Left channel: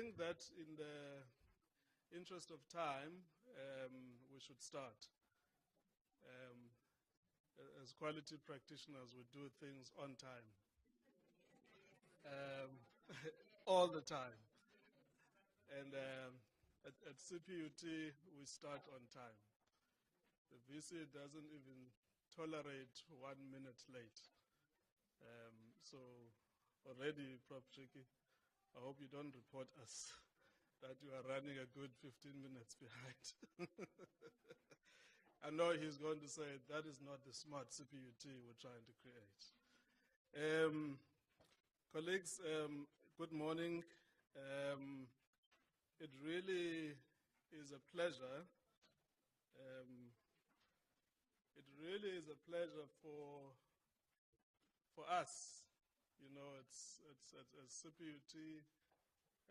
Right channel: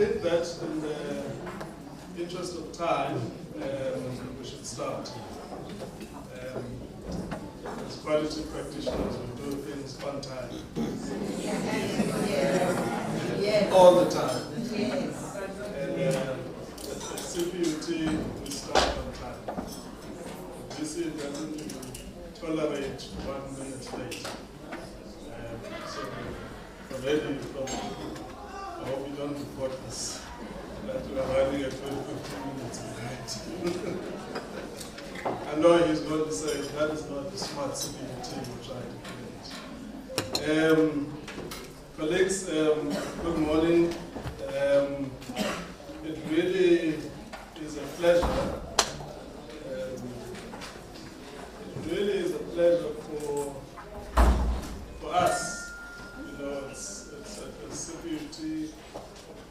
think that in the interest of time, we should start. As quality practitioners, we do things on time. Yes. All the time. Yes. And at CPUT, we start on time. VC doesn't even tolerate 1 minute late. So already, I hope you don't report this, that we are running at 15 minutes behind. I know he's going to say that is not the smart CPUT we're trying to create. Colleagues, good morning. It really is a pleasure. It really is a pleasure for us. You know, it's at the CPUT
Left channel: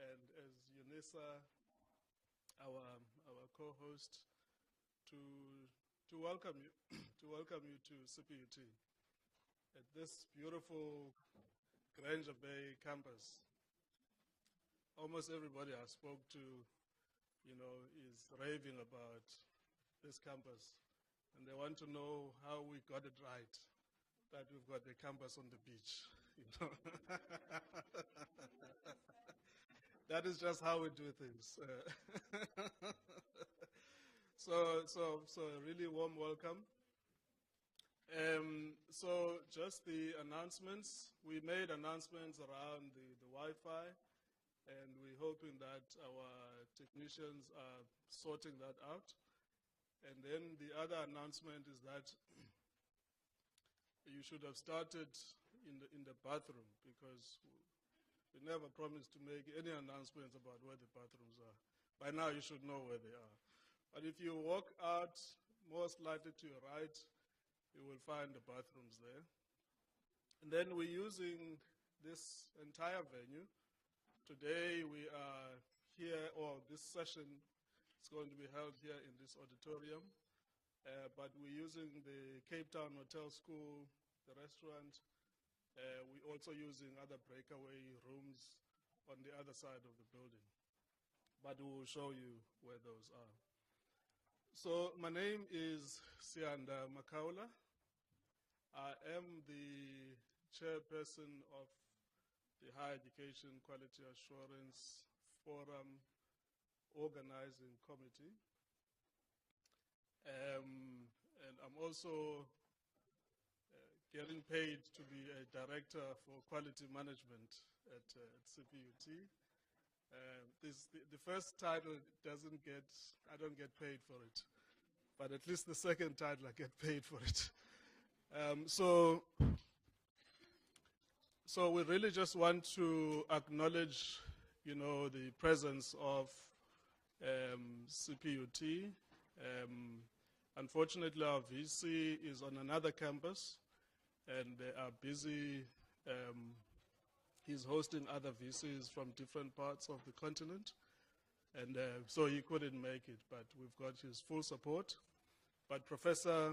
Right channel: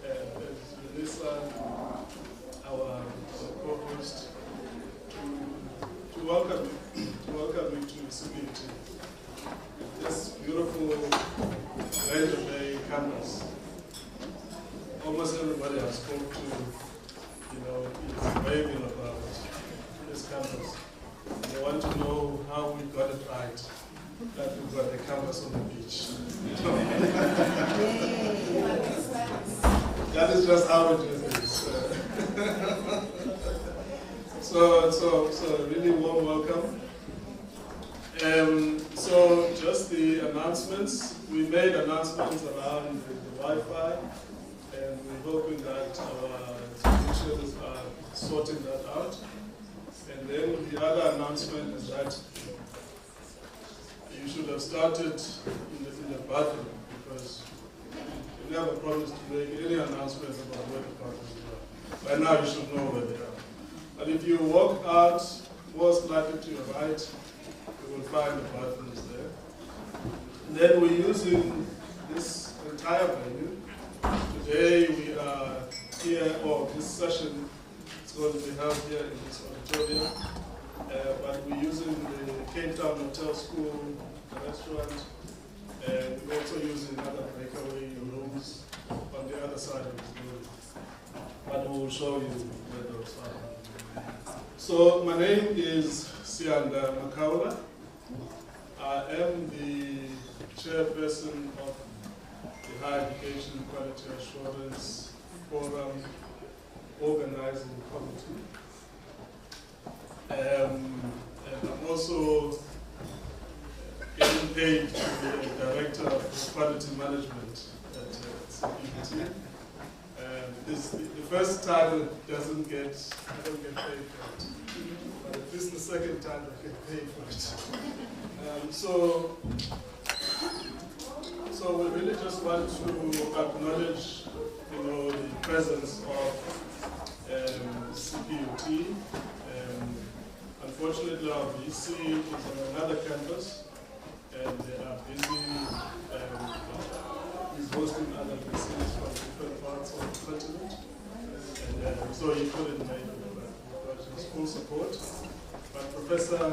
and UNISA, our co-host, to welcome you to CPUT. This beautiful Ranger Bay campus. Almost everybody I spoke to, you know, is raving about this campus. They want to know how we got it right, that we got a campus on the beach. That is just how it is. So really warm welcome. So just the announcements. We made announcements around the Wi-Fi, and we're hoping that our technicians are sorting that out. And then the other announcement is that you should have started in the bathroom, because we never promised to make any announcements about where the bathrooms are. By now you should know where they are. And if you walk out, most likely to your right, you will find the bathrooms there. Then we're using this entire venue. Today we are here, or this session is going to be held here in this auditorium. But we're using the Cape Town Hotel School restaurant, and we're also using other breakaway rooms on the other side of the building. But we'll show you where those are. So my name is Siyanda Makaula. I am the chairperson of the Higher Education Quality Assurance Forum Organizing Committee. And I'm also getting paid to be a director of quality management at CPUT. The first title I don't get paid for it. This is the second time I get paid for it. So we really just want to acknowledge, you know, the presence of CPUT. Unfortunately, our VC is on another campus, and they are busy hosting other VCs from different parts of the continent. And so he couldn't make it, but his full support. Professor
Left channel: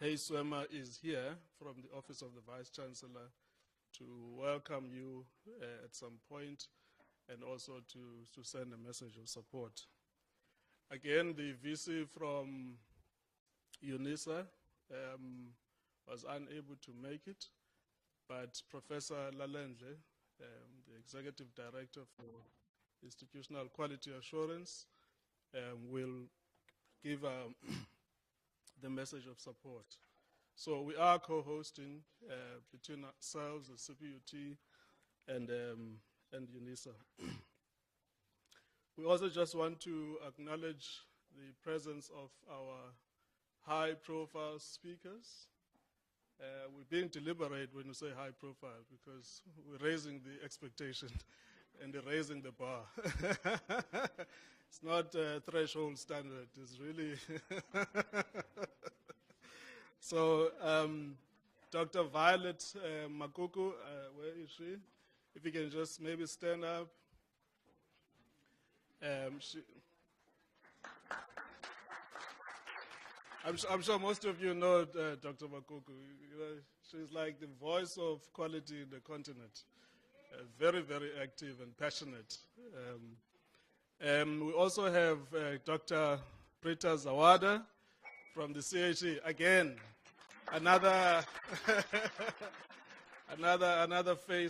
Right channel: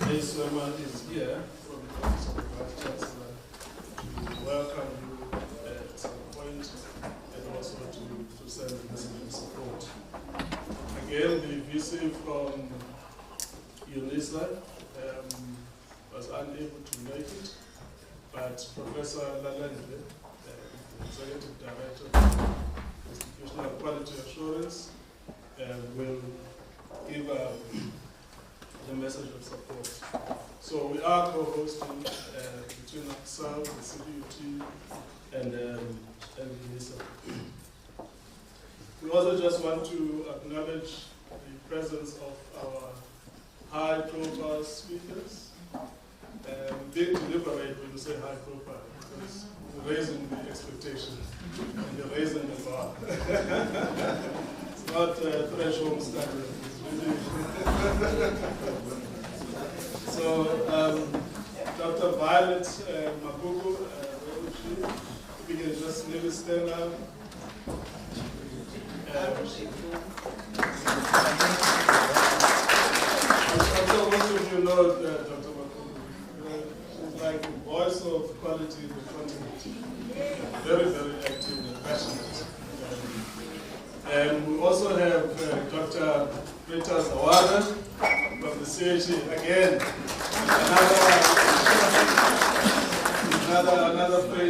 Hay-Swemmer is here from the Office of the Vice-Chancellor to welcome you at some point, and also to send his support. Again, the VC from UNISA was unable to make it, but Professor Lalendle, the Executive Director of Institutional Quality Assurance, will give the message of support. So we are co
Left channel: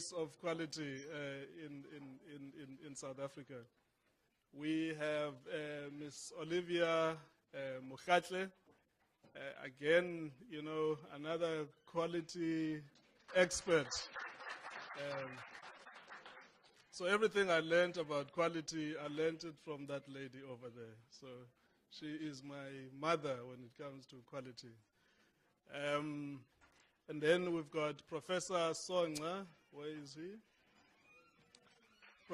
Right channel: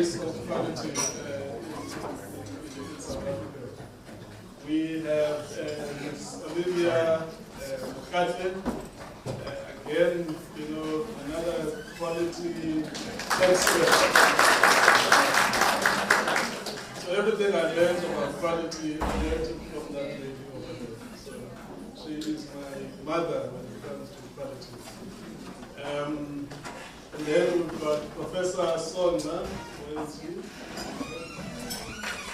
face of quality in South Africa. We have Ms. Olivia Mokgatle, again, another quality expert. So everything I learned about quality, I learned from that lady over there. So she is my mother when it comes to quality. And then we've got Professor Sonda. Where is he?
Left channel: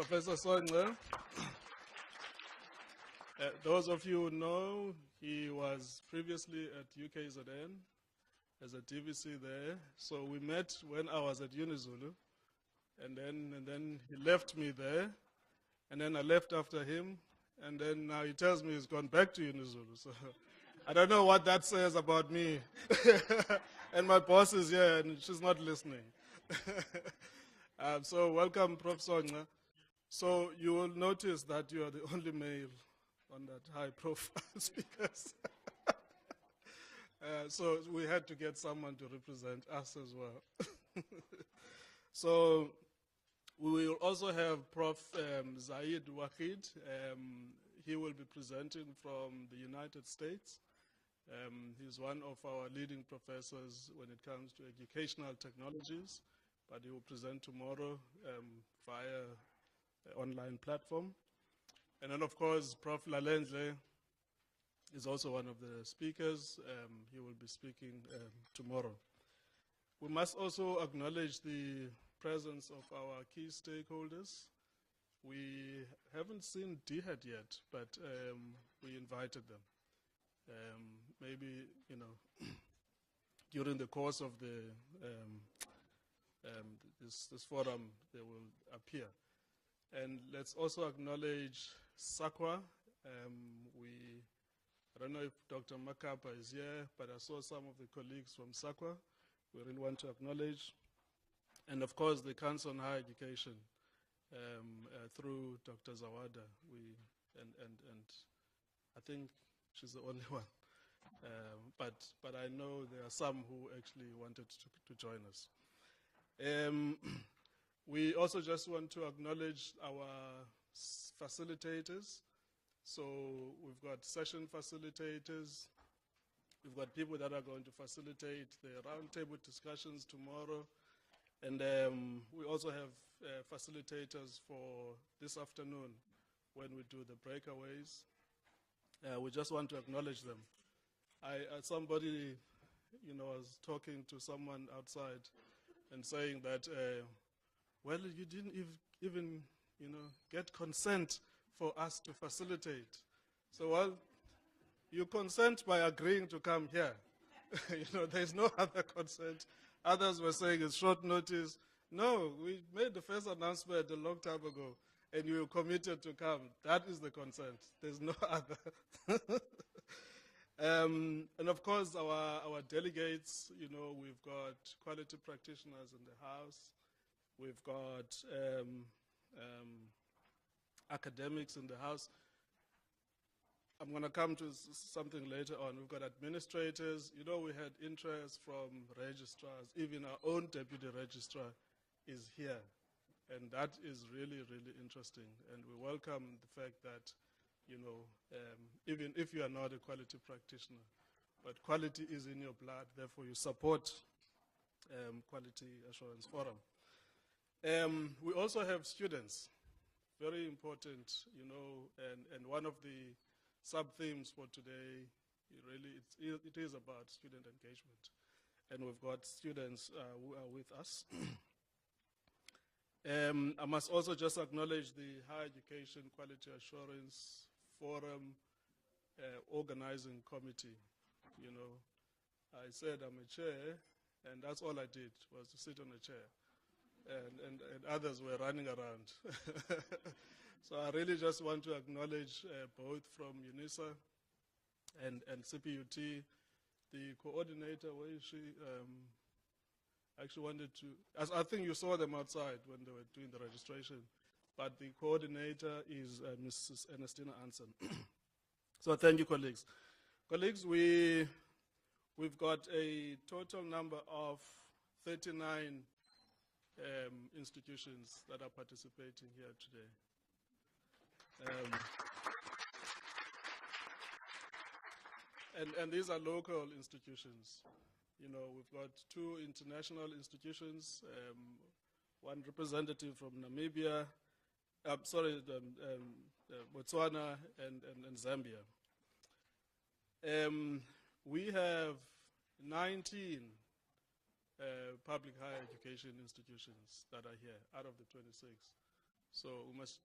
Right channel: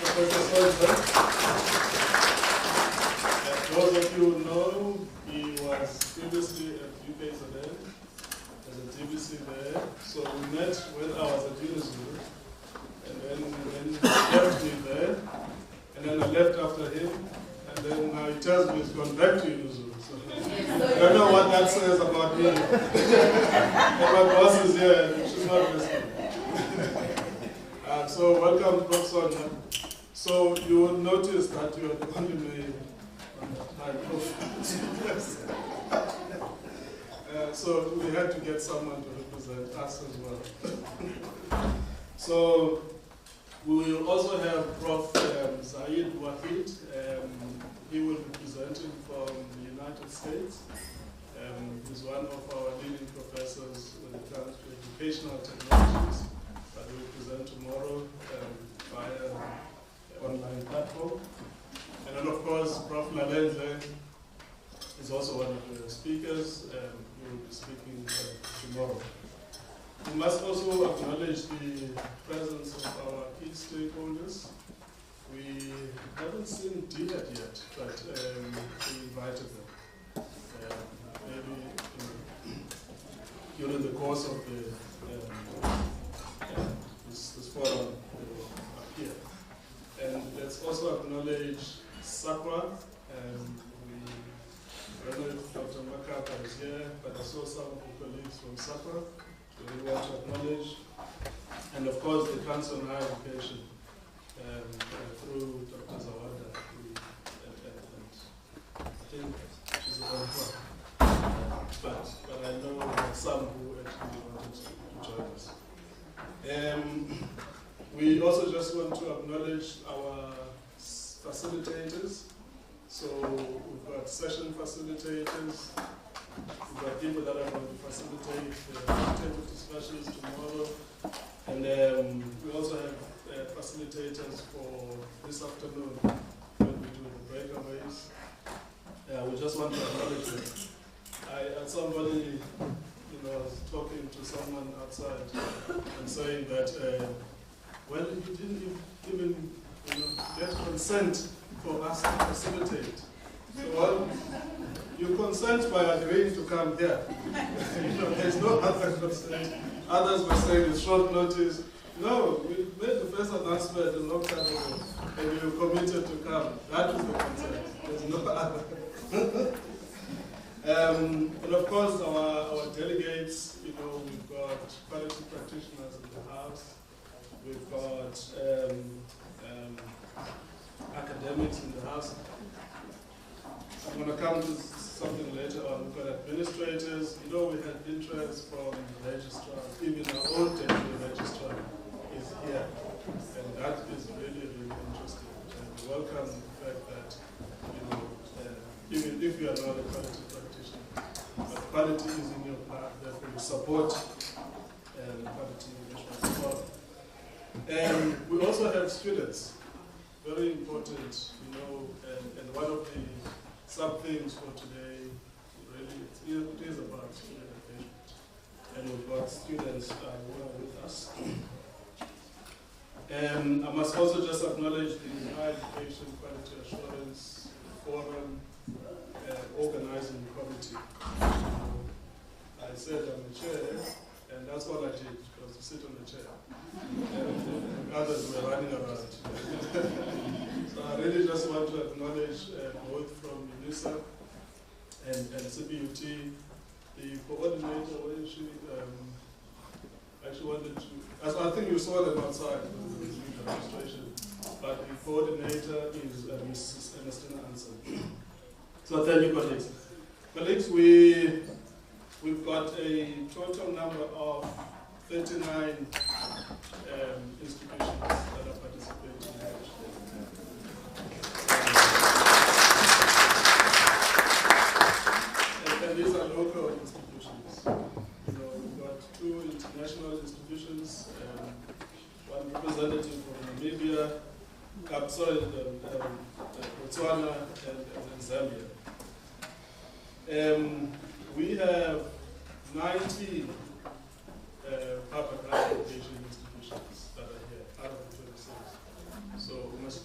Professor Sonda. Those of you who know, he was previously at UKZN as a DBC there. So we met when I was at UNISA, and then he left me there, and then I left after him, and then now he tells me he's gone back to UNISA. So I don't know what that says about me. And my boss is here, and she's not listening. So welcome, Prof. Sonda. So you will notice that you are the only male. So we had to get someone to represent us as well. So we will also have Prof. Zaid Wahid. He will be presenting from the United States. He's one of our leading professors when it comes to educational technologies that will present tomorrow via online platform. And then, of course, Prof Lalendle is also one of the speakers who will be speaking tomorrow. We must also acknowledge the presence of our key stakeholders. We haven't seen Violet yet, but we invited them. Maybe during the course of this forum here. And let's also acknowledge SAPA. Dr. Makaula is here, but I saw some of the colleagues from SAPA, so we want to acknowledge. And of course, the Council on Higher Education, through Dr. Zawada, who I think she's a long time. But I know some who actually want to join us. We also just want to acknowledge our facilitators. So we've got session facilitators, we've got people that are going to facilitate the table discussions tomorrow, and we also have facilitators for this afternoon when we do the breakaways. We just want to acknowledge them. Somebody was talking to someone outside and saying that, well, you didn't even get consent for us to facilitate. So, well, you consent by agreeing to come here. There's no other consent. Others were saying with short notice, no, we made the first announcement a long time ago, and we were committed to come. That is the consent. There's no other. And of course, our delegates, we've got quality practitioners in the house. We've got academics in the house. I'm going to come to something later on. We've got administrators. We had interest from the registrar. Even our own deputy registrar is here. And that is really, really interesting. And we welcome the fact that, even if you are not a quality practitioner, quality is in your path, therefore you support quality management as well. We also have students. Very important, and one of the sub-themes for today really is about student engagement. And we've got students who are with us. And I must also just acknowledge the Higher Education Quality Assurance Forum organizing committee. I said I'm the chair, and that's all I did, was to sit on the chair. And others were running around. So I really just want to acknowledge both from UNISA and CPUT, the coordinator, where is she? I wanted to, I think you saw them outside the registration. The coordinator is Mrs. Ernestine Hansen. So thank you, colleagues. Colleagues, we've got a total number of 39 institutions Botswana and Zambia. We have 19 public higher education institutions that are here out of the 26. So we must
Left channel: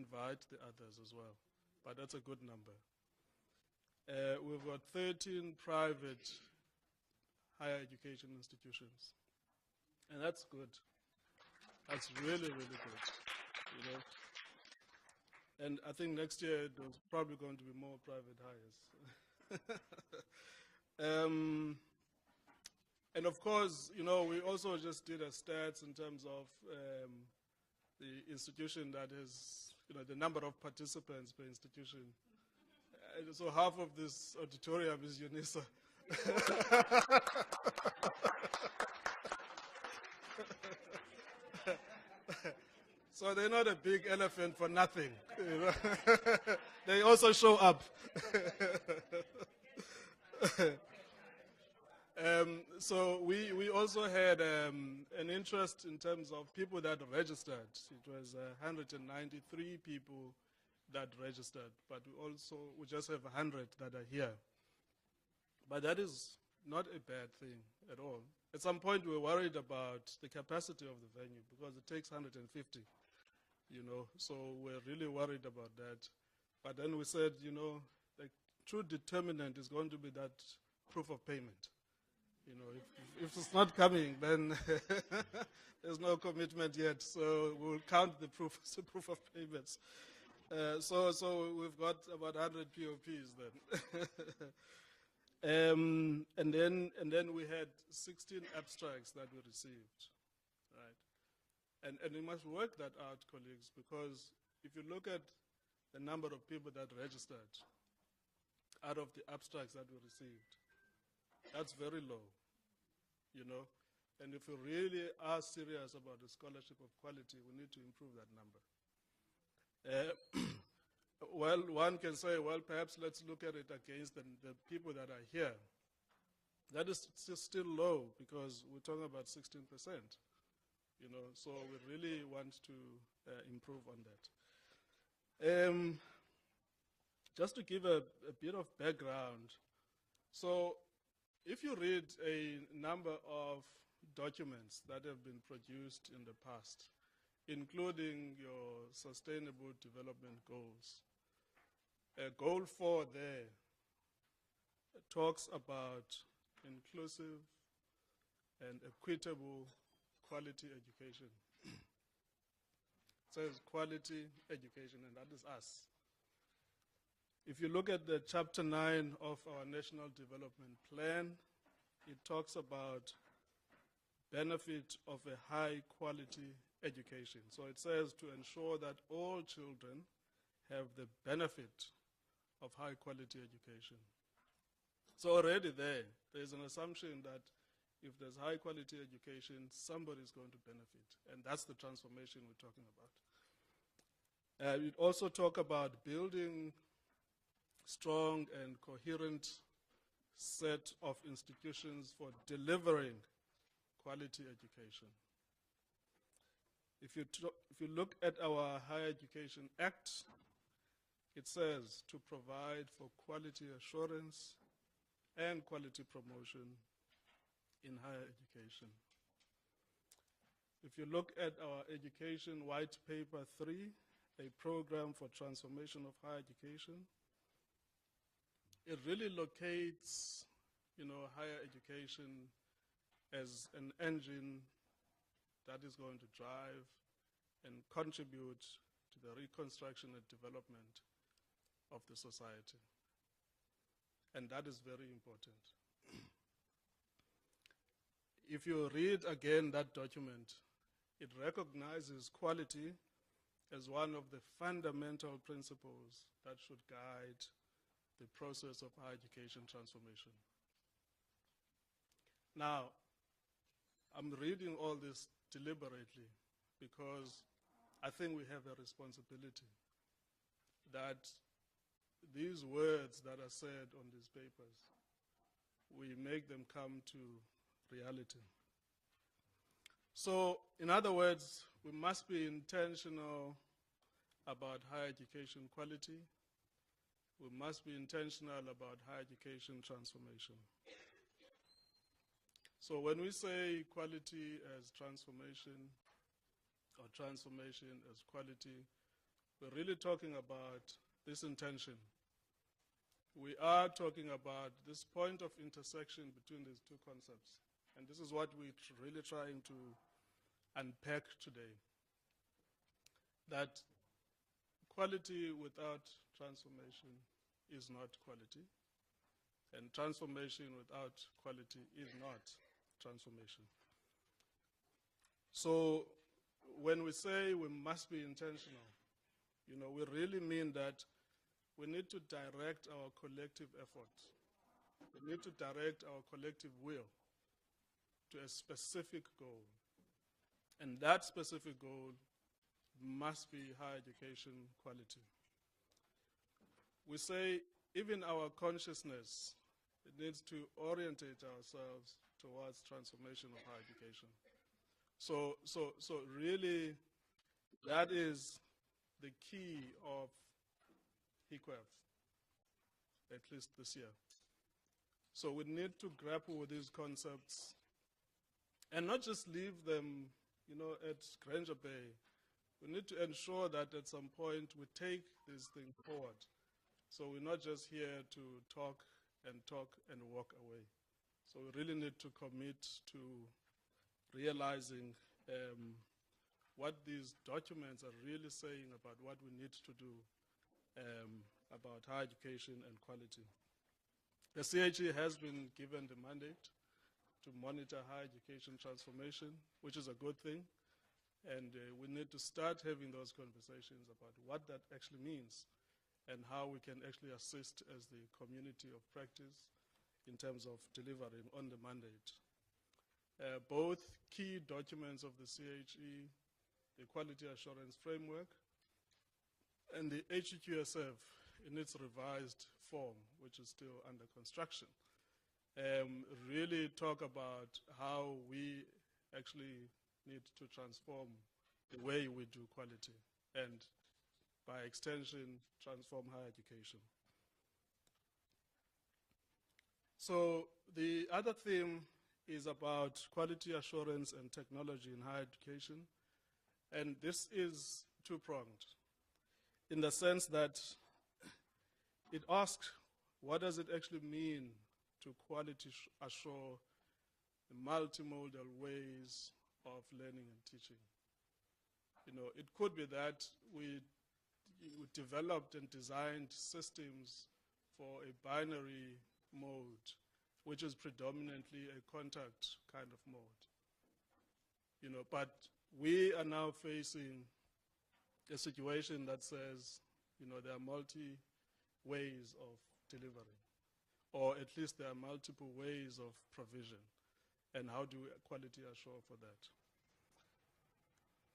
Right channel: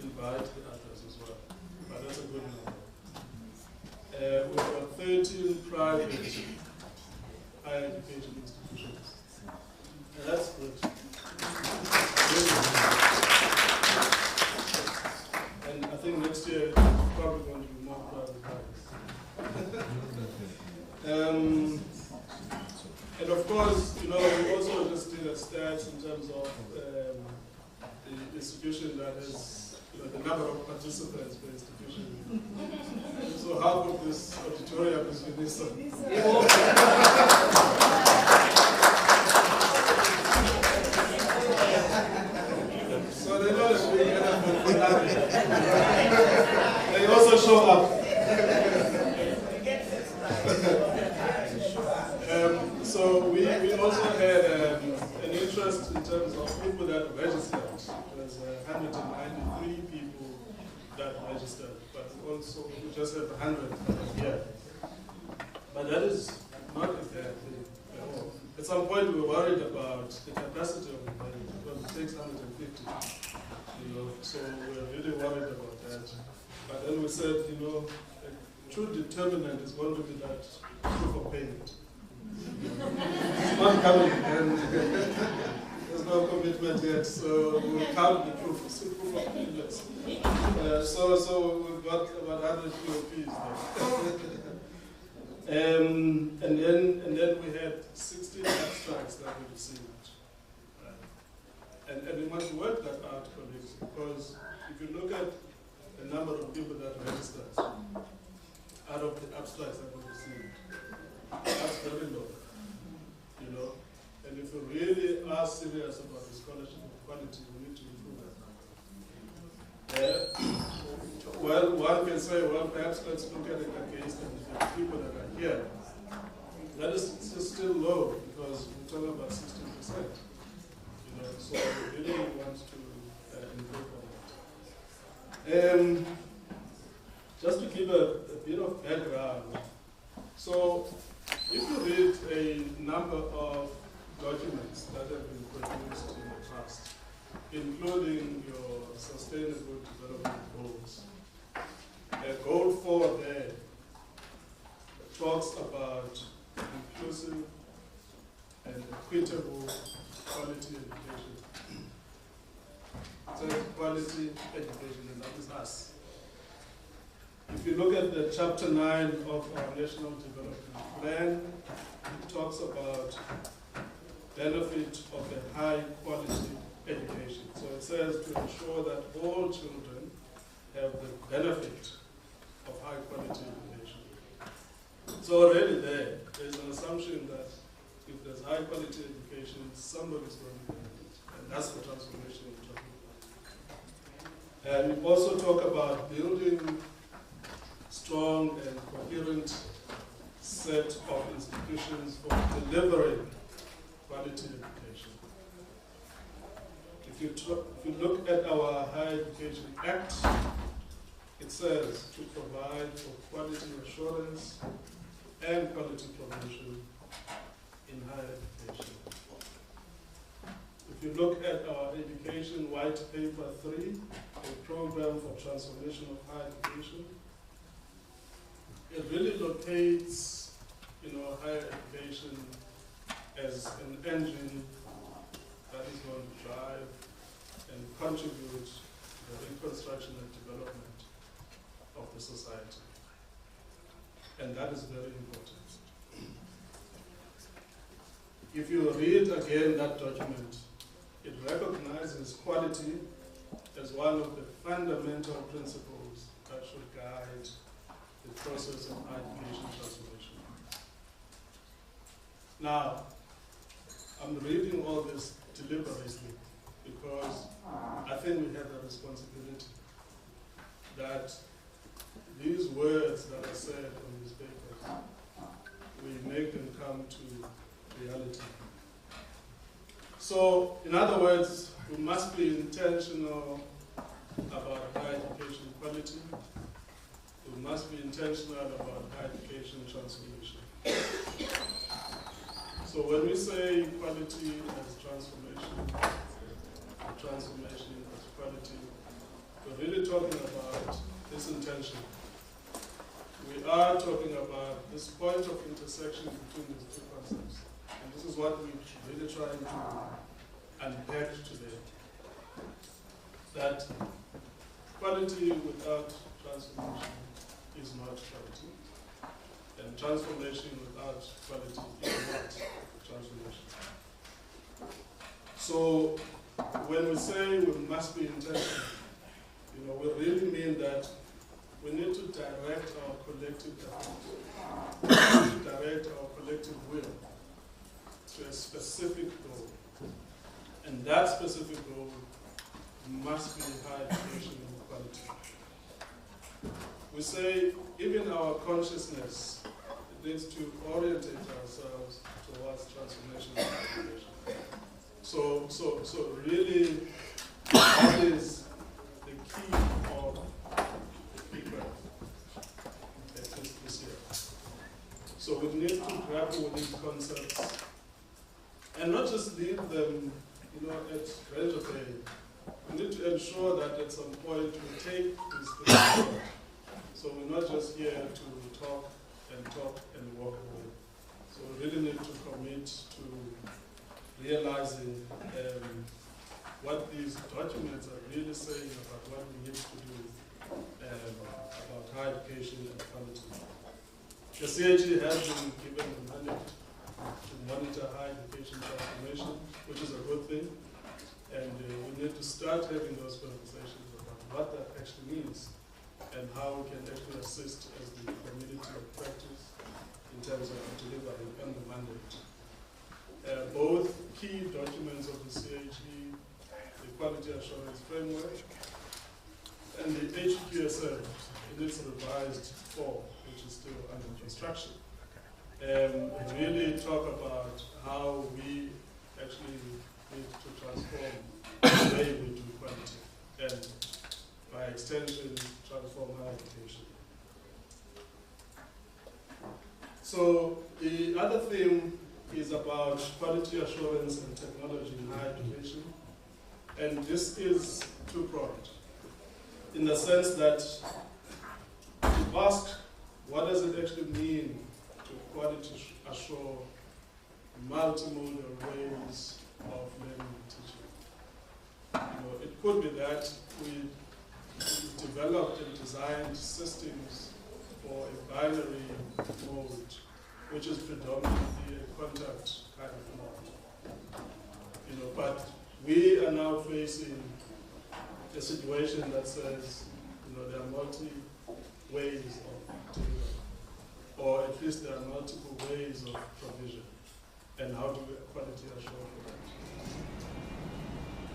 invite others as well. That's a good number. We've got 13 private higher education institutions. That's good. And I think next year probably going to be more private hires. And of course, we also just did a stats in terms of the institution that is, the number of participants per institution. So half of this auditorium is UNISA. So they know it's really they also show up. So we also had an interest in terms of people that registered. There's 193 people that registered, but also we just have 100 here. But that is not a bad thing at all. At some point we were worried about the capacity of the building because it takes 150. So we were really worried about that. But then we said, a true determinant is going to be that proof of payment. It's not coming, and there's no commitment yet, so we'll count the proof of payments. So we've got about 100 POPs there. And then we had 16 abstracts that we received. And we must work that out, colleagues, because if you look at the number of people that registered out of the abstracts that we received, that's very low. And if we really are serious about the scholarship of quality, we need to improve that number. Well, one can say, well, perhaps let's look at it against the people that are here. That is still low because we're talking about 16%. So we really want to improve on that. Just to give a bit of background. So if you read a number of documents that have been produced in the past, including your sustainable development goals, goal 4 there talks about inclusive and equitable quality education. So quality education, and that is us. If you look at the chapter 9 of our National Development Plan, it talks about benefit of a high quality education. So it says to ensure that all children have the benefit of high quality education. So already there's an assumption that if there's high quality education, somebody's going to benefit. And that's the transformation we're talking about. And we also talk about building strong and coherent set of institutions for delivering quality education. If you look at our Higher Education Act, it says to provide for quality assurance and quality promotion in higher education. If you look at our Education White Paper 3, a program for transformation of higher education, it really locates higher education as an engine that is going to drive and contribute to the reconstruction and development of the society. And that is very important. If you read again that document, it recognizes quality as one of the fundamental principles that should guide the process of higher education transformation. Now, I'm reading all this deliberately because I think we have a responsibility that these words that are said on these papers, we make them come to reality. So, in other words, we must be intentional about higher education quality. We must be intentional about higher education transformation. So when we say quality as transformation as quality, we're really talking about this intention. We are talking about this point of intersection between these two concepts. And this is what we're really trying to unpack today. That quality without transformation is not quality. And transformation without quality is not transformation. So when we say we must be intentional, we really mean that we need to direct our collective effort, direct our collective will to a specific goal. And that specific goal must be higher education quality. We say even our consciousness needs to orientate ourselves towards transformation of education. So really, that is the key of HEQAF, at least this year. So we need to grapple with these concepts and not just leave them, at graduate day. We need to ensure that at some point we take this thing forward. So we're not just here to talk and walk away. So we really need to commit to realizing what these documents are really saying about what we need to do about higher education and quality. The CHE has been given the mandate to monitor higher education transformation, which is a good thing. And we need to start having those conversations about what that actually means and how we can actually assist as the community of practice in terms of delivering on the mandate. Both key documents of the CHE, the Quality Assurance Framework, and the HEQAF in its revised form, which is still under construction, really talk about how we actually need to transform the way we do quality, and by extension, transform higher education. So the other theme is about quality assurance and technology in higher education. And this is two-pronged, in the sense that you ask, what does it actually mean to quality assure multimodal ways of learning and teaching? It could be that we developed and designed systems for a binary mode, which is predominantly a contact kind of mode. But we are now facing a situation that says, there are multi ways of delivery, or at least there are multiple ways of provision, and how do we quality assure for that?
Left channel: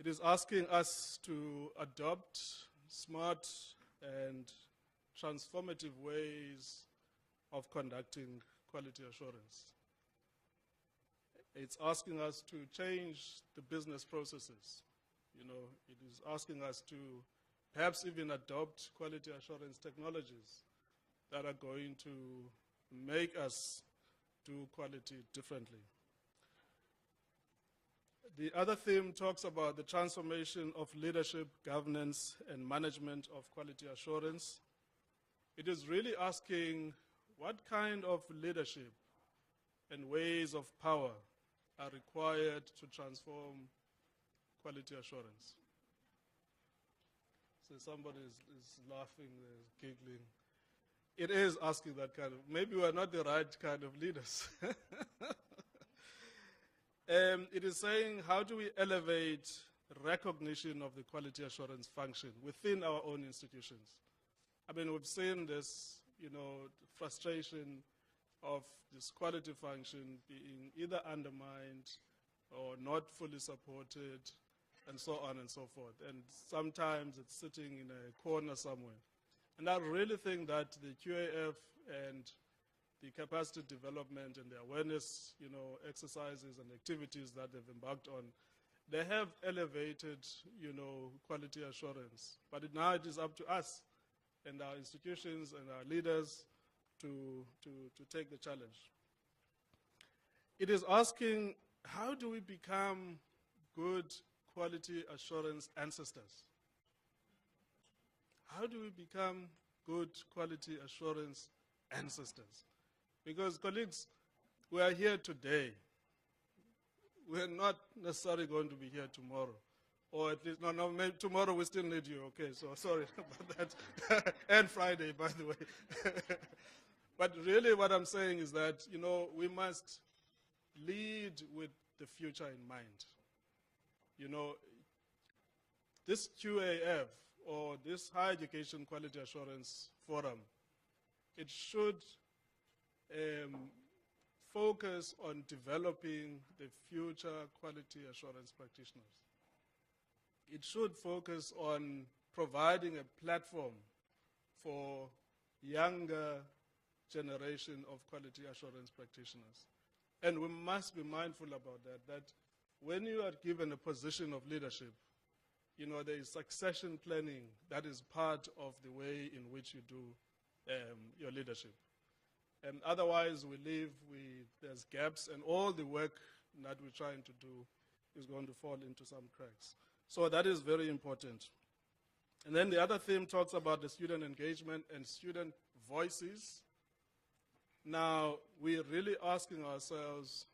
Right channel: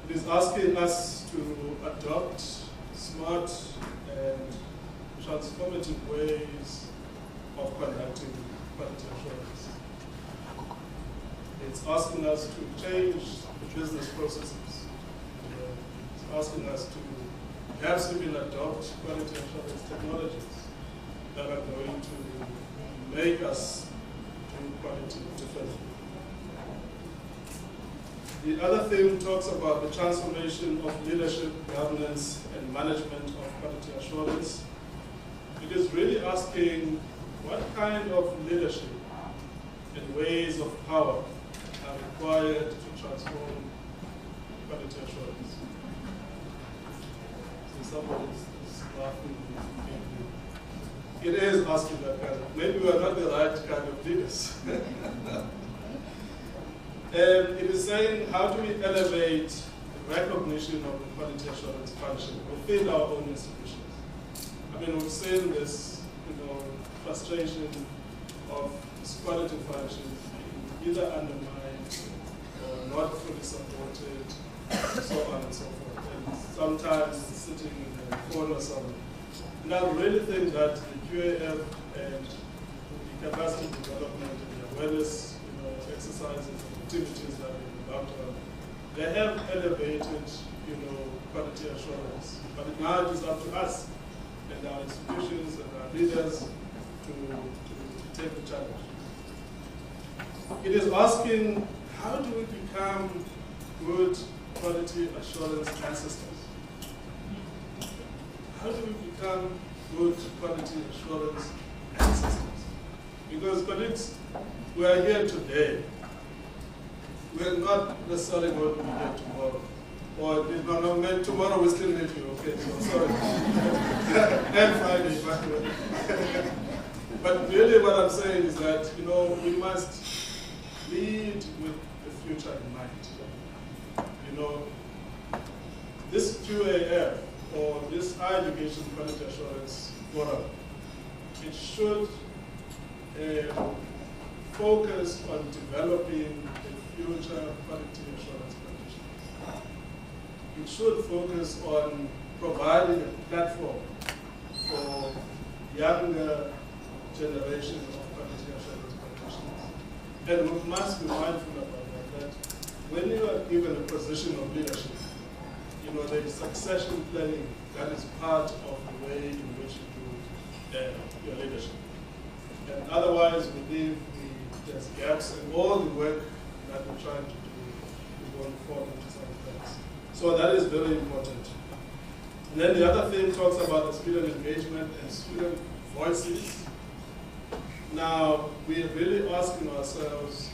It is asking us to adopt smart and transformative ways of conducting quality assurance. It's asking us to change the business processes. It's asking us to perhaps even adopt quality assurance technologies that are going to make us do quality differently. The other thing talks about the transformation of leadership, governance, and management of quality assurance. It is really asking what kind of leadership and ways of power are required to transform quality assurance. So somebody is laughing. It is asking that kind of, maybe we're not the right kind of leaders. It is saying, how do we elevate the recognition of the quality assurance function within our own institutions? We've seen this, frustration of this quality function being either undermined or not fully supported, and so on and so forth. And sometimes it's sitting in a corner somewhere. And I really think that the QAF and the capacity development and the awareness exercises, activities that we embarked on, they have elevated quality assurance. Quality asking, how do we become good quality assurance ancestors? How do we become good quality assurance ancestors? Because colleagues, we are here today. We're not necessarily going to be here tomorrow. Or no, tomorrow we still need you, okay, so sorry. And Friday, but really what I'm saying is that, we must lead with the future in mind. This QAF, or this Higher Education Quality Assurance Forum, it should focus on developing the future quality assurance practitioners. It should focus on providing a platform for younger generation of quality assurance practitioners. And we must be mindful about that when you are given a position of leadership, there is succession planning that is part of the way in which you do your leadership. And otherwise, we leave there's gaps in all the work that we're trying to do. We won't fall into some things. So that is very important. Then the other thing talks about the student engagement and student voices. Now, we're really asking ourselves,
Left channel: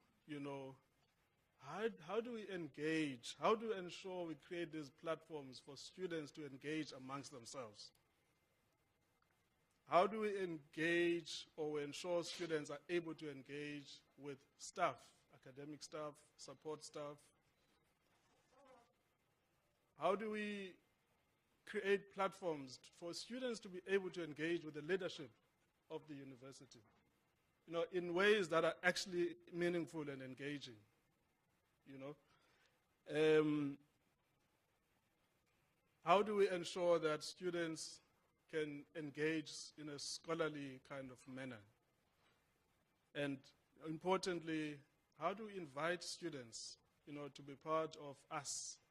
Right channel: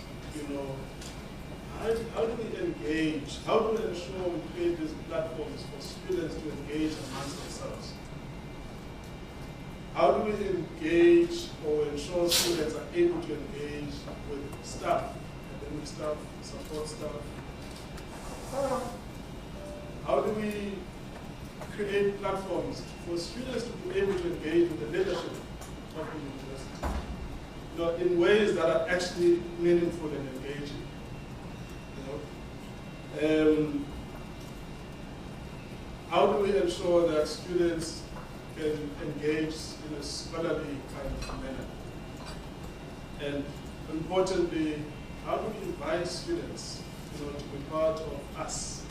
how do we engage? How do we ensure we create these platforms for students to engage amongst themselves? How do we engage or ensure students are able to engage with staff, academic staff, support staff? How do we create platforms for students to be able to engage with the leadership of the university in ways that are actually meaningful and engaging? How do we ensure that students can engage in a scholarly kind of manner? And importantly, how do we invite students to be part of us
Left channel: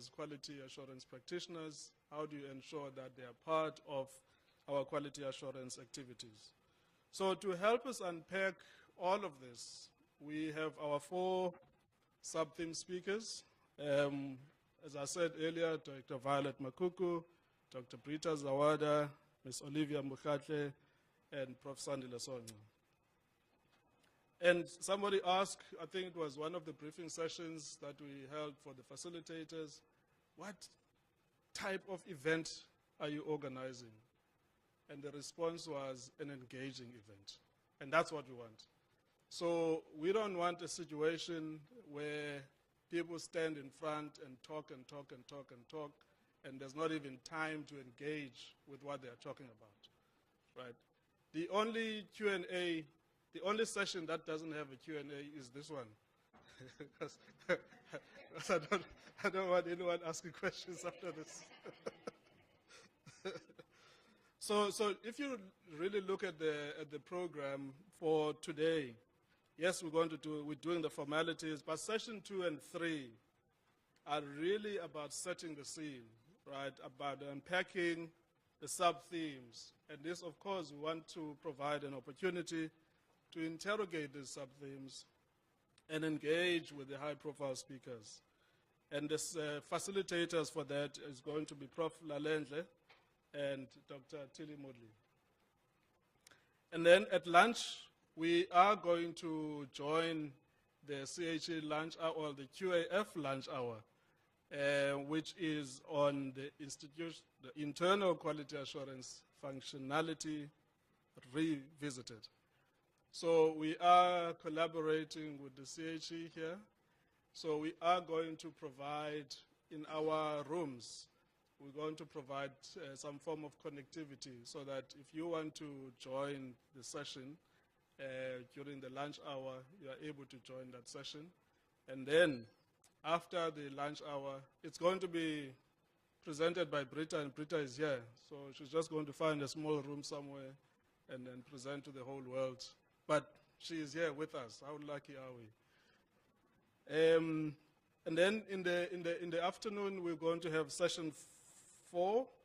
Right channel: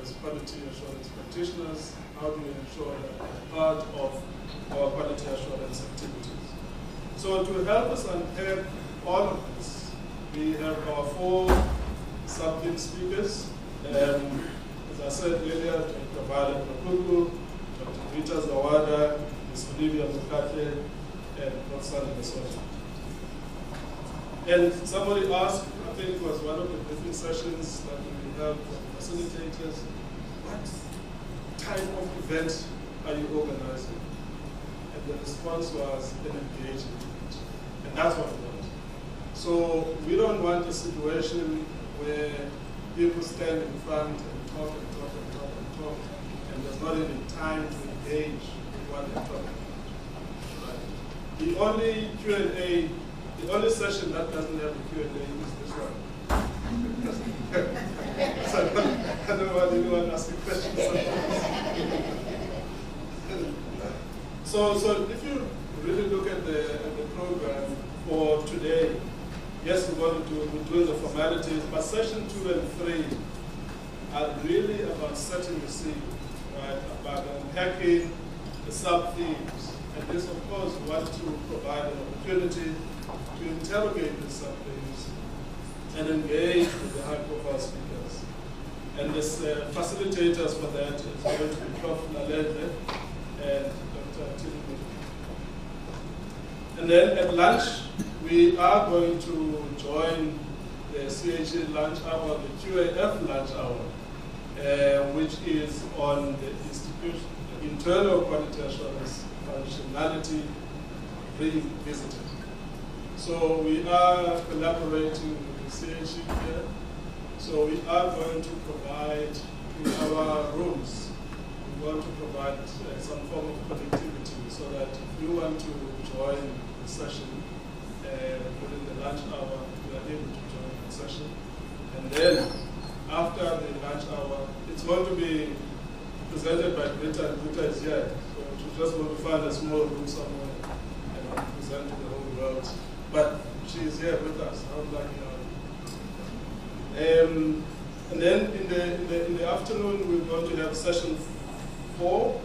as quality assurance practitioners? How do we ensure that they're part of our quality assurance activities? So to help us unpack all of this, we have our 4 subject speakers. As I said earlier, Dr. Violet Makuku, Dr. Britta Zawada, Ms. Olivia Mokgatle, and Prof Henriette. And somebody asked, I think it was one of the briefing sessions that we held for facilitators, what type of event are you organizing? And the response was an engagement. And that's what it was. So we don't want a situation where people stand in front and talk and talk and talk and talk, and there's not even time to engage in what they're talking about. Right? The only Q&A, the only session that doesn't have a Q&A is this one. So I don't know whether you want to ask a question sometimes. So if you really look at the program for today, yes, we're doing the formalities, but session 2 and 3 are really about setting the scene, right? About unpacking the sub-themes. And this, of course, wants to provide an opportunity to interrogate the sub-themes and engage with the high-profile speakers. And this facilitators for that is going to be Prof Lalendle and Dr. And then at lunch, we are going to join the CHA lunch hour, the QAF lunch hour, which is on the internal quality assurance functionality being visited. So we are collaborating with the CHA here. So we are going to provide in our rooms, we're going to provide some form of connectivity so that if you want to join the session, during the lunch hour, we are able to join the session. And then, after the lunch hour, it's going to be presented by Britta, and Britta is here. So she's just going to find a small room somewhere and present to the whole world. But she's here with us, unlike and then in the afternoon, we're going to have session 4.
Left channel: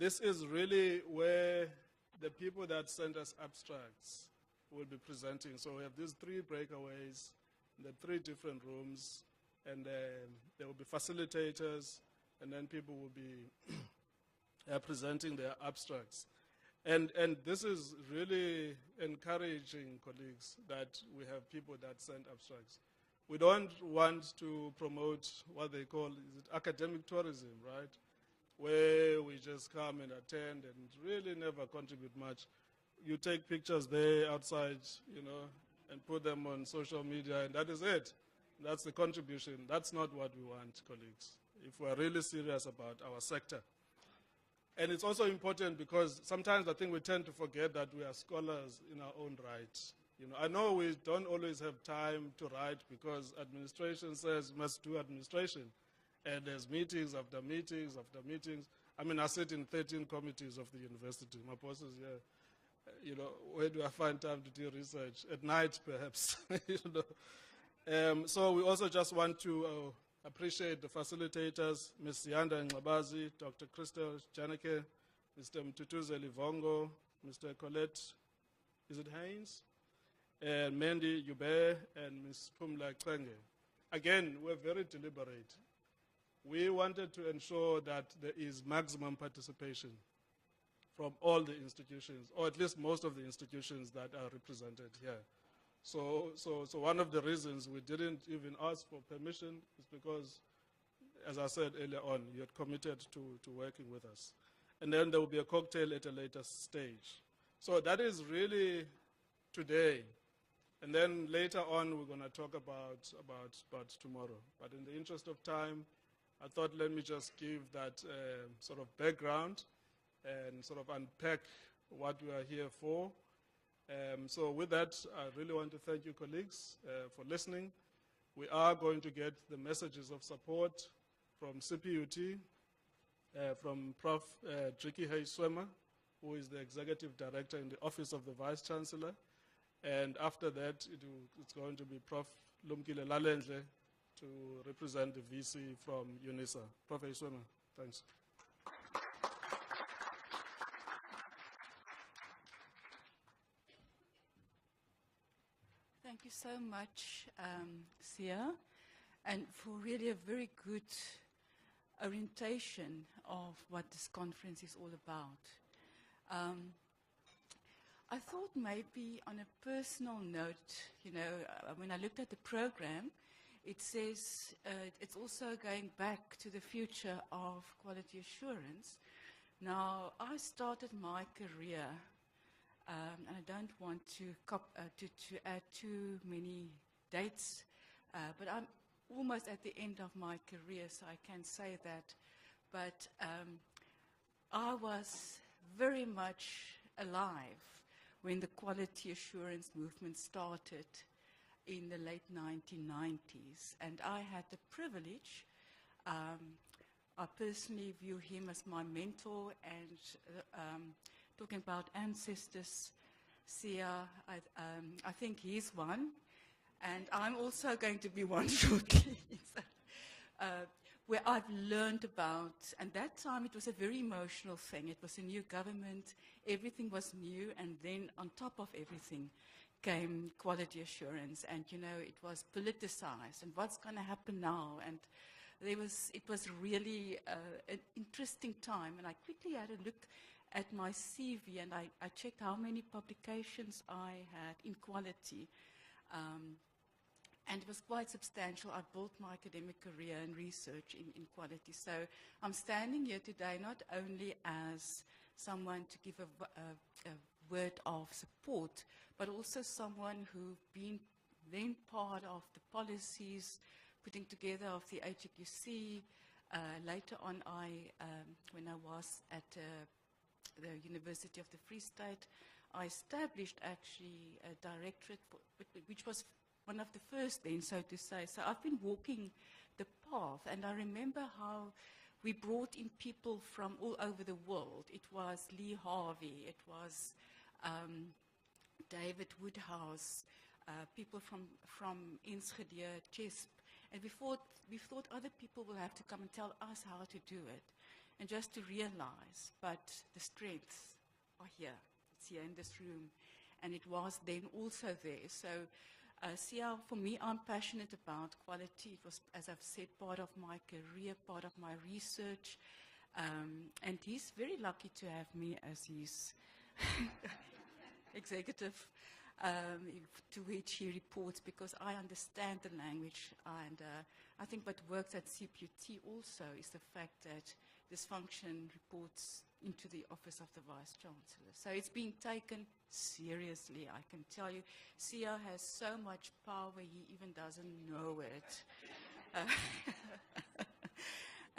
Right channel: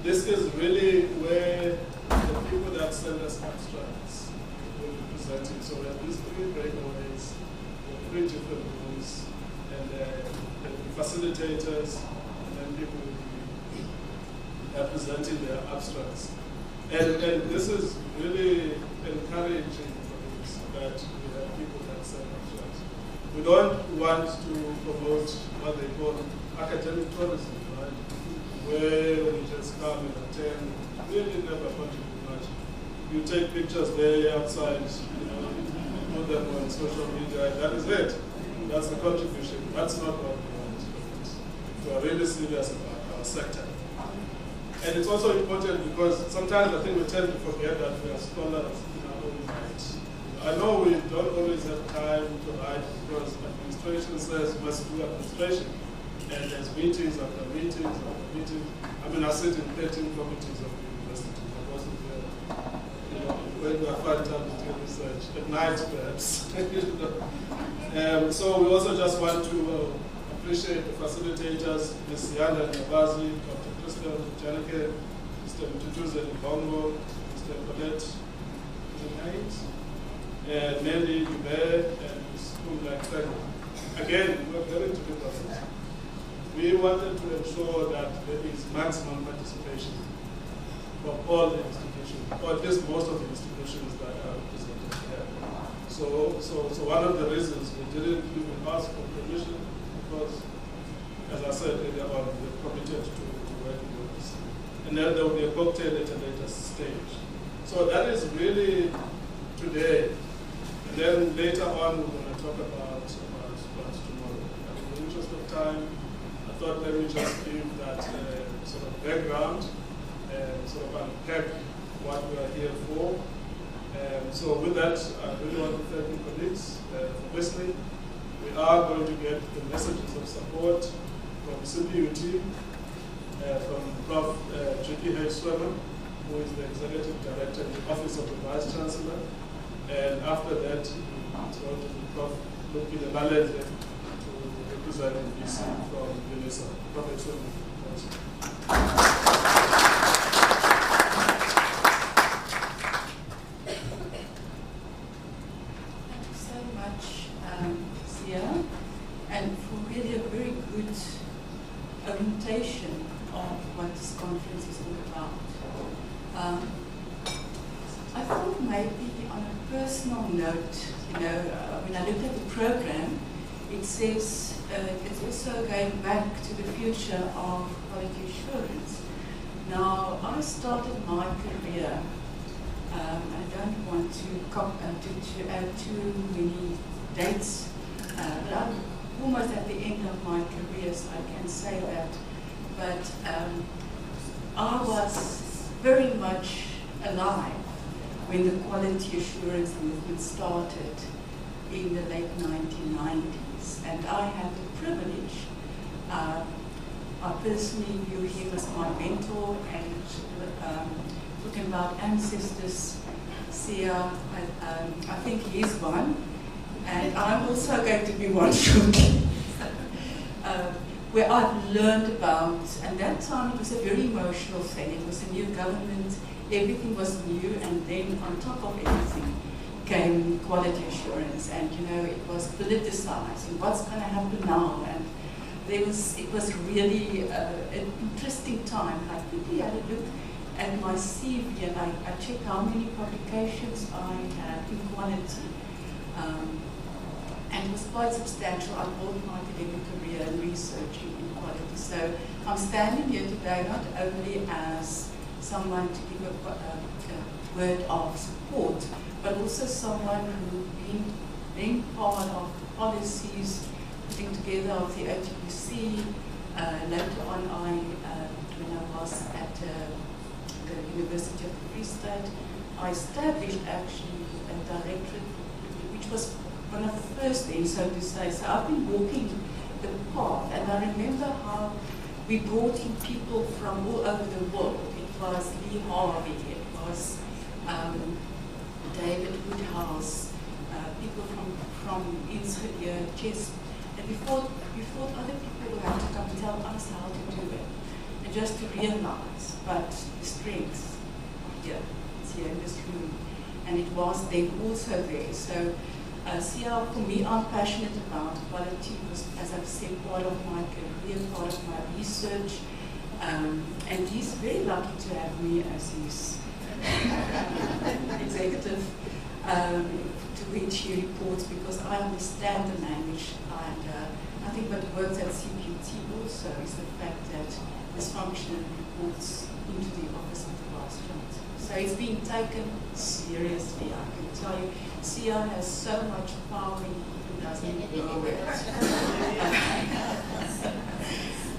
This is really where the people that send us abstracts will be presenting. So that these 3 breakaways facilitators, and then people will be presenting their abstracts. And this is really encouraging for this, that we have people that sell abstracts. We don't want to promote what they call academic tourism, right? Where we just come and attend, really never contribute much. You take pictures there outside, you know, you put them on social media, that is it. That's a contribution. That's not what we want. We are really serious about our sector. And it's also important because sometimes I think we tend to forget that we are scholars in our own rights. I know we don't always have time to write because administration says we must do administration. And there's meetings after meetings after meetings. I mean, I sit in 13 committees of the university. I wasn't there. You know, when we are 5 times doing research, at night perhaps. So we also just want to appreciate the facilitators, Ms. Siyanda Makaula, Janike, Mr. Mtutuze Ngongo, Mr. Violet Makuku, and Nelly Dube, and Ms. Kumla. Again, we were very together. We wanted to ensure that there is maximum participation of all the institutions, or at least most of the institutions that are represented there. So one of the reasons we didn't even ask for permission because, as I said earlier on, we were committed to and then there will be a cocktail at a later stage. So that is really today. And then later on, we're going to talk about tomorrow. And in the interest of time, I thought maybe just give that sort of background and sort of unpack what we are here for. So with that, I really want to thank you colleagues for listening. We are going to get the messages of support from CPUT, from Prof Henriette Hay-Swemmer, who is the Executive Director in the Office of the Vice-Chancellor. And after that, it's going to be Prof Lumkile Lalendle to represent the VC from UNISA. Prof Hay-Swemmer. Thank you so much, Sia, and for really a very good orientation of what this conference is all about. I thought maybe on a personal note, you know, when I looked at the program, it says it's also going back to the future of quality assurance. Now, I started my career, I don't want to add too many dates, but I'm almost at the end of my career, so I can say that. But I was very much alive when the quality assurance movement started in the late 1990s. And I had the privilege, I personally view him as my mentor, and talking about ancestors, Sia, I think he is one, and I'm also going to be one shortly. Where I've learned about, and that time it was a very emotional thing. It was a new government, everything was new, and then on top of everything came quality assurance, and you know, it was politicized, and what's going to happen now, and it was really an interesting time. I quickly had a look at my CV, and I checked how many publications I had in quality. And it was quite substantial. I built my academic career in researching in quality. So I'm standing here today not only as someone to give a word of support, but also someone who being part of policies, putting together of the HEQAF. Later on, when I was at the University of the Free State, I established actually a directorate, which was one of the first things, so to say. So I've been walking the path, and I remember how we brought in people from all over the world. It was Lee Harvey, it was David Woodhouse, people from Enschede, Chess, and we thought other people would have to come and tell us how to do it, and just to realize, but the strengths, yeah, it's here in this room, and it was then also there. So CL, for me, I'm passionate about quality. Was, as I've said, part of my career, part of my research. And he's very lucky to have me as his executive, to which he reports, because I understand the language. And I think what works at CPUT also is the fact that this function reports into the office of the Vice-Chancellor. So it's being taken seriously, I can tell you. CL has so much power, he even doesn't know it.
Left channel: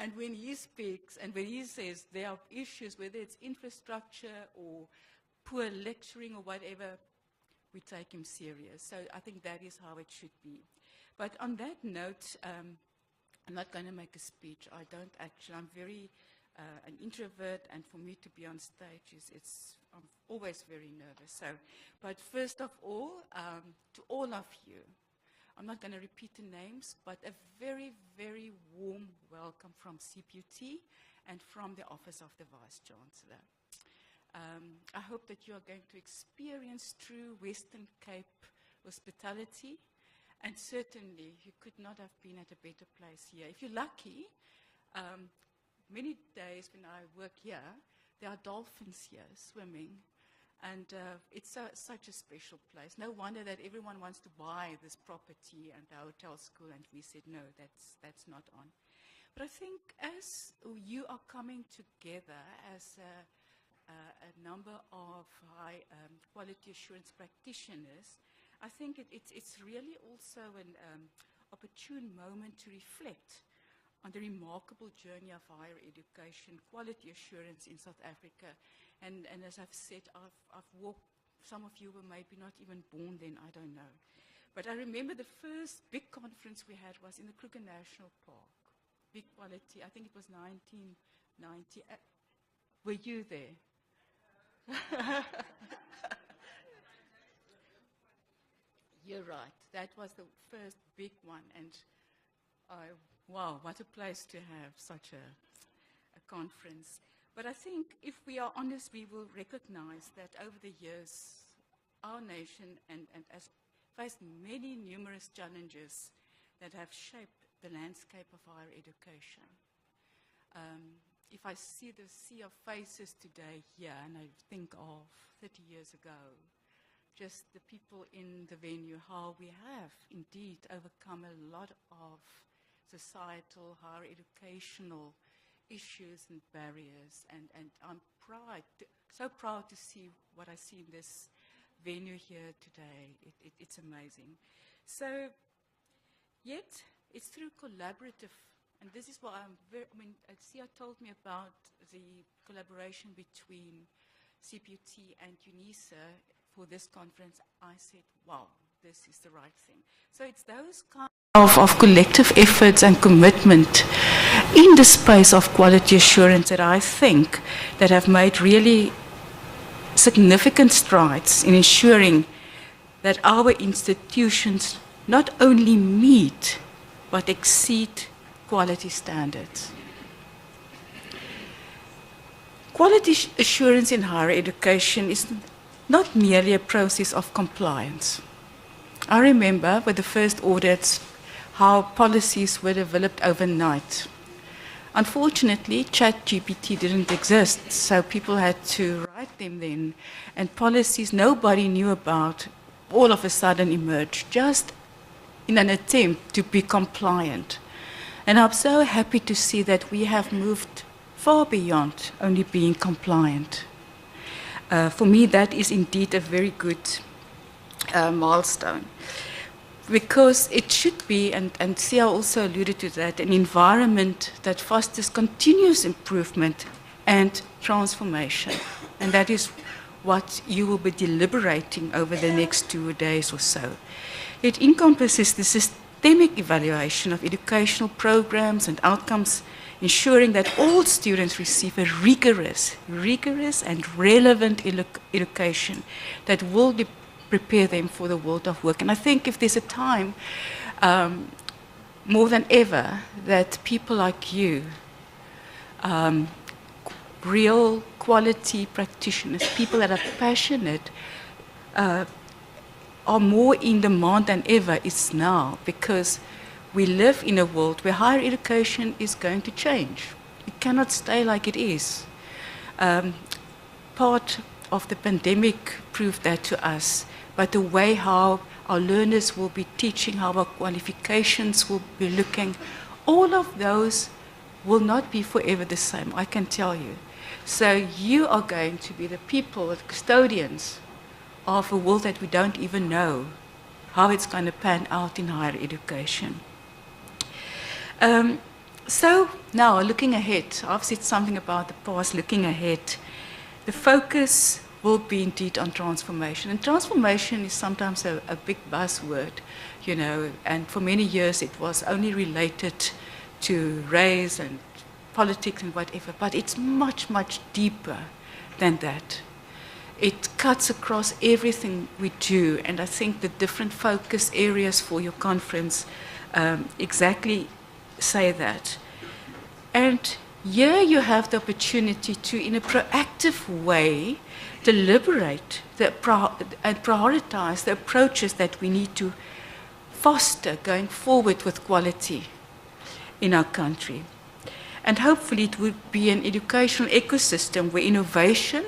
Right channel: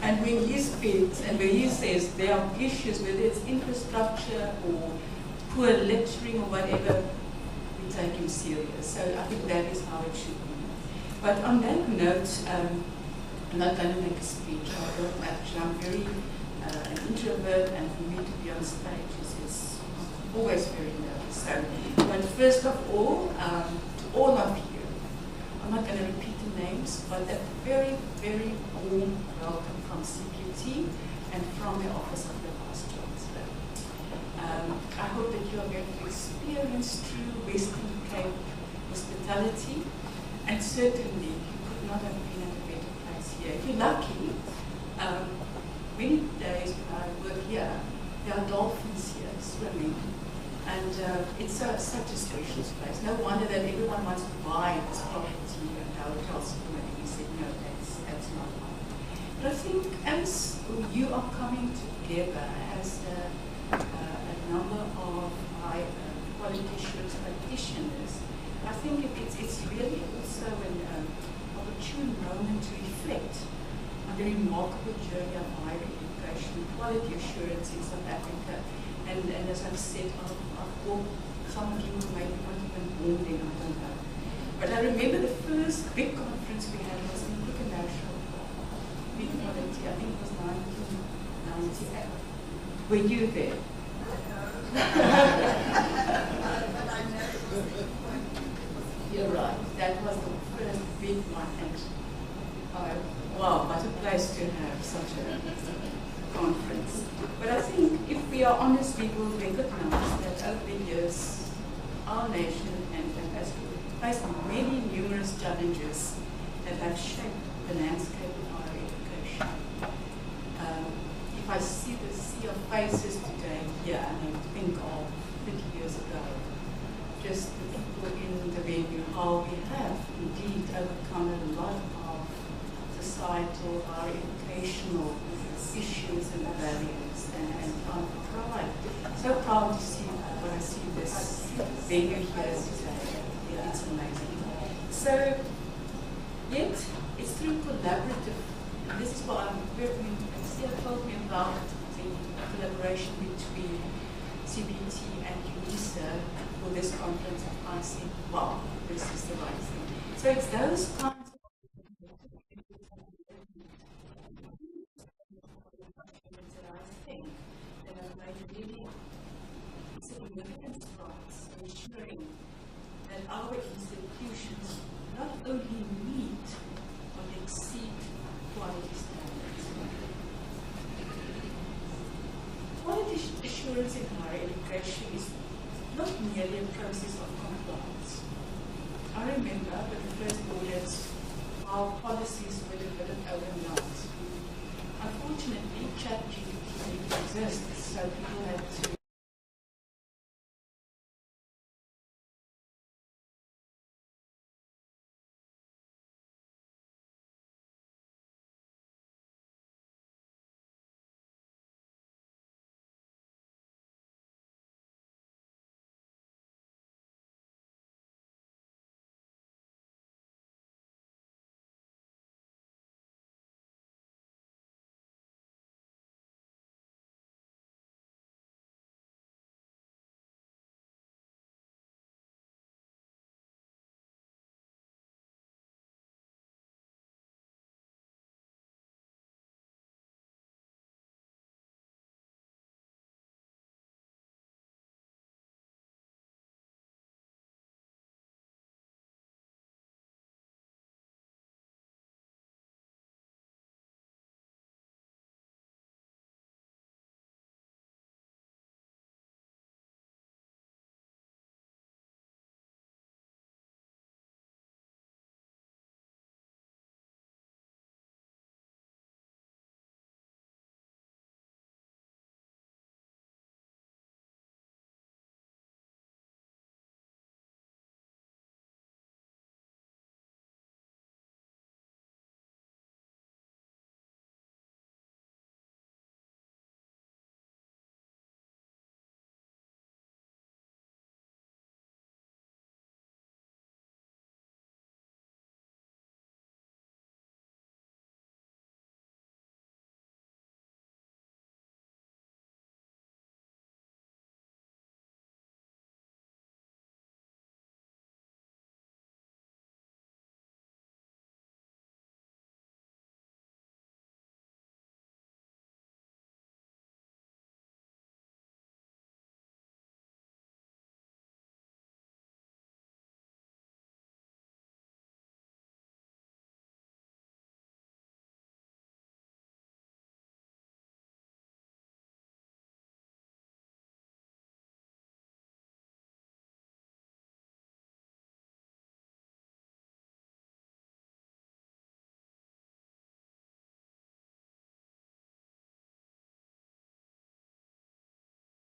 And when he speaks, and when he says there are issues, whether it's infrastructure or poor lecturing or whatever, we take him serious. So I think that is how it should be. But on that note, I'm not going to make a speech. I'm very an introvert, and for me to be on stage is always very nervous. So, but first of all, to all of you, I'm not going to repeat the names, but a very, very warm welcome from CPUT and from the Office of the Vice-Chancellor. I hope that you are going to experience true Western Cape hospitality, and certainly you could not have been at a better place here. If you're lucky, many days when I work here, there are dolphins here swimming, and it's such a special space. No wonder that everyone wants to buy this property and hotels. We said, no, that's not right. But I think as you are coming together as a number of high quality assurance practitioners, I think it's really also an opportune moment to reflect on the remarkable journey of higher education, quality assurance in South Africa. And as I've said, I've walked, some of you maybe not even born then, I don't know. But I remember the first big conference we had was in International Big Quality, I think it was 1998. Were you there? You're right, that was the first big one. And wow, what a place to have such a conference. But I think if we are honest, we will recognize that over the years, our nation has faced many numerous challenges that have shaped the landscape of higher education. If I see the sea of faces today here, and I think of 50 years ago, just the people in the venue, how we have indeed overcome a lot of societal, our educational issues and barriers, and I'm proud, so proud to see when I see this venue here today. Yeah, it's amazing. So, yet it's through collaborative. This is what Sia told me about the collaboration between CPUT and UNISA for this conference. I said, wow, this is the right thing. So it's those kinds of collective efforts and commitment in the space of quality assurance that I think that have made really significant strides in ensuring that our institutions not only meet but exceed quality standards. Quality assurance in higher education is not merely a process of compliance. I remember with the first audits how policies were developed overnight. Unfortunately, ChatGPT didn't exist, so people had to write them then, and policies nobody knew about all of a sudden emerged, just in an attempt to be compliant. And I'm so happy to see that we have moved far beyond only being compliant. For me, that is indeed a very good milestone. Because it should be, and Sia also alluded to that, an environment that fosters continuous improvement and transformation. And that is what you will be deliberating over the next 2 days or so. It encompasses the systemic evaluation of educational programs and outcomes, ensuring that all students receive a rigorous and relevant education that will prepare them for the world of work. And I think if there's a time, more than ever, that people like you, real quality practitioners, people that are passionate, are more in demand than ever is now, because we live in a world where higher education is going to change. It cannot stay like it is. Part of the pandemic proved that to us, but the way how our learners will be teaching, how our qualifications will be looking, all of those will not be forever the same, I can tell you. So you are going to be the people, the custodians of a world that we don't even know how it's going to pan out in higher education. So now, looking ahead, I've said something about the past, looking ahead. The focus will be indeed on transformation. And transformation is sometimes a big buzzword, you know, and for many years it was only related to race and politics and whatever, but it's much, much deeper than that. It cuts across everything we do, and I think the different focus areas for your conference exactly say that. And here you have the opportunity to, in a proactive way, deliberate and prioritize the approaches that we need to foster going forward with quality in our country. And hopefully it would be an educational ecosystem where innovation,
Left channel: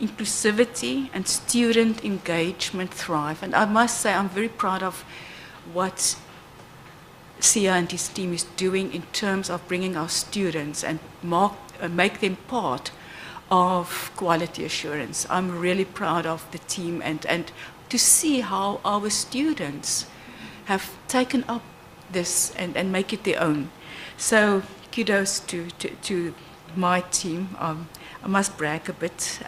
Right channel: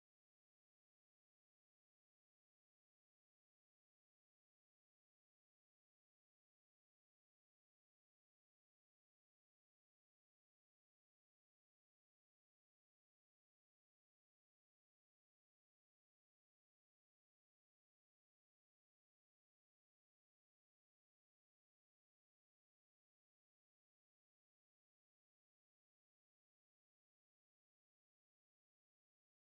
inclusivity, and student engagement thrive. And I must say I'm very proud of what Sia and his team is doing in terms of bringing our students and make them part of quality assurance. I'm really proud of the team and to see how our students have taken up this and make it their own. So kudos to my team. I must brag a bit.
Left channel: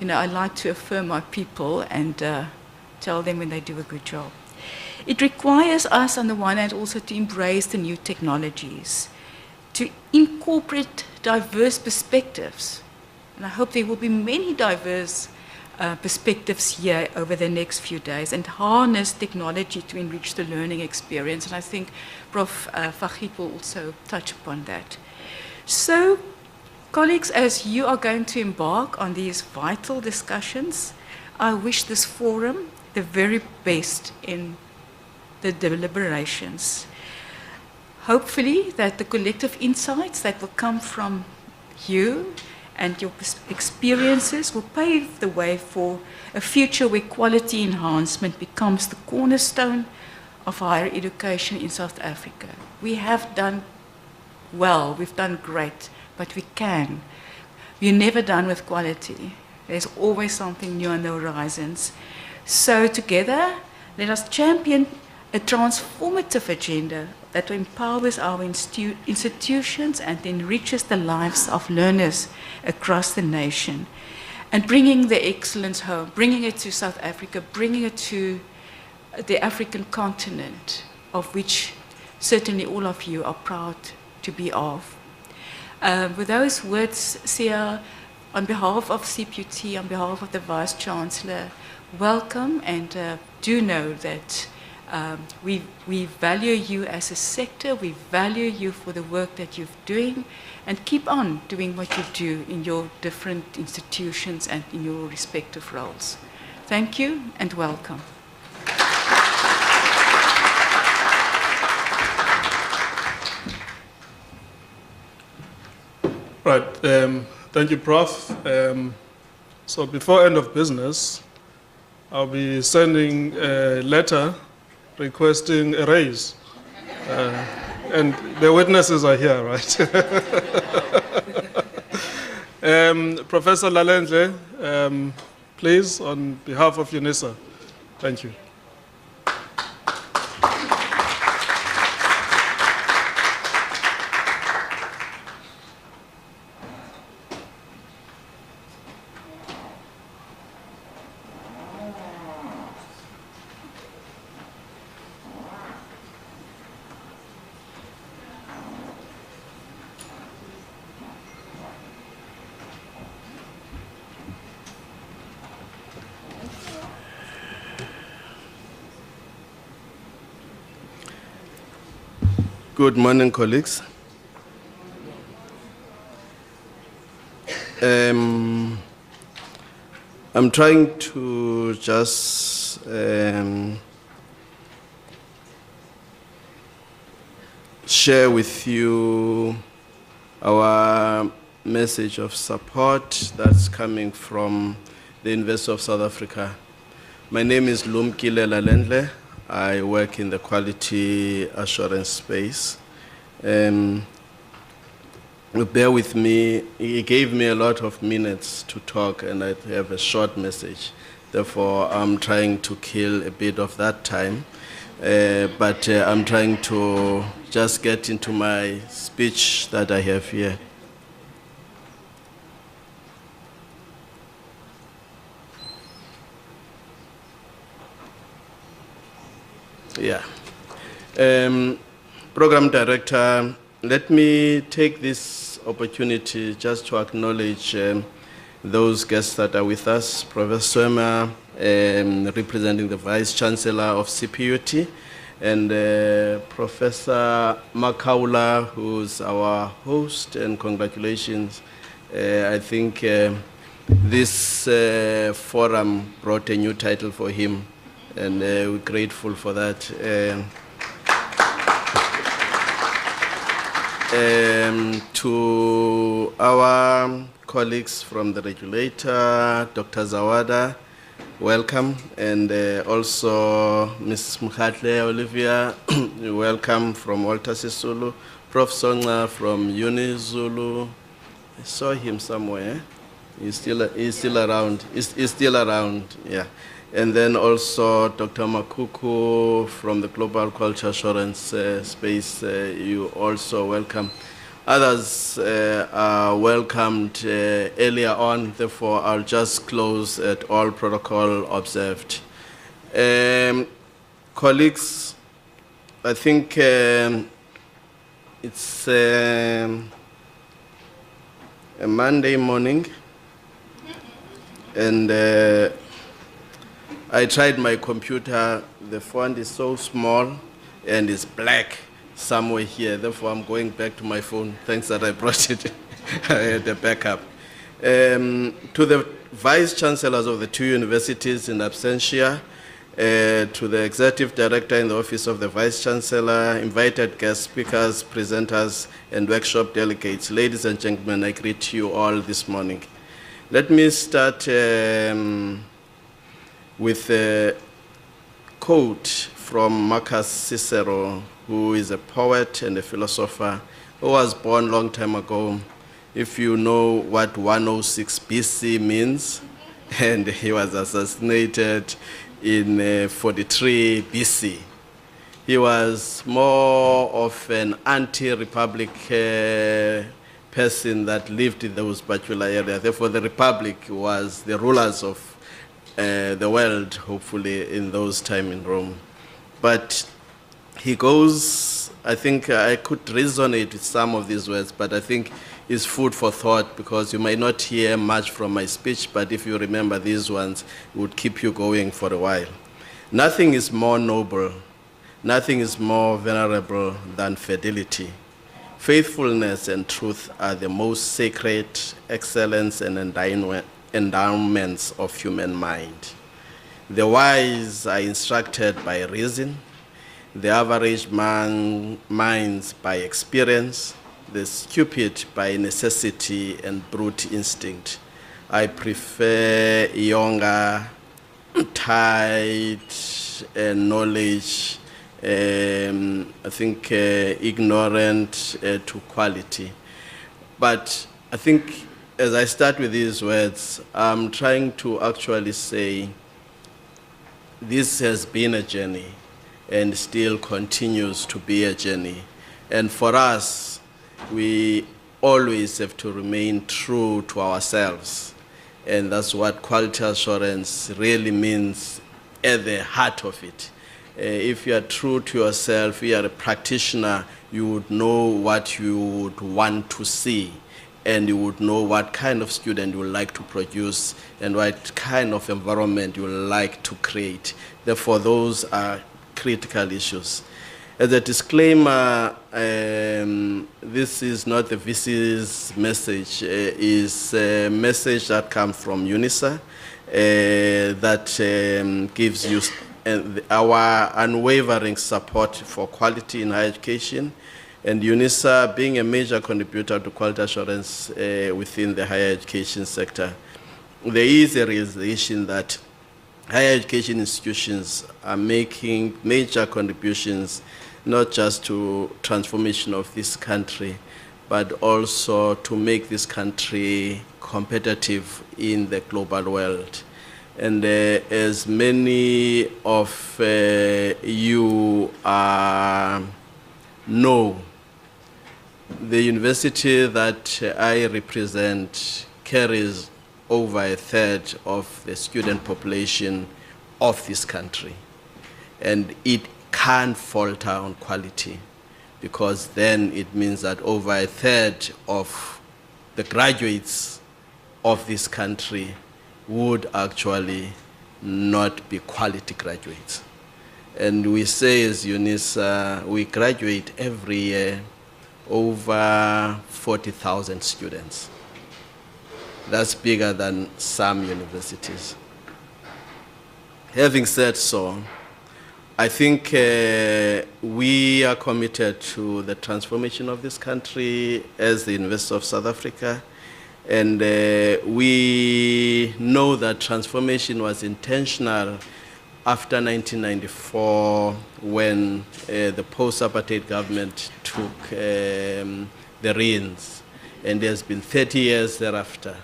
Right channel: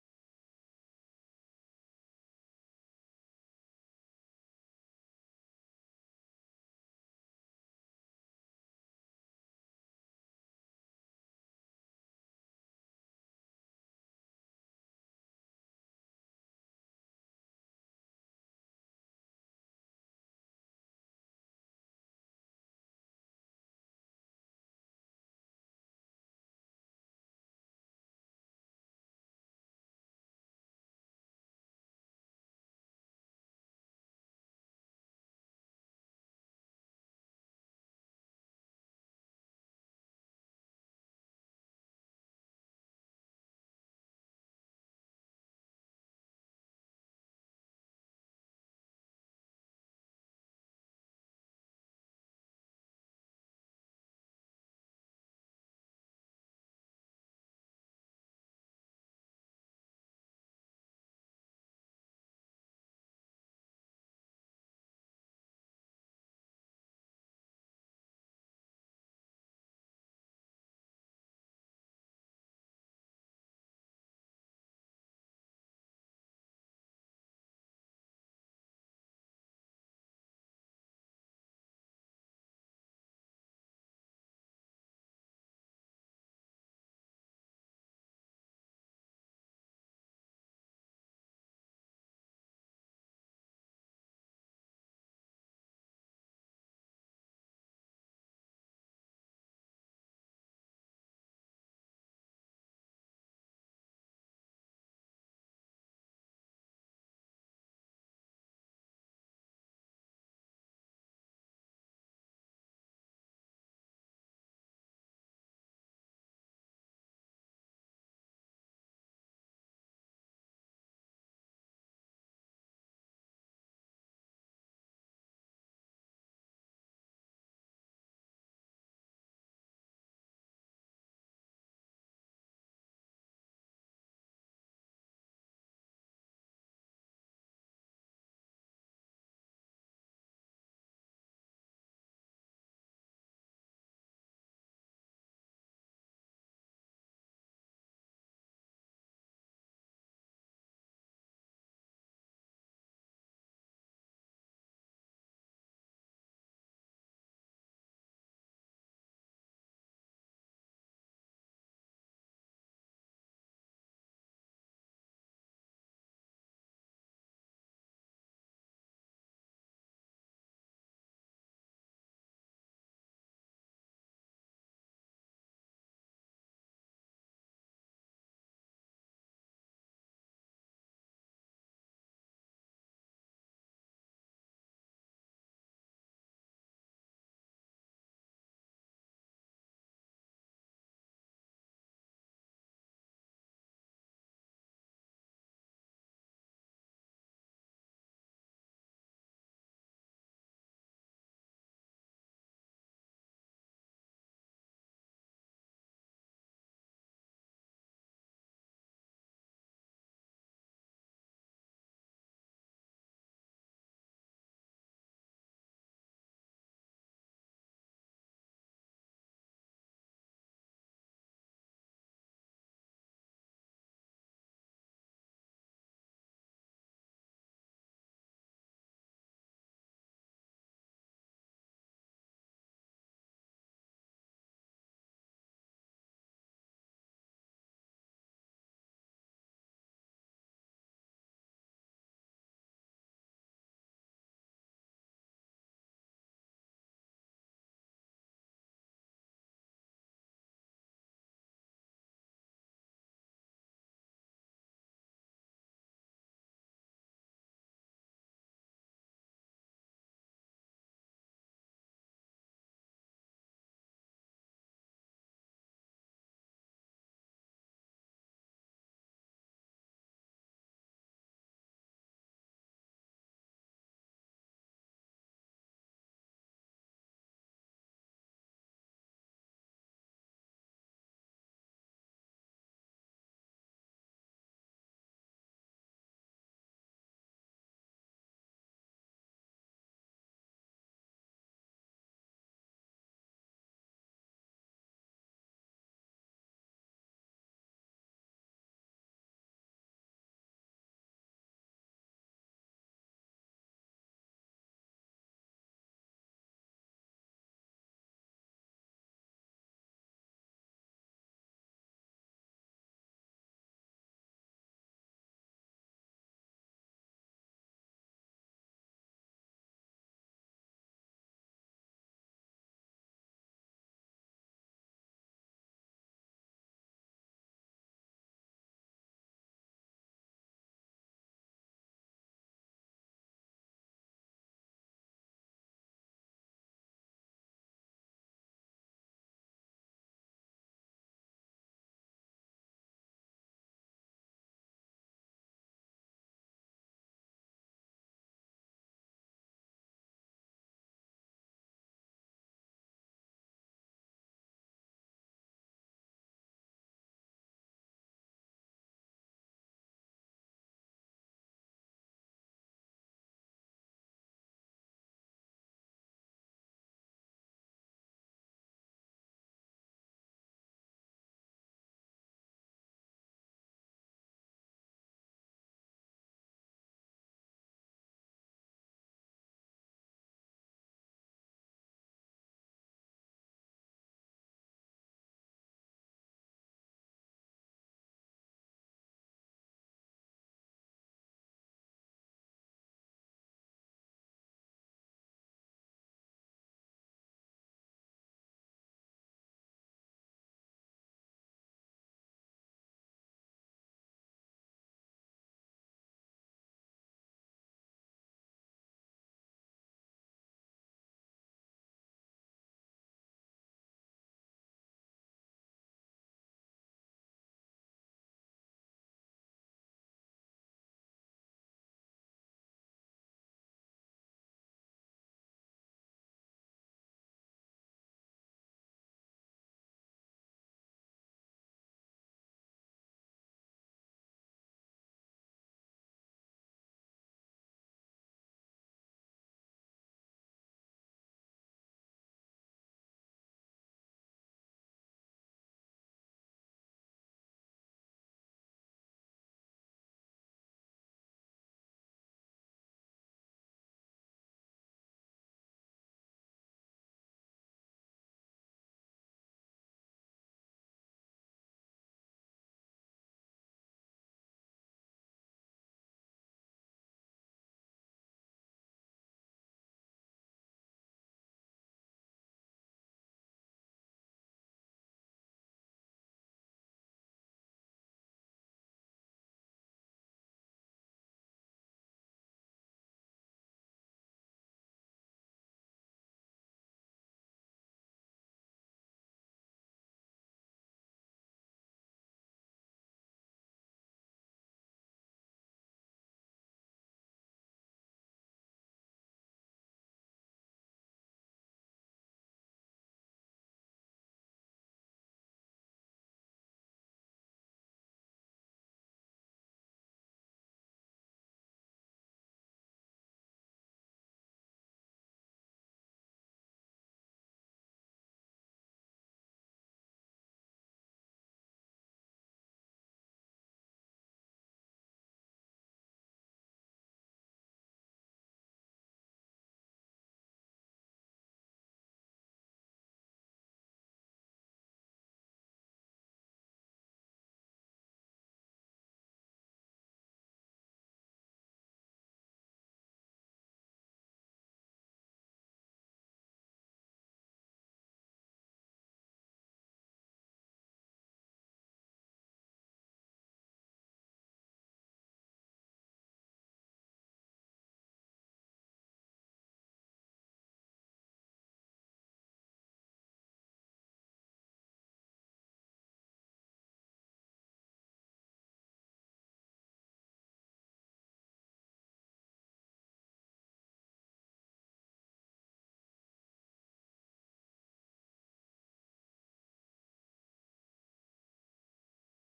You know, I like to affirm my people and tell them when they do a good job. It requires us, on the one hand, also to embrace the new technologies, to incorporate diverse perspectives. And I hope there will be many diverse perspectives here over the next few days, and harness technology to enrich the learning experience. And I think Prof Fahid will also touch upon that. So, colleagues, as you are going to embark on these vital discussions, I wish this forum the very best in the deliberations. Hopefully that the collective insights that will come from you and your experiences will pave the way for a future where quality enhancement becomes the cornerstone of higher education in South Africa. We have done well, we've done great, but we can. We're never done with quality. There's always something new on the horizons. So together, let us champion a transformative agenda that empowers our institutions and enriches the lives of learners across the nation. And bringing the excellence home, bringing it to South Africa, bringing it to the African continent, of which certainly all of you are proud to be of. With those words, Sia, on behalf of CPUT, on behalf of the Vice-Chancellor, welcome, and do know that we value you as a sector, we value you for the work that you're doing, and keep on doing what you do in your different institutions and in your respective roles. Thank you and welcome. Right, thank you, Prof. So before end of business, I'll be sending a letter requesting a raise. And the witnesses are here, right? Professor Lalendle, please, on behalf of UNISA. Thank you. Good morning, colleagues. I'm trying to just share with you our message of support that's coming from the University of South Africa. My name is Lumkile Lalendle. I work in the quality assurance space. Bear with me, he gave me a lot of minutes to talk and I have a short message. Therefore, I'm trying to kill a bit of that time. But I'm trying to just get into my speech that I have here. Yeah. Program Director, let me take this opportunity just to acknowledge those guests that are with us. Professor Swemmer, representing the Vice-Chancellor of CPUT, and Professor Makaula, who's our host, and congratulations. I think this forum brought a new title for him, and we're grateful for that. To our colleagues from the regulator, Dr. Zawada, welcome, and also Ms. Mokgatle, Olivia, welcome from Walter Sisulu, Prof Songa from UNISA. I saw him somewhere. He's still around. He's still around, yeah. And then also Dr. Makuku from the Global Culture Assurance space, you also welcome. Others are welcomed earlier on, therefore I'll just close at all protocol observed. Colleagues, I think it's a Monday morning, and I tried my computer. The font is so small and it's black somewhere here. Therefore, I'm going back to my phone. Thanks that I brought it. I had a backup. To the Vice-Chancellors of the two universities in absentia, to the Executive Director in the Office of the Vice-Chancellor, invited guest speakers, presenters, and workshop delegates, ladies and gentlemen, I greet you all this morning. Let me start with a quote from Marcus Cicero, who is a poet and a philosopher who was born a long time ago. If you know what 106 BC means, and he was assassinated in 43 BC. He was more of an anti-republic person that lived in those particular areas. Therefore, the republic was the rulers of the world, hopefully, in those times in Rome. But he goes, I think I could resonate with some of these words, but I think it's food for thought, because you might not hear much from my speech, but if you remember these ones, it would keep you going for a while. Nothing is more noble, nothing is more venerable than fidelity. Faithfulness and truth are the most sacred excellence and endowments of human mind. The wise are instructed by reason, the average man minds by experience, the stupid by necessity and brute instinct. I prefer younger, tight knowledge, I think ignorant to quality. But I think as I start with these words, I'm trying to actually say this has been a journey and still continues to be a journey. And for us, we always have to remain true to ourselves. And that's what quality assurance really means at the heart of it. If you are true to yourself, you are a practitioner, you would know what you would want to see, and you would know what kind of student you would like to produce and what kind of environment you would like to create. Therefore, those are critical issues. As a disclaimer, this is not the VC's message. It's a message that comes from UNISA, that gives you our unwavering support for quality in higher education, and UNISA being a major contributor to quality assurance within the higher education sector. There is a realization that higher education institutions are making major contributions not just to transformation of this country, but also to make this country competitive in the global world. And as many of you know, the university that I represent carries over a third of the student population of this country. And it can't falter on quality, because then it means that over a third of the graduates of this country would actually not be quality graduates. And we say as UNISA, we graduate every year over 40,000 students. That's bigger than some universities. Having said so, I think we are committed to the transformation of this country as the University of South Africa, and we know that transformation was intentional after 1994 when the post-apartheid government took the reins, and there's been 30 years thereafter.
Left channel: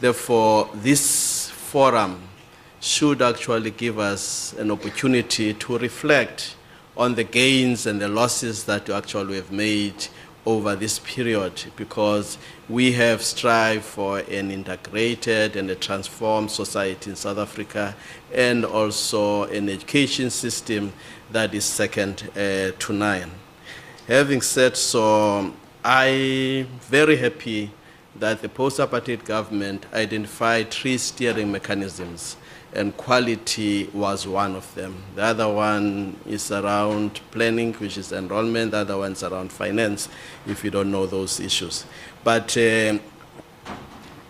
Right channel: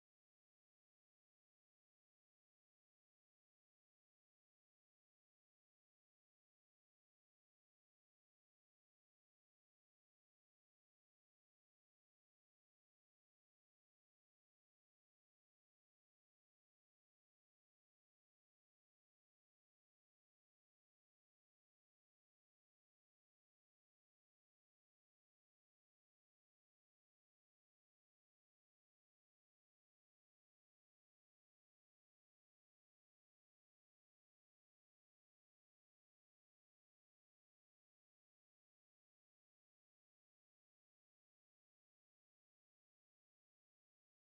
Therefore, this forum should actually give us an opportunity to reflect on the gains and the losses that actually have made over this period, because we have strived for an integrated and a transformed society in South Africa, and also an education system that is second to none. Having said so, I'm very happy that the post-apartheid government identified 3 steering mechanisms, and quality was one of them. The other one is around planning, which is enrollment. The other one is around finance, if you don't know those issues. But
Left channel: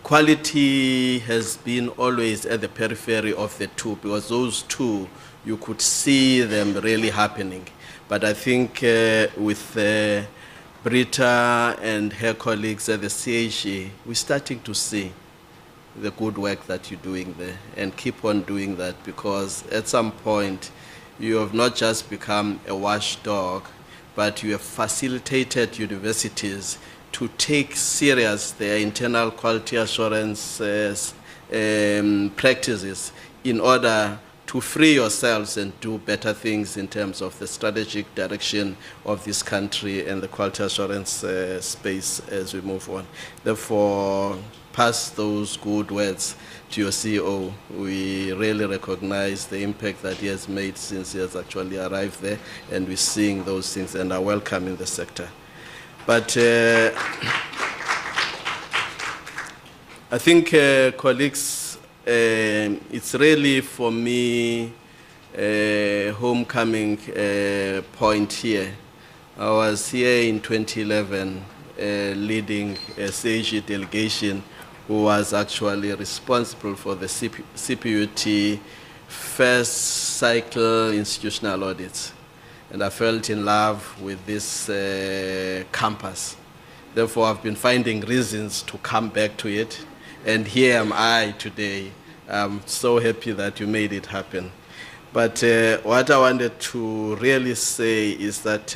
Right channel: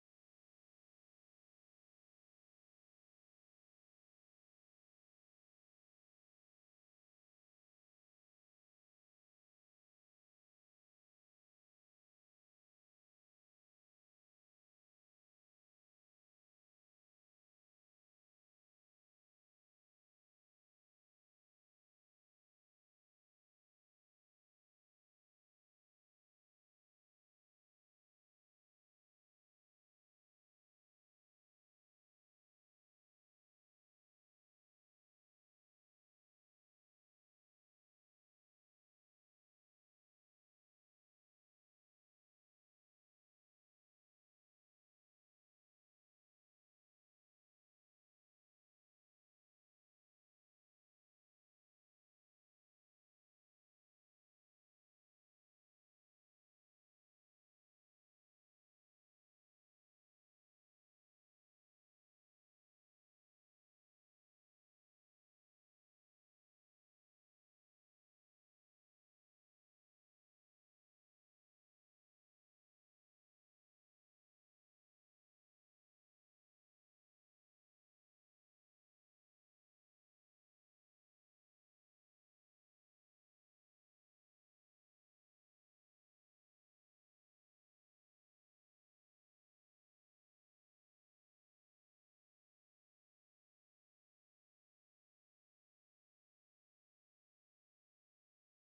quality has been always at the periphery of the two, because those two, you could see them really happening. But I think with Britta and her colleagues at the CHE, we're starting to see the good work that you're doing there, and keep on doing that, because at some point you have not just become a watchdog, but you have facilitated universities to take serious their internal quality assurance practices in order to free yourselves and do better things in terms of the strategic direction of this country and the quality assurance space as we move on. Therefore, pass those good words to your CEO. We really recognize the impact that he has made since he has actually arrived there, and we're seeing those things and are welcome in the sector. But I think, colleagues, it's really for me a homecoming point here. I was here in 2011 leading a CHE delegation who was actually responsible for the CPUT first cycle institutional audits. And I felt in love with this campus. Therefore, I've been finding reasons to come back to it. And here am I today. I'm so happy that you made it happen. But what I wanted to really say is that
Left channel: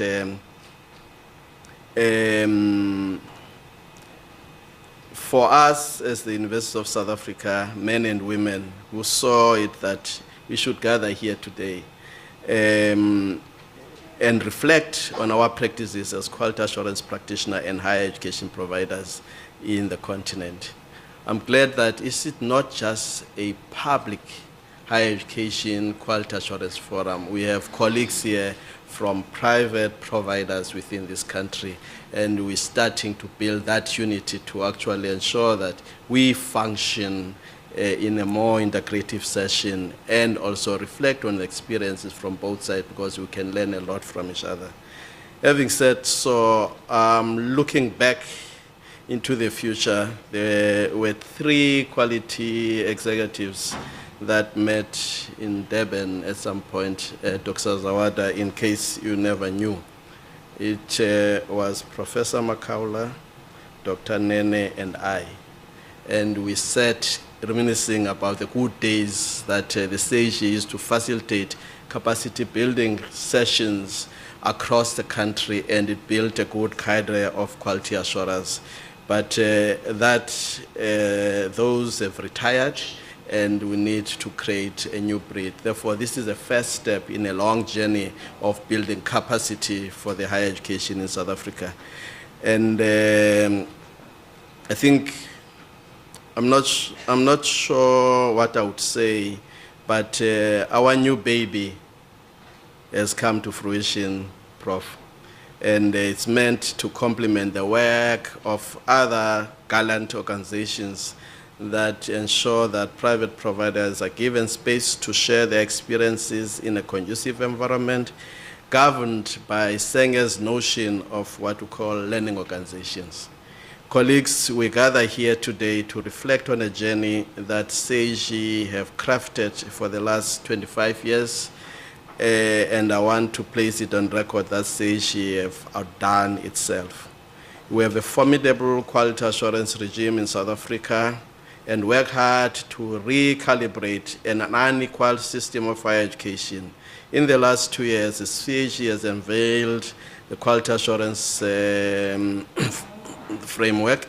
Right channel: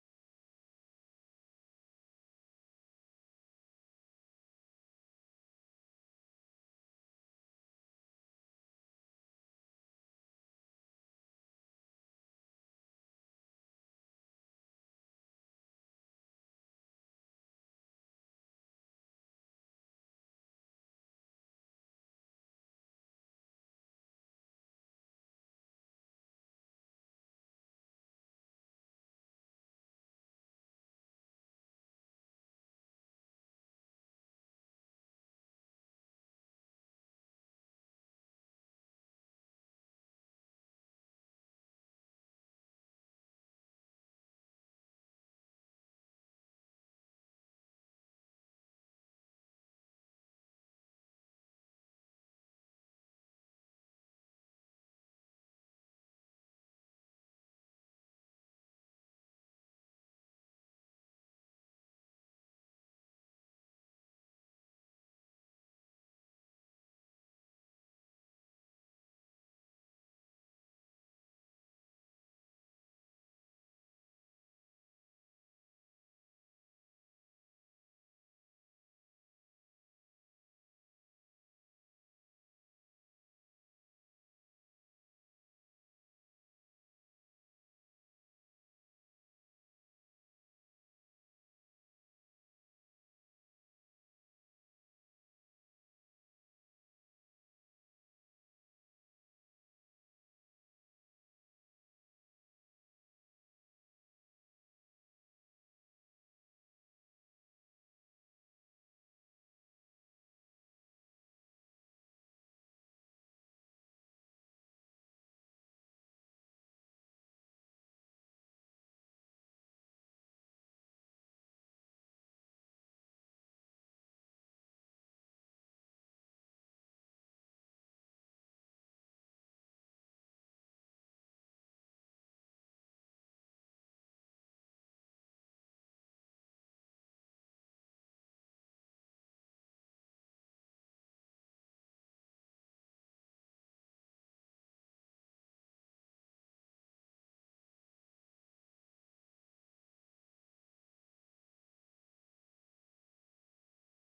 for us as the University of South Africa, men and women who saw it that we should gather here today and reflect on our practices as quality assurance practitioners and higher education providers in the continent. I'm glad that it's not just a public higher education quality assurance forum. We have colleagues here from private providers within this country, and we're starting to build that unity to actually ensure that we function in a more integrative session and also reflect on the experiences from both sides, because we can learn a lot from each other. Having said so, looking back into the future, there were 3 quality executives that met in Durban at some point, Dr. Zawada, in case you never knew. It was Professor Makaula, Dr. Nene, and I. And we sat reminiscing about the good days that the SAGE used to facilitate capacity building sessions across the country, and it built a good cadre of quality assurers. But those have retired, and we need to create a new breed. Therefore, this is a first step in a long journey of building capacity for the higher education in South Africa. And I think, I'm not sure what I would say, but our new baby has come to fruition, Prof. And it's meant to complement the work of other gallant organizations that ensure that private providers are given space to share their experiences in a conducive environment, governed by Senger's notion of what we call learning organizations. Colleagues, we gather here today to reflect on a journey that SAGE have crafted for the last 25 years, and I want to place it on record that SAGE have outdone itself. We have a formidable quality assurance regime in South Africa, and work hard to recalibrate an unequal system of higher education. In the last 2 years, the SAGE has unveiled the quality assurance framework,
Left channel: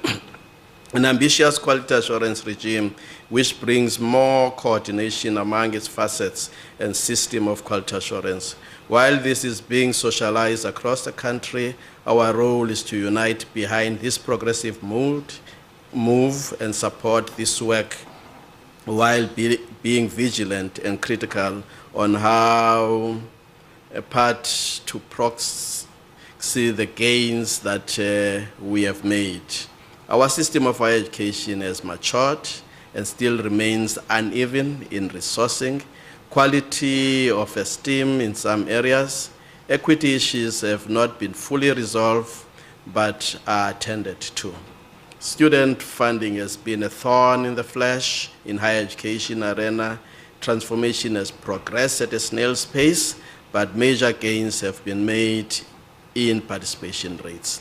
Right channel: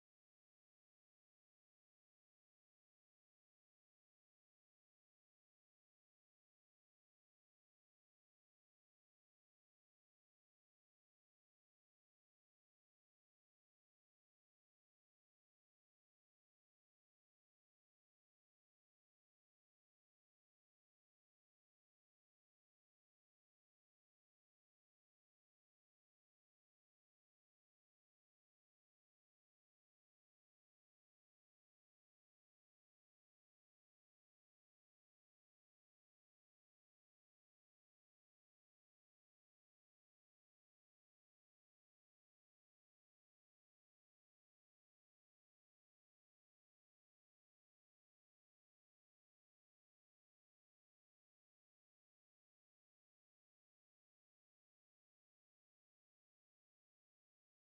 an ambitious quality assurance regime which brings more coordination among its facets and system of quality assurance. While this is being socialized across the country, our role is to unite behind this progressive move and support this work while being vigilant and critical on how a part to proxy the gains that we have made. Our system of higher education has matured and still remains uneven in resourcing, quality of esteem in some areas. Equity issues have not been fully resolved but are attended to. Student funding has been a thorn in the flesh in higher education arena. Transformation has progressed at a snail's pace, but major gains have been made in participation rates.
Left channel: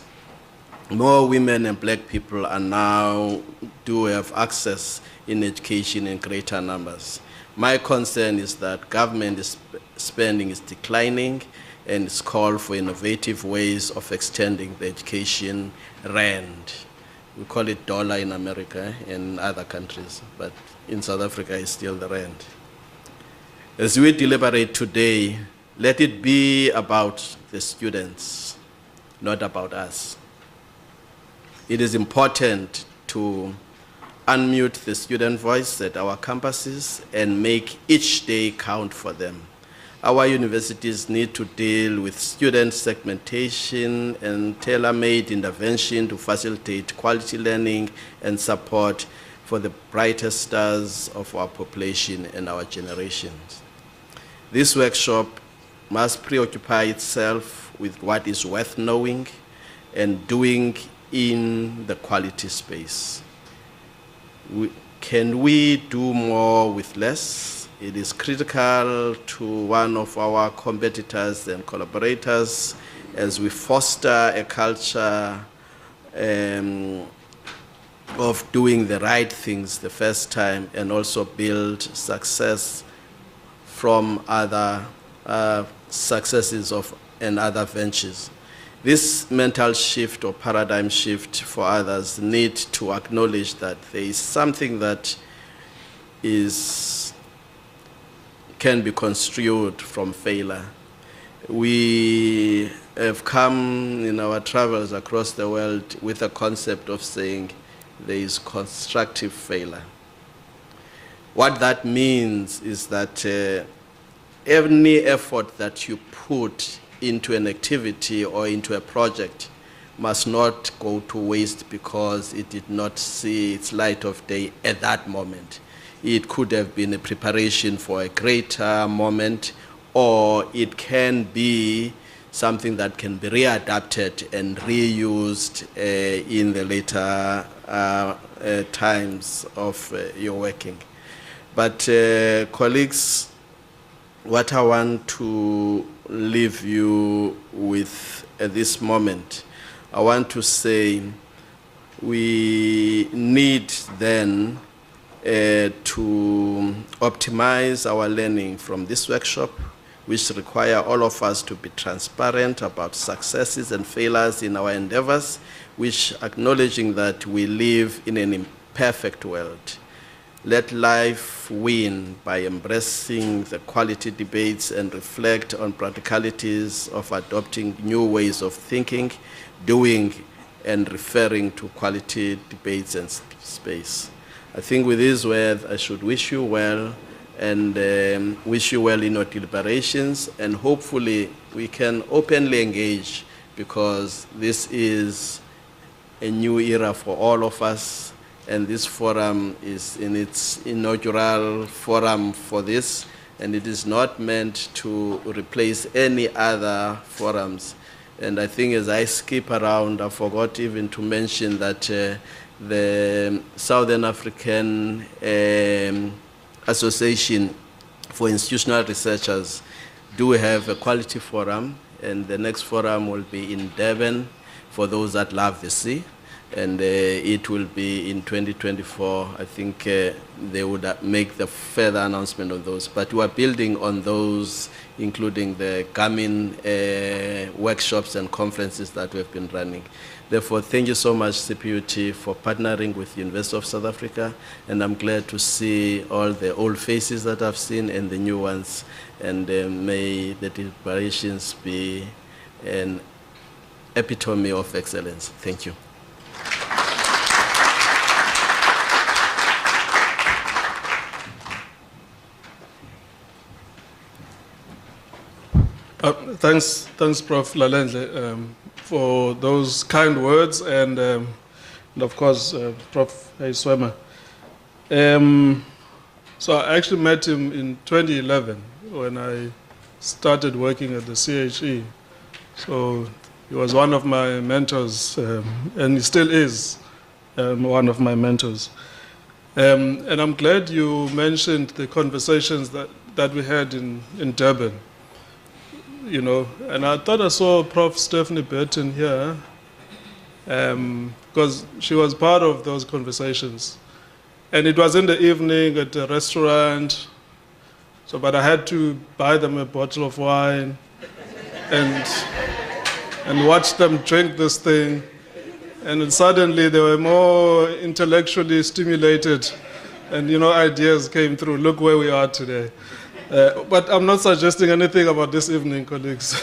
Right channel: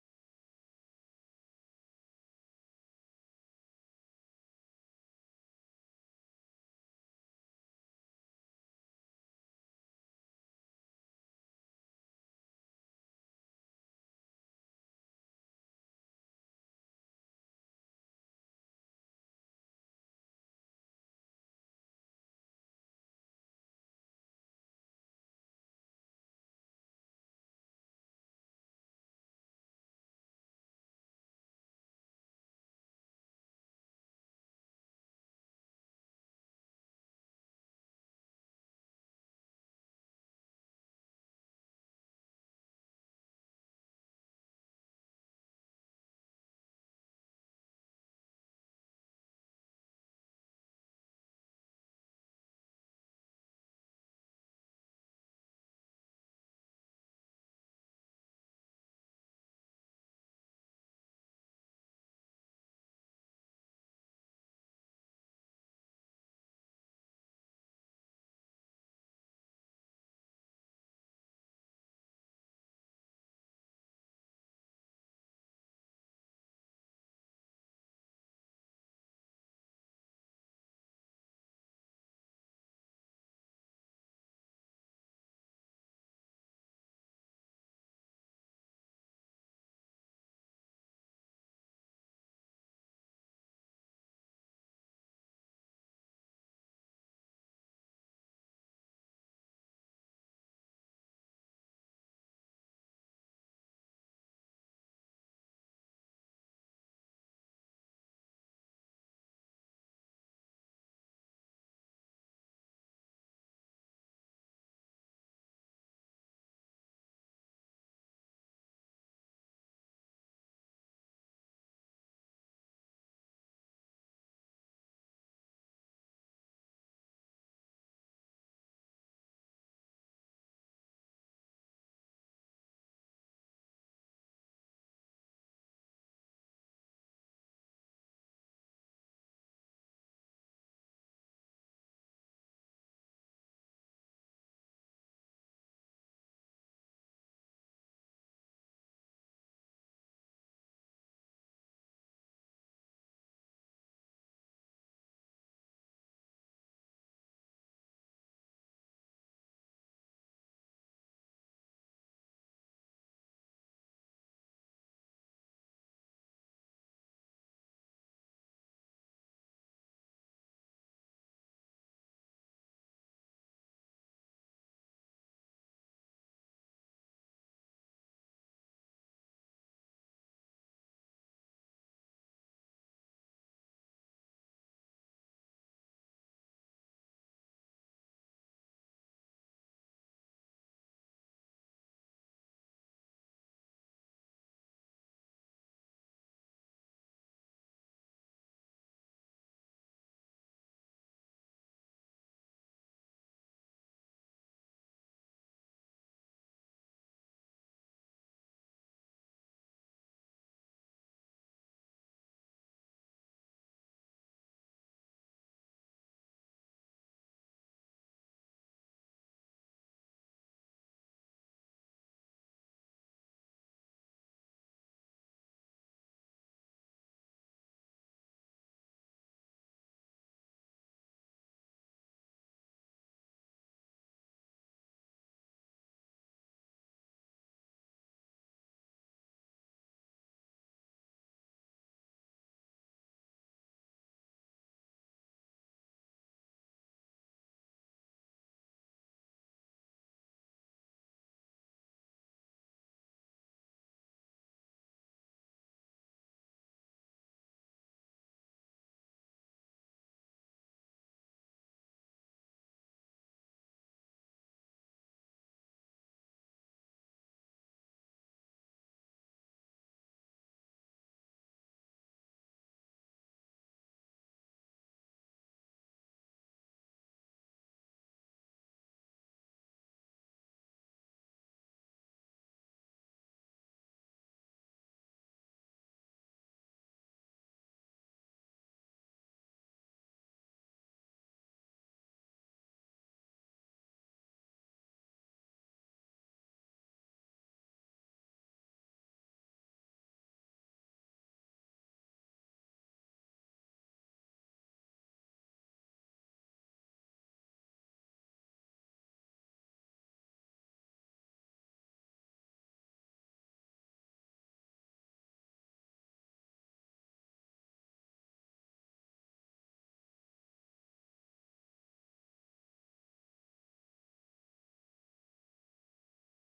More women and black people are now do have access in education in greater numbers. My concern is that government spending is declining, and it's called for innovative ways of extending the education rand. We call it dollar in America and other countries, but in South Africa it's still the rand. As we deliberate today, let it be about the students, not about us. It is important to unmute the student voice at our campuses and make each day count for them. Our universities need to deal with student segmentation and tailor-made intervention to facilitate quality learning and support for the brightest stars of our population and our generations. This workshop must preoccupy itself with what is worth knowing and doing in the quality space. Can we do more with less? It is critical to one of our competitors and collaborators as we foster a culture of doing the right things the first time and also build success from other successes and other ventures. This mental shift or paradigm shift for others need to acknowledge that there is something that can be construed from failure. We have come in our travels across the world with a concept of saying there is constructive failure. What that means is that any effort that you put into an activity or into a project must not go to waste because it did not see its light of day at that moment. It could have been a preparation for a greater moment, or it can be something that can be readapted and reused in the later times of your working. But colleagues, what I want to leave you with at this moment, I want to say we need then to optimize our learning from this workshop, which require all of us to be transparent about successes and failures in our endeavors, which acknowledging that we live in an imperfect world. Let life win by embracing the quality debates and reflect on practicalities of adopting new ways of thinking, doing, and referring to quality debates and space. I think with these words, I should wish you well and wish you well in your deliberations, and hopefully we can openly engage, because this is a new era for all of us, and this forum is in its inaugural forum for this, and it is not meant to replace any other forums. And I think as I skip around, I forgot even to mention that the Southern African Association for Institutional Researchers do have a quality forum, and the next forum will be in Durban for those that love the sea. And it will be in 2024. I think they would make the further announcement on those. But we are building on those, including the coming workshops and conferences that we've been running. Therefore, thank you so much, CPUT, for partnering with the University of South Africa. And I'm glad to see all the old faces that I've seen and the new ones. And may the deliberations be an epitome of excellence. Thank you. Thanks, Prof Lalendle, for those kind words, and of course, Prof Hay-Swemmer. So I actually met him in 2011 when I started working at the CHE. So he was one of my mentors, and he still is one of my mentors. And I'm glad you mentioned the conversations that we had in Durban. You know, and I thought I saw Prof Stephanie Burton here, because she was part of those conversations. And it was in the evening at a restaurant, so, but I had to buy them a bottle of wine and watch them drink this thing. And then suddenly they were more intellectually stimulated, and, you know, ideas came through. Look where we are today. But I'm not suggesting anything about this evening, colleagues.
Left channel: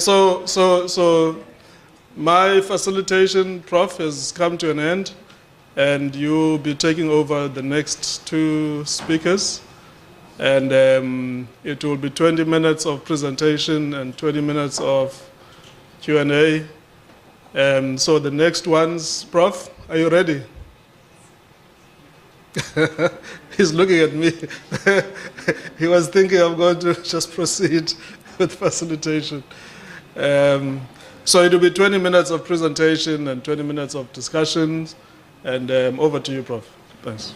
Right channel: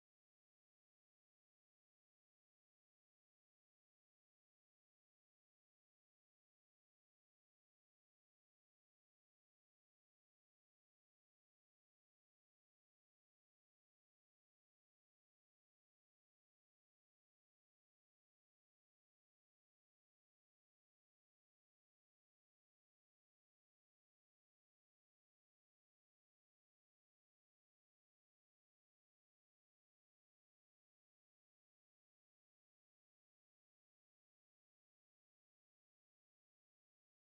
So my facilitation, Prof, has come to an end, and you'll be taking over the next two speakers. And it will be 20 minutes of presentation and 20 minutes of Q&A. So the next ones, Prof, are you ready? He's looking at me. He was thinking I'm going to just proceed with facilitation. So it will be 20 minutes of presentation and 20 minutes of discussions. And over to you, Prof. Thanks.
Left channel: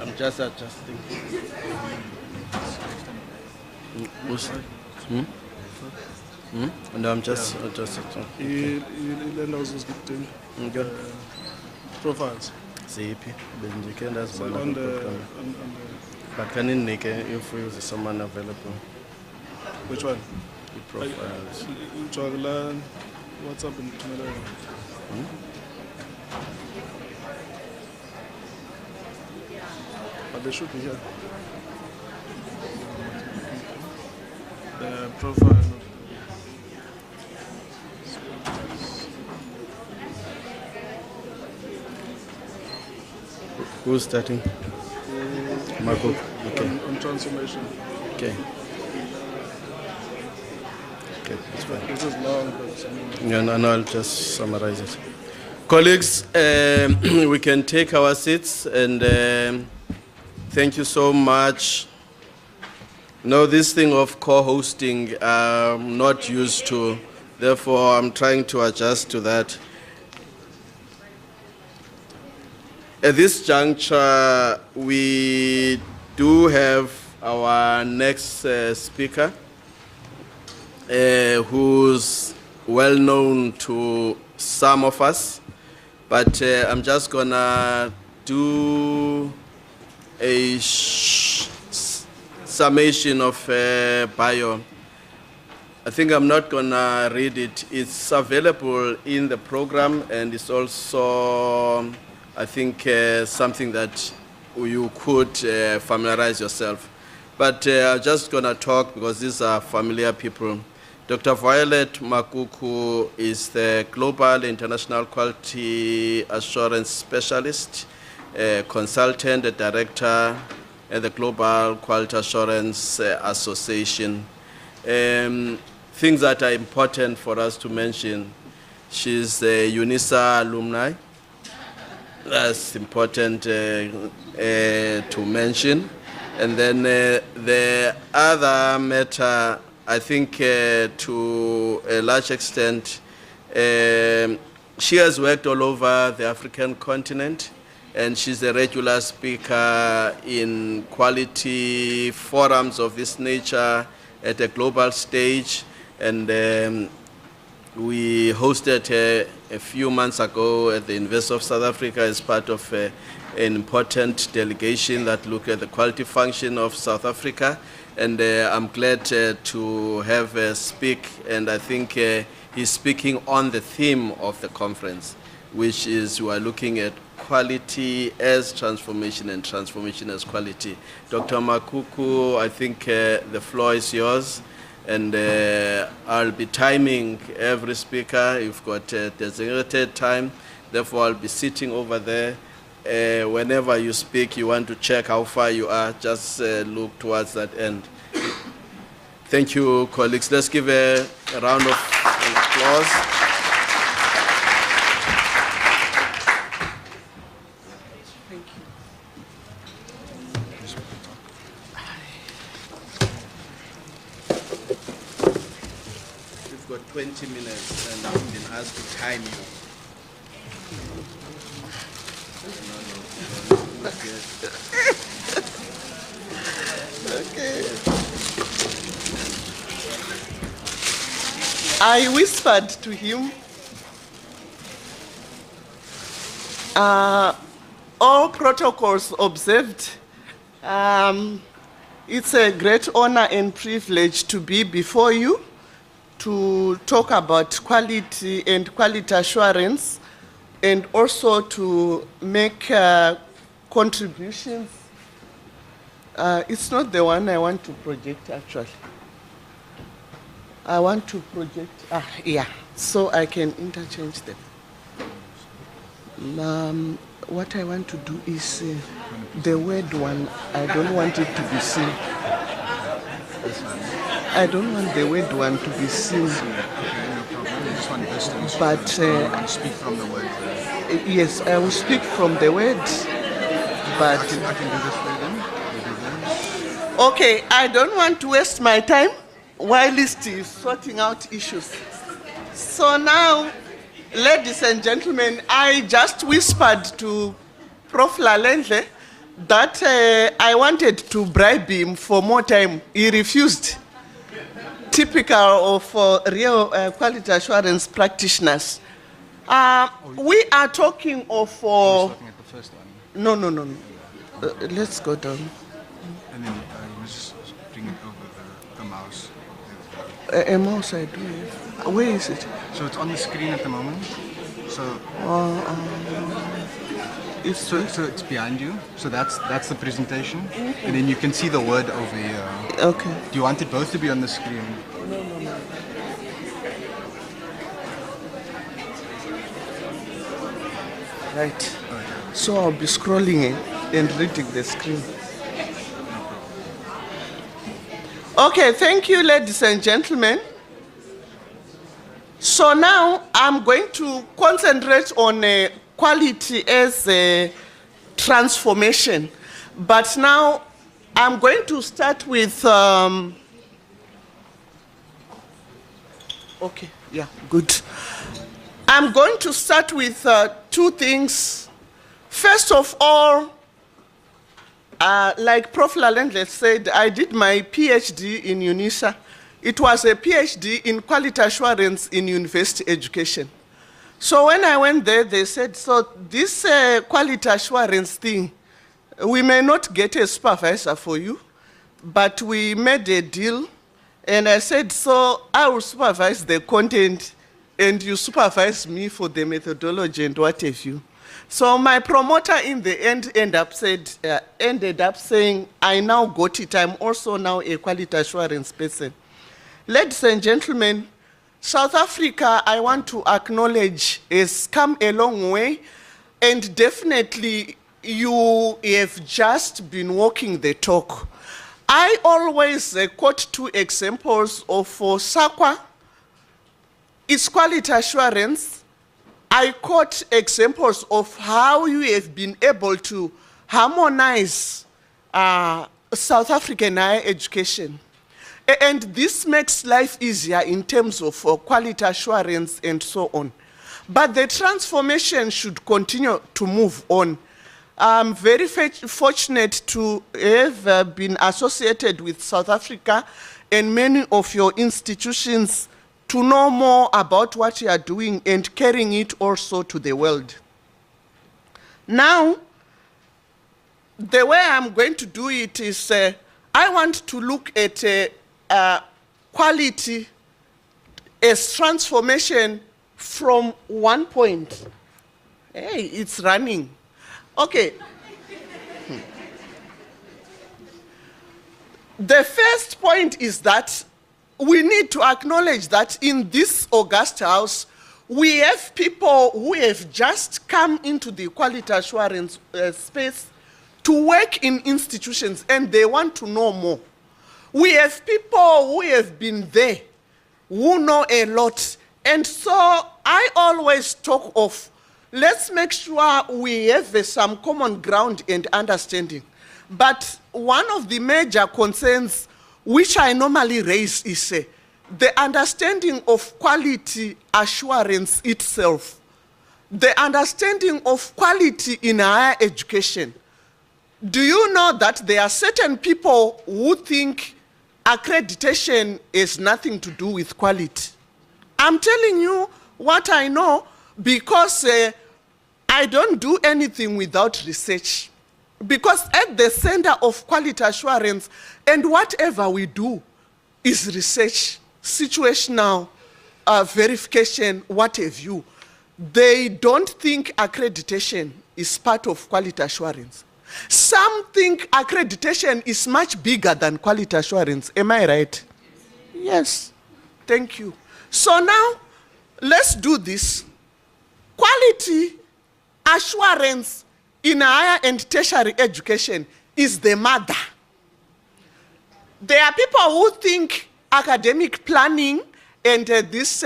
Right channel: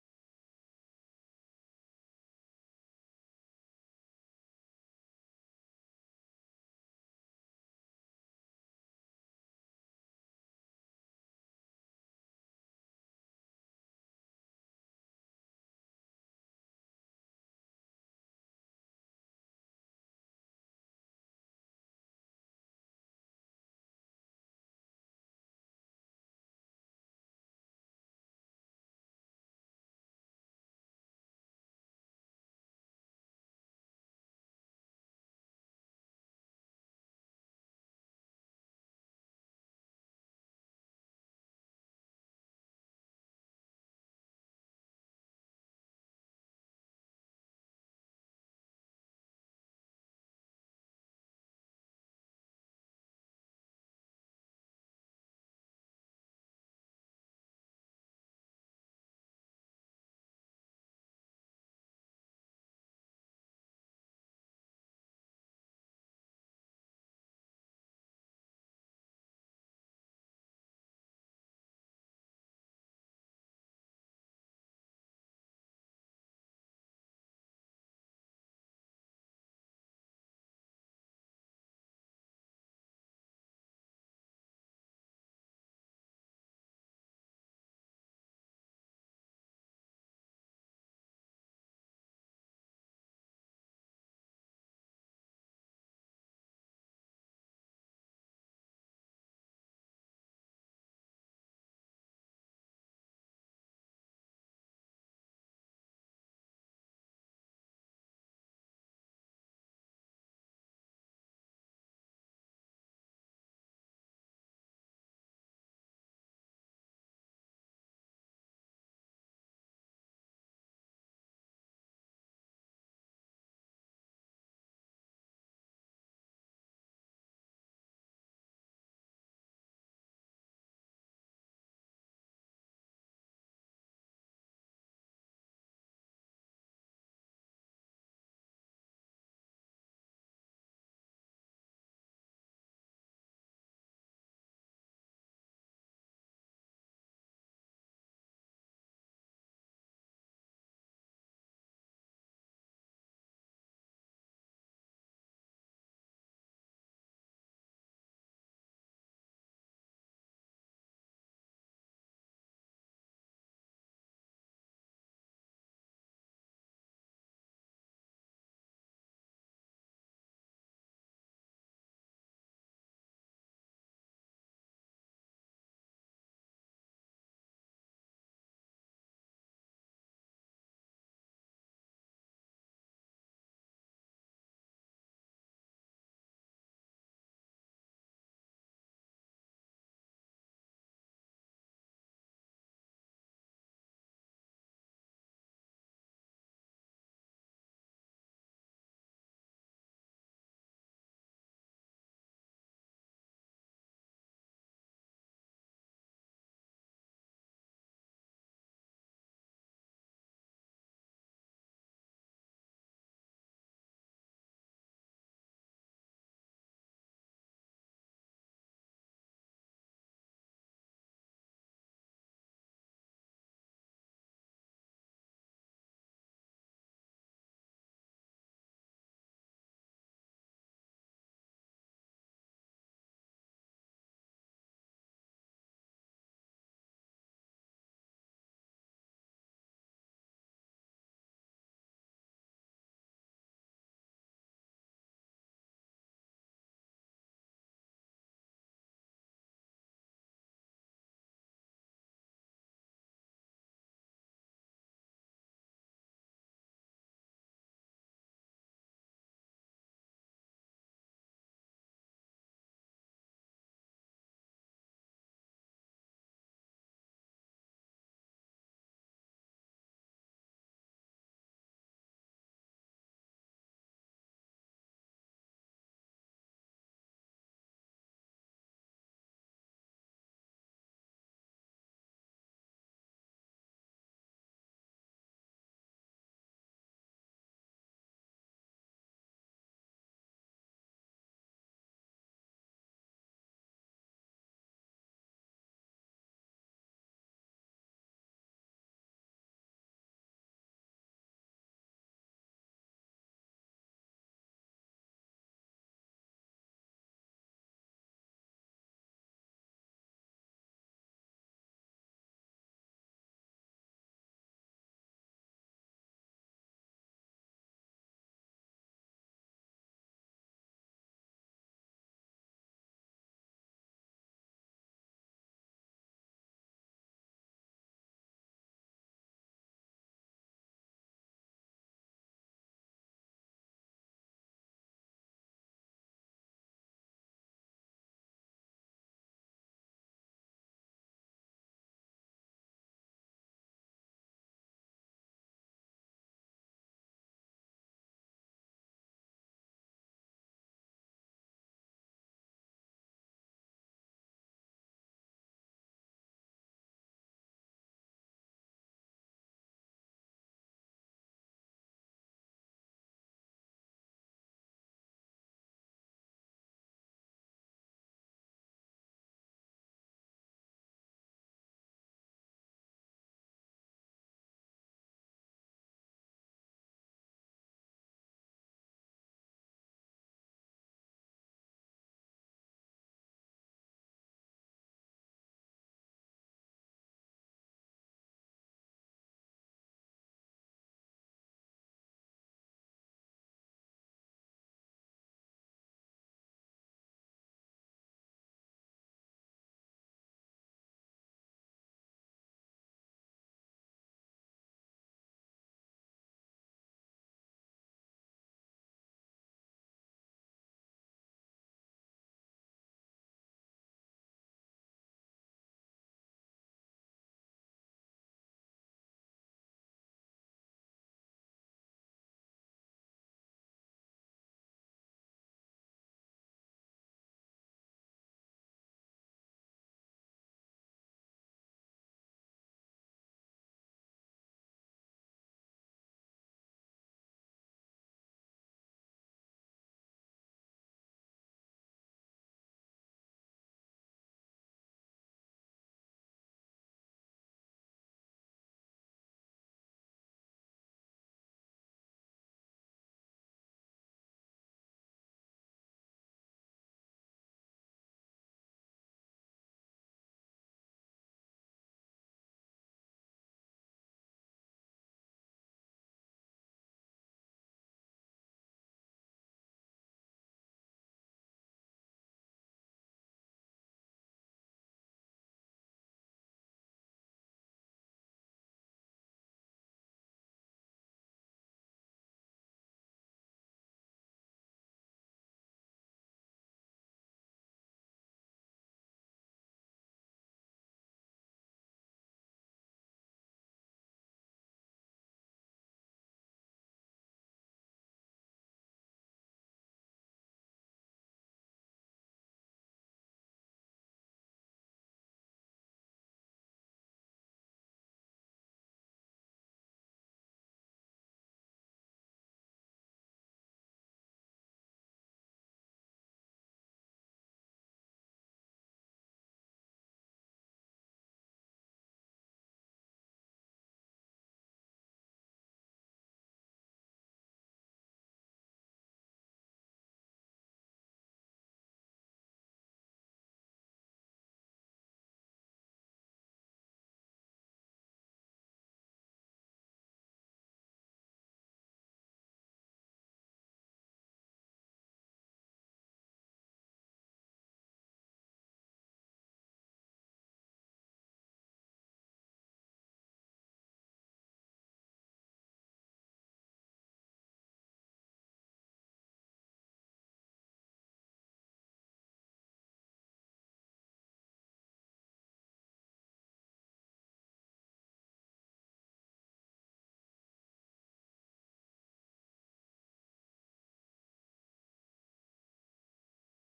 I'm just adjusting. No, I'm just adjusting. Profiles. CP. On the But can you make if we use someone available? Which one? The profiles. What's up in Tumela? But they should be here. The profile. Who's starting? Makuku. Okay. On transformation. Okay. Okay, that's fine. This is long, but Yeah, no, I'll just summarize it. Colleagues, we can take our seats, and thank you so much. No, this thing of co-hosting, I'm not used to. Therefore, I'm trying to adjust to that. At this juncture, we do have our next speaker, who's well known to some of us, but I'm just gonna do a summation of bio. I think I'm not gonna read it. It's available in the program, and it's also, I think, something that you could familiarize yourself. But I'm just gonna talk because these are familiar people. Dr. Violet Makuku is the Global International Quality Assurance Specialist, consultant, and director at the Global Quality Assurance Association. Things that are important for us to mention: she's a UNISA alumni. That's important to mention. And then the other matter, I think to a large extent, she has worked all over the African continent, and she's a regular speaker in quality forums of this nature at a global stage. And we hosted her a few months ago at the University of South Africa as part of an important delegation that looked at the quality function of South Africa. And I'm glad to have her speak, and I think he's speaking on the theme of the conference, which is we are looking at quality as transformation and transformation as quality. Dr. Makuku, I think the floor is yours. And I'll be timing every speaker. You've got designated time. Therefore, I'll be sitting over there. Whenever you speak, you want to check how far you are, just look towards that end. Thank you, colleagues. Let's give a round of applause. You've got 20 minutes, and I've been asked to time you. Okay. I whispered to him, all protocols observed. It's a great honor and privilege to be before you to talk about quality and quality assurance, and also to make contributions. It's not the one I want to project, actually. I want to project, yeah, so I can interchange them. What I want to do is the word one, I don't want it to be seen. I don't want the word one to be seen. But speak from the word. Yes, I will speak from the word, but I can do this for them. Okay, I don't want to waste my time while List is sorting out issues. So now, ladies and gentlemen, I just whispered to Prof Lalendle that I wanted to bribe him for more time. He refused. Typical of real quality assurance practitioners. We are talking of... Looking at the first one. No. Let's go down. And then you must just bring it over the mouse. A mouse I do have. Where is it? So it's on the screen at the moment. So so it's behind you. So that's the presentation, and then you can see the word over here. Okay. Do you want it both to be on the screen? No. Right. So I'll be scrolling and reading the screen. Okay, thank you, ladies and gentlemen. So now I'm going to concentrate on quality as a transformation. But now I'm going to start with, okay, yeah, good. I'm going to start with two things. First of all, like Prof Lalendle said, I did my PhD in UNISA. It was a PhD in quality assurance in university education. So when I went there, they said, so this quality assurance thing, we may not get a supervisor for you, but we made a deal. And I said, so I will supervise the content and you supervise me for the methodology and what have you. So my promoter in the end ended up saying, I now got it. I'm also now a quality assurance person. Ladies and gentlemen, South Africa, I want to acknowledge, has come a long way, and definitely you have just been walking the talk. I always quote two examples of SAQA, its quality assurance. I quote examples of how you have been able to harmonize South African higher education. And this makes life easier in terms of quality assurance and so on. But the transformation should continue to move on. I'm very fortunate to have been associated with South Africa and many of your institutions to know more about what you are doing and carrying it also to the world. Now, the way I'm going to do it is I want to look at quality as transformation from one point. Hey, it's running. Okay. The first point is that we need to acknowledge that in this august house, we have people who have just come into the quality assurance space to work in institutions, and they want to know more. We have people who have been there, who know a lot. And so I always talk of, let's make sure we have some common ground and understanding. But one of the major concerns which I normally raise is the understanding of quality assurance itself, the understanding of quality in higher education. Do you know that there are certain people who think accreditation has nothing to do with quality? I'm telling you what I know because I don't do anything without research. Because at the center of quality assurance and whatever we do is research, situational verification, what have you. They don't think accreditation is part of quality assurance. Some think accreditation is much bigger than quality assurance. Am I right? Yes. Thank you. So now, let's do this. Quality assurance in higher and tertiary education is the mother. There are people who think academic planning and this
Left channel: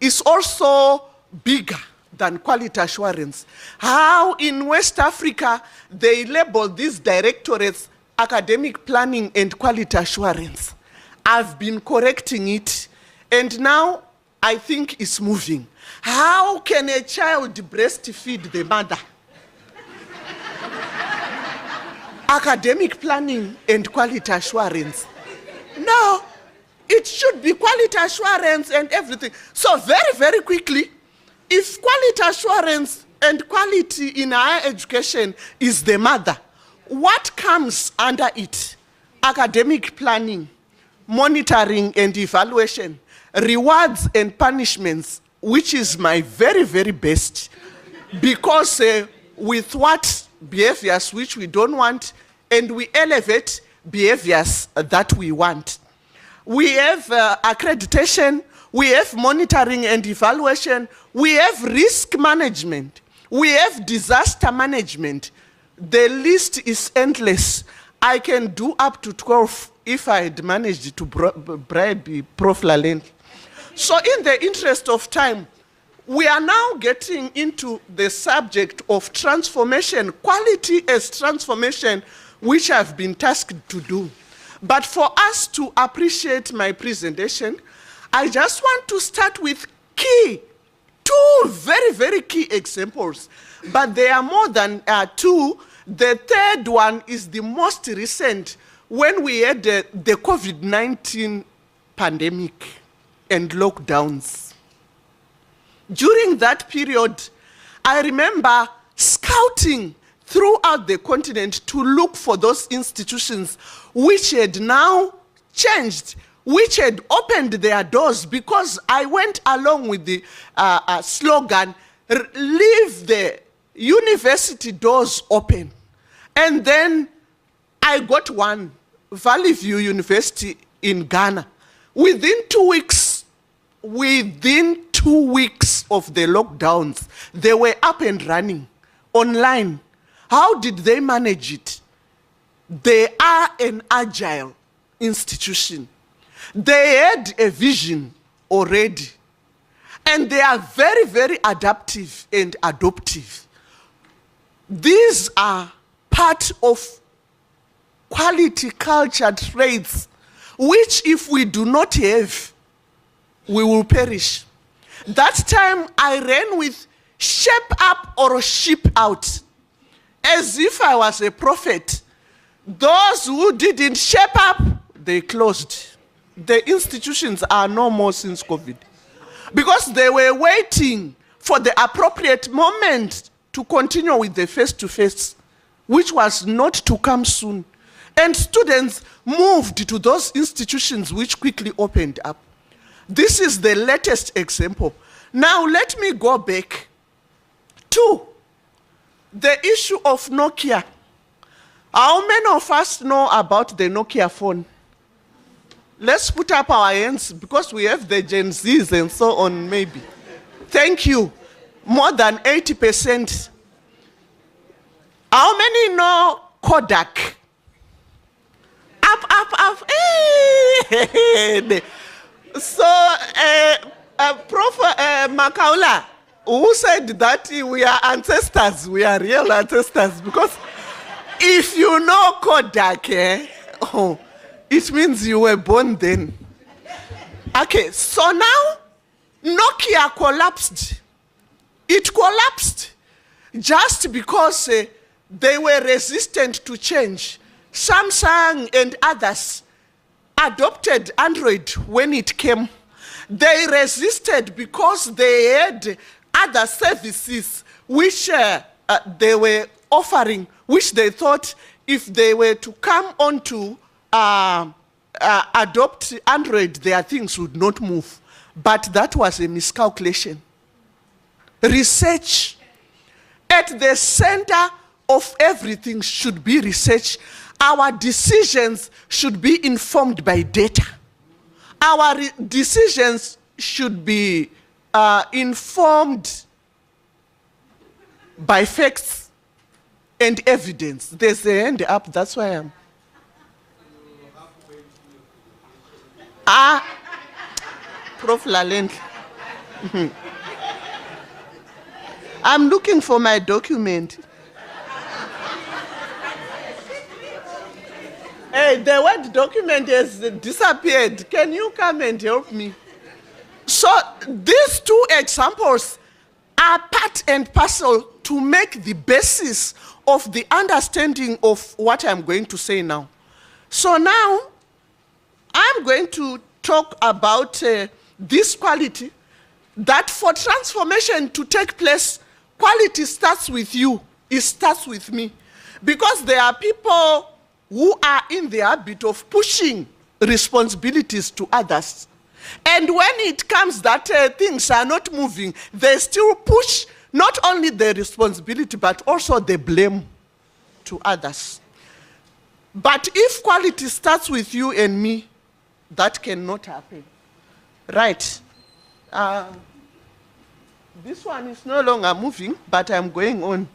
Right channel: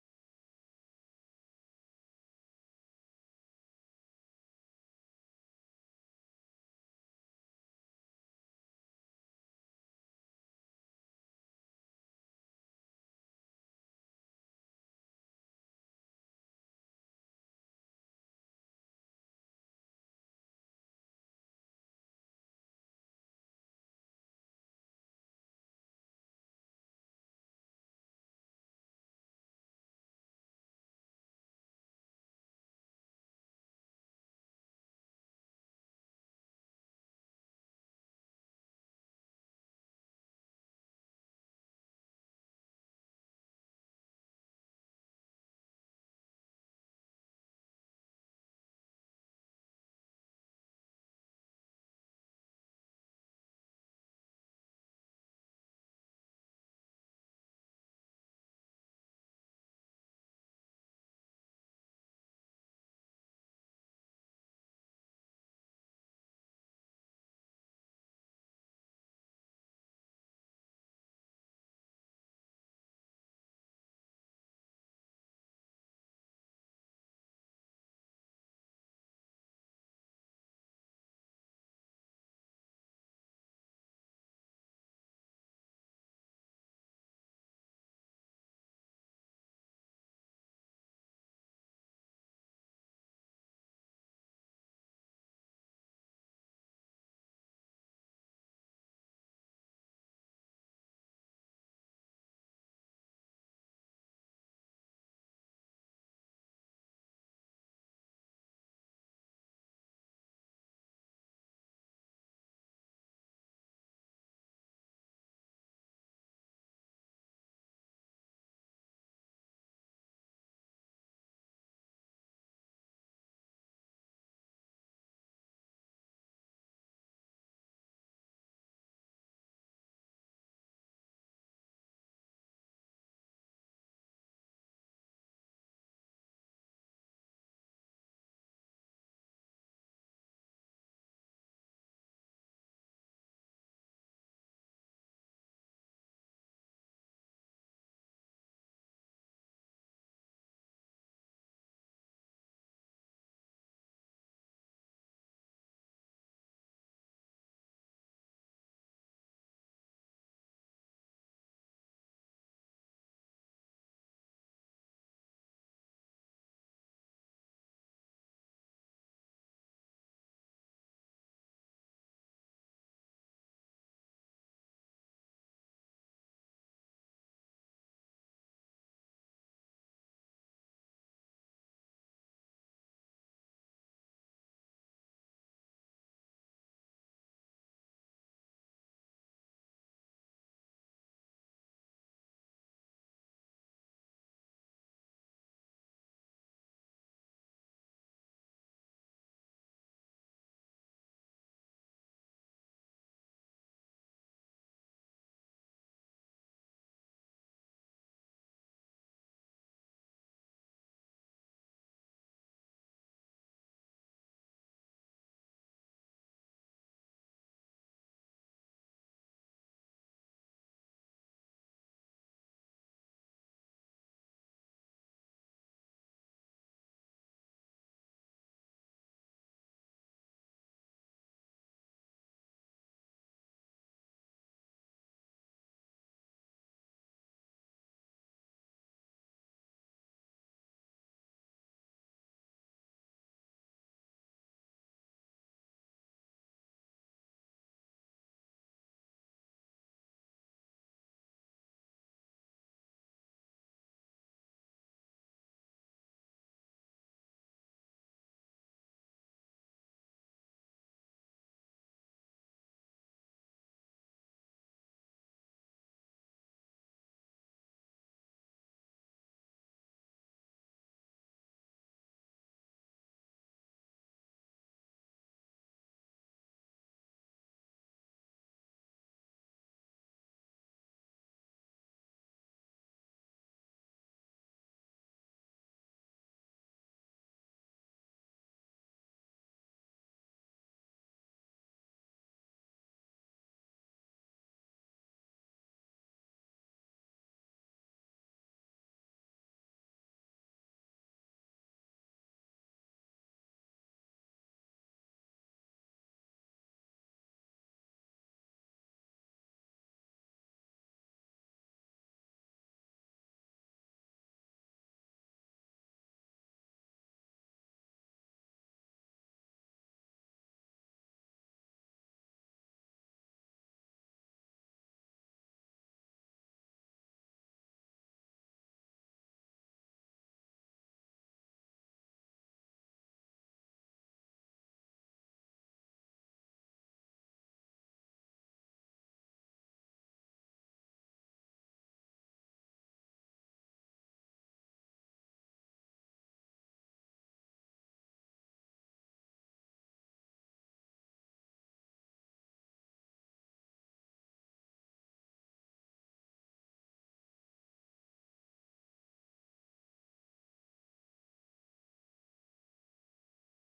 is also bigger than quality assurance. How in West Africa they label these directorates academic planning and quality assurance. I've been correcting it, and now I think it's moving. How can a child breastfeed the mother? Academic planning and quality assurance. No, it should be quality assurance and everything. So very, very quickly, if quality assurance and quality in higher education is the mother, what comes under it? Academic planning, monitoring and evaluation, rewards and punishments, which is my very, very best. Because with what behaviors which we don't want, and we elevate behaviors that we want. We have accreditation, we have monitoring and evaluation, we have risk management, we have disaster management. The list is endless. I can do up to 12 if I had managed to bribe Prof Lalendle. So in the interest of time, we are now getting into the subject of transformation, quality as transformation, which I've been tasked to do. But for us to appreciate my presentation, I just want to start with two very, very key examples. But there are more than two. The third one is the most recent, when we had the COVID-19 pandemic and lockdowns. During that period, I remember scouting throughout the continent to look for those institutions which had now changed, which had opened their doors, because I went along with the slogan, leave the university doors open. And then I got one, Valley View University in Ghana. Within 2 weeks of the lockdowns, they were up and running online. How did they manage it? They are an agile institution. They had a vision already. And they are very, very adaptive and adoptive. These are part of quality culture traits, which if we do not have, we will perish. That time I ran with shape up or sheep out, as if I was a prophet. Those who didn't shape up, they closed. The institutions are no more since COVID, because they were waiting for the appropriate moment to continue with the face-to-face, which was not to come soon. And students moved to those institutions which quickly opened up. This is the latest example. Now let me go back to the issue of Nokia. How many of us know about the Nokia phone? Let's put up our hands, because we have the Gen Zs and so on, maybe. Thank you. More than 80%. How many know Kodak? Up. So, Prof Makaula, who said that we are ancestors, we are real ancestors, because if you know Kodak, it means you were born then. Okay, so now Nokia collapsed. It collapsed just because they were resistant to change. Samsung and others adopted Android when it came. They resisted because they had other services which they were offering, which they thought if they were to come on to adopt Android, their things would not move. But that was a miscalculation. Research. At the center of everything should be research. Our decisions should be informed by data. Our decisions should be informed by facts and evidence. There's a hand up, that's why I'm. Prof Lalendle. I'm looking for my document. Hey, the word document has disappeared. Can you come and help me? So these two examples are part and parcel to make the basis of the understanding of what I'm going to say now. So now, I'm going to talk about this quality, that for transformation to take place, quality starts with you, it starts with me. Because there are people who are in the habit of pushing responsibilities to others. And when it comes that things are not moving, they still push not only the responsibility, but also the blame to others. But if quality starts with you and me, that cannot happen. Right. This one is no longer moving, but I'm going on.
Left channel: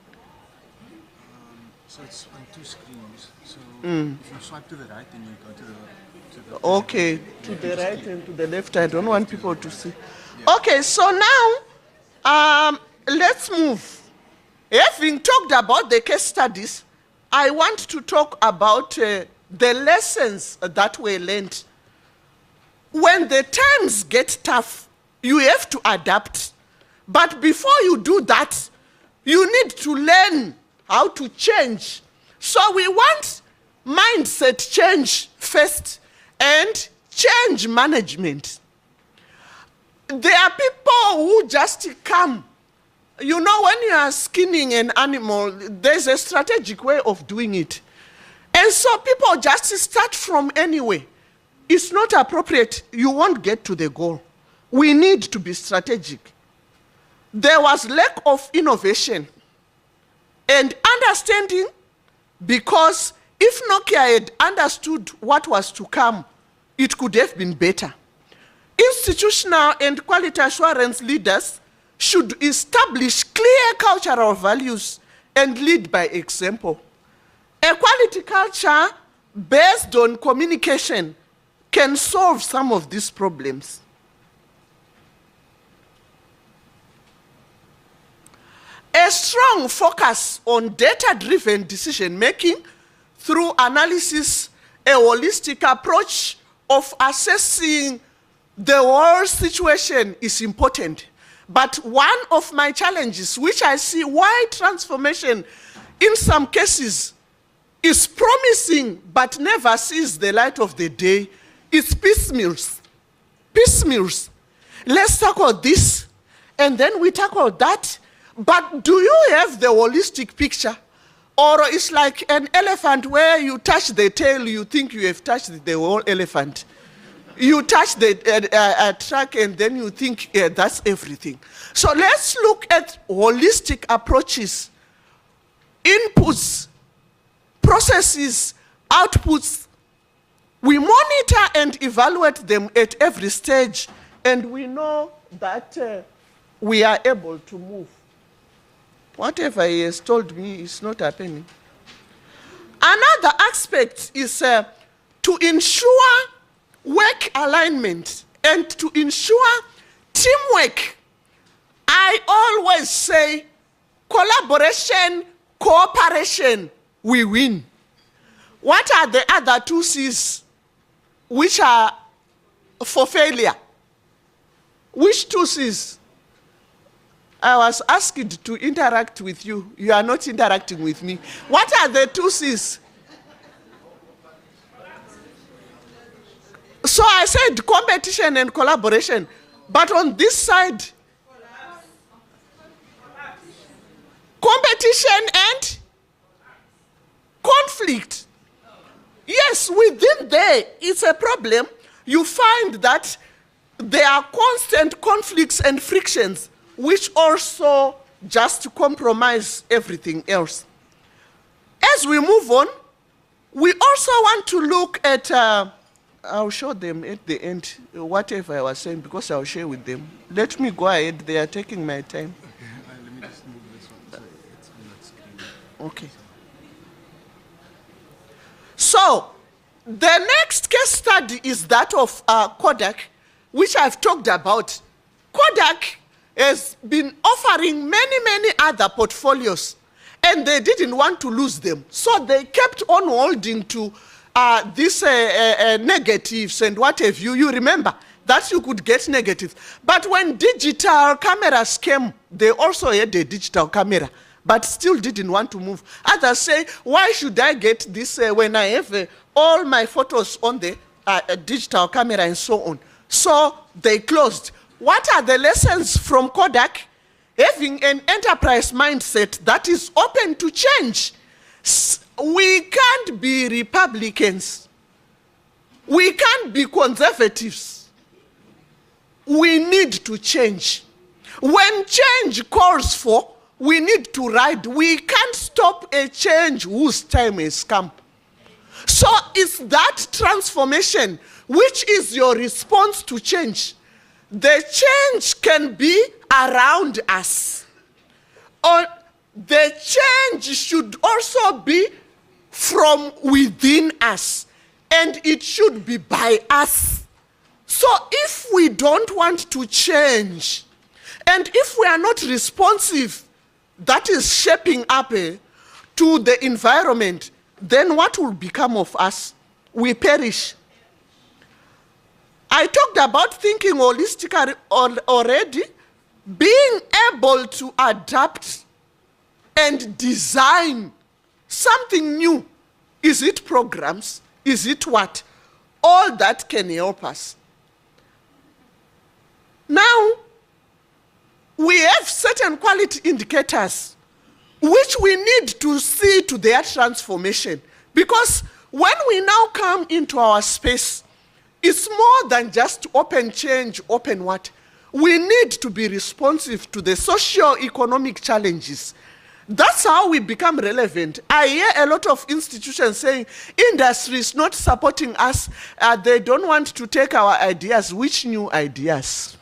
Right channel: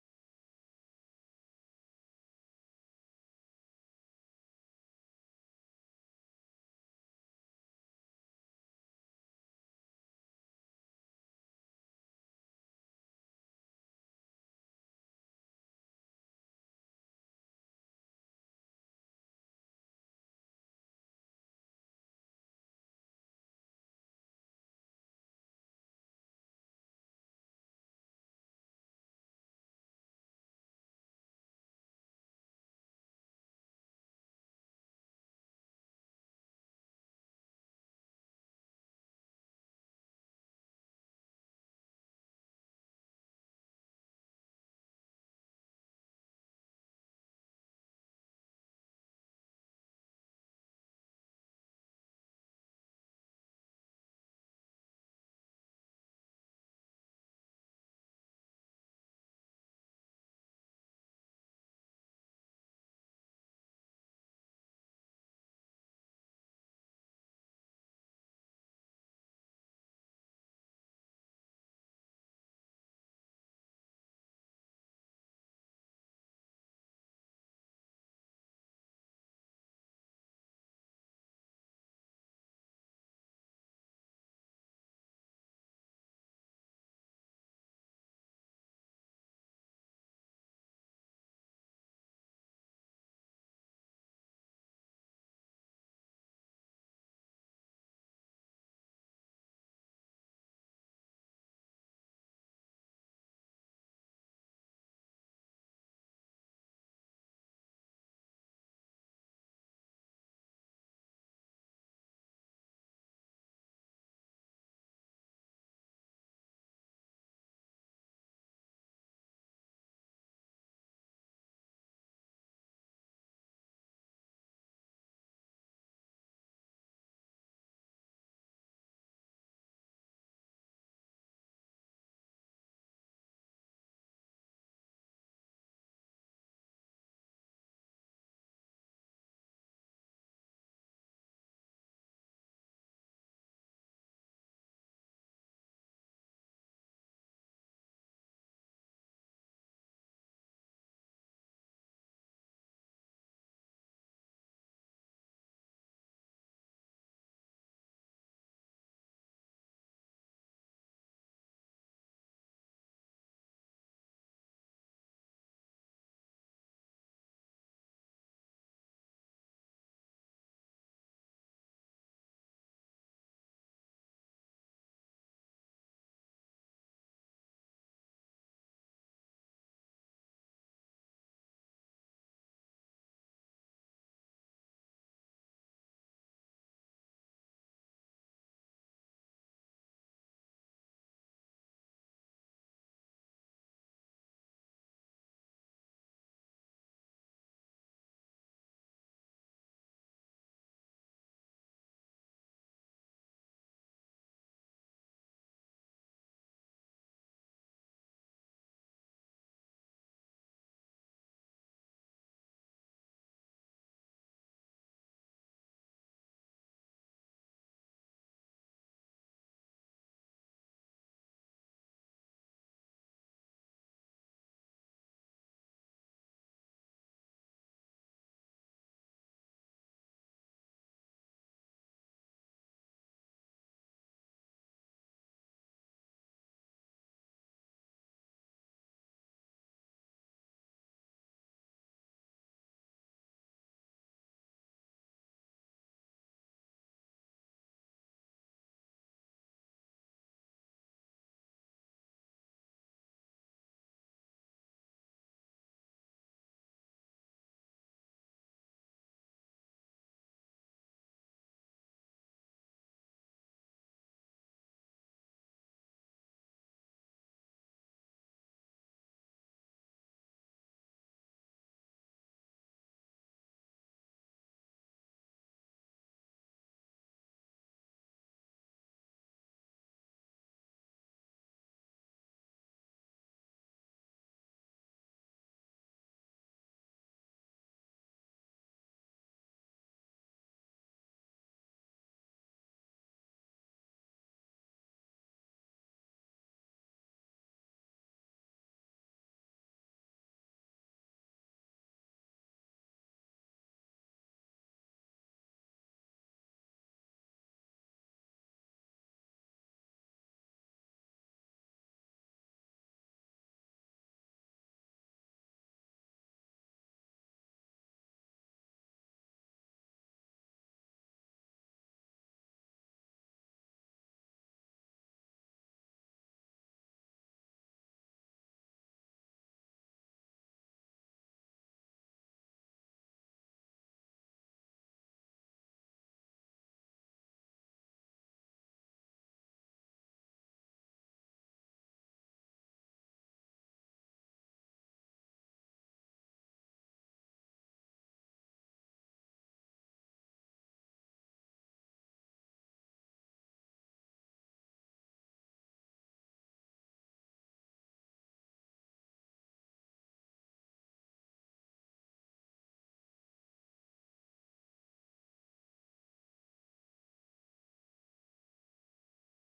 So it's on 2 screens. So if you swipe to the right, then you go to the Okay, to the right and to the left. I don't want people to see. Yeah. Okay, so now let's move. Having talked about the case studies, I want to talk about the lessons that were learned. When the times get tough, you have to adapt. But before you do that, you need to learn how to change. So we want mindset change first and change management. There are people who just come. You know, when you are skinning an animal, there's a strategic way of doing it. And so people just start from anywhere. It's not appropriate. You won't get to the goal. We need to be strategic. There was lack of innovation and understanding, because if Nokia had understood what was to come, it could have been better. Institutional and quality assurance leaders should establish clear cultural values and lead by example. A quality culture based on communication can solve some of these problems. A strong focus on data-driven decision-making through analysis, a holistic approach of assessing the world situation is important. But one of my challenges, which I see why transformation in some cases is promising but never sees the light of the day, is piecemeals. Piecemeals. Let's tackle this, and then we tackle that. But do you have the holistic picture? Or it's like an elephant where you touch the tail, you think you have touched the whole elephant. You touch the track and then you think that's everything. So let's look at holistic approaches, inputs, processes, outputs. We monitor and evaluate them at every stage, and we know that we are able to move. Whatever he has told me is not happening. Another aspect is to ensure work alignment and to ensure teamwork. I always say collaboration, cooperation, we win. What are the other 2 C's which are for failure? Which 2 C's? I was asked to interact with you. You are not interacting with me. What are the 2 C's? So I said competition and collaboration. But on this side, competition and conflict. Yes, within there, it's a problem. You find that there are constant conflicts and frictions, which also just compromise everything else. As we move on, we also want to look at, I'll show them at the end, whatever I was saying, because I'll share with them. Let me go ahead, they are taking my time. Okay, let me just move this one so it's on that screen. Okay. So, the next case study is that of Kodak, which I've talked about. Kodak has been offering many other portfolios, and they didn't want to lose them. So they kept on holding to these negatives and what have you. You remember that you could get negatives. But when digital cameras came, they also had a digital camera, but still didn't want to move. Others say, why should I get this when I have all my photos on the digital camera and so on? So they closed. What are the lessons from Kodak? Having an enterprise mindset that is open to change. We can't be Republicans. We can't be conservatives. We need to change. When change calls for, we need to ride. We can't stop a change whose time has come. So it's that transformation which is your response to change. The change can be around us. Or the change should also be from within us. And it should be by us. So if we don't want to change, and if we are not responsive, that is shaping up to the environment, then what will become of us? We perish. I talked about thinking holistically already, being able to adapt and design something new. Is it programs? Is it what? All that can help us. Now, we have certain quality indicators which we need to see to their transformation. Because when we now come into our space, it's more than just open change, open what? We need to be responsive to the socio-economic challenges. That's how we become relevant. I hear a lot of institutions saying, industry is not supporting us, they don't want to take our ideas. Which new ideas?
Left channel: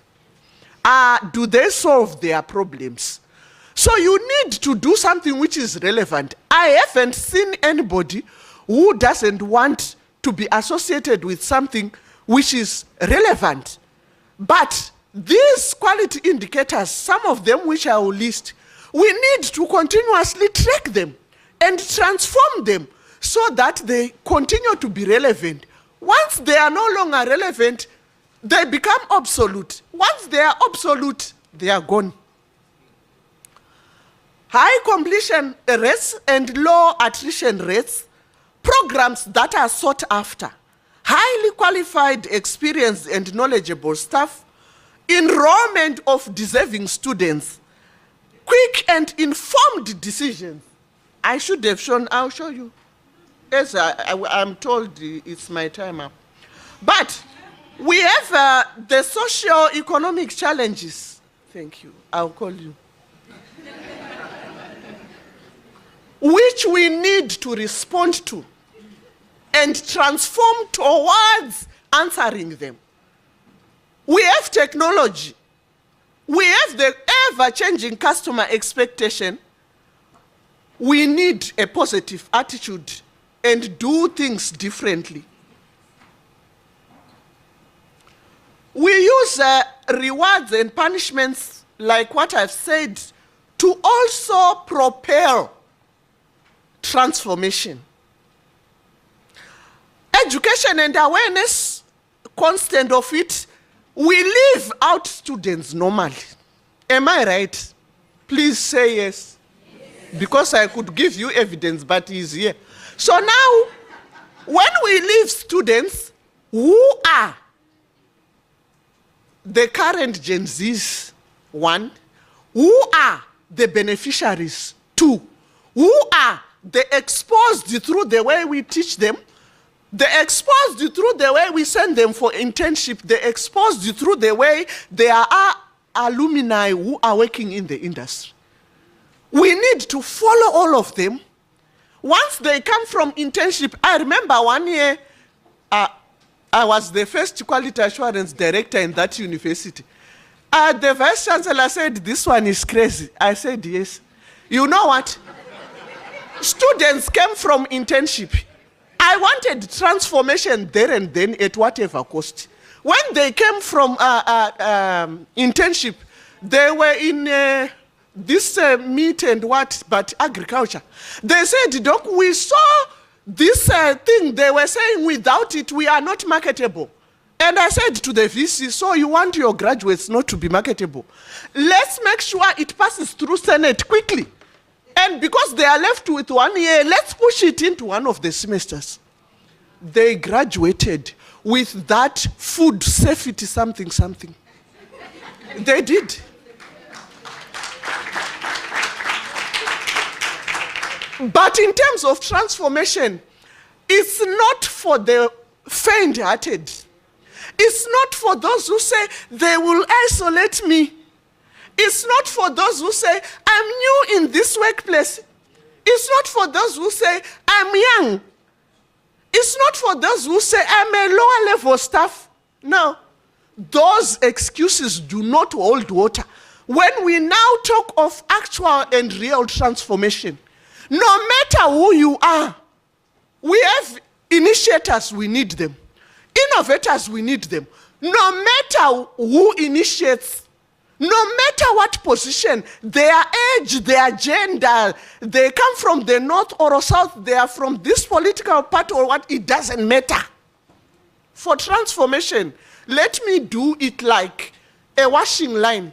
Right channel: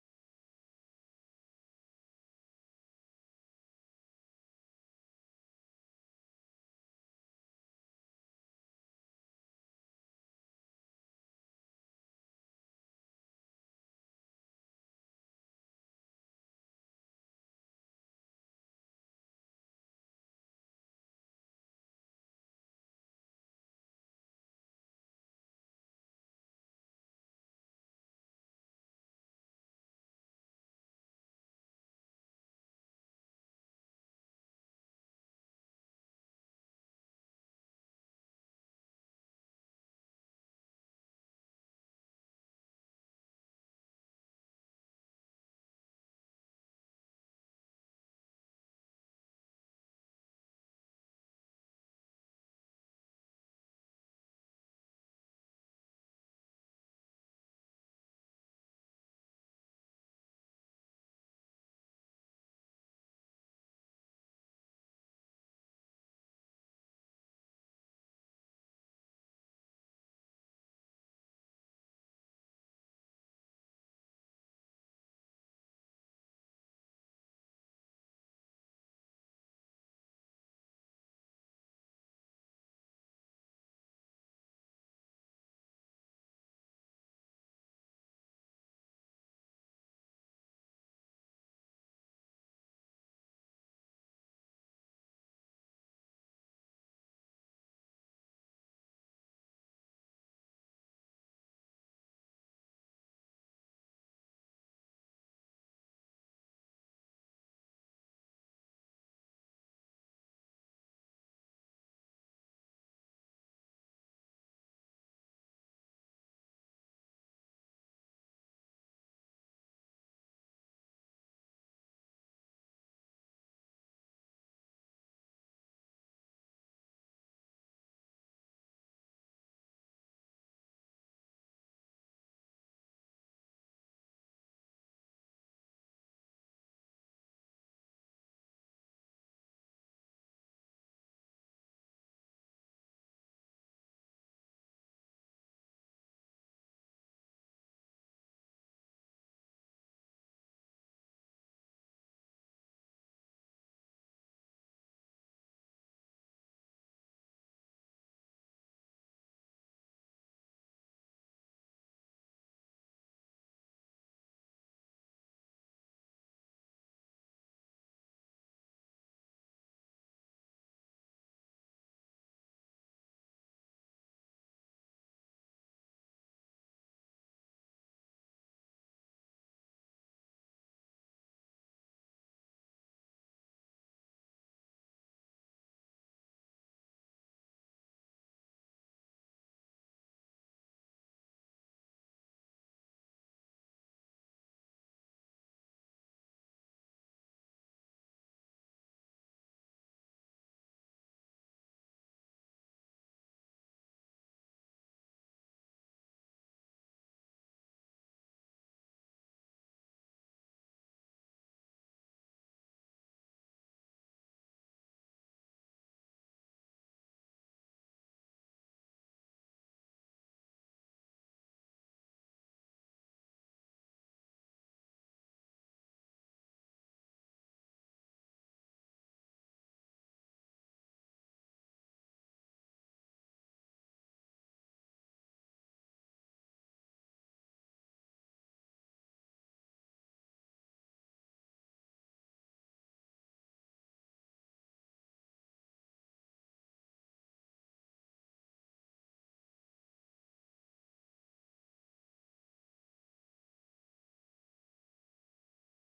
Do they solve their problems? So you need to do something which is relevant. I haven't seen anybody who doesn't want to be associated with something which is relevant. But these quality indicators, some of them which I will list, we need to continuously track them and transform them so that they continue to be relevant. Once they are no longer relevant, they become obsolete. Once they are obsolete, they are gone. High completion rates and low attrition rates, programs that are sought after, highly qualified, experienced, and knowledgeable staff, enrollment of deserving students, quick and informed decisions. I should have shown, I'll show you. Yes, I'm told it's my time up. But we have the socio-economic challenges. Thank you, I'll call you. Which we need to respond to and transform towards answering them. We have technology. We have the ever-changing customer expectation. We need a positive attitude and do things differently. We use rewards and punishments, like what I've said, to also propel transformation. Education and awareness, constant of it, we leave out students normally. Am I right? Please say yes. Yes. Because I could give you evidence, but he's here. So now, when we leave students, who are the current Gen Zs, 1, who are the beneficiaries, 2, who are the exposed through the way we teach them, the exposed through the way we send them for internship, the exposed through the way they are alumni who are working in the industry. We need to follow all of them. Once they come from internship, I remember one year, I was the first quality assurance director in that university. The Vice-Chancellor said, this one is crazy. I said, yes. You know what? Students came from internship. I wanted transformation there and then at whatever cost. When they came from internship, they were in this meat and what, but agriculture. They said, Doc, we saw this thing. They were saying without it, we are not marketable. And I said to the VC, so you want your graduates not to be marketable? Let's make sure it passes through Senate quickly. And because they are left with 1 year, let's push it into one of the semesters. They graduated with that food safety something. They did. But in terms of transformation, it's not for the faint-hearted. It's not for those who say, they will isolate me. It's not for those who say, I'm new in this workplace. It's not for those who say, I'm young. It's not for those who say, I'm a lower level staff. No, those excuses do not hold water. When we now talk of actual and real transformation, no matter who you are, we have initiators, we need them. Innovators, we need them. No matter who initiates, no matter what position, their age, their gender, they come from the north or south, they are from this political party or what, it doesn't matter. For transformation, let me do it like a washing line,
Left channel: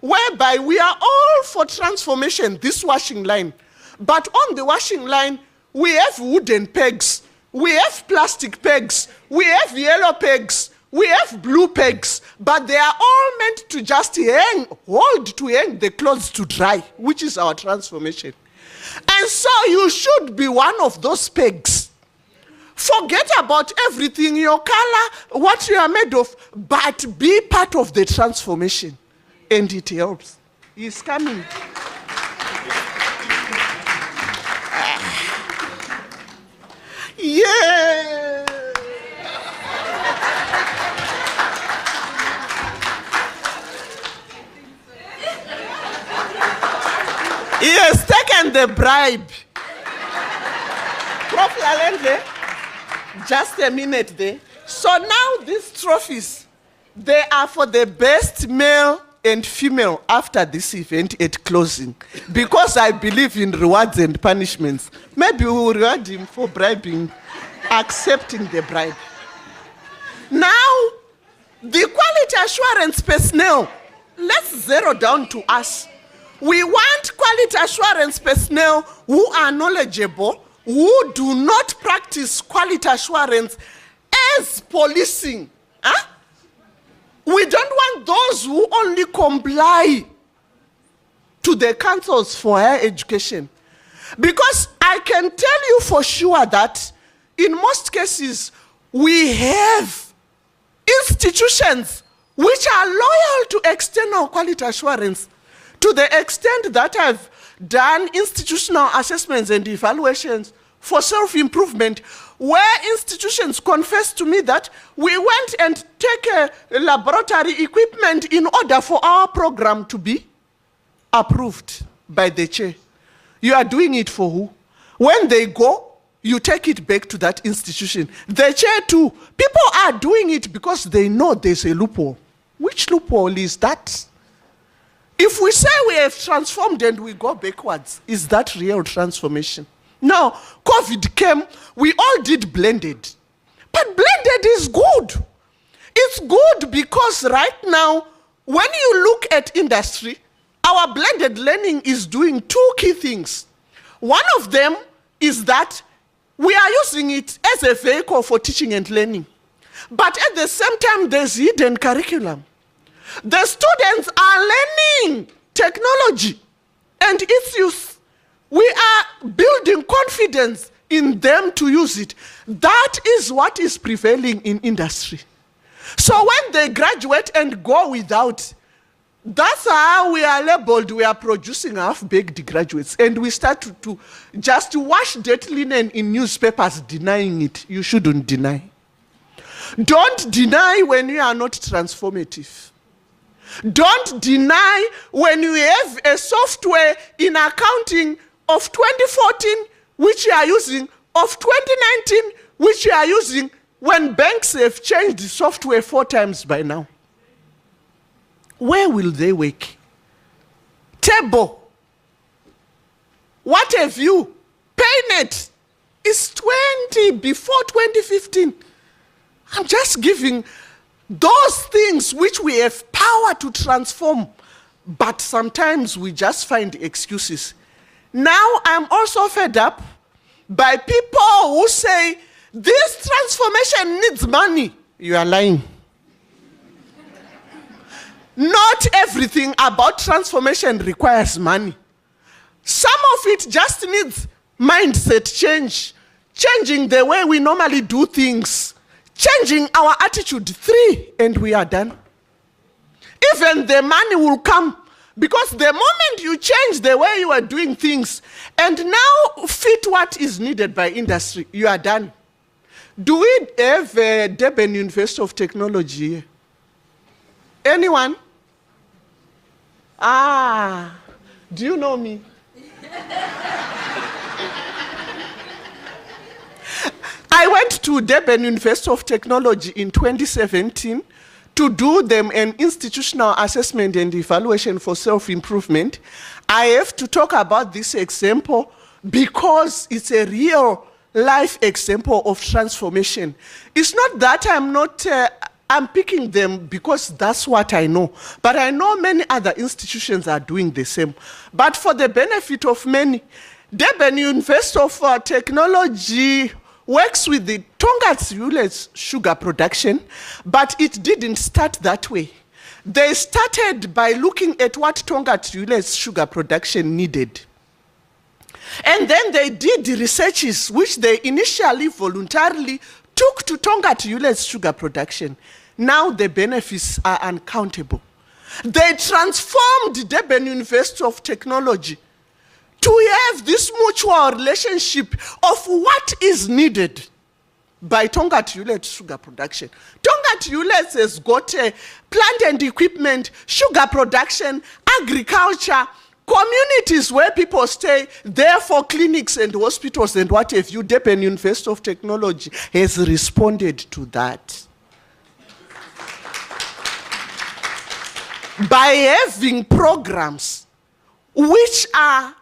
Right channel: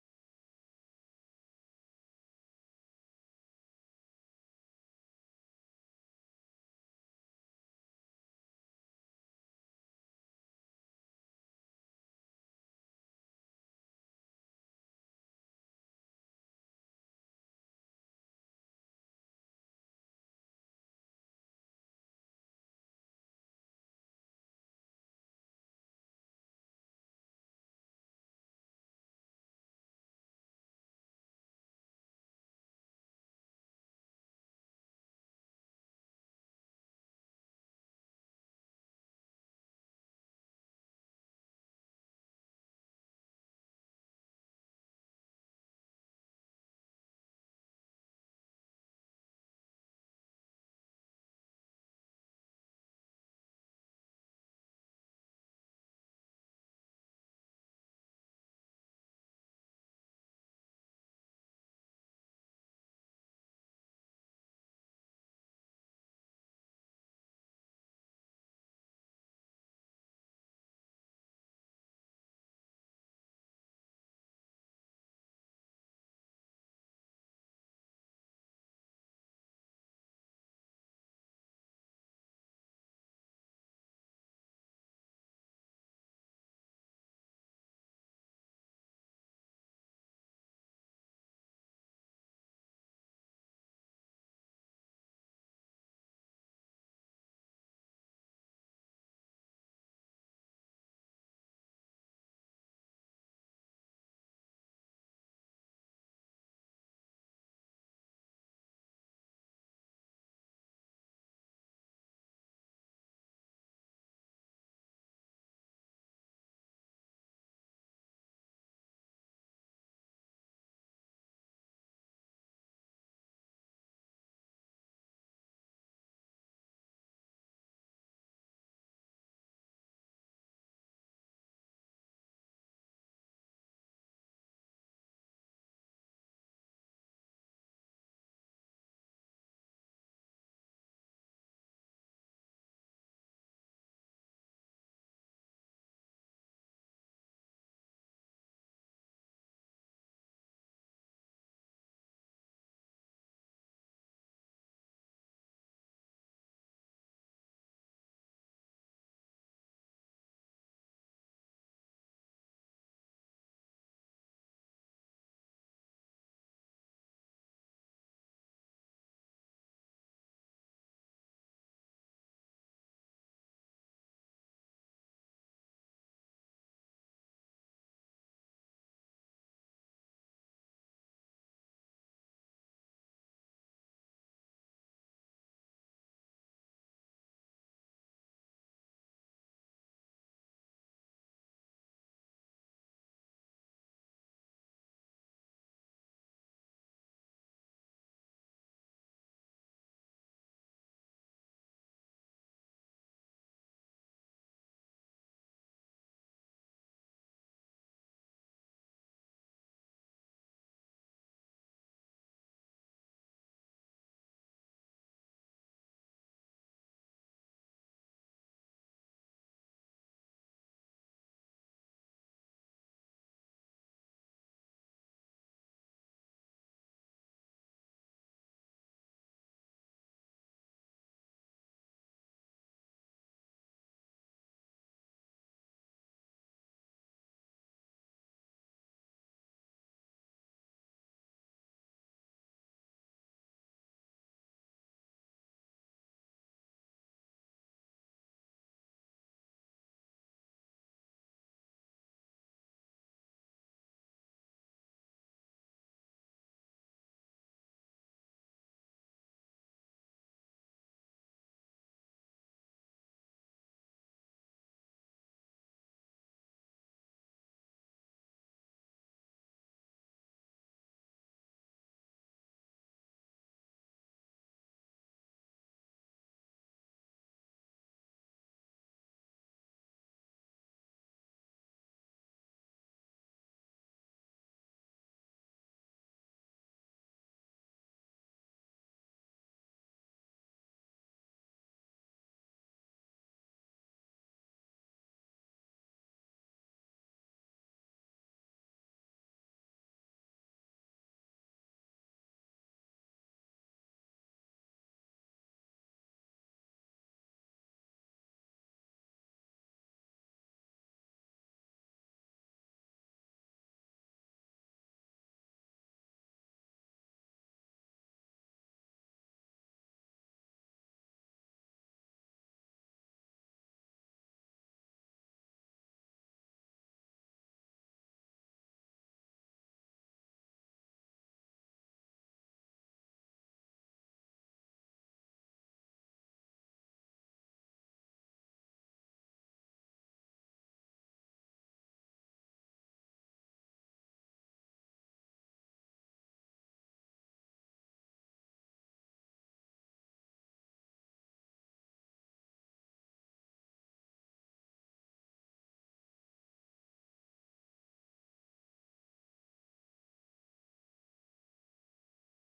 whereby we are all for transformation, this washing line. But on the washing line, we have wooden pegs, we have plastic pegs, we have yellow pegs, we have blue pegs, but they are all meant to just hold to hang the clothes to dry, which is our transformation. And so you should be one of those pegs. Forget about everything, your color, what you are made of, but be part of the transformation. And it helps. He's coming. Yeah. He has taken the bribe. Prof Lalendle, just a minute there. So now these trophies, they are for the best male and female after this event at closing. Because I believe in rewards and punishments. Maybe we will reward him for bribing, accepting the bribe. Now, the quality assurance personnel, let's zero down to us. We want quality assurance personnel who are knowledgeable, who do not practice quality assurance as policing. Huh? We don't want those who only comply to the councils for higher education. Because I can tell you for sure that in most cases, we have institutions which are loyal to external quality assurance to the extent that I've done institutional assessments and evaluations for self-improvement, where institutions confess to me that we went and take a laboratory equipment in order for our program to be approved by the chair. You are doing it for who? When they go, you take it back to that institution. The chair too. People are doing it because they know there's a loophole. Which loophole is that? If we say we have transformed and we go backwards, is that real transformation? Now, COVID came, we all did blended. But blended is good. It's good because right now, when you look at industry, our blended learning is doing two key things. One of them is that we are using it as a vehicle for teaching and learning. But at the same time, there's hidden curriculum. The students are learning technology and its use. We are building confidence in them to use it. That is what is prevailing in industry. So when they graduate and go without, that's how we are labeled. We are producing half-baked graduates. And we start to just wash dirty linen in newspapers denying it. You shouldn't deny. Don't deny when you are not transformative. Don't deny when you have a software in accounting of 2014, which you are using, of 2019, which you are using, when banks have changed the software 4 times by now. Where will they work? Table. What have you? Paynet is 20 before 2015. I'm just giving those things which we have power to transform, but sometimes we just find excuses. Now I'm also fed up by people who say, this transformation needs money. You are lying. Not everything about transformation requires money. Some of it just needs mindset change, changing the way we normally do things, changing our attitude. 3, and we are done. Even the money will come, because the moment you change the way you are doing things and now fit what is needed by industry, you are done. Do we have a Durban University of Technology here? Anyone? Ah, do you know me? I went to Durban University of Technology in 2017 to do them an institutional assessment and evaluation for self-improvement. I have to talk about this example because it's a real life example of transformation. It's not that I'm picking them because that's what I know, but I know many other institutions are doing the same. But for the benefit of many, Durban University of Technology works with the Tongaat sugar production, but it didn't start that way. They started by looking at what Tongaat sugar production needed. And then they did researches which they initially voluntarily took to Tongaat sugar production. Now the benefits are uncountable. They transformed Durban University of Technology to have this mutual relationship of what is needed by Tongaat sugar production. Tongaat has got plant and equipment, sugar production, agriculture, communities where people stay, therefore clinics and hospitals and what have you. Durban University of Technology has responded to that. By having programs which are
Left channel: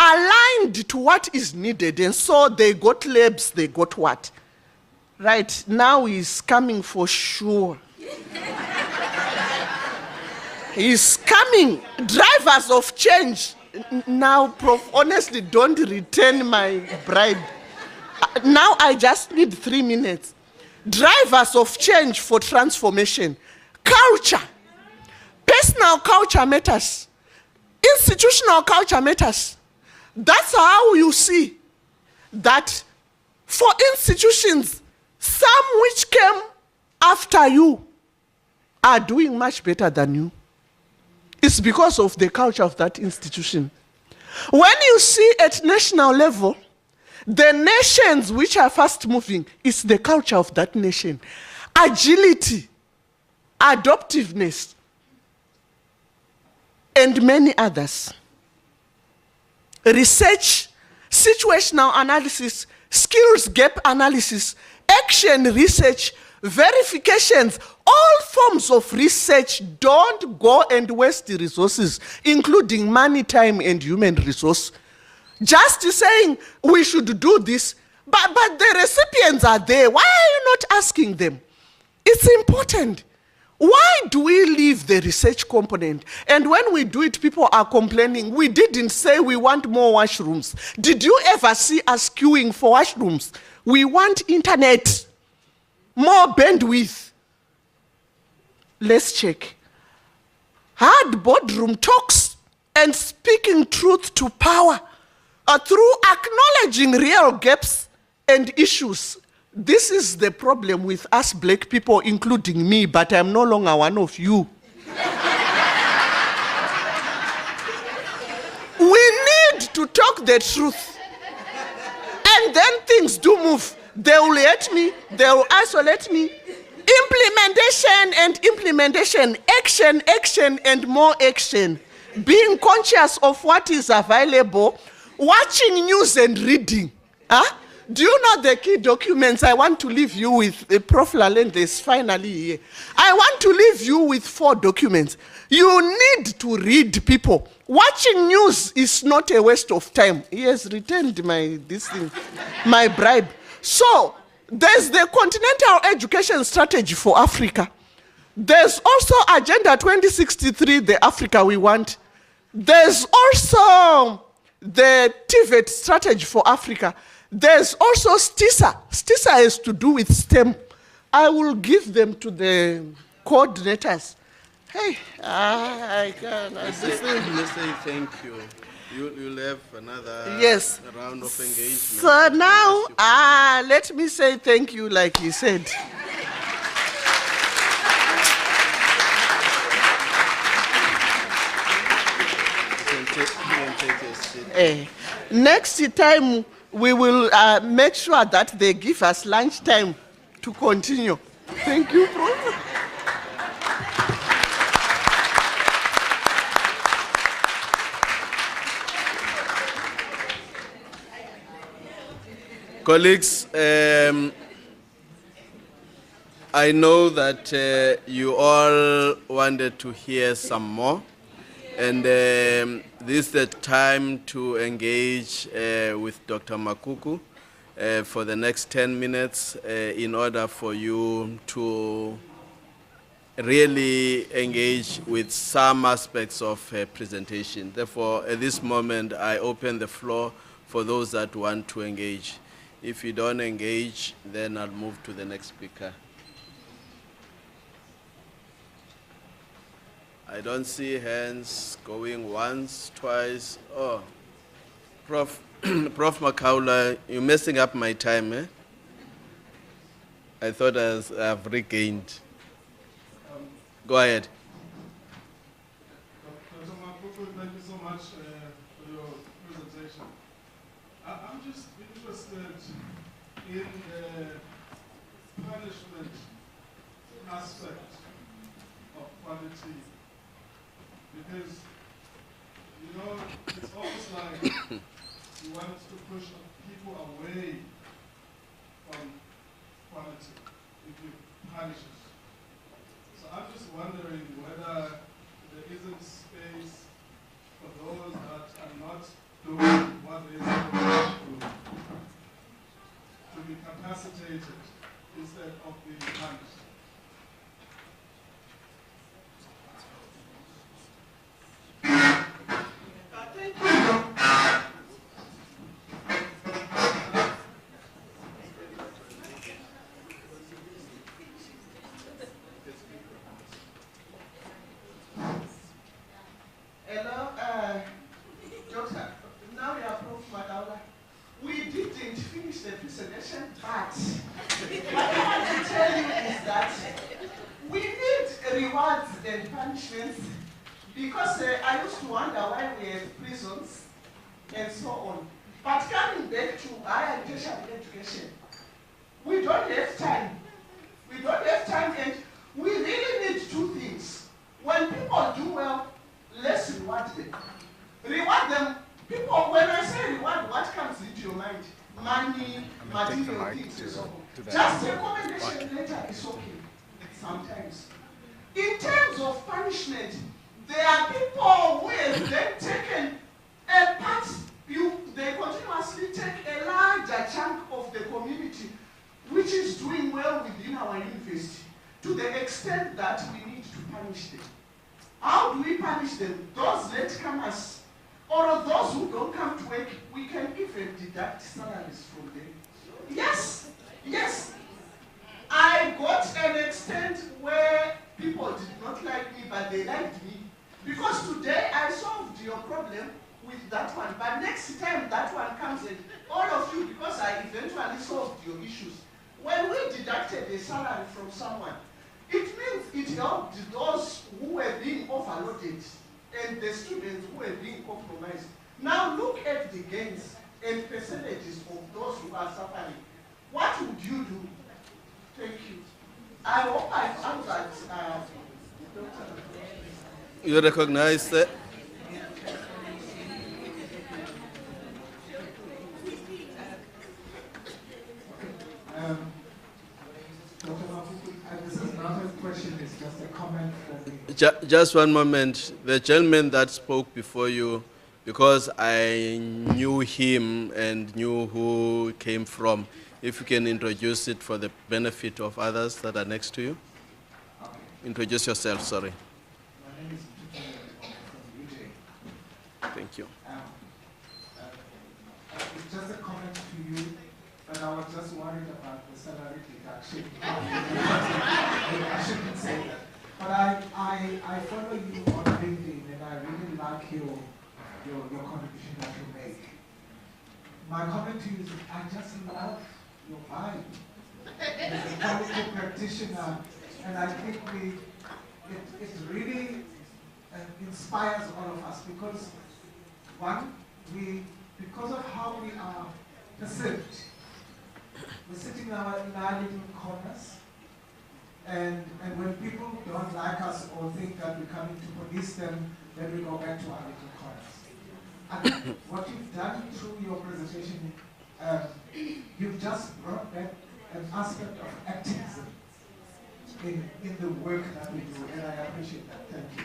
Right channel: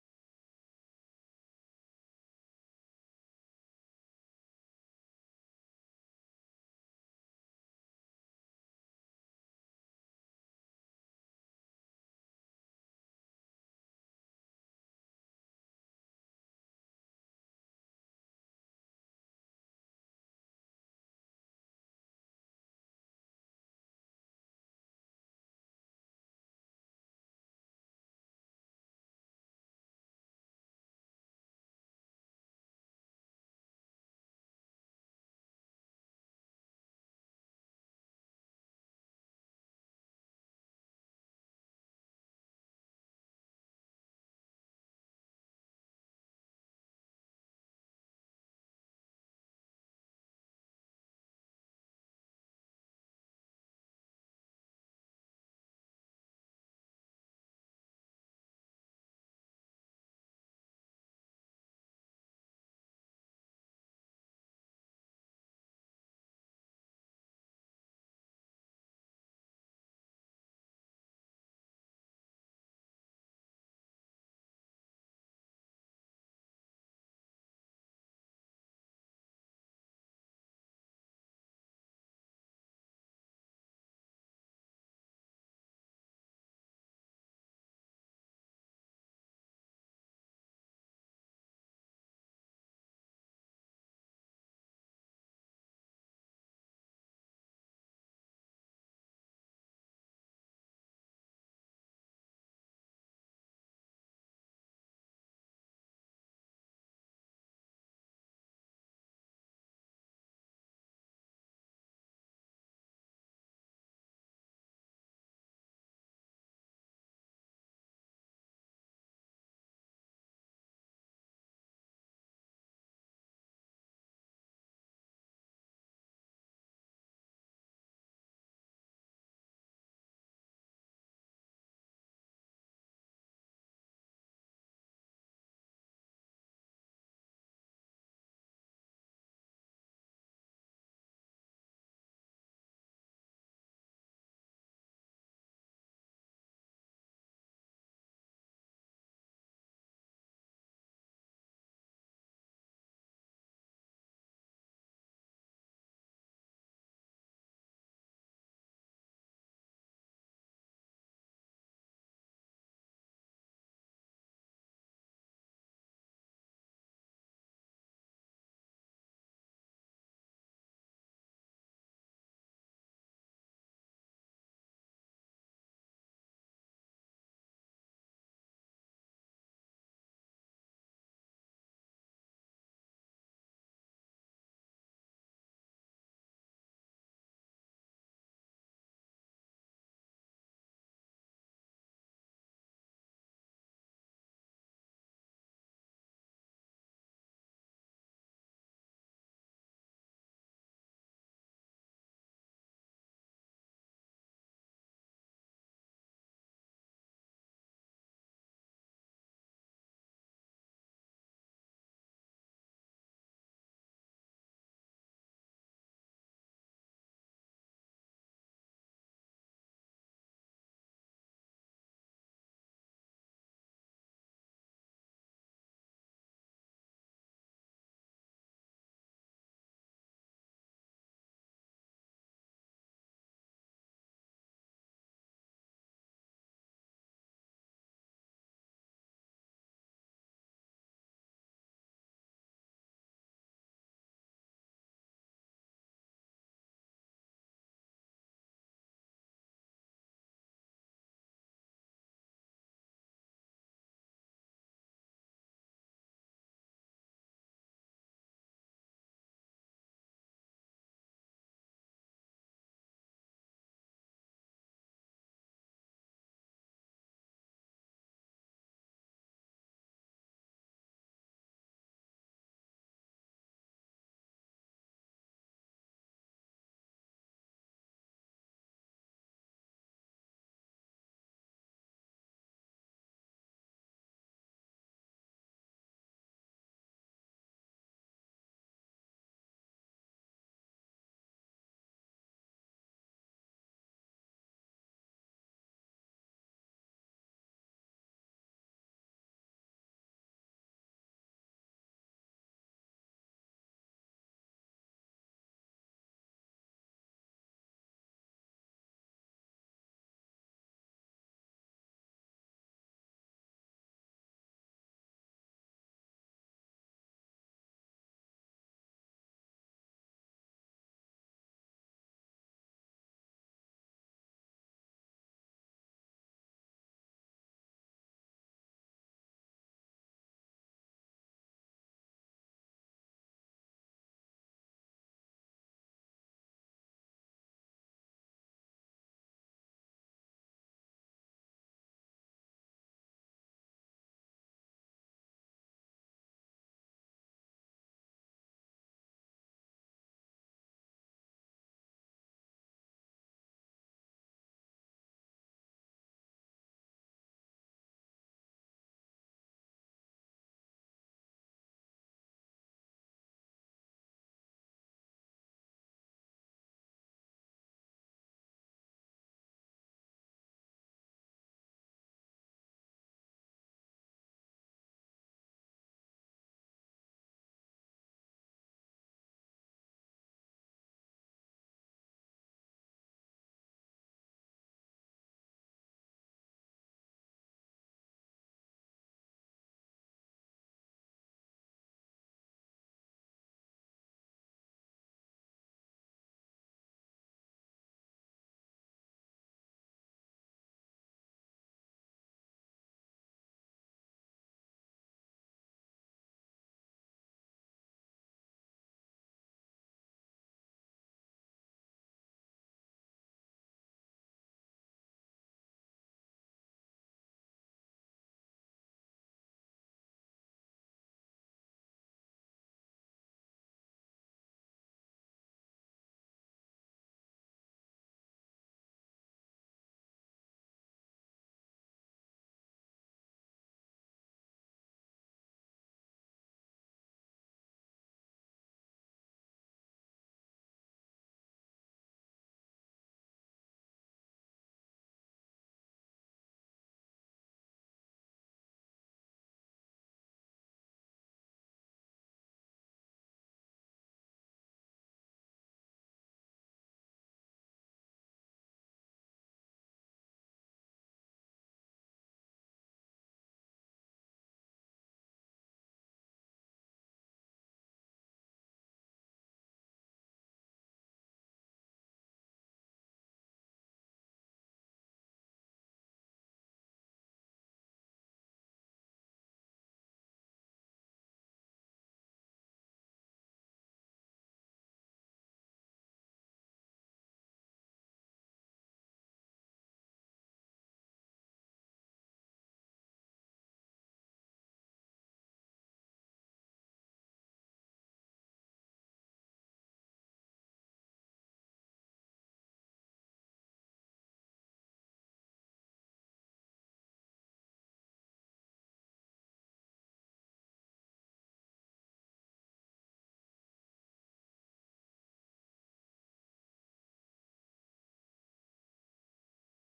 aligned to what is needed, and so they got labs, they got what? Right, now he's coming for sure. He's coming. Drivers of change. Now, Prof, honestly, don't return my bribe. Now I just need 3 minutes. Drivers of change for transformation. Culture. Personal culture matters. Institutional culture matters. That's how you see that for institutions, some which came after you are doing much better than you. It's because of the culture of that institution. When you see at national level, the nations which are fast moving, it's the culture of that nation. Agility, adaptiveness, and many others. Research, situational analysis, skills gap analysis, action research, verifications, all forms of research. Don't go and waste the resources, including money, time, and human resource. Just saying we should do this, but the recipients are there. Why are you not asking them? It's important. Why do we leave the research component? And when we do it, people are complaining. We didn't say we want more washrooms. Did you ever see us queuing for washrooms? We want internet, more bandwidth. Let's check. Hard boardroom talks and speaking truth to power through acknowledging real gaps and issues. This is the problem with us black people, including me, but I'm no longer one of you. We need to talk the truth. And then things do move. They will hate me, they will isolate me. Implementation and implementation, action, action, and more action. Being conscious of what is available, watching news and reading. Huh? Do you know the key documents I want to leave you with? Prof Lalendle is finally here. I want to leave you with 4 documents. You need to read, people. Watching news is not a waste of time. He has returned my bribe. So, there's the Continental Education Strategy for Africa. There's also Agenda 2063, the Africa we want. There's also the TVET Strategy for Africa. There's also STISA. STISA has to do with STEM. I will give them to the coordinators. Hey, I can. Let's say thank you. You'll have another Yes. round of engagement. So now, let me say thank you, like he said. You can take a seat. Next time, we will make sure that they give us lunch time to continue. Thank you, Prof. Colleagues, I know that you all wanted to hear some more, and this is the time to engage with Dr. Makuku for the next 10 minutes in order for you to really engage with some aspects of her presentation. Therefore, at this moment, I open the floor for those that want to engage. If you don't engage, then I'll move to the next speaker. I don't see hands going once, twice. Oh, Prof. Prof Makaula, you're messing up my time, eh? I thought I've regained. Go ahead. Dr. Makuku, thank you so much for your presentation. I'm just interested in the punishment aspect of quality, because, you know, it's almost like you want to push people away from quality if you punish it. So I'm just wondering whether there isn't space for those that are not doing what they're supposed to do to be capacitated instead of being punished. Hello, Doctor. Now we are Prof Makaula. We didn't finish the presentation, but what I want to tell you is that we need rewards and punishments, because I used to wonder why we have prisons and so on. But coming back to higher tertiary education, we don't have time. We don't have time, and we really need two things. When people do well, let's reward them. Reward them. People, when I say reward, what comes into your mind? Money, material things, and so on. Just a commendation letter is okay sometimes. In terms of punishment, there are people who have then taken a part, they continuously take a larger chunk of the community which is doing well within our university, to the extent that we need to punish them. How do we punish them? Those latecomers, or those who don't come to work, we can even deduct salaries from them. Yes, yes. I got an extent where people did not like me, but they liked me. Because today I solved your problem with that one. But next time that one comes in, all of you, because I eventually solved your issues, when we deducted a salary from someone, it means it helped those who were being overloaded and the students who were being compromised. Now look at the gains and percentages of those who are suffering. What would you do? Thank you. I hope I've answered. You recognize that? Dr. Makuku, this is not a question, it's just a comment for me. Just one moment. The gentleman that spoke before you, because I knew him and knew who came from, if you can introduce it for the benefit of others that are next to you. Okay. Introduce yourself, sorry. My name is Britta from UJ. Thank you. It's just a comment to you, but I was just worried about the salary deduction. I shouldn't say that. But I follow you on LinkedIn, and I really like your contribution. excuse me, I just love your vibe as a quality practitioner, and I think it really inspires all of us because, one, because of how we are perceived, we're sitting in our little corners, and when people don't like us or think that we're coming to police them, then we go back to our little corners. And what you've done through your presentation, you've just brought back an aspect of activism in the work that we do, and I appreciate that. Thank you.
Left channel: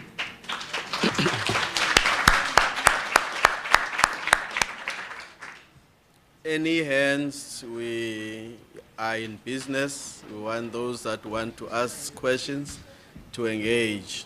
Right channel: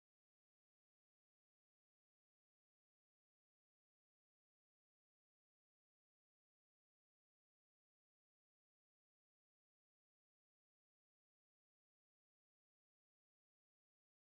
Any hands? We are in business. We want those that want to ask questions to engage.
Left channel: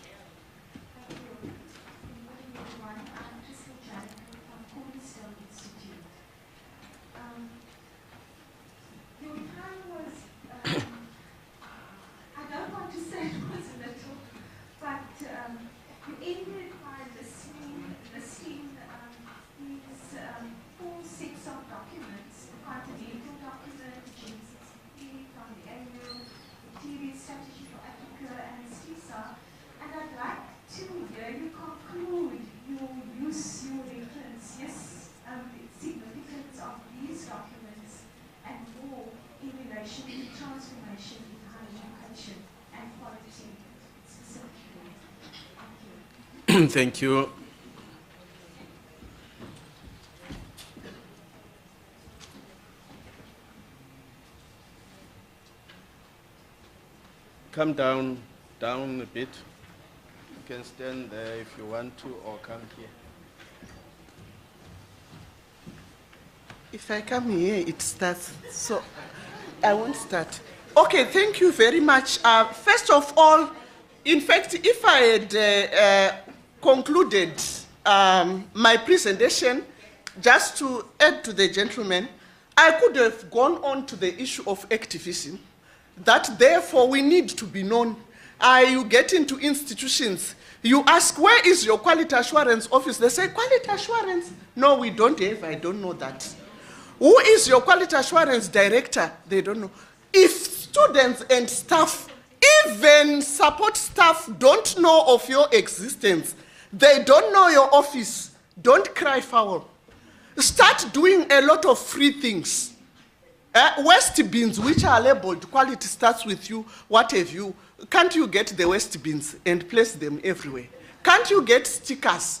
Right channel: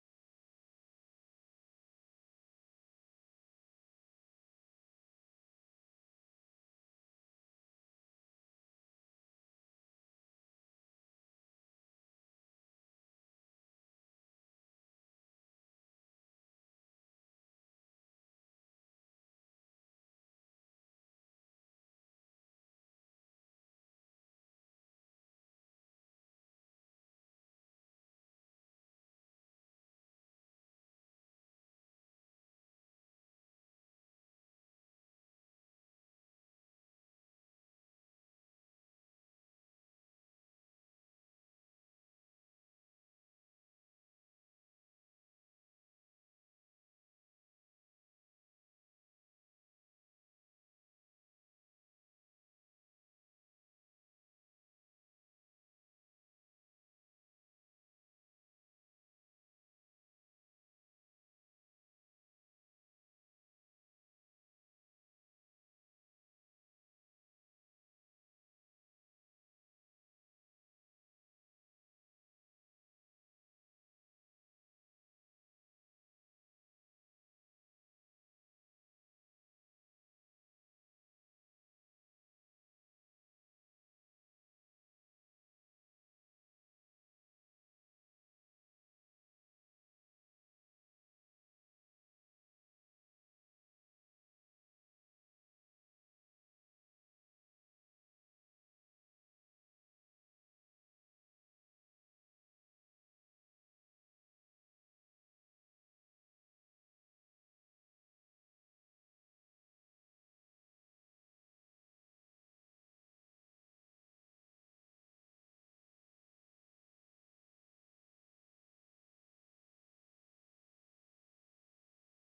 Thank you. Come down a bit. You can stand there if you want to, or come here. If I come here, it starts, so I won't start. Okay, thank you very much. First of all, in fact, if I had concluded my presentation, just to add to the gentleman, I could have gone on to the issue of activism, that therefore we need to be known. You get into institutions, you ask, where is your quality assurance office? They say, quality assurance? No, we don't have, I don't know that. Who is your quality assurance director? They don't know. If students and staff, even support staff, don't know of your existence, they don't know your office, don't cry foul. Start doing a lot of free things. Waste bins, which are labeled, quality starts with you, what have you. Can't you get the waste bins and place them everywhere? Can't you get stickers?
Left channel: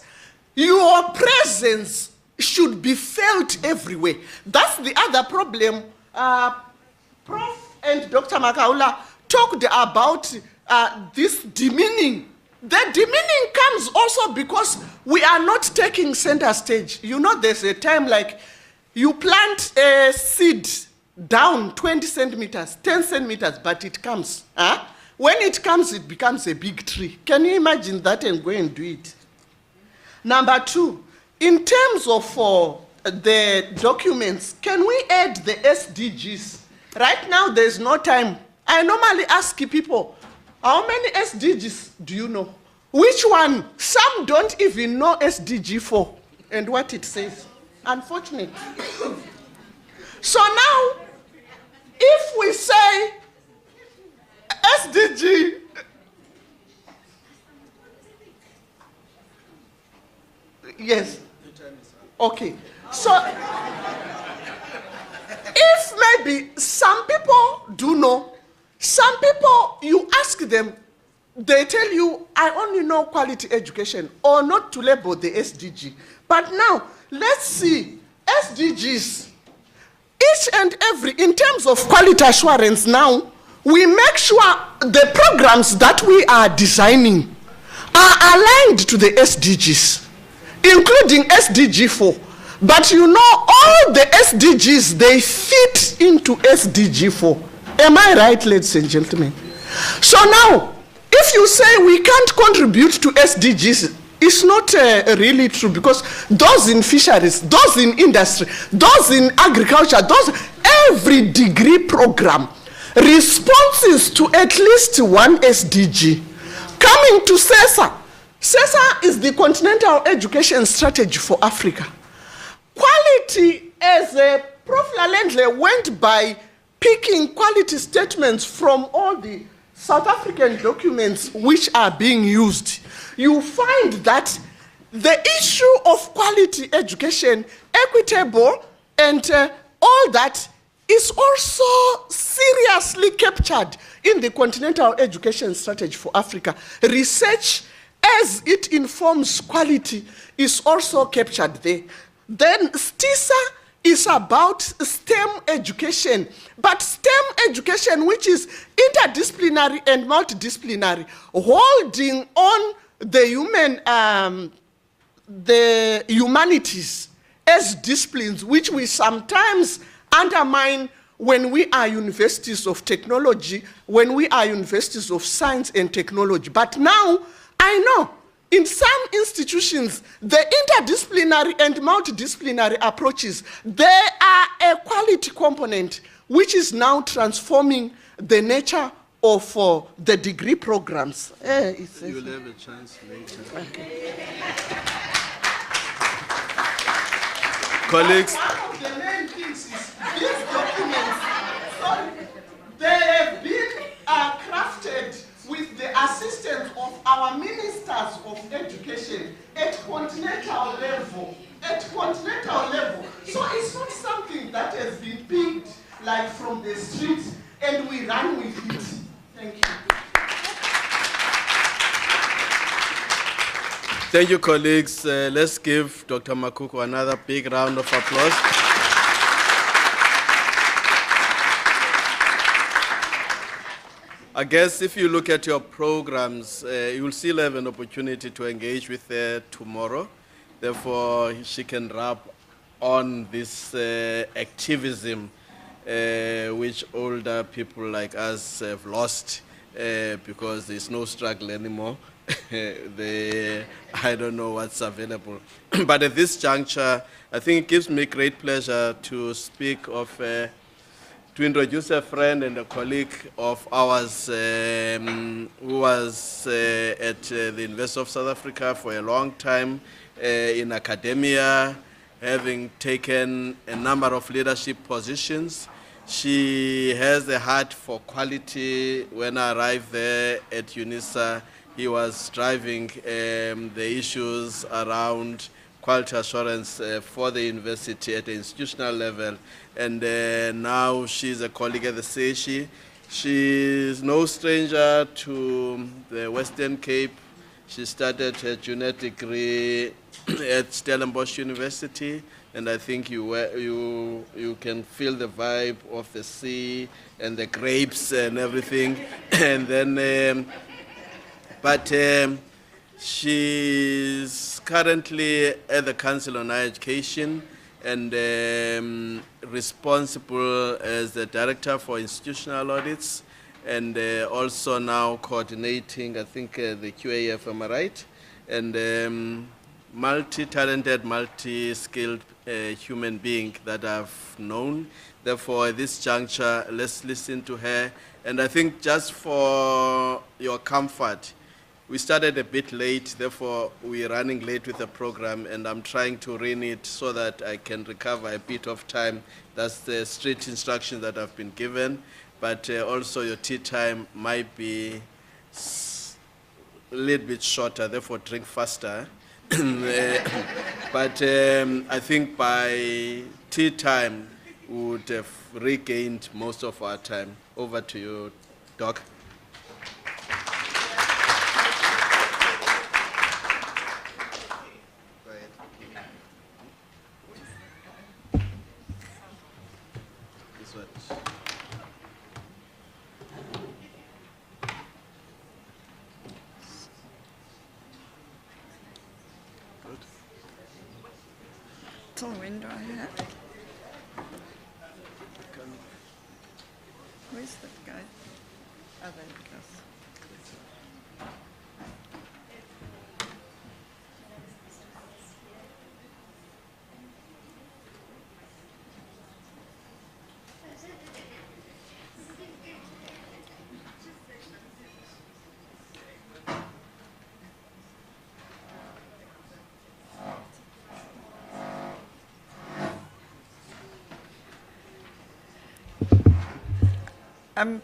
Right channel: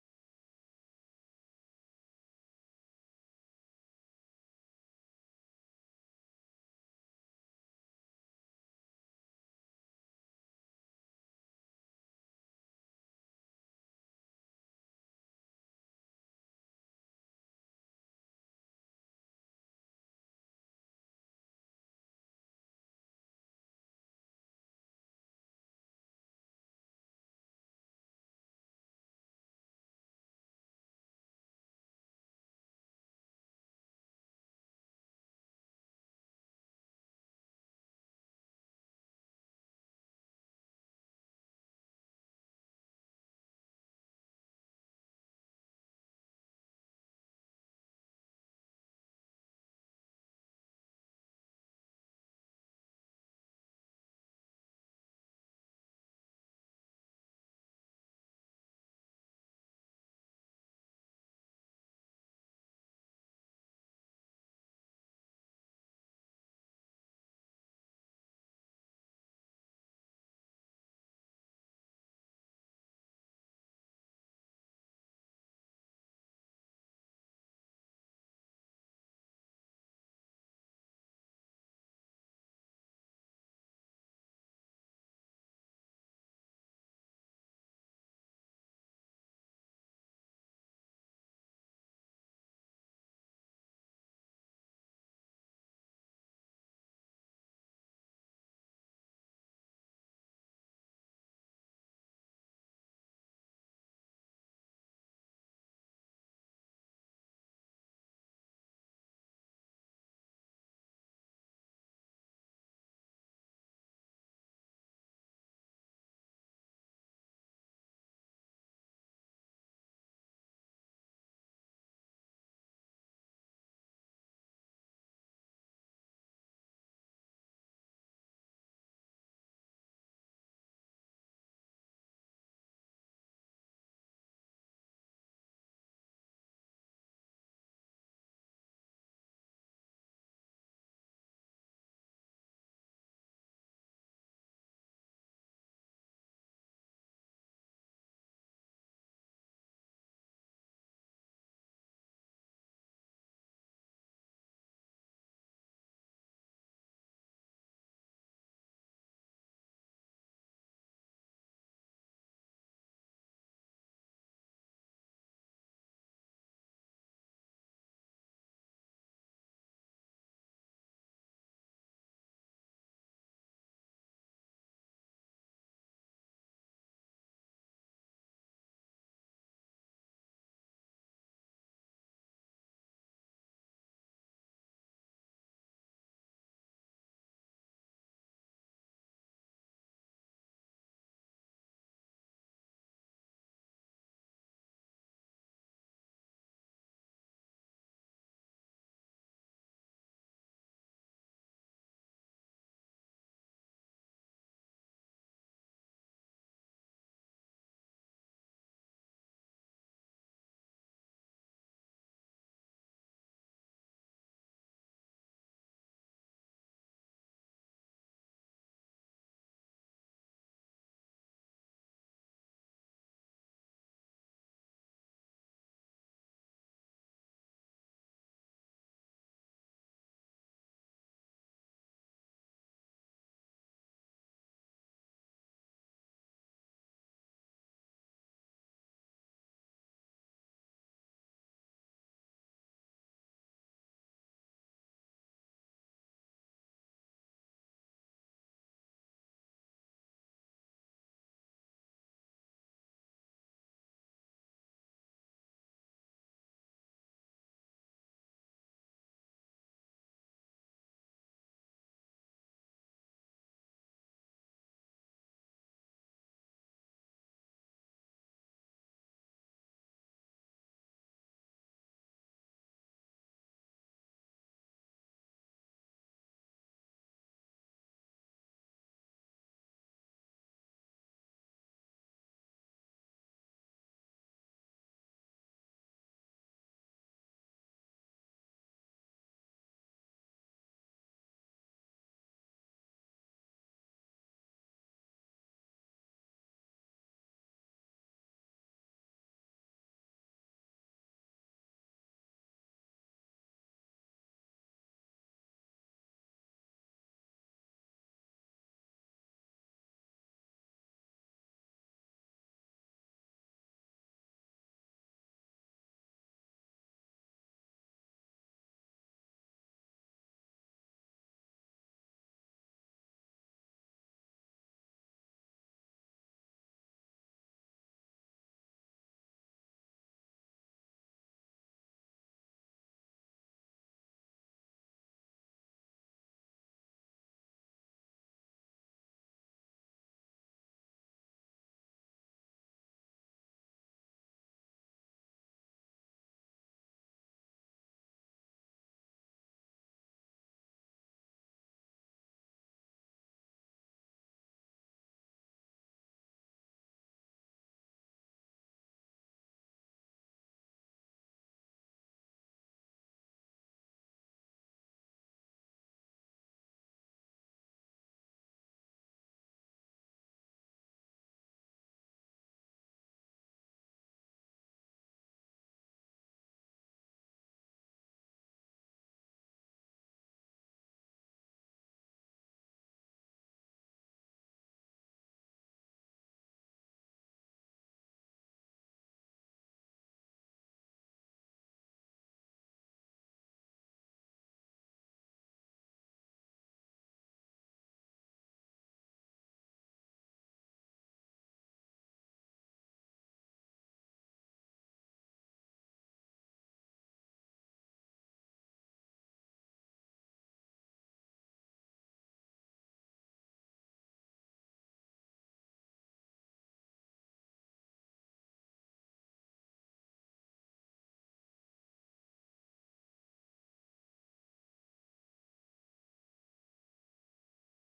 Your presence should be felt everywhere. That's the other problem. Prof and Dr. Makaula talked about this demeaning. The demeaning comes also because we are not taking center stage. You know, there's a time like you plant a seed down 20 centimeters, 10 centimeters, but it comes. When it comes, it becomes a big tree. Can you imagine that and go and do it? Number two, in terms of the documents, can we add the SDGs? Right now, there's no time. I normally ask people, how many SDGs do you know? Which one? Some don't even know SDG 4 and what it says. Unfortunately. So now, if we say SDG, yes. Okay. So, if maybe some people do know, some people, you ask them, they tell you, I only know quality education, or not to label the SDG. But now, let's see, SDGs, each and every, in terms of quality assurance now, we make sure the programs that we are designing are aligned to the SDGs, including SDG 4. But you know, all the SDGs, they fit into SDG 4. Am I right, ladies and gentlemen? So now, if you say we can't contribute to SDGs, it's not really true, because those in fisheries, those in industry, those in agriculture, those, every degree program responses to at least one SDG. Coming to CESA. CESA is the Continental Education Strategy for Africa. Quality as a Prof Lalendle went by picking quality statements from all the South African documents which are being used. You find that the issue of quality education, equitable, and all that is also seriously captured in the Continental Education Strategy for Africa. Research, as it informs quality, is also captured there. Then STISA is about STEM education, but STEM education, which is interdisciplinary and multidisciplinary, holding on the humanities as disciplines, which we sometimes undermine when we are universities of technology, when we are universities of science and technology. But now, I know, in some institutions, the interdisciplinary and multidisciplinary approaches, they are a quality component, which is now transforming the nature of the degree programs. You'll have a chance later. Okay. Colleagues. One of the main things is these documents, they have been crafted with the assistance of our ministers of education at continental level. So it's not something that has been picked like from the streets and we run with it. Thank you. Thank you, colleagues. Let's give Dr. Makuku another big round of applause. I guess if you look at your programs, you will still have an opportunity to engage with her tomorrow. Therefore, she can rub on this activism which older people like us have lost because there's no struggle anymore. I don't know what's available. But at this juncture, I think it gives me great pleasure to speak of, to introduce a friend and a colleague of ours who was at the University of South Africa for a long time in academia, having taken a number of leadership positions. She has a heart for quality. When I arrived there at UNISA, he was driving the issues around quality assurance for the university at the institutional level. And now she's a colleague at the CESHI. She's no stranger to the Western Cape. She started her junior degree at Stellenbosch University. And I think you can feel the vibe of the sea and the grapes and everything. And then, she's currently at the Council on Higher Education and responsible as the Director for Institutional Audits and also now coordinating, I think, the QAF, am I right? And multi-talented, multi-skilled human being that I've known. Therefore, at this juncture, let's listen to her. And I think just for your comfort, we started a bit late, therefore we're running late with the program, and I'm trying to run it so that I can recover a bit of time. That's the strict instruction that I've been given. But also your tea time might be a little bit shorter, therefore drink faster. But I think by tea time, we would have regained most of our time. Over to you, Doc. So when do I have? Where's that guy? Oh, there it goes.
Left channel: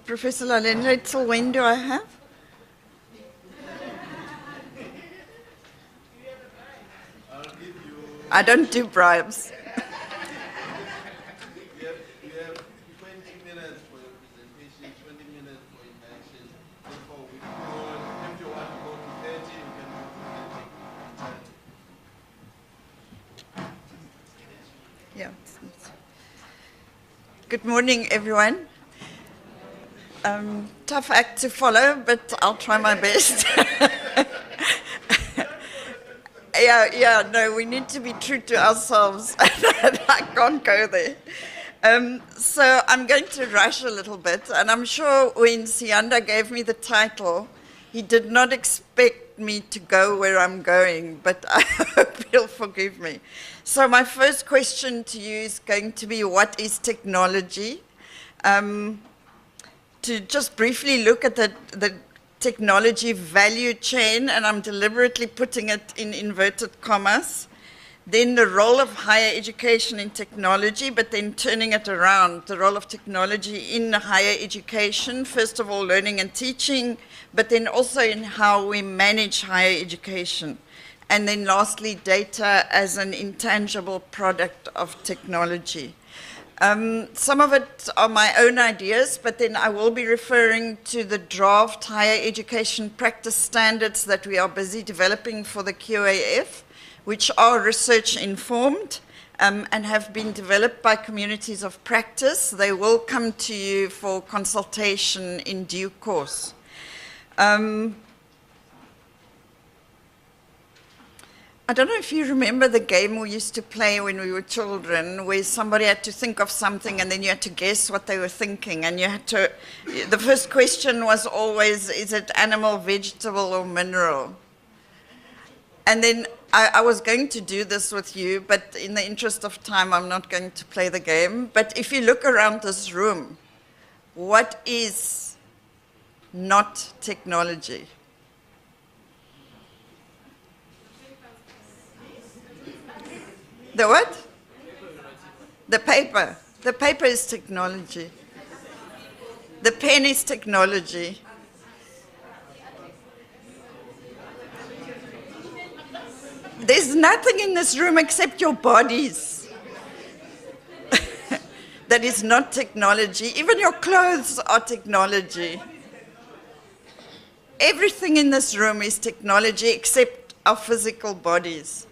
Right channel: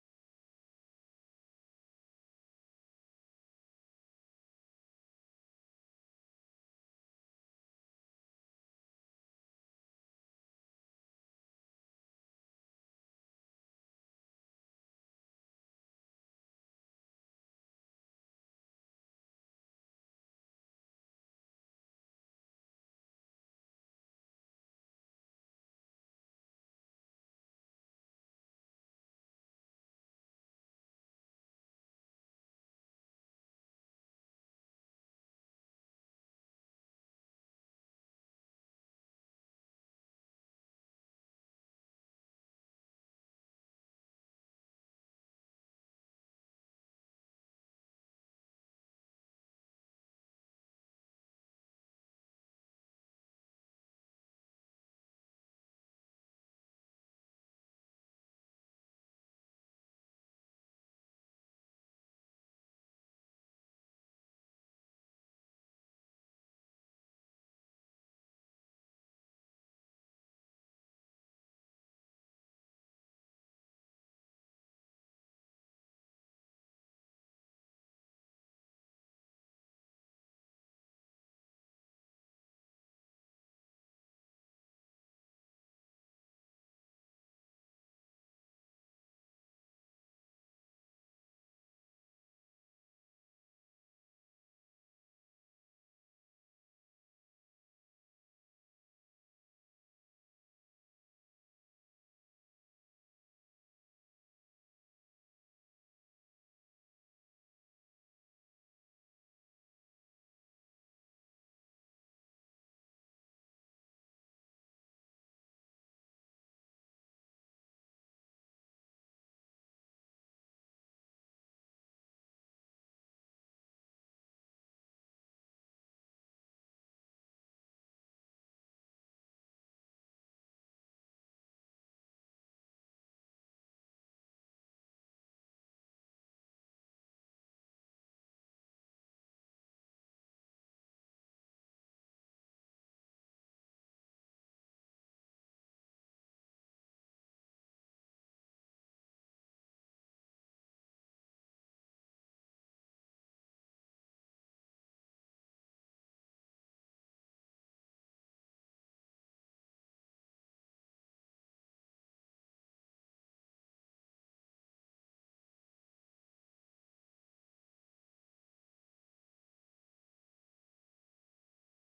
Professor Lalendle, till when do I have? I don't do bribes. You have 20 minutes for your presentation, 20 minutes for interaction. Therefore, if you want to go to 30, you can go to 30. Yeah. Good morning, everyone. Tough act to follow, but I'll try my best. No, we need to be true to ourselves. I can't go there. So I'm going to rush a little bit, and I'm sure when Siyanda gave me the title, he did not expect me to go where I'm going, but I hope he'll forgive me. So my first question to you is going to be, what is technology? To just briefly look at the technology value chain, and I'm deliberately putting it in inverted commas. Then the role of higher education in technology, but then turning it around, the role of technology in higher education, first of all learning and teaching, but then also in how we manage higher education. And then lastly, data as an intangible product of technology. Some of it are my own ideas, but then I will be referring to the draft higher education practice standards that we are busy developing for the QAF, which are research informed and have been developed by communities of practice. They will come to you for consultation in due course. I don't know if you remember the game we used to play when we were children, where somebody had to think of something and then you had to guess what they were thinking, and you had to, the first question was always, is it animal, vegetable, or mineral? And then I was going to do this with you, but in the interest of time, I'm not going to play the game. But if you look around this room, what is not technology? The what? The paper. The paper is technology. The pen is technology. There's nothing in this room except your bodies that is not technology. Even your clothes are technology. Everything in this room is technology except our physical bodies.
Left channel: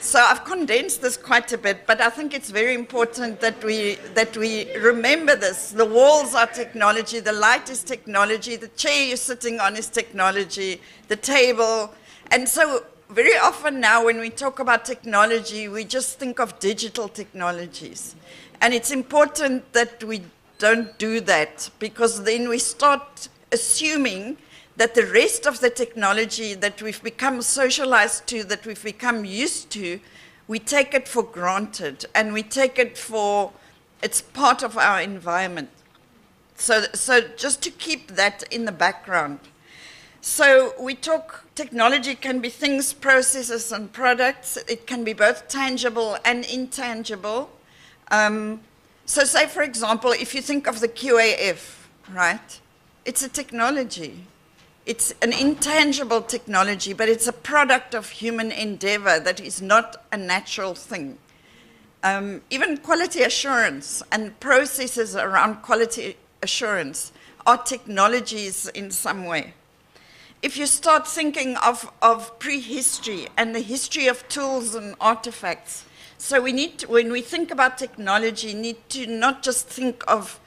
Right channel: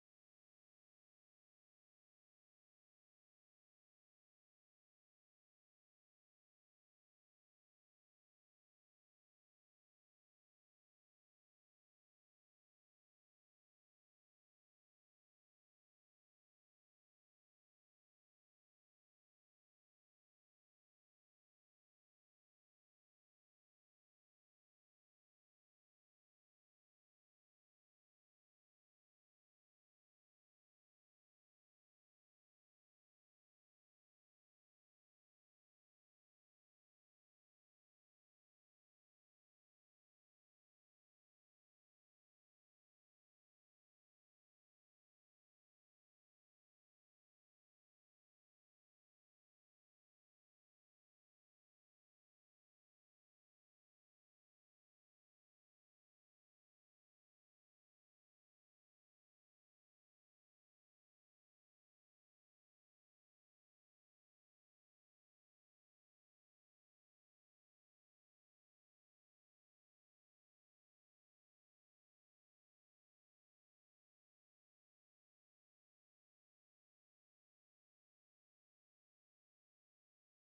So I've condensed this quite a bit, but I think it's very important that we remember this. The walls are technology, the light is technology, the chair you're sitting on is technology, the table. And so very often now when we talk about technology, we just think of digital technologies. And it's important that we don't do that, because then we start assuming that the rest of the technology that we've become socialized to, that we've become used to, we take it for granted, and we take it for, it's part of our environment. So just to keep that in the background. So we talk, technology can be things, processes, and products. It can be both tangible and intangible. So say, for example, if you think of the QAF, right? It's a technology. It's an intangible technology, but it's a product of human endeavor that is not a natural thing. Even quality assurance and processes around quality assurance are technologies in some way. If you start thinking of prehistory and the history of tools and artifacts, so we need to, when we think about technology, need to not just think of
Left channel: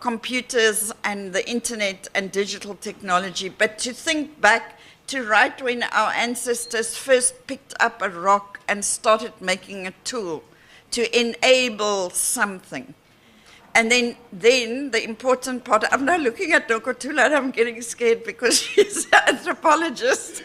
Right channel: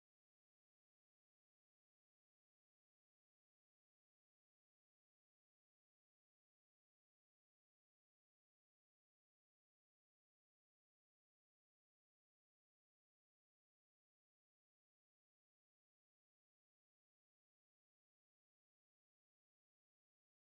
computers and the internet and digital technology, but to think back to right when our ancestors first picked up a rock and started making a tool to enable something. And then the important part, I'm now looking at Dr. Tula and I'm getting scared because she's an anthropologist.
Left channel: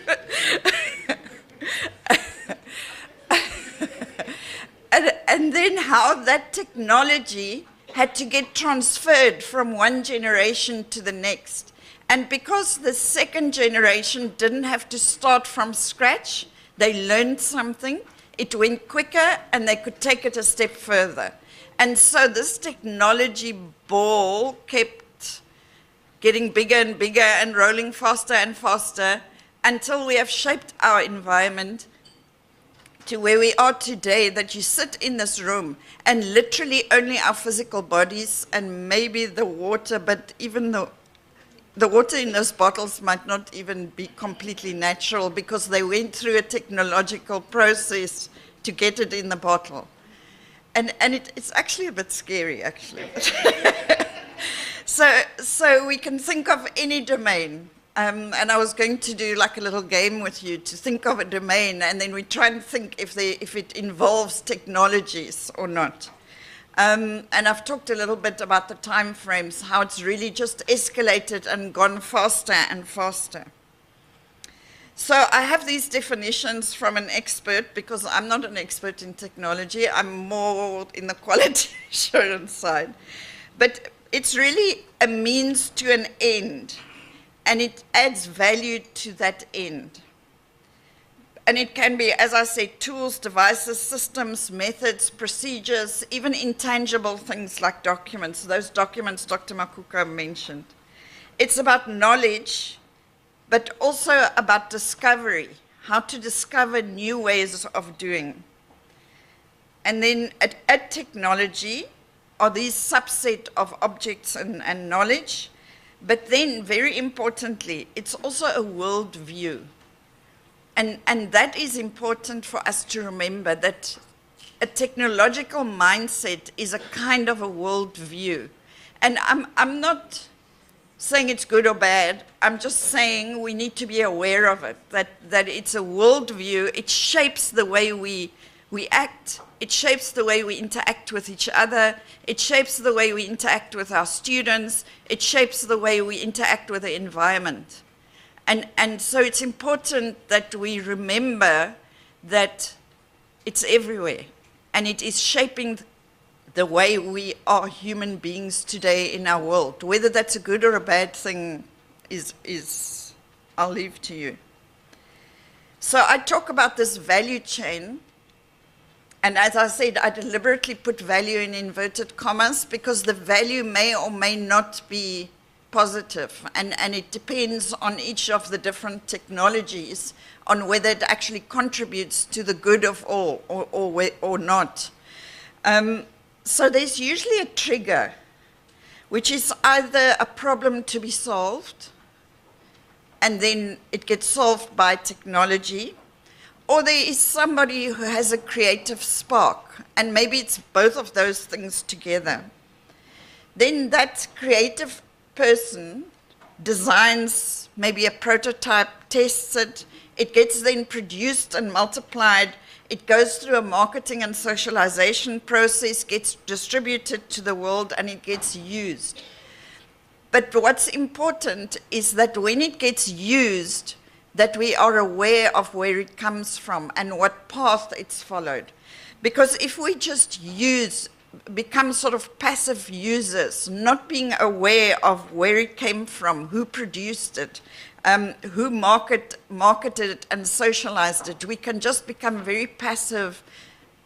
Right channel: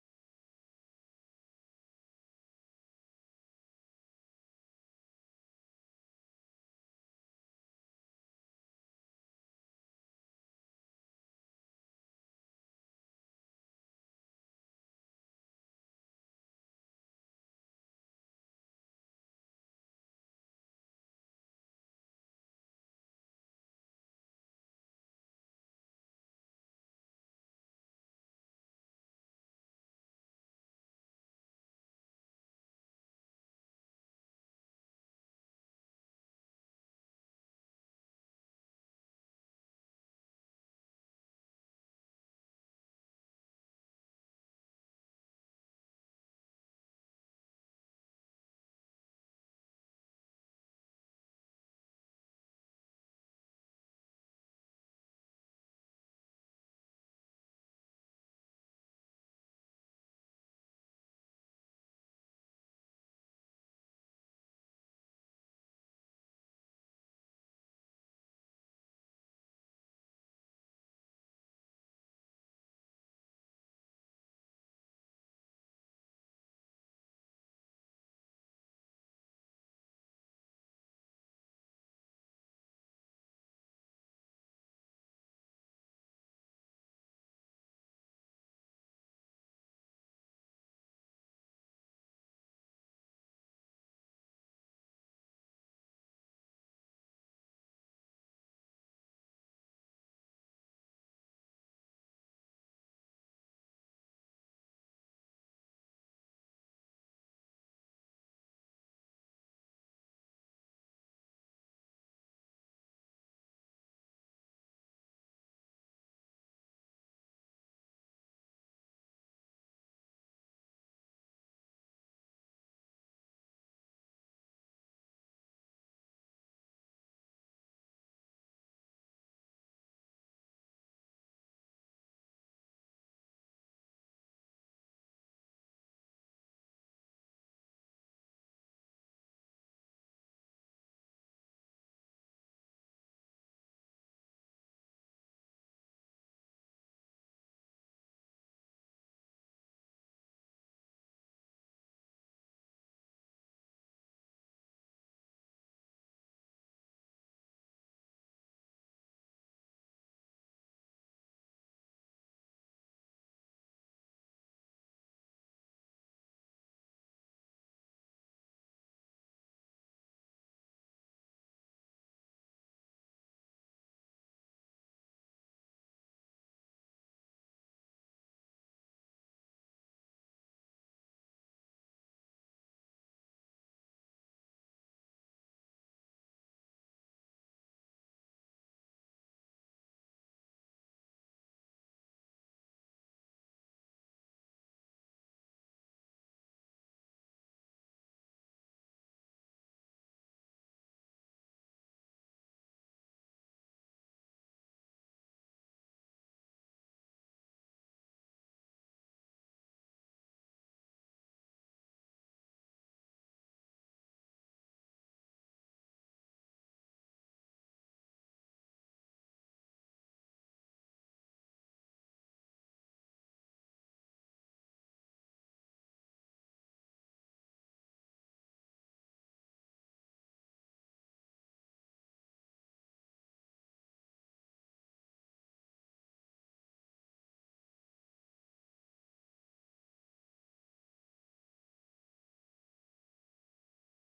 and then how that technology had to get transferred from one generation to the next. And because the second generation didn't have to start from scratch, they learned something, it went quicker, and they could take it a step further. And so this technology ball kept getting bigger and bigger and rolling faster and faster until we have shaped our environment to where we are today, that you sit in this room and literally only our physical bodies and maybe the water, but even the water in those bottles might not even be completely natural because they went through a technological process to get it in the bottle. And it's actually a bit scary, actually. So we can think of any domain. And I was going to do like a little game with you to think of a domain, and then we try and think if it involves technologies or not. And I've talked a little bit about the time frames, how it's really just escalated and gone faster and faster. So I have these definitions from an expert, because I'm not an expert in technology, I'm more in the quality assurance side. But it's really a means to an end, and it adds value to that end. And it can be, as I said, tools, devices, systems, methods, procedures, even intangible things like documents. Those documents Dr. Makuku mentioned. It's about knowledge, but also about discovery, how to discover new ways of doing. And then at technology are these subset of objects and knowledge, but then very importantly, it's also a world view. And that is important for us to remember, that a technological mindset is a kind of a world view. And I'm not saying it's good or bad, I'm just saying we need to be aware of it, that it's a world view. It shapes the way we act, it shapes the way we interact with each other, it shapes the way we interact with our students, it shapes the way we interact with the environment. And so it's important that we remember that it's everywhere, and it is shaping the way we are human beings today in our world. Whether that's a good or a bad thing is I'll leave to you. So I talk about this value chain, and as I said, I deliberately put value in inverted commas because the value may or may not be positive, and it depends on each of the different technologies on whether it actually contributes to the good of all or not. So there's usually a trigger, which is either a problem to be solved, and then it gets solved by technology, or there is somebody who has a creative spark, and maybe it's both of those things together. Then that creative person designs maybe a prototype, tests it, it gets then produced and multiplied, it goes through a marketing and socialization process, gets distributed to the world, and it gets used. But what's important is that when it gets used, that we are aware of where it comes from and what path it's followed. Because if we just become sort of passive users, not being aware of where it came from, who produced it, who marketed it and socialized it, we can just become very passive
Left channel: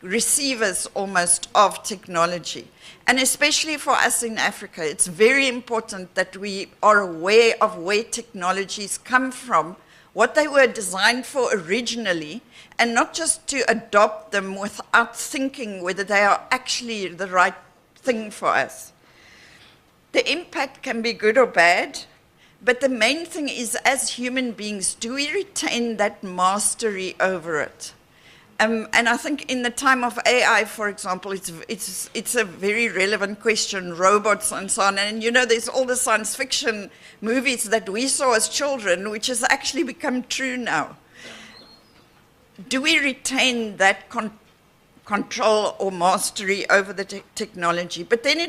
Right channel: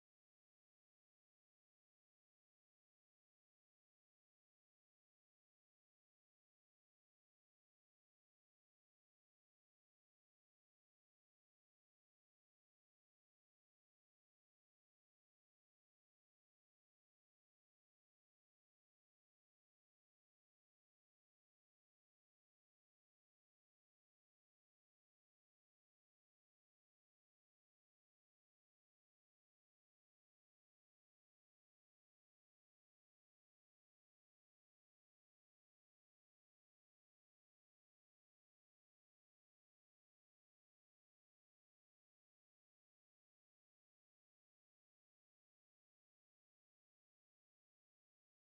receivers almost of technology. And especially for us in Africa, it's very important that we are aware of where technologies come from, what they were designed for originally, and not just to adopt them without thinking whether they are actually the right thing for us. The impact can be good or bad, but the main thing is, as human beings, do we retain that mastery over it? And I think in the time of AI, for example, it's a very relevant question, robots and so on. And you know, there's all the science fiction movies that we saw as children, which has actually become true now. Do we retain that control or mastery over the technology? But then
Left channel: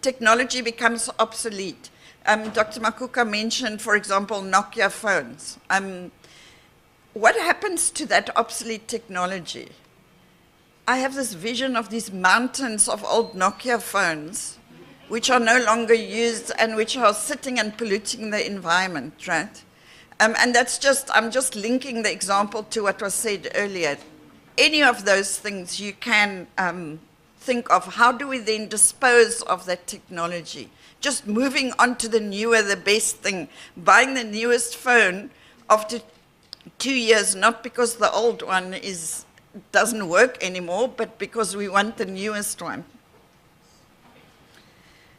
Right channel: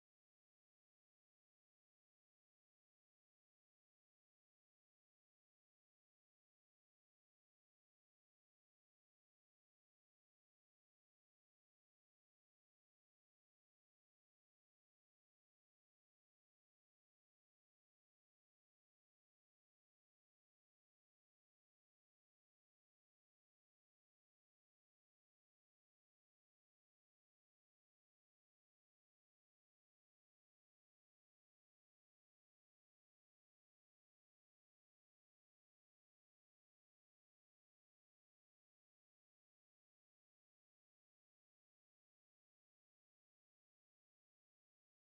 technology becomes obsolete. Dr. Makuku mentioned, for example, Nokia phones. What happens to that obsolete technology? I have this vision of these mountains of old Nokia phones, which are no longer used and which are sitting and polluting the environment, right? And that's just, I'm just linking the example to what was said earlier. Any of those things you can think of, how do we then dispose of that technology? just moving on to the newer, the best thing, buying the newest phone after 2 years, not because the old one doesn't work anymore, but because we want the newest one.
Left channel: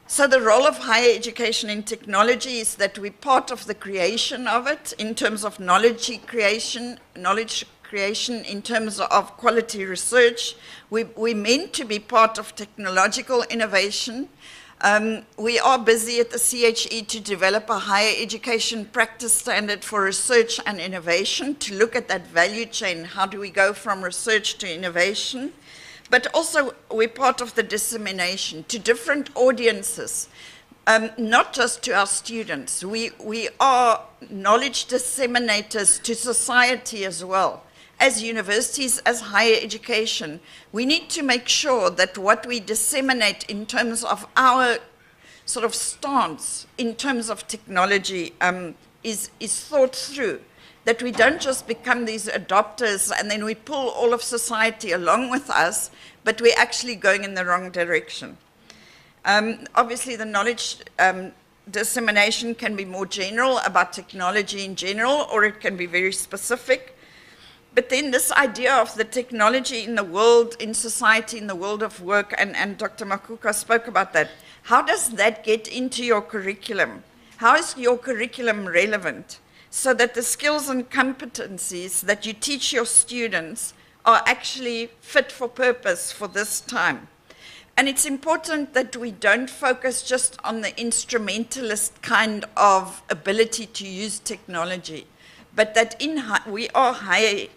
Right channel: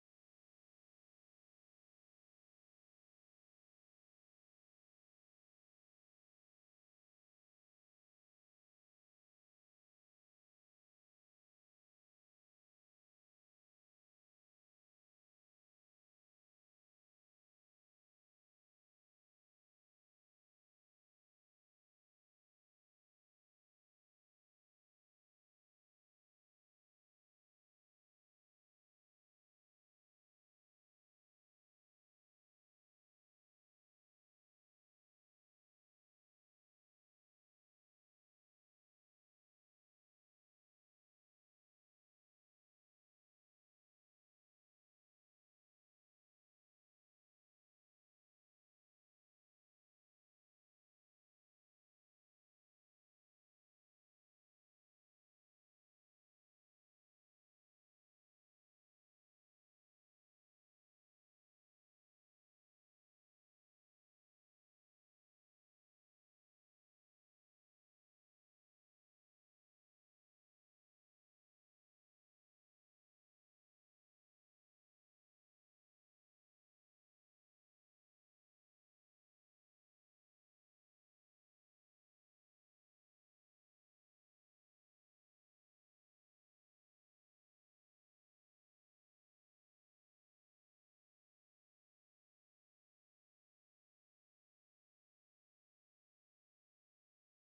So the role of higher education in technology is that we're part of the creation of it in terms of knowledge creation, in terms of quality research. We're meant to be part of technological innovation. We are busy at the CHE to develop a higher education practice standard for research and innovation, to look at that value chain. How do we go from research to innovation? But also we're part of the dissemination to different audiences, not just to our students. We are knowledge disseminators to society as well. As universities, as higher education, we need to make sure that what we disseminate in terms of our sort of stance in terms of technology is thought through, that we don't just become these adopters and then we pull all of society along with us, but we're actually going in the wrong direction. Obviously, the knowledge dissemination can be more general about technology in general, or it can be very specific. But then this idea of the technology in the world, in society, in the world of work, and Dr. Makuku spoke about that. How does that get into your curriculum? How is your curriculum relevant so that the skills and competencies that you teach your students are actually fit for purpose for this time? And it's important that we don't focus just on the instrumentalist kind of ability to use technology, but that we are higher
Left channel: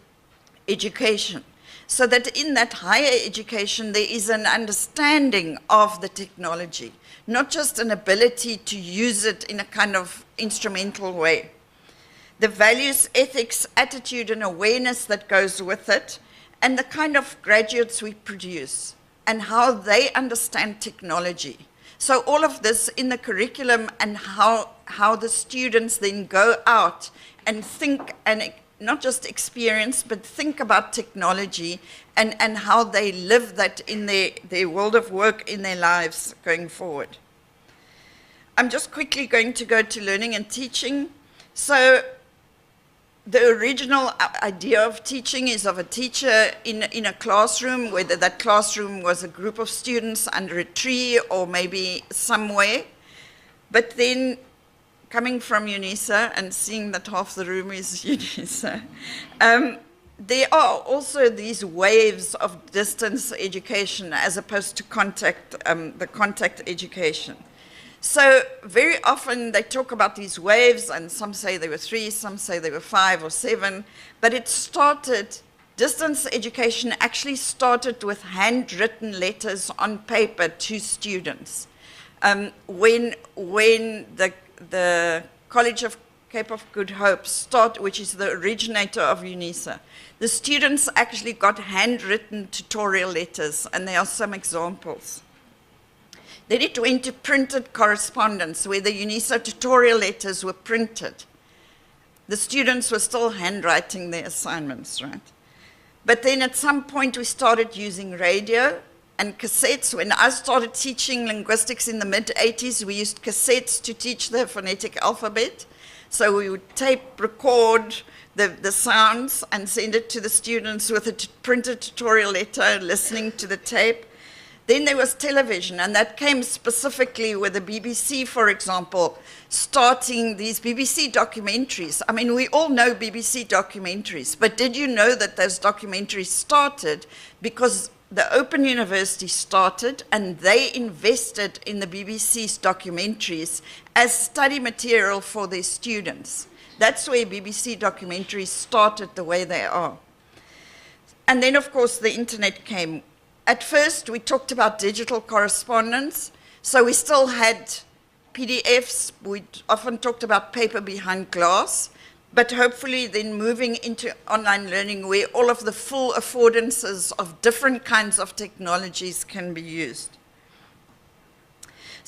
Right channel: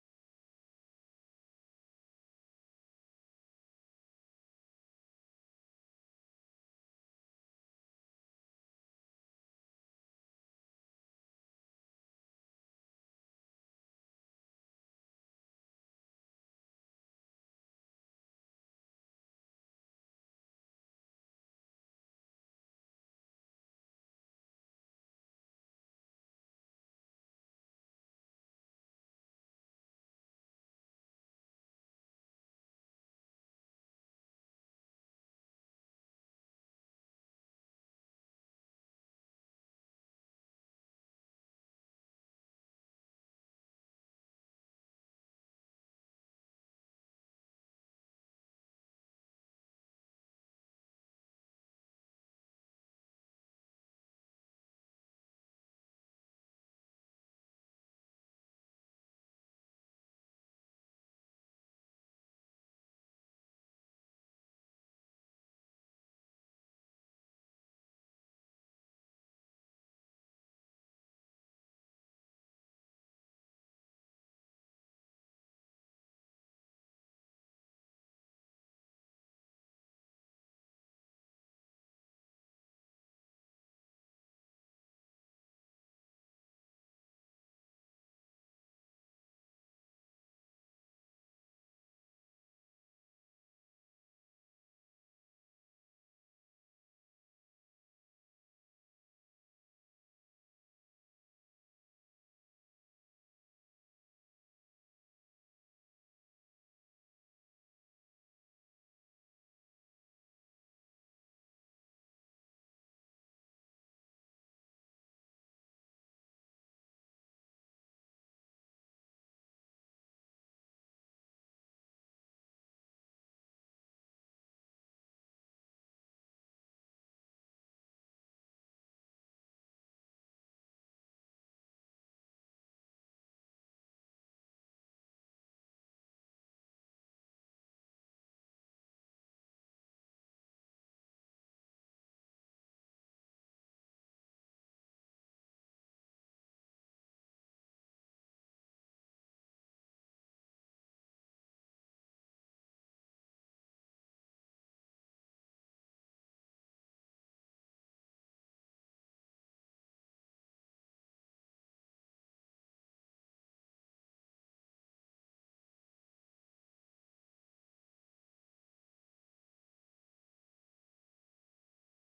education, so that in that higher education there is an understanding of the technology, not just an ability to use it in a kind of instrumental way. The values, ethics, attitude, and awareness that goes with it, and the kind of graduates we produce, and how they understand technology. So all of this in the curriculum, and how the students then go out and think, and not just experience, but think about technology and how they live that in their world of work, in their lives going forward. I'm just quickly going to go to learning and teaching. So the original idea of teaching is of a teacher in a classroom, whether that classroom was a group of students under a tree or maybe somewhere. But then coming from UNISA and seeing that half the room is UNISA, there are also these waves of distance education as opposed to the contact education. So very often they talk about these waves, and some say there were 3, some say there were 5 or 7, but it started, distance education actually started with handwritten letters on paper to students. When the College of Cape of Good Hope which is the originator of UNISA, the students actually got handwritten tutorial letters, and there are some examples. Then it went to printed correspondence, where the UNISA tutorial letters were printed. The students were still handwriting their assignments, right? But then at some point we started using radio and cassettes. When I started teaching linguistics in the mid-80s, we used cassettes to teach the phonetic alphabet. So we would tape record the sounds and send it to the students with a printed tutorial letter, listening to the tape. Then there was television, and that came specifically with the BBC, for example, starting these BBC documentaries. I mean, we all know BBC documentaries, but did you know that those documentaries started because the Open University started and they invested in the BBC's documentaries as study material for their students? That's where BBC documentaries started the way they are. And then, of course, the internet came. At first, we talked about digital correspondence, so we still had PDFs. We often talked about paper behind glass, but hopefully then moving into online learning where all of the full affordances of different kinds of technologies can be used.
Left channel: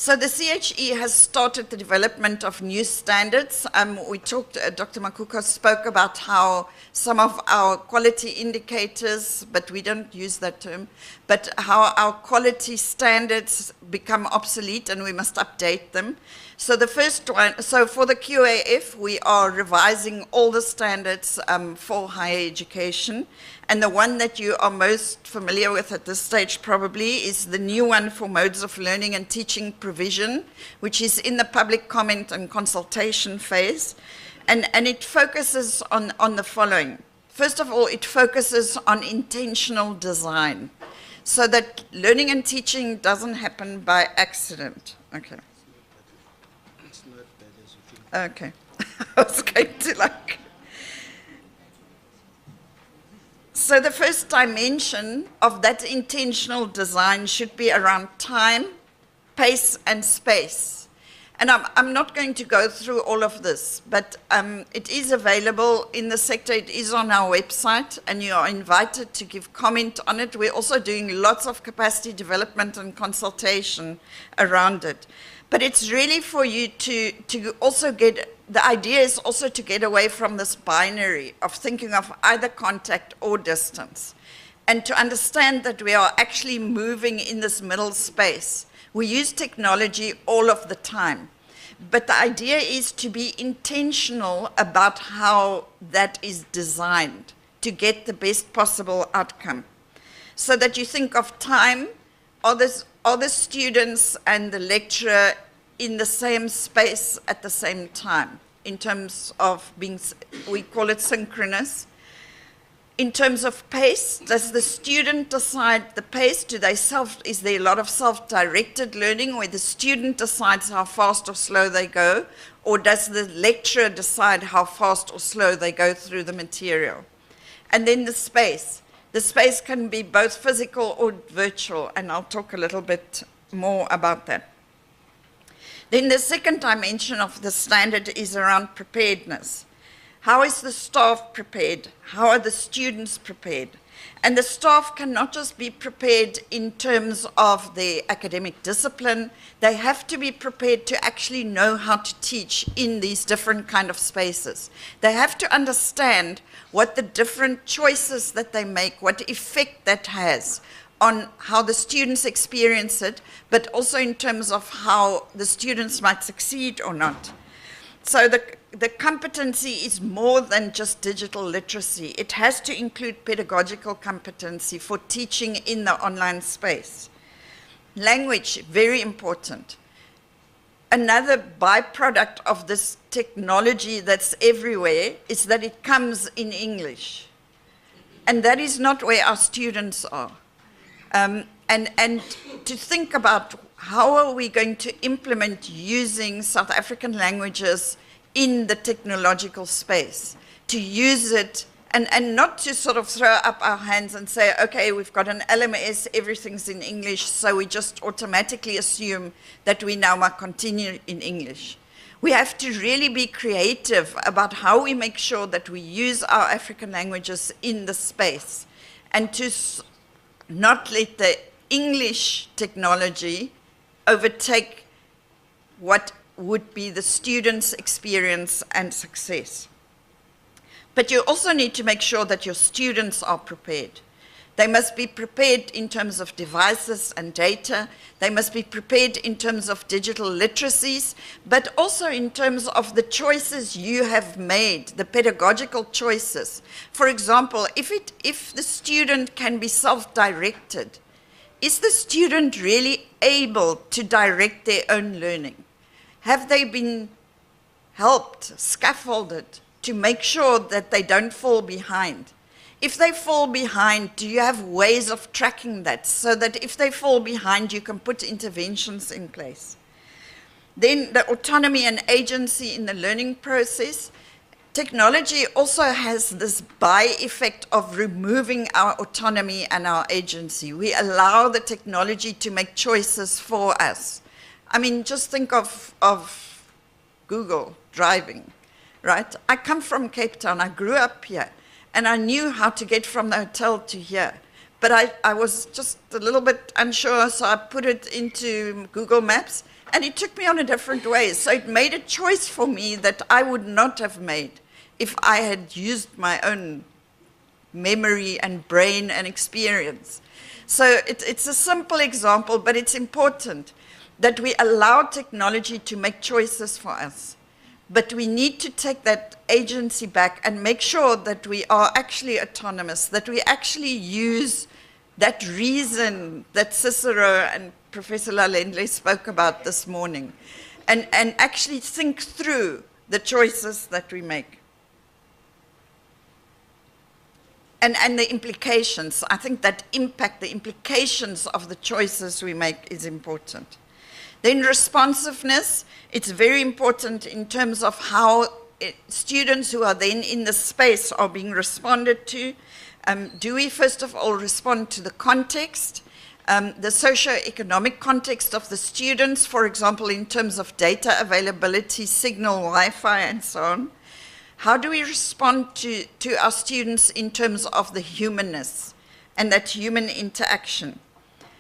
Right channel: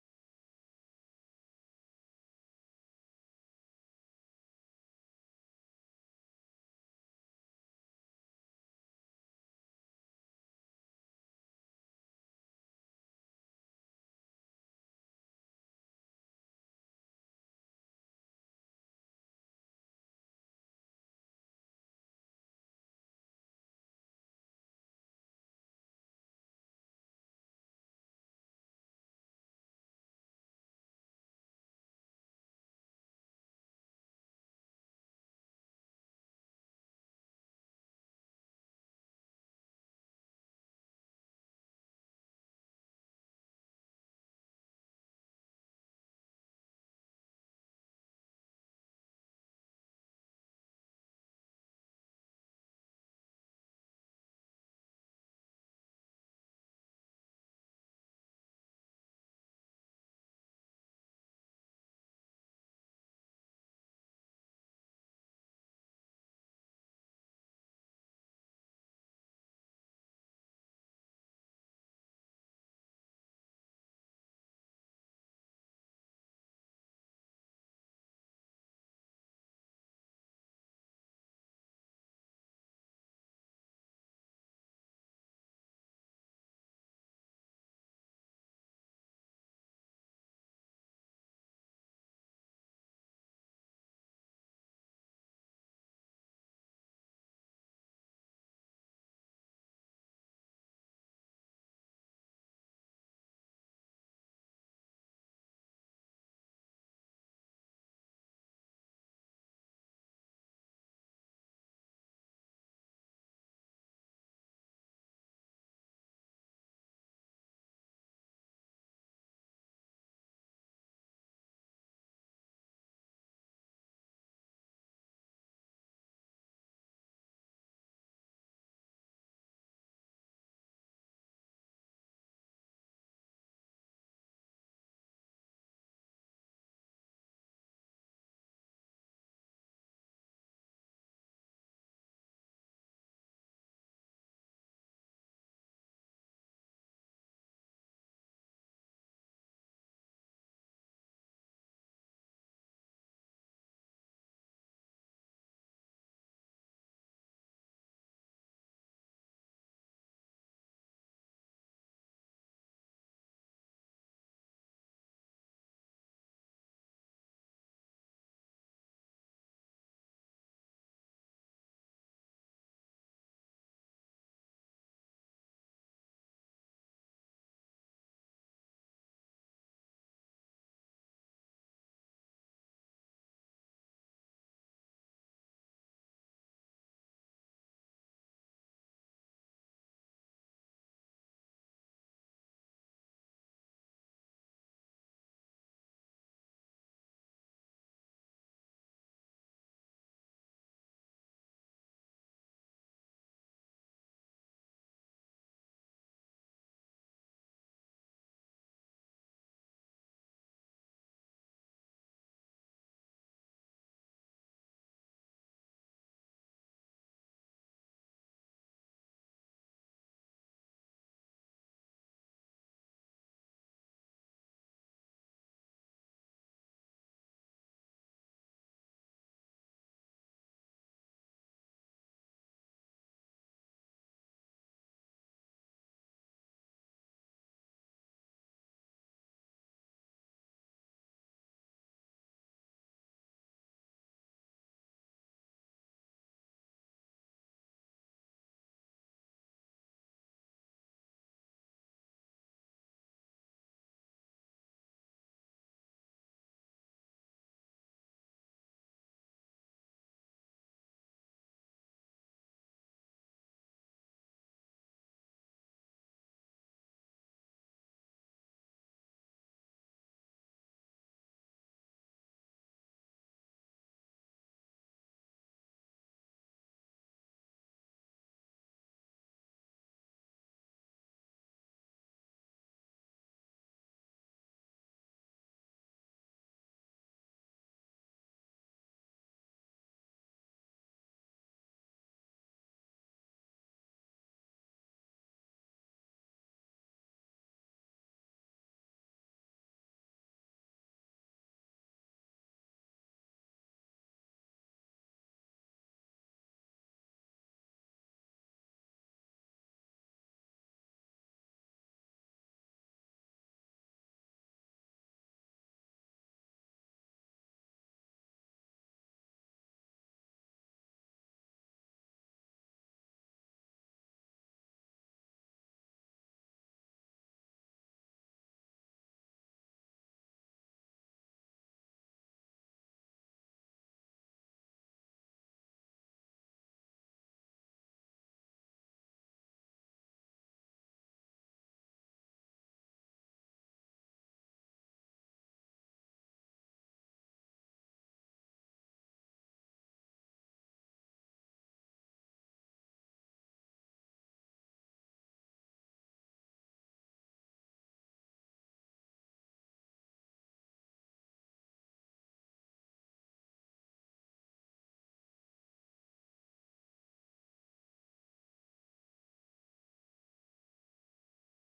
So the CHE has started the development of new standards. We talked, Dr. Makuku spoke about how some of our quality indicators, but we don't use that term, but how our quality standards become obsolete and we must update them. So the first one, so for the QAF, we are revising all the standards for higher education. And the one that you are most familiar with at this stage probably is the new one for modes of learning and teaching provision, which is in the public comment and consultation phase. And it focuses on the following. First of all, it focuses on intentional design, so that learning and teaching doesn't happen by accident. Okay. Okay. I was going to like... So the first dimension of that intentional design should be around time, pace, and space. And I'm not going to go through all of this, but it is available in the sector. It is on our website, and you are invited to give comment on it. We're also doing lots of capacity development and consultation around it. But it's really for you to also get, the idea is also to get away from this binary of thinking of either contact or distance, and to understand that we are actually moving in this middle space. We use technology all of the time, but the idea is to be intentional about how that is designed to get the best possible outcome. So that you think of time, are the students and the lecturer in the same space at the same time, in terms of being, we call it synchronous. In terms of pace, does the student decide the pace? Is there a lot of self-directed learning where the student decides how fast or slow they go? Or does the lecturer decide how fast or slow they go through the material? And then the space. The space can be both physical or virtual, and I'll talk a little bit more about that. Then the second dimension of the standard is around preparedness. How is the staff prepared? How are the students prepared? And the staff cannot just be prepared in terms of their academic discipline. They have to be prepared to actually know how to teach in these different kind of spaces. They have to understand what the different choices that they make, what effect that has on how the students experience it, but also in terms of how the students might succeed or not. So the competency is more than just digital literacy. It has to include pedagogical competency for teaching in the online space. Language, very important. Another byproduct of this technology that's everywhere is that it comes in English. And that is not where our students are. And to think about how are we going to implement using South African languages in the technological space, to use it and not to sort of throw up our hands and say, okay, we've got an LMS, everything's in English, so we just automatically assume that we now must continue in English. We have to really be creative about how we make sure that we use our African languages in the space, and to not let the English technology overtake what would be the student's experience and success. But you also need to make sure that your students are prepared. They must be prepared in terms of devices and data. They must be prepared in terms of digital literacies, but also in terms of the choices you have made, the pedagogical choices. For example, if the student can be self-directed, is the student really able to direct their own learning? Have they been helped, scaffolded, to make sure that they don't fall behind? If they fall behind, do you have ways of tracking that so that if they fall behind, you can put interventions in place? Then the autonomy and agency in the learning process. Technology also has this by-effect of removing our autonomy and our agency. We allow the technology to make choices for us. I mean, just think of Google driving, right? I come from Cape Town. I grew up here, and I knew how to get from the hotel to here. But I was just a little bit unsure, so I put it into Google Maps, And it took me on a different way. So it made a choice for me that I would not have made if I had used my own memory and brain and experience. So it's a simple example, but it's important that we allow technology to make choices for us. But we need to take that agency back and make sure that we are actually autonomous, that we actually use that reason that Cicero and Professor Lalendle spoke about this morning, and actually think through the choices that we make. And the implications. I think that impact, the implications of the choices we make is important. Then responsiveness, it's very important in terms of how students who are then in the space are being responded to. Do we first of all respond to the context, the socio-economic context of the students, for example, in terms of data availability, signal, Wi-Fi, and so on? How do we respond to our students in terms of the humanness and that human interaction?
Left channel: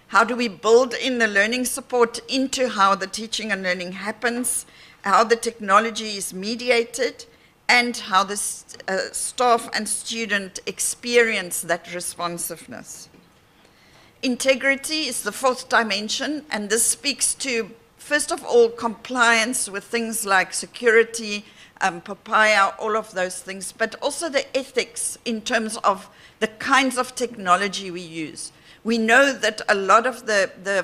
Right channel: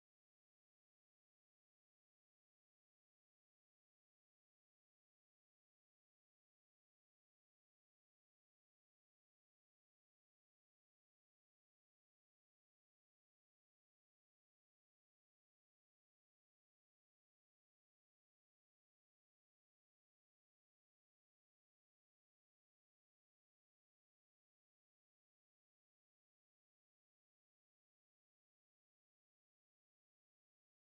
How do we build in the learning support into how the teaching and learning happens, how the technology is mediated, and how the staff and student experience that responsiveness? Integrity is the fourth dimension, and this speaks to, first of all, compliance with things like security, papaya, all of those things, but also the ethics in terms of the kinds of technology we use. We know that a lot of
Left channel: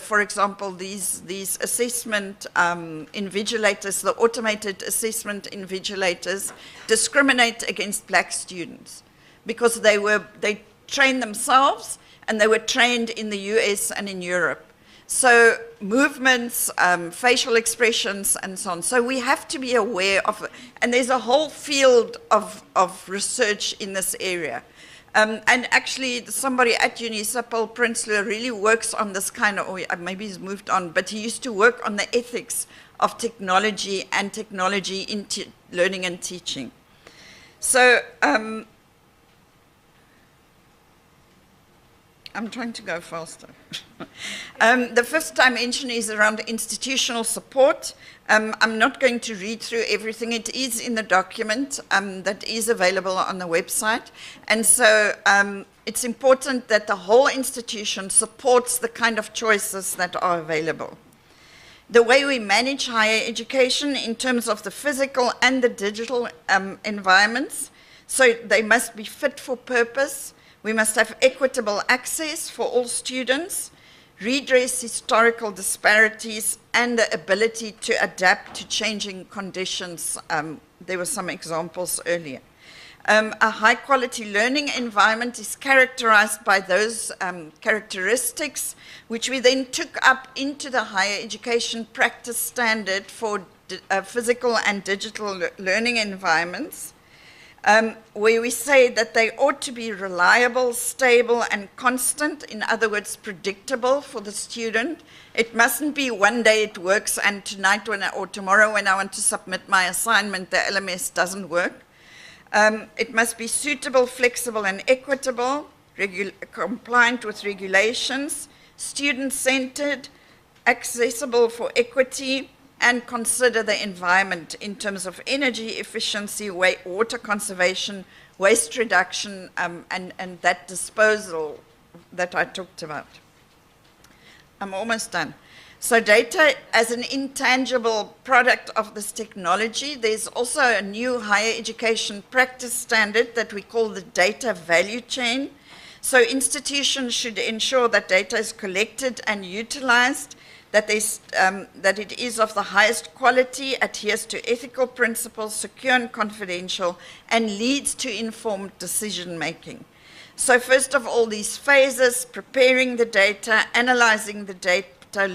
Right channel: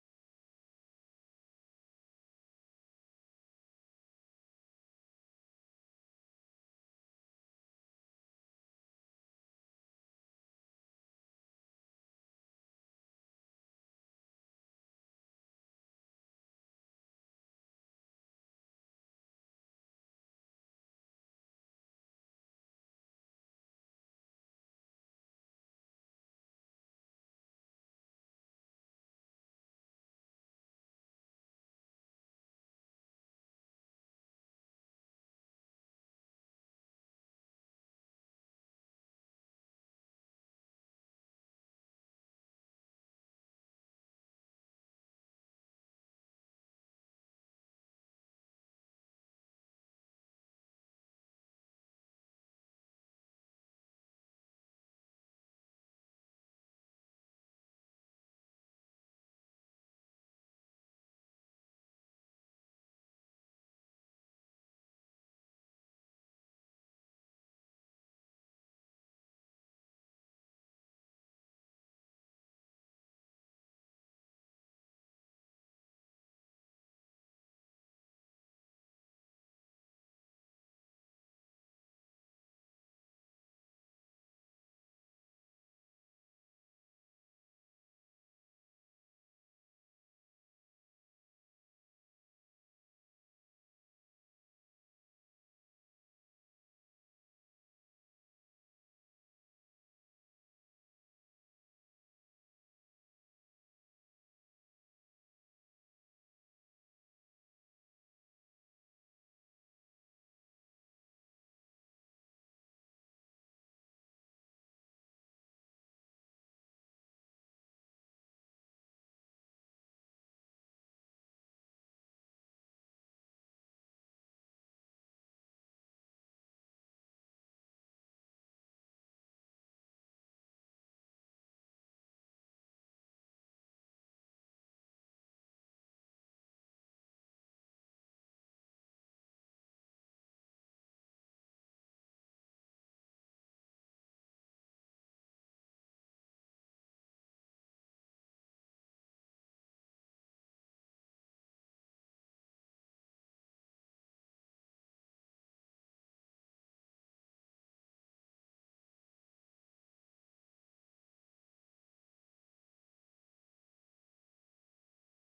for example, these assessment invigilators, the automated assessment invigilators, discriminate against black students because they trained themselves and they were trained in the US and in Europe. So movements, facial expressions, and so on. So we have to be aware of, and there's a whole field of research in this area. And actually, somebody at UNISA, Paul Prinsloo, really works on this kind of, or maybe he's moved on, but he used to work on the ethics of technology and technology in learning and teaching. So I'm trying to go faster. The fifth dimension is around institutional support. I'm not going to read through everything. It is in the document that is available on the website. And so it's important that the whole institution supports the kind of choices that are available. The way we manage higher education in terms of the physical and the digital environments, so they must be fit for purpose. We must have equitable access for all students, redress historical disparities, and the ability to adapt to changing conditions. There were some examples earlier. A high-quality learning environment is characterized by those characteristics, which we then took up into the higher education practice standard for physical and digital learning environments. Where we say that they ought to be reliable, stable, and constant, in other words, predictable for the student. It mustn't be one day it works and tonight or tomorrow when I want to submit my assignment, the LMS doesn't work. It must be suitable, flexible, and equitable, compliant with regulations, student-centered, accessible for equity, and consider the environment in terms of energy efficiency, water conservation, waste reduction, and that disposal that I talked about. I'm almost done. So data as an intangible product of this technology, there's also a new higher education practice standard that we call the data value chain. So institutions should ensure that data is collected and utilized, that it is of the highest quality, adheres to ethical principles, secure and confidential, and leads to informed decision-making. So first of all, these phases, preparing the data, analyzing the data,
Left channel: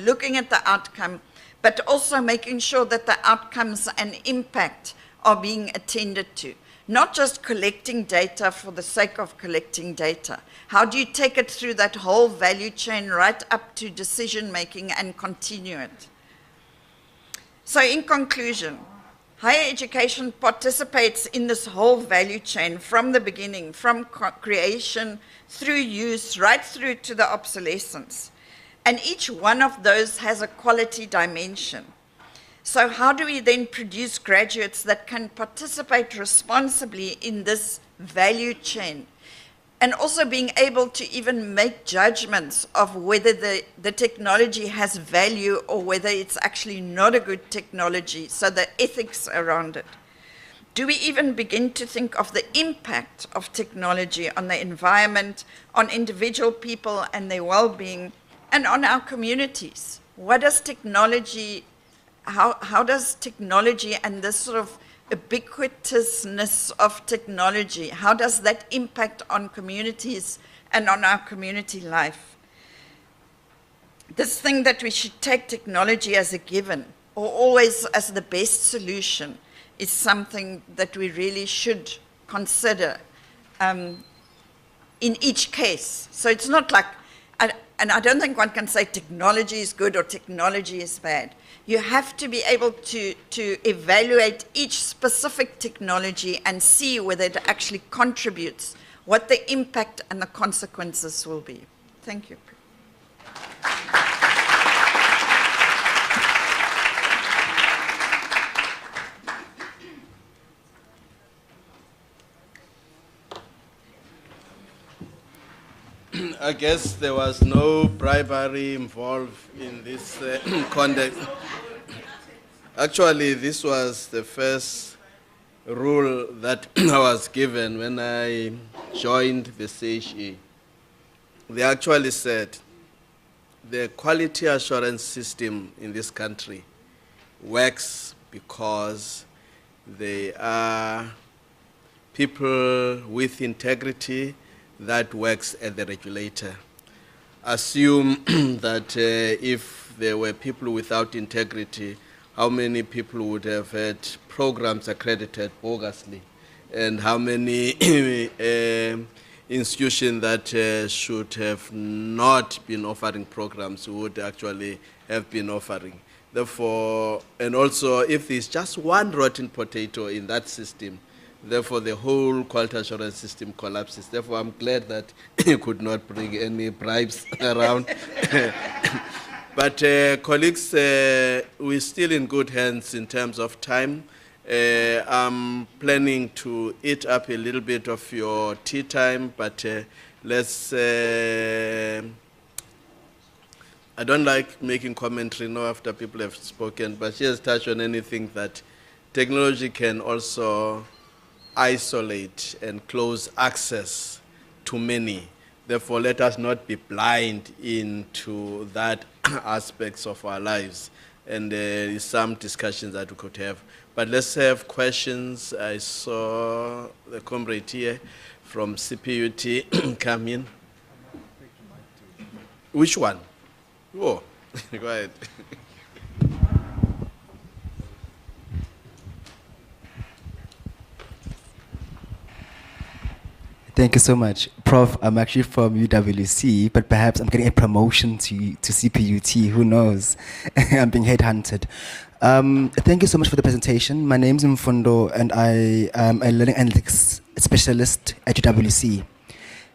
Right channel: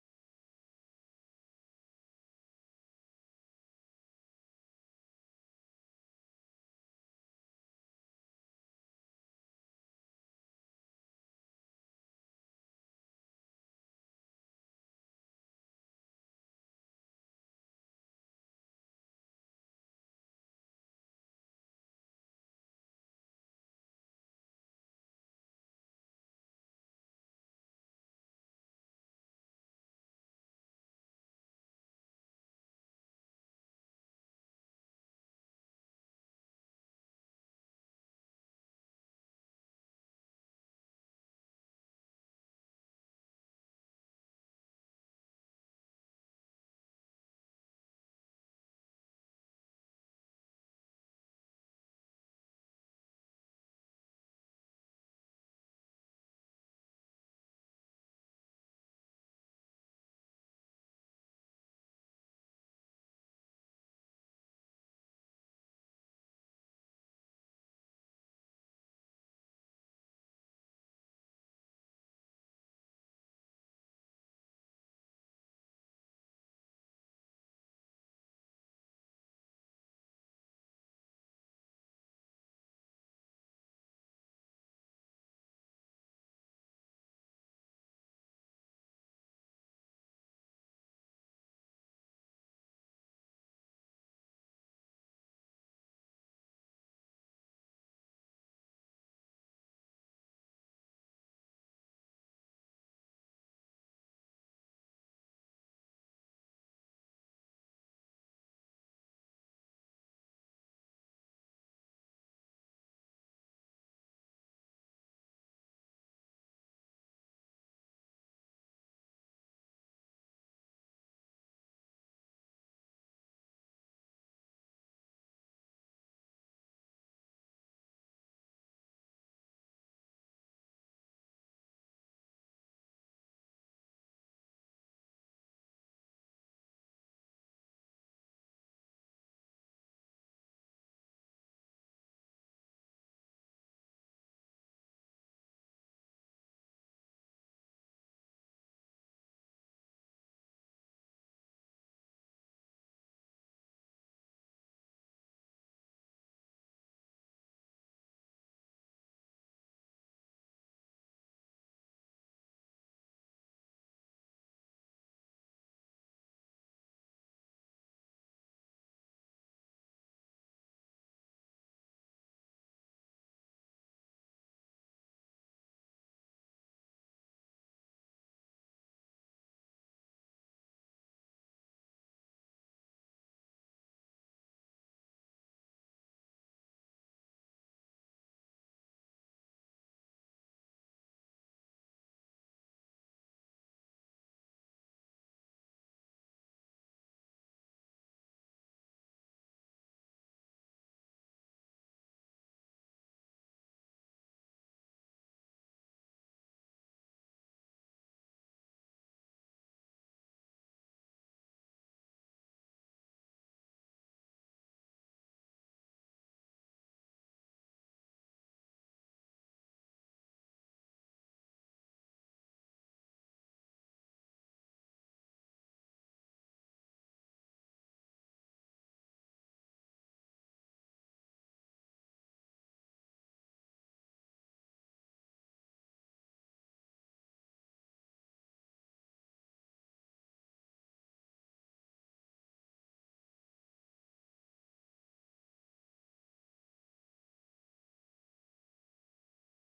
looking at the outcome, but also making sure that the outcomes and impact are being attended to. Not just collecting data for the sake of collecting data. How do you take it through that whole value chain right up to decision-making and continue it? So in conclusion, higher education participates in this whole value chain from the beginning, from creation, through use, right through to the obsolescence. And each one of those has a quality dimension. So how do we then produce graduates that can participate responsibly in this value chain? And also being able to even make judgments of whether the technology has value or whether it's actually not a good technology, so the ethics around it. Do we even begin to think of the impact of technology on the environment, on individual people and their well-being, and on our communities? What does technology, how does technology and this sort of ubiquitousness of technology, how does that impact on communities and on our community life? This thing that we should take technology as a given or always as the best solution is something that we really should consider in each case. So it's not like, and I don't think one can say technology is good or technology is bad. You have to be able to evaluate each specific technology and see whether it actually contributes, what the impact and the consequences will be. Thank you. I guess there was no bribery involved in this context. Actually, this was the first rule that I was given when I joined the CHE. They actually said the quality assurance system in this country works because they are people with integrity that works at the regulator. Assume that if there were people without integrity, how many people would have had programs accredited bogusly, and how many institutions that should have not been offering programs would actually have been offering. Therefore, and also if there's just one rotten potato in that system, therefore the whole quality assurance system collapses. Therefore, I'm glad that you could not bring any bribes around. But colleagues, we're still in good hands in terms of time. I'm planning to eat up a little bit of your tea time, but let's, I don't like making commentary now after people have spoken, but she has touched on anything that technology can also isolate and close access to many. Therefore, let us not be blind into that aspects of our lives. And there is some discussions that we could have. But let's have questions. I saw the comrade here from CPUT come in. Which one? Oh, go ahead. Thank you so much. Prof, I'm actually from UWC, but perhaps I'm getting a promotion to CPUT, who knows? I'm being headhunted. Thank you so much for the presentation. My name is Mfundo, and I am a learning analytics specialist at UWC.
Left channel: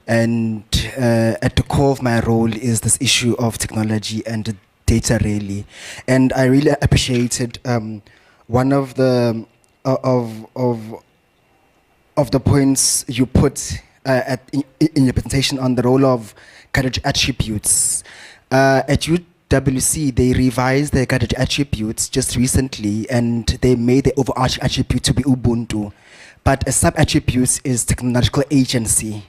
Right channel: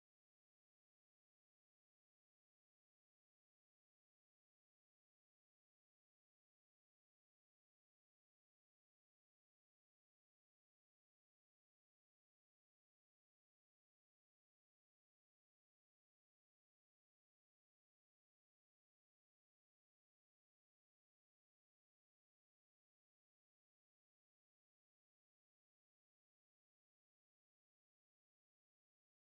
And at the core of my role is this issue of technology and data, really. And I really appreciated one of the points you put in your presentation on the role of category attributes. At UWC, they revised their category attributes just recently, and they made the overarching attribute to be Ubuntu. But a sub-attribute is technological agency.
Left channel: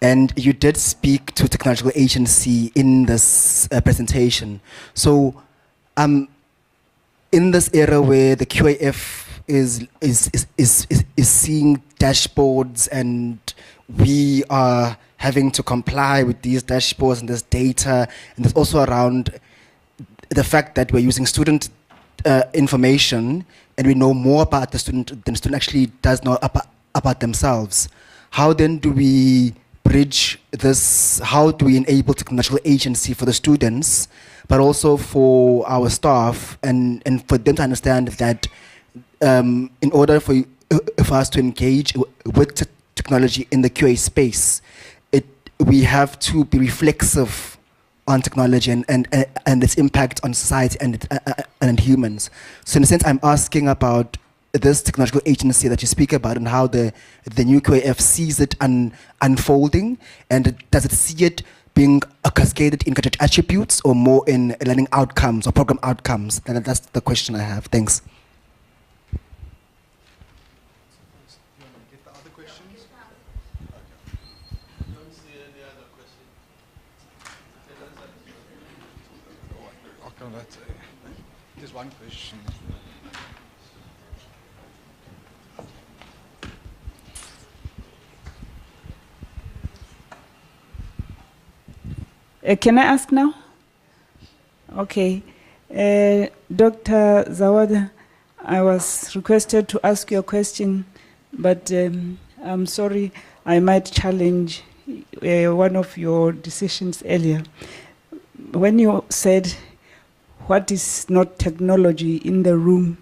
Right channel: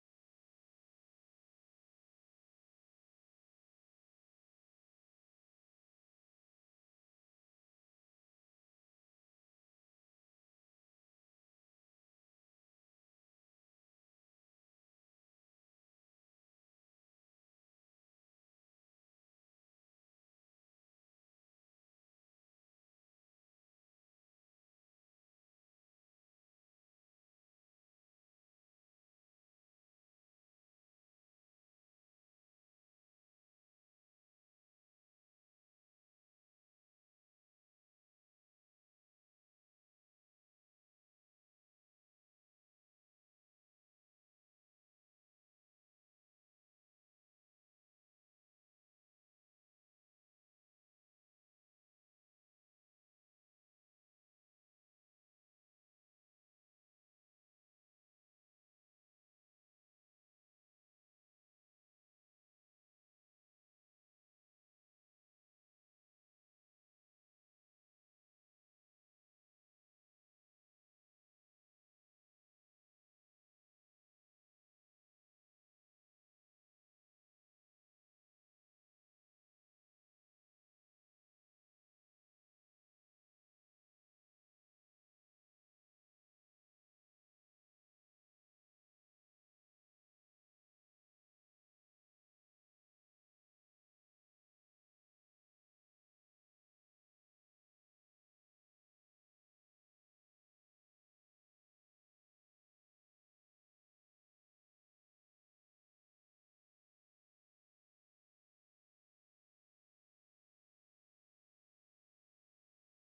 And you did speak to technological agency in this presentation. So in this era where the QAF is seeing dashboards, and we are having to comply with these dashboards and this data, and there's also around the fact that we're using student information, and we know more about the student than the student actually does know about themselves. How then do we bridge this? How do we enable technological agency for the students, but also for our staff, and for them to understand that in order for us to engage with technology in the QA space, we have to be reflexive on technology and its impact on society and humans. So in a sense, I'm asking about this technological agency that you speak about and how the new QAF sees it unfolding, and does it see it being cascaded in cadre attributes or more in learning outcomes or program outcomes? And that's the question I have. Thanks. There's one question. Can I ask now? Okay. Dr. Zawada, I was requested to ask you a question, but I'm sorry, I might challenge one of your decisions earlier. When you said, what is not technology in the room,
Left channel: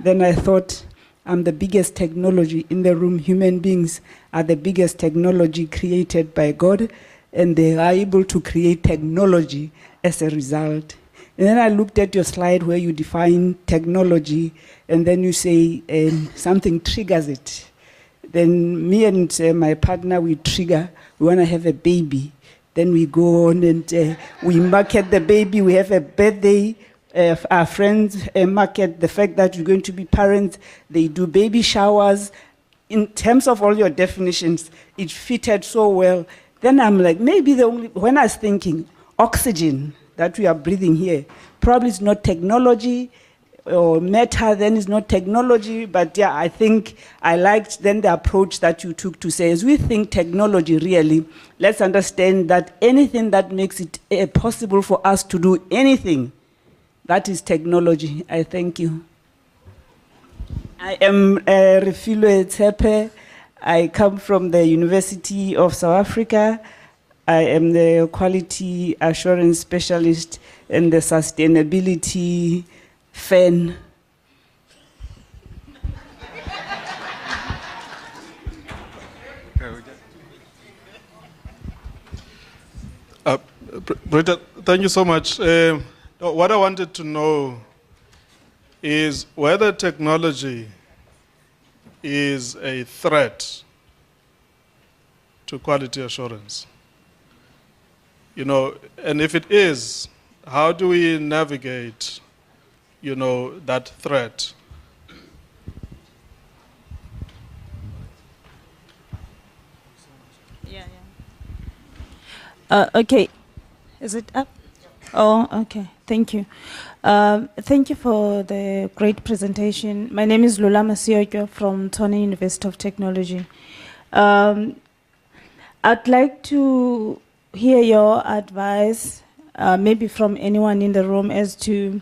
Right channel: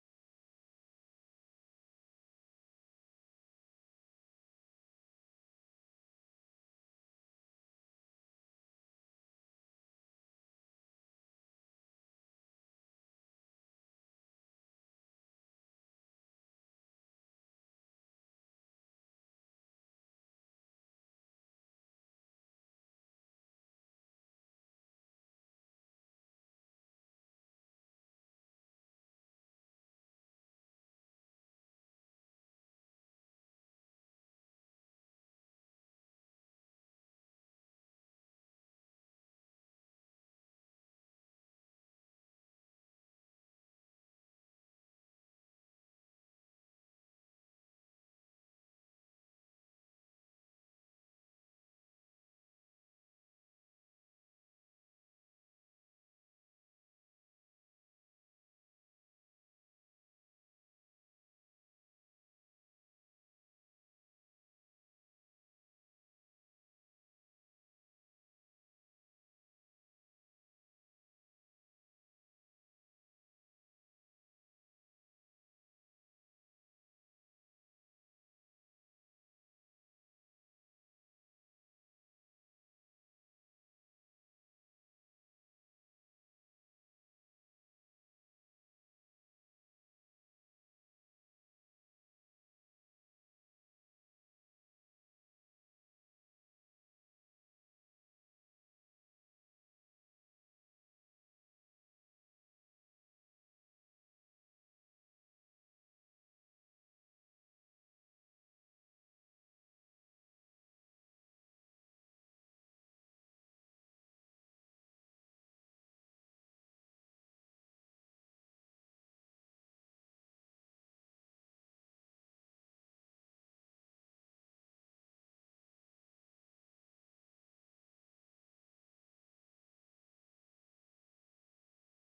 then I thought I'm the biggest technology in the room. Human beings are the biggest technology created by God, and they are able to create technology as a result. And then I looked at your slide where you define technology, and then you say something triggers it. Then me and my partner, we trigger, we want to have a baby. Then we go on and we market the baby, we have a birthday. Our friends market the fact that you're going to be parents. They do baby showers. In terms of all your definitions, it fitted so well. Then I'm like, maybe when I was thinking, oxygen that we are breathing here, probably is not technology, or matter then is not technology, but yeah, I think I liked then the approach that you took to say, as we think technology really, let's understand that anything that makes it possible for us to do anything, that is technology. I thank you. I am Refilwe Tsepe. I come from the University of South Africa. I am the quality assurance specialist and the sustainability fan. Britta, thank you so much. What I wanted to know is whether technology is a threat to quality assurance. You know, and if it is, how do we navigate, you know, that threat? Okay. Is it up? Oh, okay. Thank you. Thank you for the great presentation. My name is Lula Masioko from Tshwane University of Technology. I'd like to hear your advice, maybe from anyone in the room, as to,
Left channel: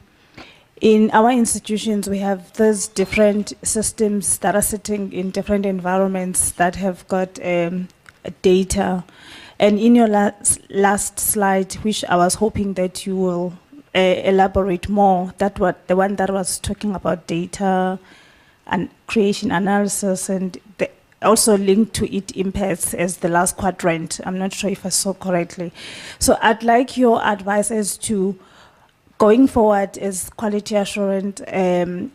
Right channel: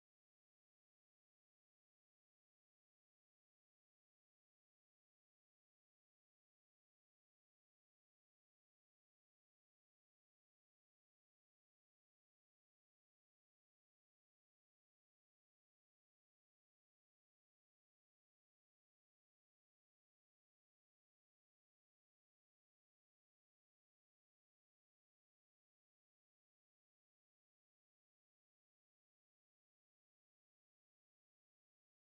in our institutions, we have these different systems that are sitting in different environments that have got data. And in your last slide, which I was hoping that you will elaborate more, the one that was talking about data and creation analysis, and also linked to it impacts as the last quadrant. I'm not sure if I saw correctly. So I'd like your advice as to, going forward as quality assurance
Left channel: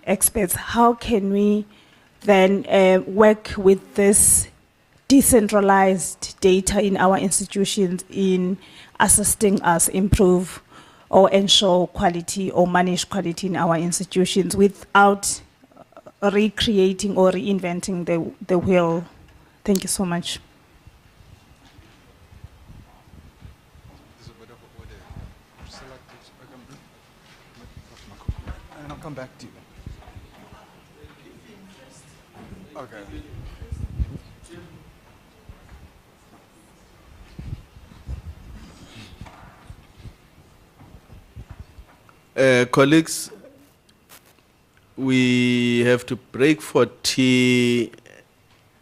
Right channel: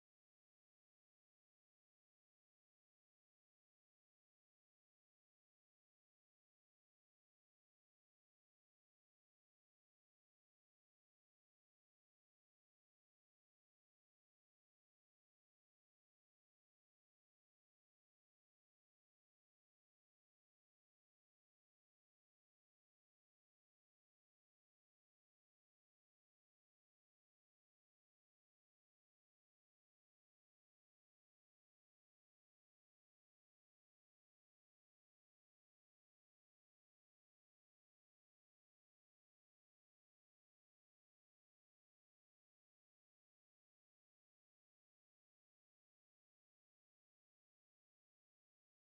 experts, how can we then work with this decentralized data in our institutions in assisting us improve or ensure quality or manage quality in our institutions without recreating or reinventing the wheel? Thank you so much. There's a bit of order. And I'll come back to you. Okay. Colleagues, we have to break for tea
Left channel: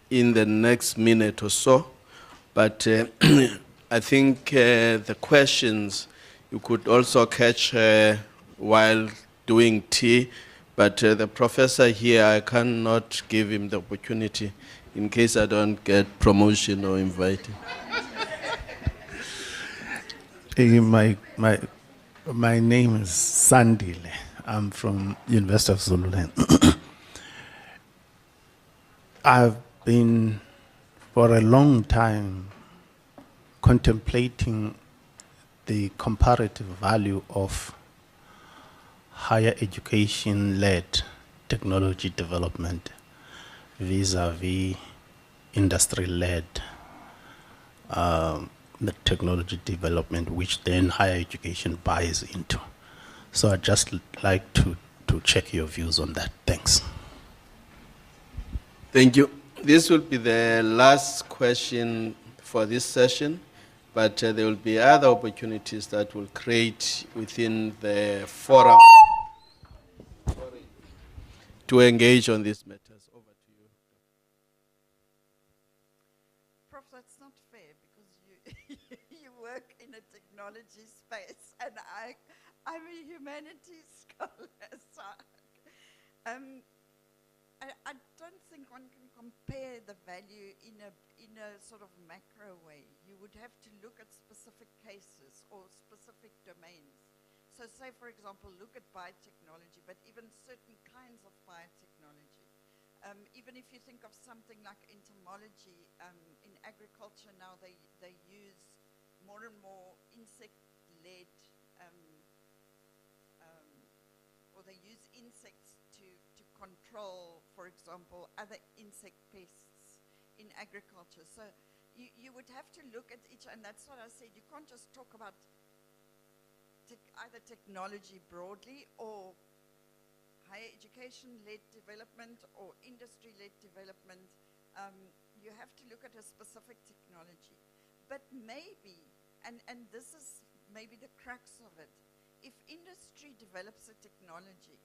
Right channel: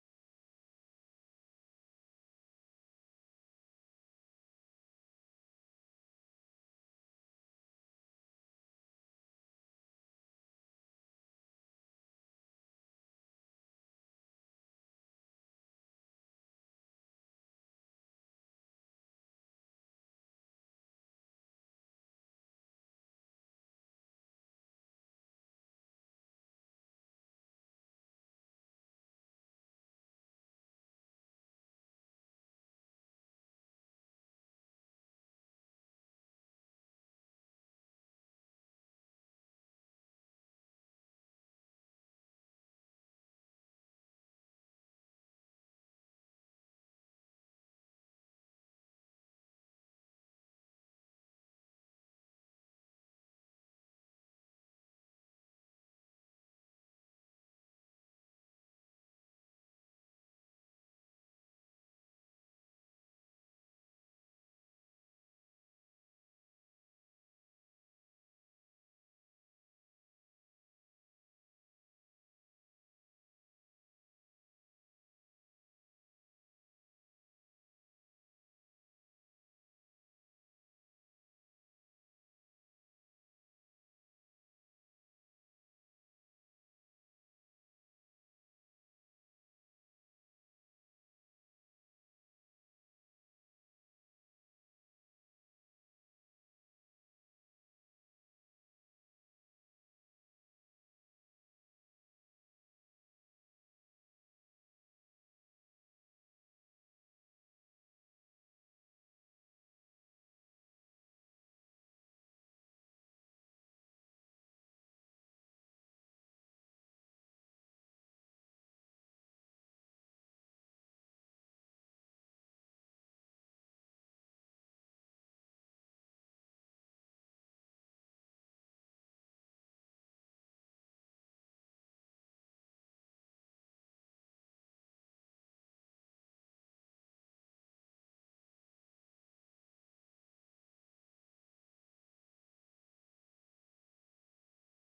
in the next minute or so, but I think the questions you could also catch while doing tea, but the professor here, I cannot give him the opportunity in case I don't get promotion or invited. My name is Sandile. I'm from University of Zululand. I've been for a long time contemplating the comparative value of higher education-led technology development vis-a-vis industry-led the technology development, which then higher education buys into. So I'd just like to check your views on that. Thanks. Thank you. This will be the last question for this session, but there will be other opportunities that will create within the forum to engage on these matters. Over to you. Prof, that's not fair because you work in a technology space and I'm a humanities scholar. So, I don't think one can compare the value in a sort of macro way. You would have to look at specific cases or specific domains. So say, for example, look at biotechnology, but even certain kinds of biotechnology. Even if you think of something like entomology, in agriculture now they use more and more insect-led, or they use insects to control, for example, other insect pests in agriculture. So you would have to look at each, and that's what I said, you can't just talk about either technology broadly or higher education-led development or industry-led development. You have to look at a specific technology. But maybe, and this is maybe the crux of it, if industry develops a technology,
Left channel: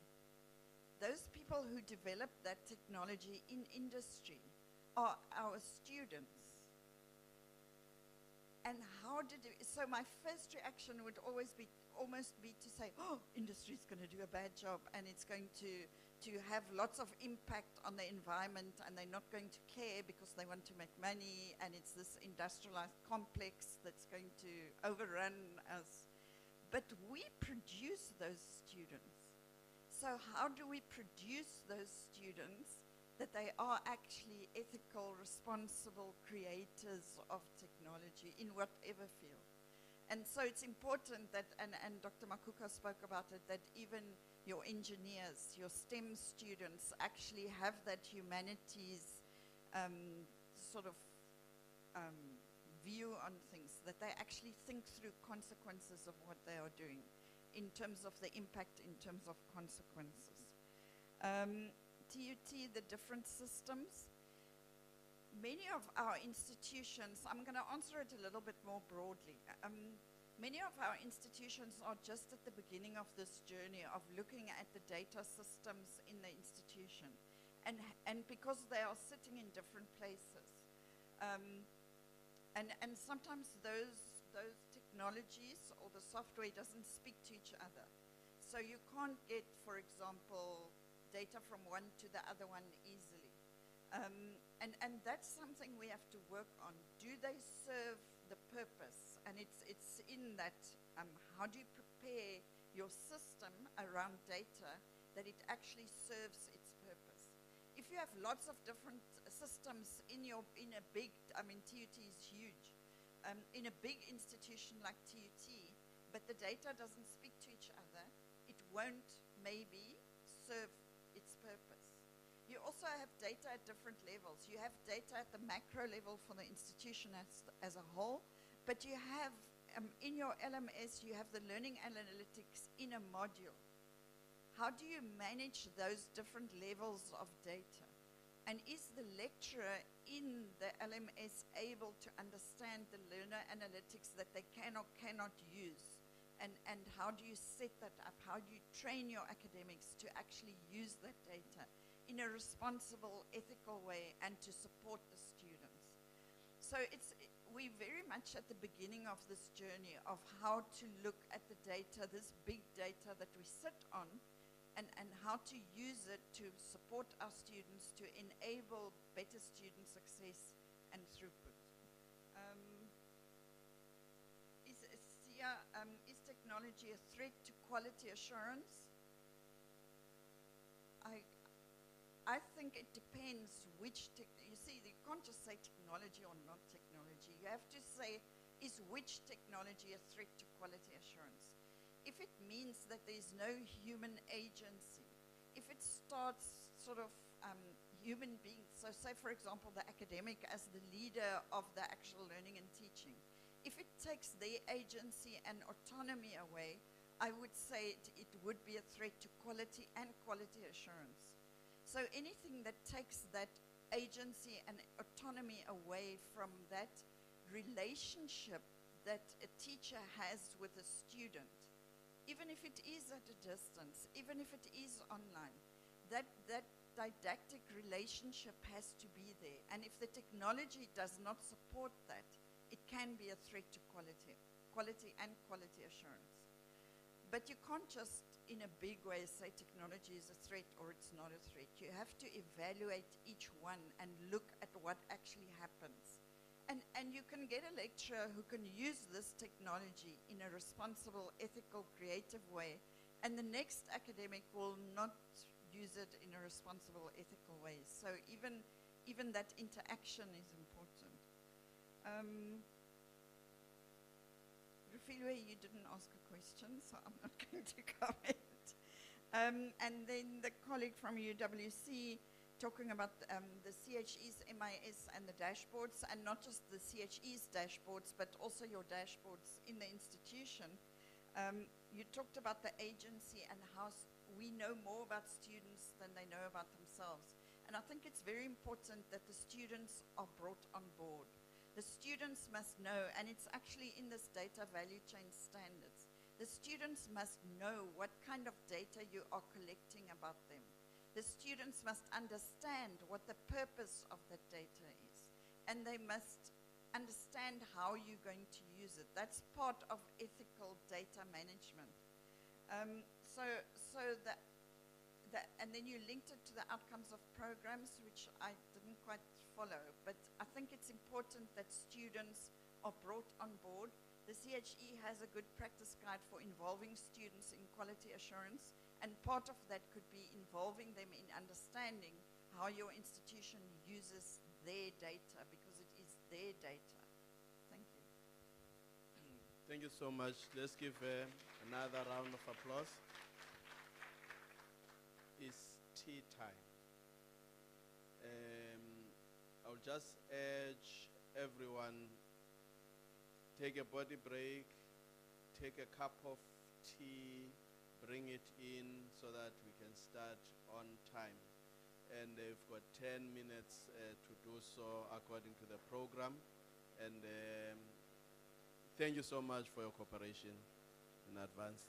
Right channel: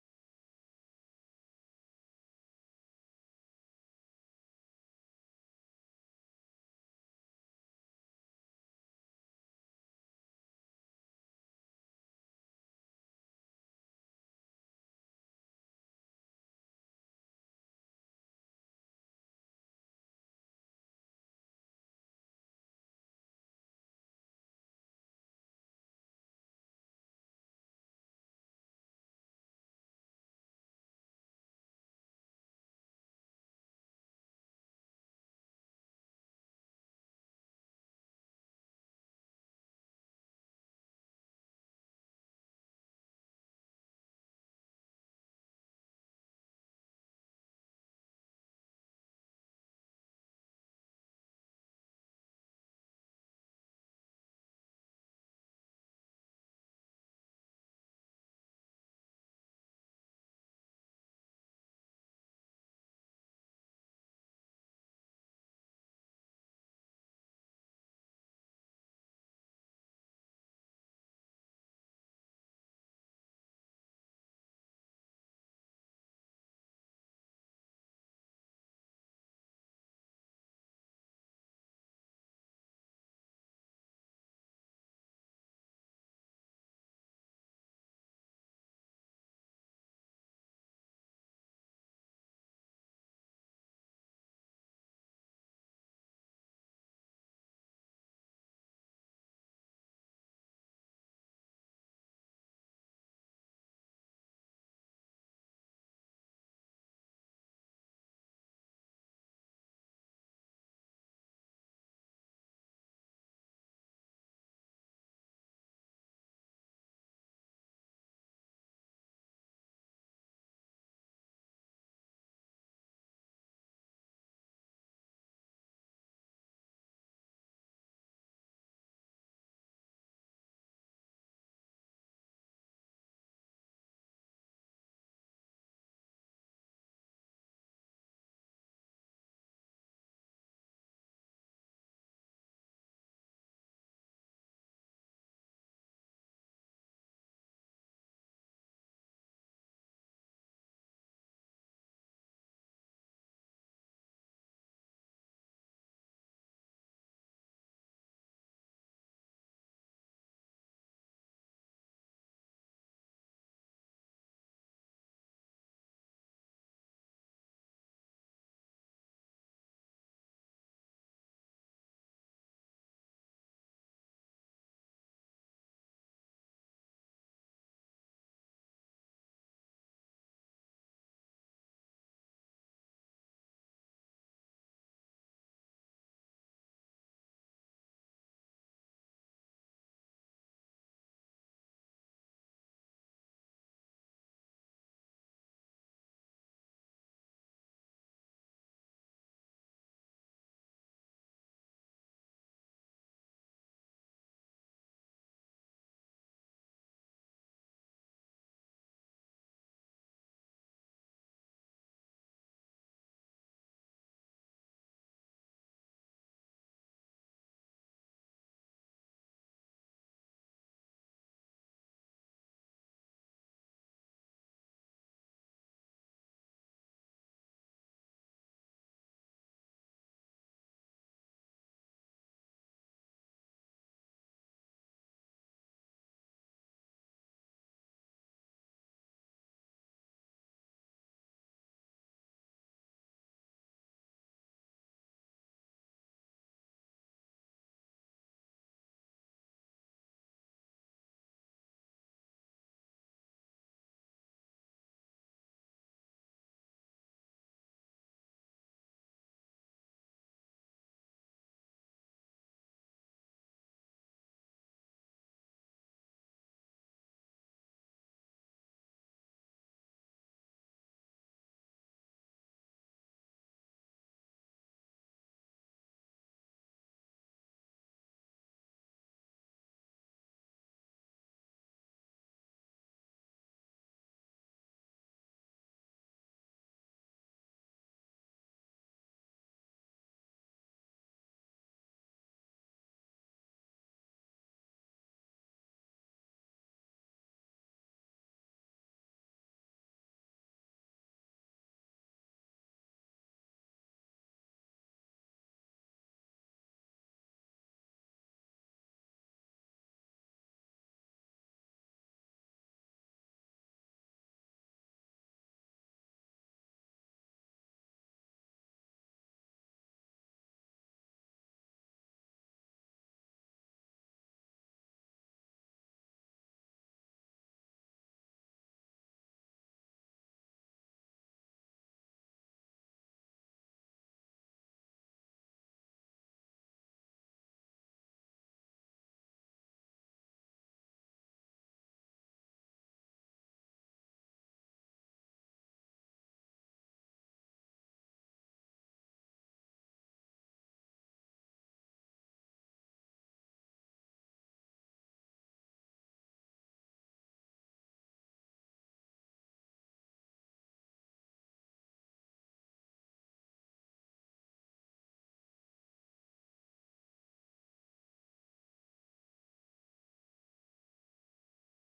those people who develop that technology in industry are our students. And how did it, so my first reaction would almost be to say, oh, industry is going to do a bad job and it's going to have lots of impact on the environment and they're not going to care because they want to make money and it's this industrialized complex that's going to overrun us. But we produce those students. So how do we produce those students that they are actually ethical, responsible creators of technology in whatever field? And so it's important that, and Dr. Makuku spoke about it, that even your engineers, your STEM students actually have that humanities sort of view on things, that they actually think through consequences of what they are doing in terms of the impact, in terms of consequences. TUT, the different systems. Many of our institutions, I'm going to answer it a little bit more broadly. Many of our institutions are just at the beginning of this journey of looking at the data systems in the institution. And because they are sitting in different places. And sometimes those technologies or the software doesn't speak to each other. So you can't get, for example, data from one to the other one easily. And that's something we have to work on. Do they serve the purpose? And it's in that, how do you prepare your system around data that it actually serves its purpose? If you have lots of different systems in a big, I mean, TUT is huge, in a big institution like TUT, but the data doesn't speak to each other, it won't maybe serve its purpose. You also have data at different levels. You have data at the macro level for the institution as a whole, but you have, in your LMS, you have the learning analytics in a module. How do you manage those different levels of data? And is the lecturer in the LMS able to understand the learner analytics that they can or cannot use? And how do you set that up? How do you train your academics to actually use that data in a responsible, ethical way and to support the students? So we're very much at the beginning of this journey of how to look at the data, this big data that we sit on, and how to use it to support our students, to enable better student success and throughput. Is Sia a threat to quality assurance? I think it depends which, you see, you can't just say technology or not technology. You have to say, is which technology a threat to quality assurance? If it means that there's no human agency, if it starts sort of human beings, so say for example the academic as the leader of the actual learning and teaching, if it takes their agency and autonomy away, I would say it would be a threat to quality and quality assurance. So anything that takes that agency and autonomy away from that relationship that a teacher has with a student, even if it is at a distance, even if it is online, that didactic relationship has to be there. And if the technology does not support that, it can be a threat to quality and quality assurance. But you can't just, in a big way, say technology is a threat or it's not a threat. You have to evaluate each one and look at what actually happens. And you can get a lecturer who can use this technology in a responsible, ethical, creative way, and the next academic will not use it in a responsible, ethical way. So even that interaction is important. Rufilwe, you didn't ask a question, so I'm not going to comment. And then the colleague from UWC talking about the CHE's MIS and the dashboards, and not just the CHE's dashboards, but also your dashboards in the institution. You talked about the agency and how we know more about students than they know about themselves. And I think it's very important that the students are brought on board. The students must know, and it's actually in this data value chain standards, the students must know what kind of data you are collecting about them. The students must understand what the purpose of that data is, and they must understand how you're going to use it. That's part of ethical data management. And then you linked it to the outcomes of programs, which I didn't quite follow, but I think it's important that students are brought on board. The CHE has a good practice guide for involving students in quality assurance, and part of that could be involving them in understanding how your institution uses their data, because it is their data. Thank you. Thank you so much. Let's give another round of applause. It's tea time. I'll just urge everyone, take a body break, take a cup of tea, bring it in so that we can start on time. And they've got 10 minutes to do so according to the program. And thank you so much for your cooperation in advance.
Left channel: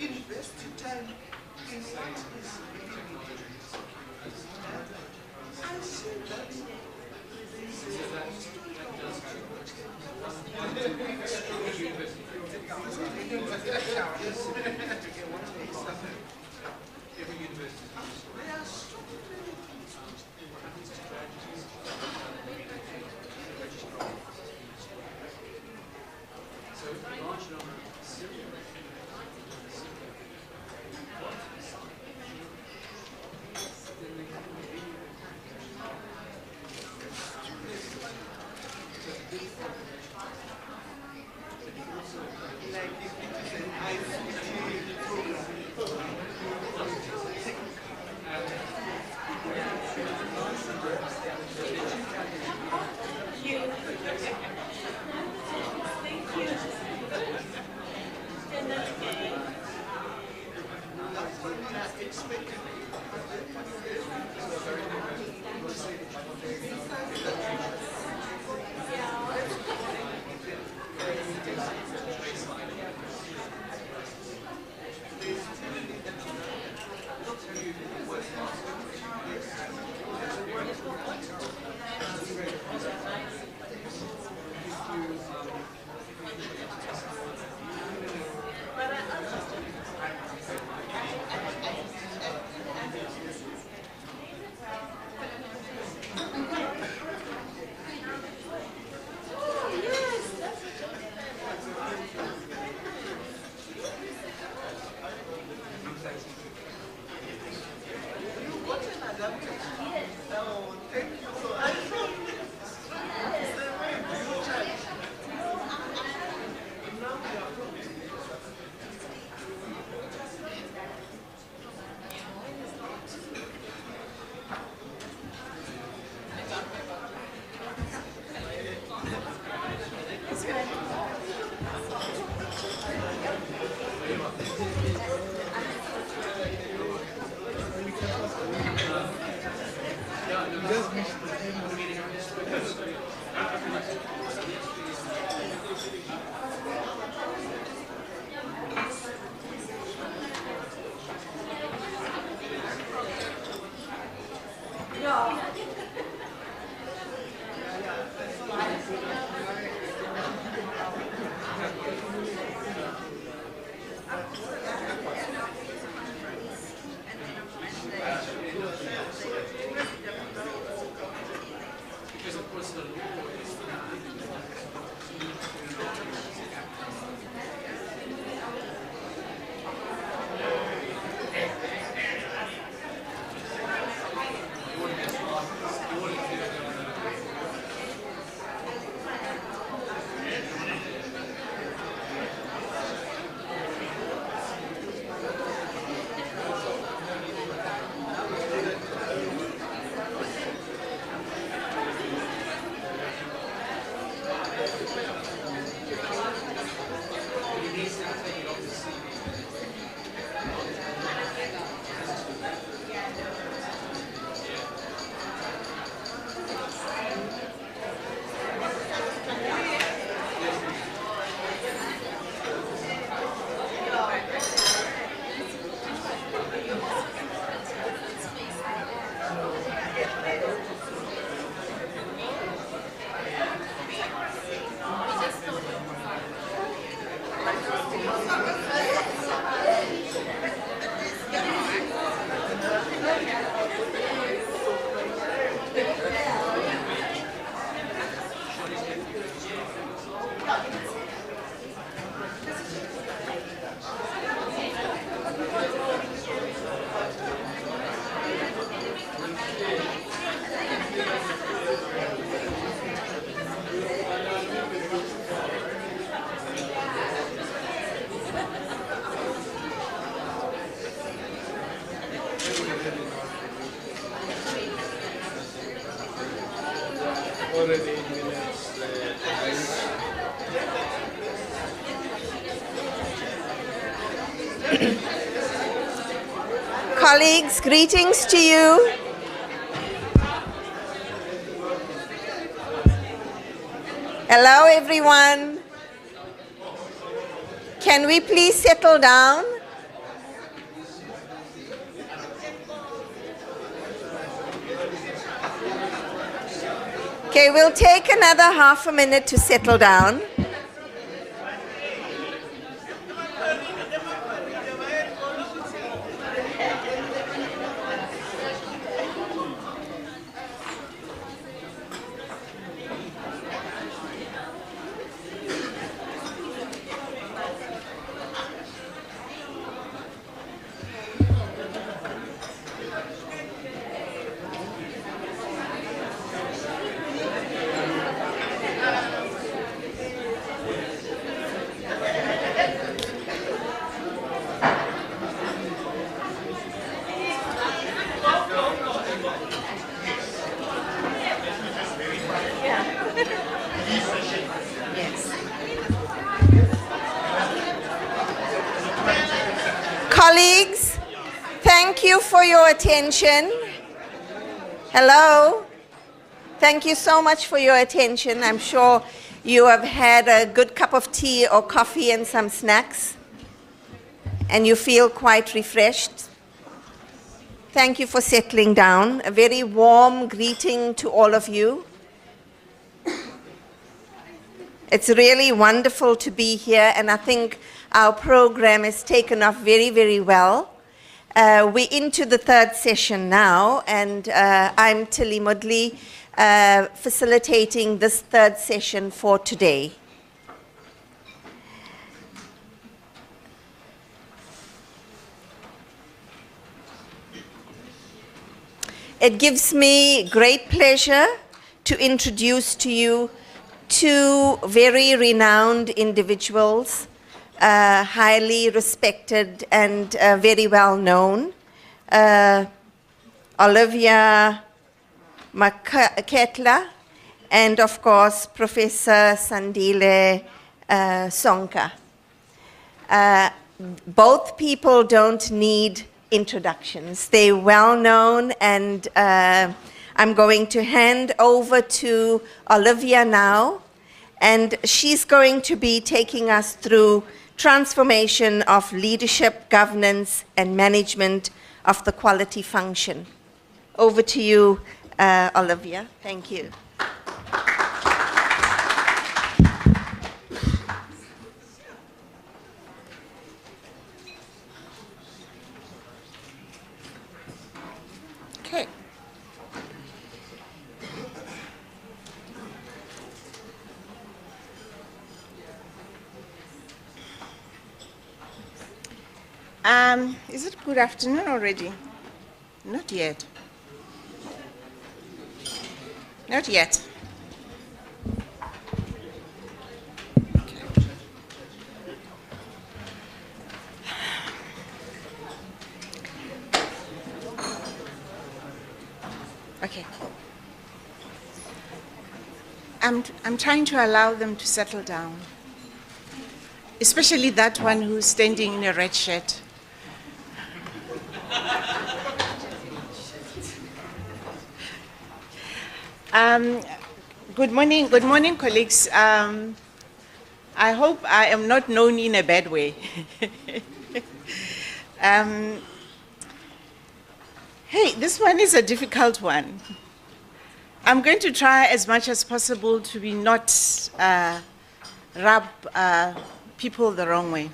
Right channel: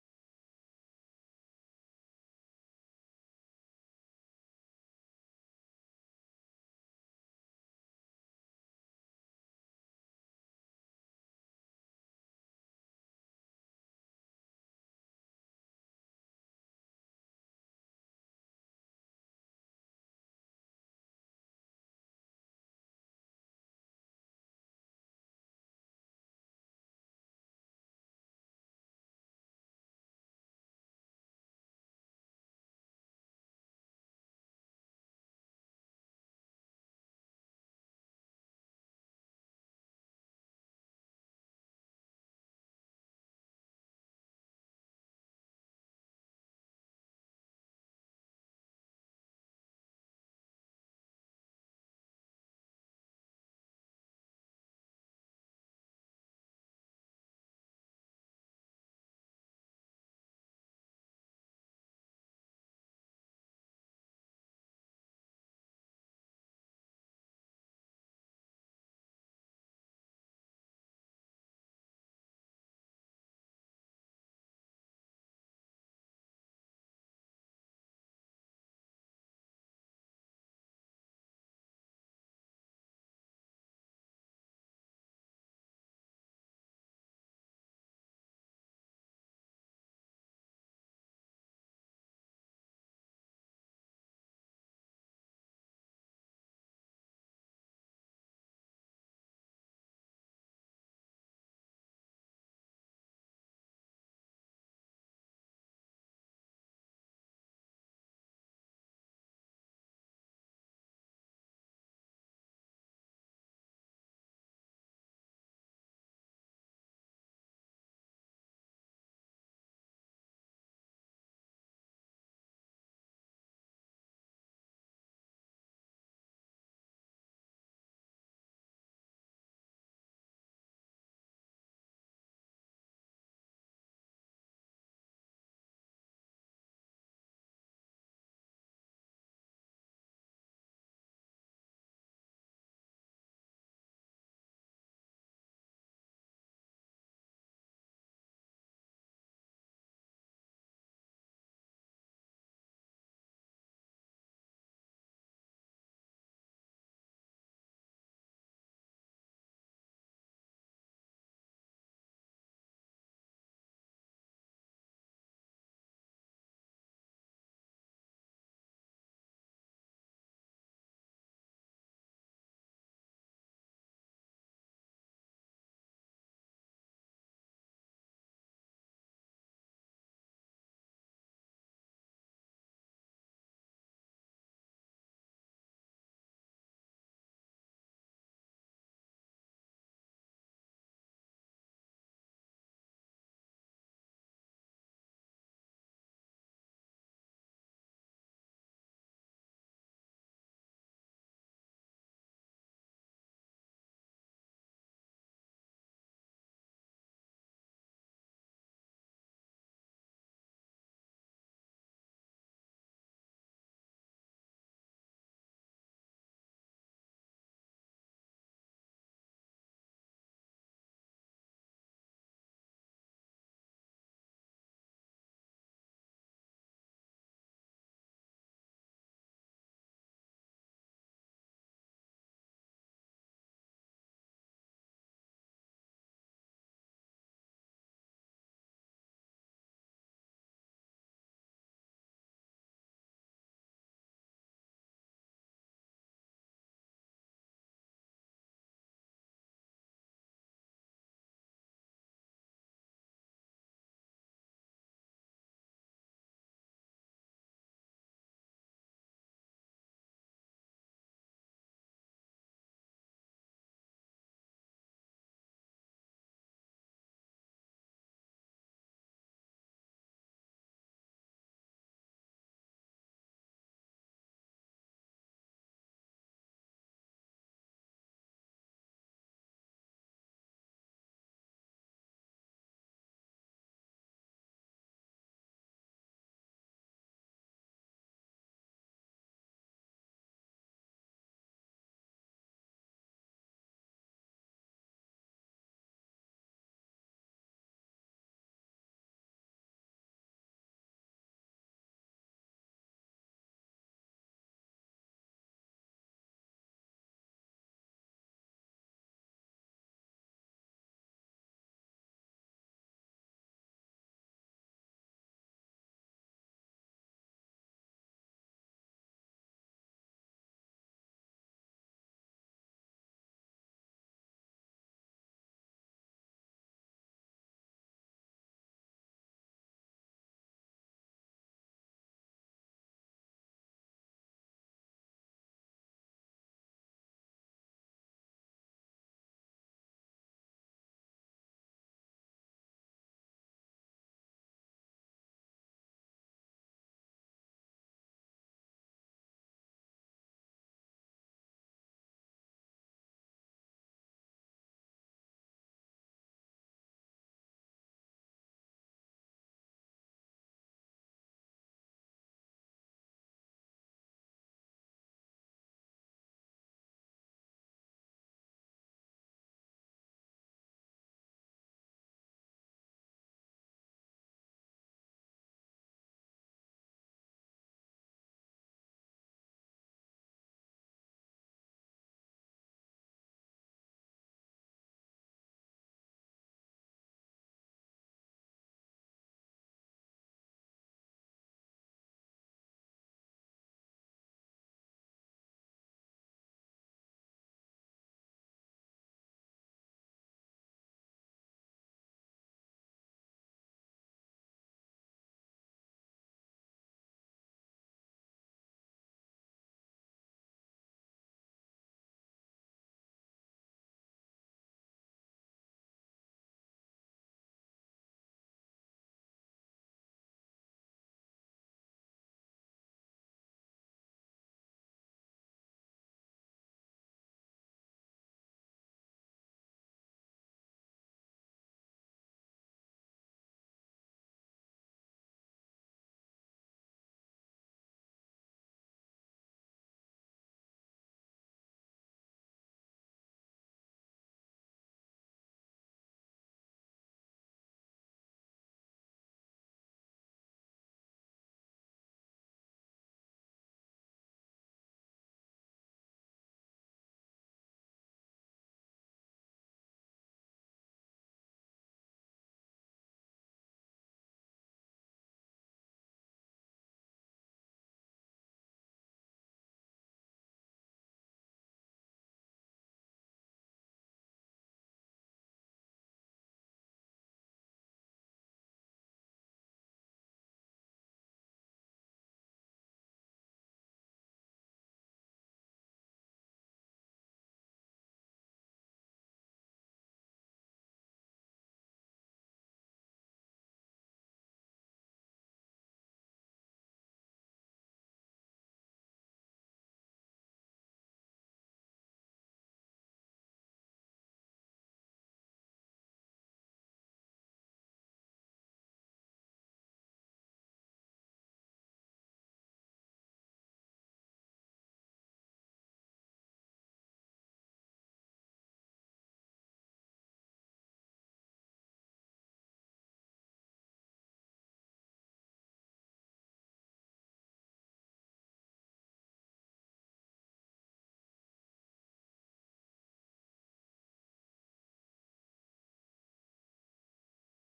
invest your time in what is really needed. I see that Colleagues, greetings to you. Hello, everyone. Can we please settle down? Okay, we'll take another half a minute to settle down. Colleagues, thank you for your attention. Hello. Thank you so much for your attention. I'm sure you have had a good cup of tea or coffee and some snacks, and you feel quite refreshed. Thank you for settling down. A very warm greeting to all of you. It's really wonderful to be here, and I think our program has taken off very, very well. We're into the third session now, and I'm Tilly Mudley, facilitating this third session for today. It gives me great pleasure to introduce to you two very renowned individuals, highly respected and very well known. Olivia Mokgatle and of course Professor Sandile Sonka. Both people don't need introductions. They're well known, and I'm going to hand over to Olivia now, and she's going to be taking us through transformation of leadership, governance, and management of the quality function. Over to you, Olivia. Thank you. Okay. Is it good afternoon already? Not yet. Not yet. Okay. I'm trying to allow them to settle down, especially that one who's standing in a red shirt. Good morning, colleagues. I hope I am not known in a bad way. Hey, this one is a difficult one. I'm going to try as much as possible to be not rub people the wrong way,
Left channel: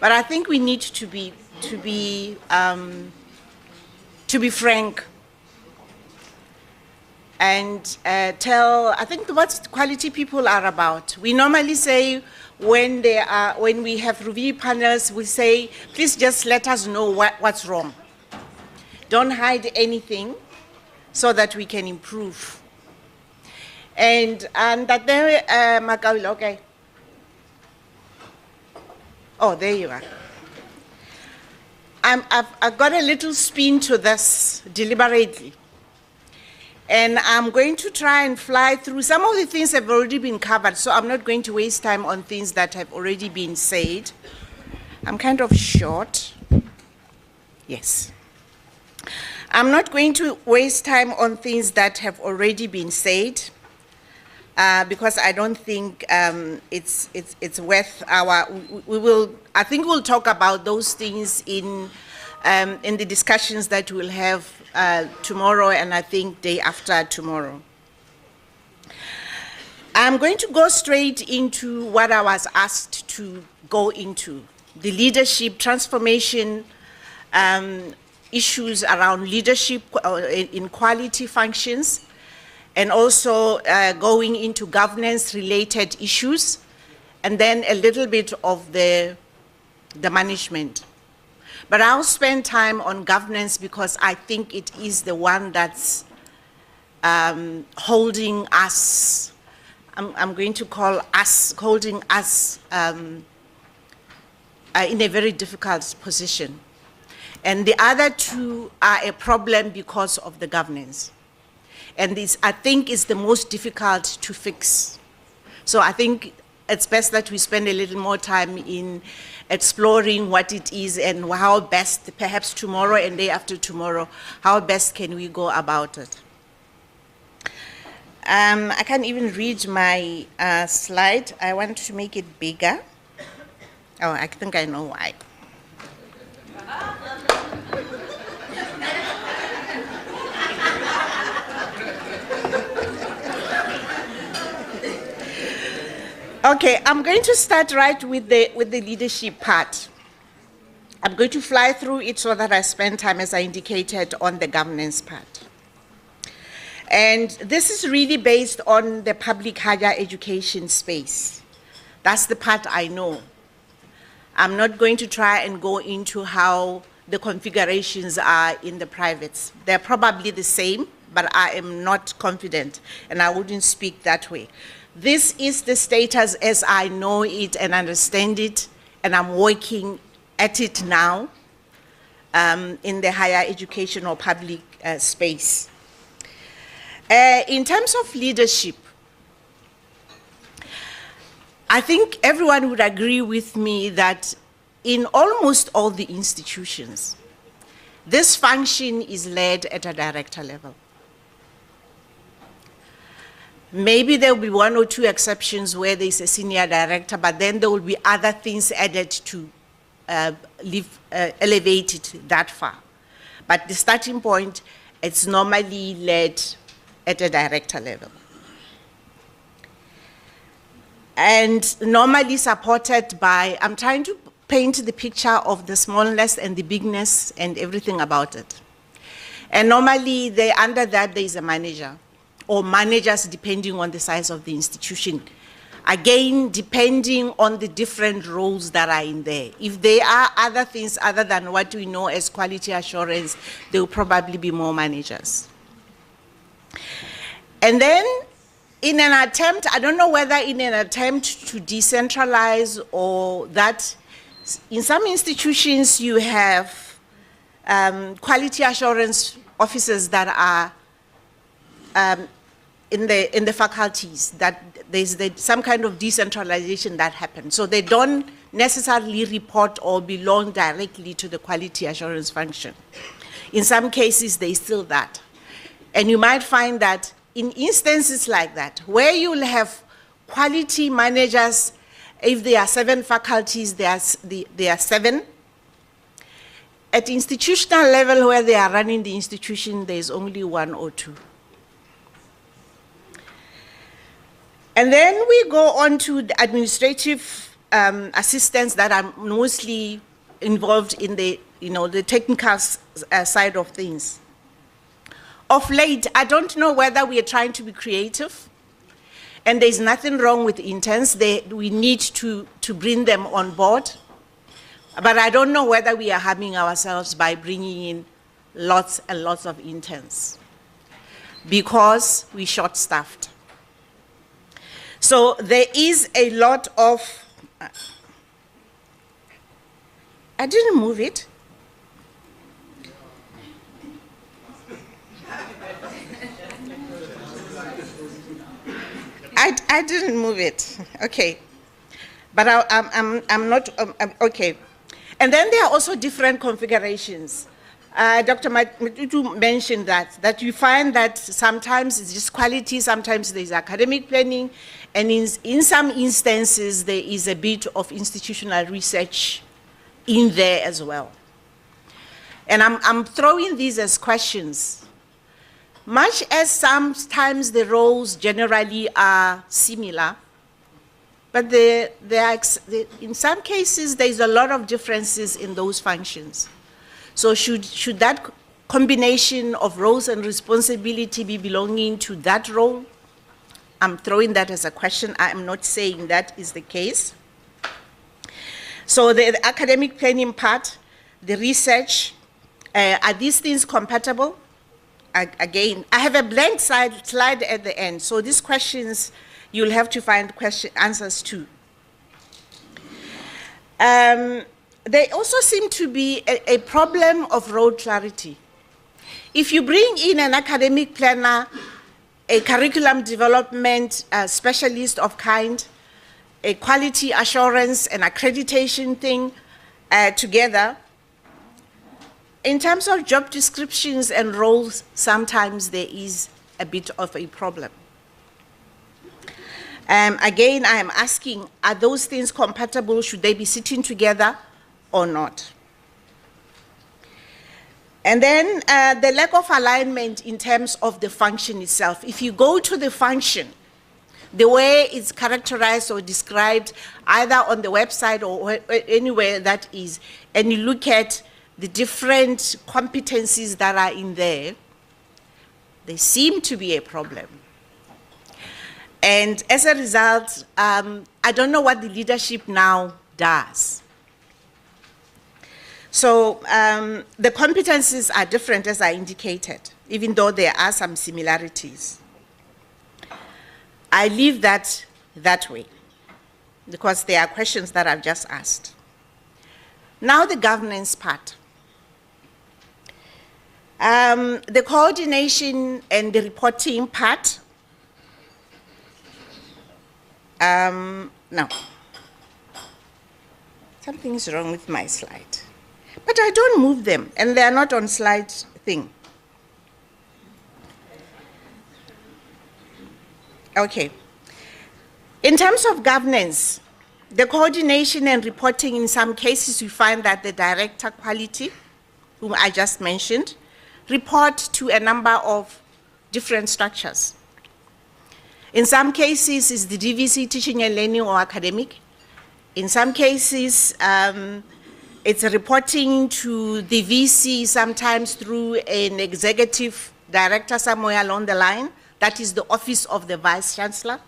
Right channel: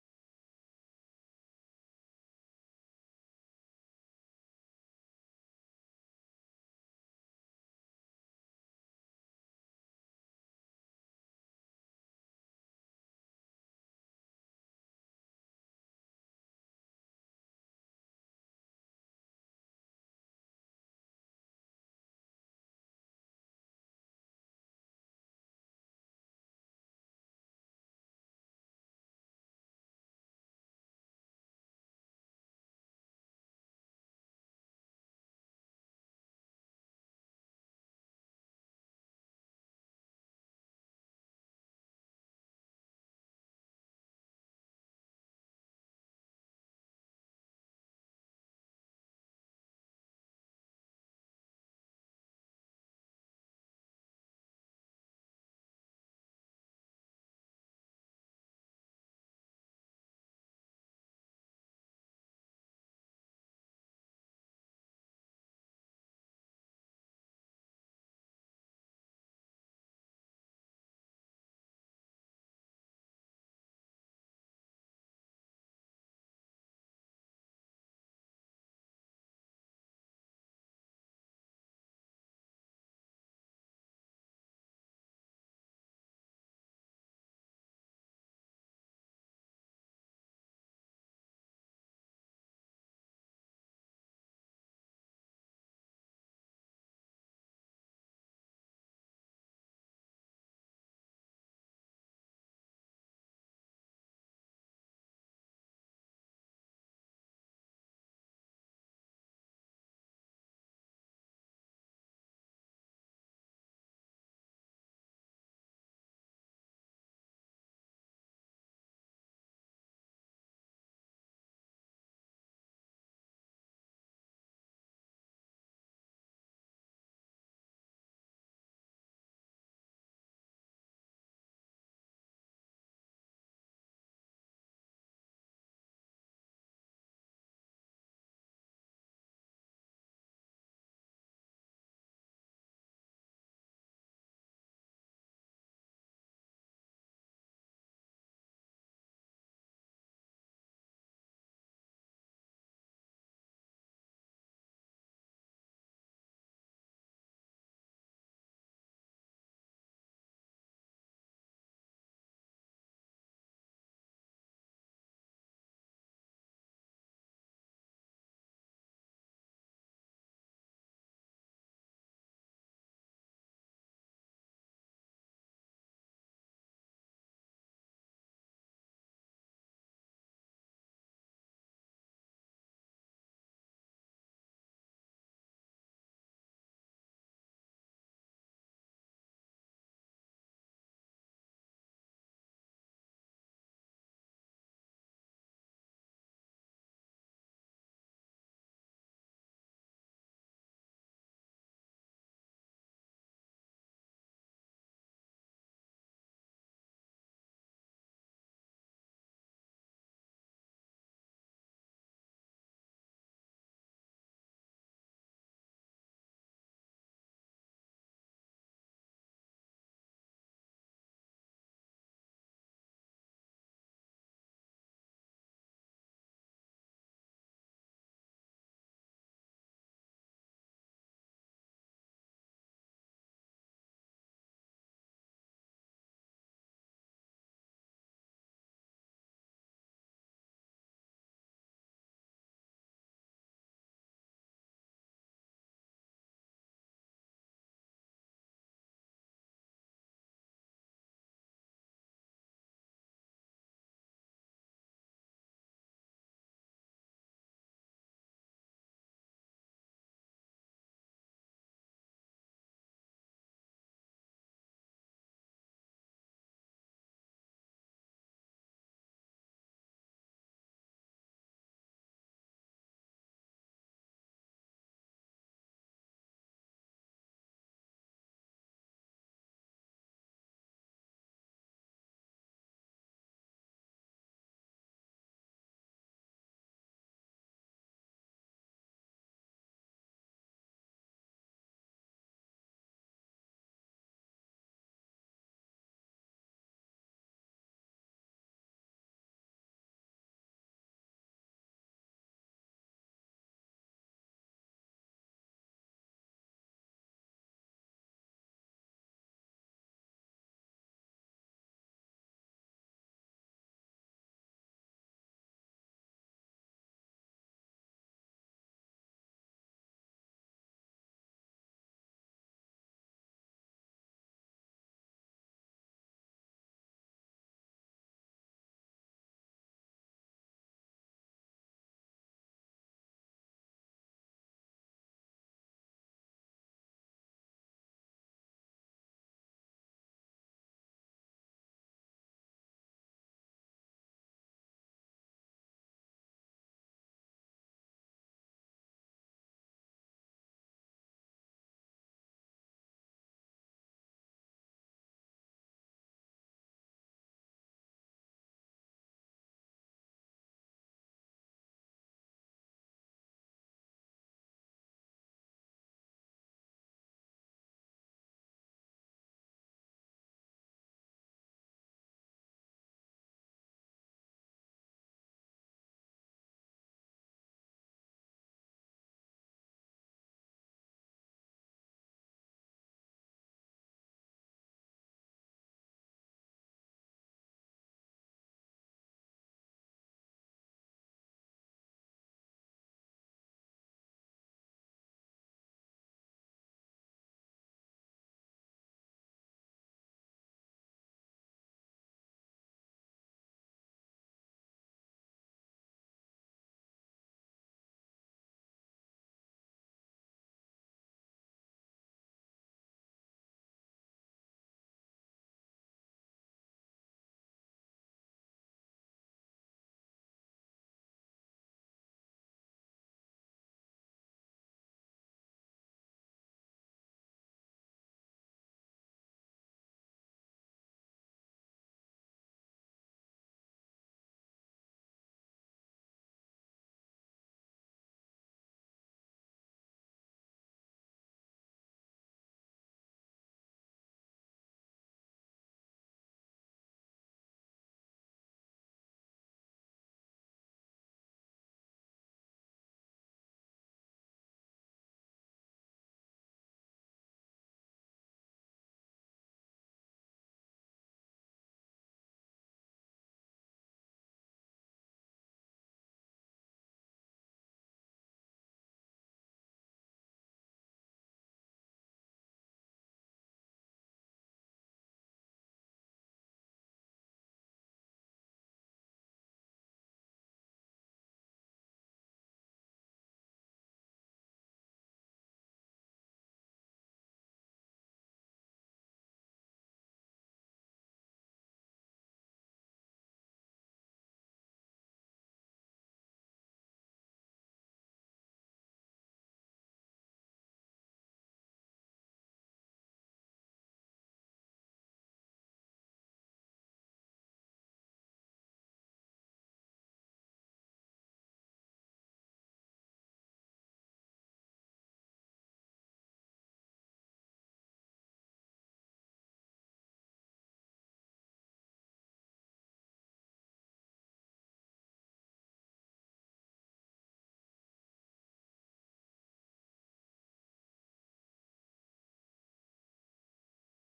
but I think we need to be frank and tell, I think, what quality people are about. We normally say when we have review panels, we say, please just let us know what's wrong. Don't hide anything so that we can improve. And that there, Makaula, okay. Oh, there you are. I've got a little spin to this deliberately. And I'm going to try and fly through. Some of the things have already been covered, so I'm not going to waste time on things that have already been said. I'm kind of short. Yes. I'm not going to waste time on things that have already been said, because I don't think it's worth our. I think we'll talk about those things in the discussions that we'll have tomorrow, and I think day after tomorrow. I'm going to go straight into what I was asked to go into, the leadership transformation, issues around leadership in quality functions, and also going into governance-related issues, and then a little bit of the management. But I'll spend time on governance because I think it is the one that's holding us, I'm going to call us, holding us in a very difficult position. And the other two are a problem because of the governance. And this, I think, is the most difficult to fix. So I think it's best that we spend a little more time in exploring what it is and how best, perhaps tomorrow and day after tomorrow, how best can we go about it. I can't even read my slide. I want to make it bigger. Oh, I think I know why. Okay, I'm going to start right with the leadership part. I'm going to fly through it so that I spend time, as I indicated, on the governance part. And this is really based on the public higher education space. That's the part I know. I'm not going to try and go into how the configurations are in the privates. They're probably the same, but I am not confident, and I wouldn't speak that way. This is the status as I know it and understand it, and I'm working at it now in the higher education or public space. In terms of leadership, I think everyone would agree with me that in almost all the institutions, this function is led at a director level. Maybe there will be one or two exceptions where there's a senior director, but then there will be other things added to elevate it that far. But the starting point, it's normally led at a director level. And normally supported by, I'm trying to paint the picture of the smallness and the bigness and everything about it. And normally, under that, there is a manager, or managers depending on the size of the institution. Again, depending on the different roles that are in there. If there are other things other than what we know as quality assurance, there will probably be more managers. And then, in an attempt, I don't know whether in an attempt to decentralize or that, in some institutions you have quality assurance officers that are in the faculties, that there's some kind of decentralization that happens. So they don't necessarily report or belong directly to the quality assurance function. In some cases, there's still that. And you might find that in instances like that, where you'll have quality managers, if there are 7 faculties, there are 7. At institutional level, where they are running the institution, there's only 1 or 2. And then we go on to the administrative assistants that are mostly involved in the, the technical side of things. Of late, I don't know whether we are trying to be creative, and there's nothing wrong with interns. We need to bring them on board, but I don't know whether we are harming ourselves by bringing in lots and lots of interns, because we're short-staffed. So there is a lot of, I didn't move it. I didn't move it, okay. But I'm not, okay. And then there are also different configurations. Dr. Matutu mentioned that you find that sometimes it's just quality, sometimes there's academic planning, and in some instances there is a bit of institutional research in there as well. And I'm throwing these as questions much as sometimes the roles generally are similar, but in some cases, there's a lot of differences in those functions. So should that combination of roles and responsibility be belonging to that role? I'm throwing that as a question. I am not saying that is the case. So the academic planning part, the research, are these things compatible? Again, I have a blank slide at the end. So these questions, you'll have to find answers to. There also seem to be a problem of role clarity. If you bring in an academic planner, a curriculum development specialist of kind, a quality assurance and accreditation thing together, in terms of job descriptions and roles, sometimes there is a bit of a problem. Again, I am asking, are those things compatible? Should they be sitting together or not? And then the lack of alignment in terms of the function itself. If you go to the function, the way it's characterized or described, either on the website or anywhere that is, and you look at the different competencies that are in there, they seem to be a problem. And as a result, I don't know what the leadership now does. So the competencies are different, as I indicated, even though there are some similarities. I leave that way, because there are questions that I've just asked. Now the governance part. The coordination and the reporting part. No. Something is wrong with my slide. But I don't move them, and they are not on slide thing. Okay. In terms of governance, the coordination and reporting, in some cases, we find that the director quality, whom I just mentioned, report to a number of different structures. In some cases, it's the DVC, teaching and learning or academic. In some cases, it's reporting to the VC, sometimes through an executive director somewhere along the line. That is the office of the Vice-Chancellor.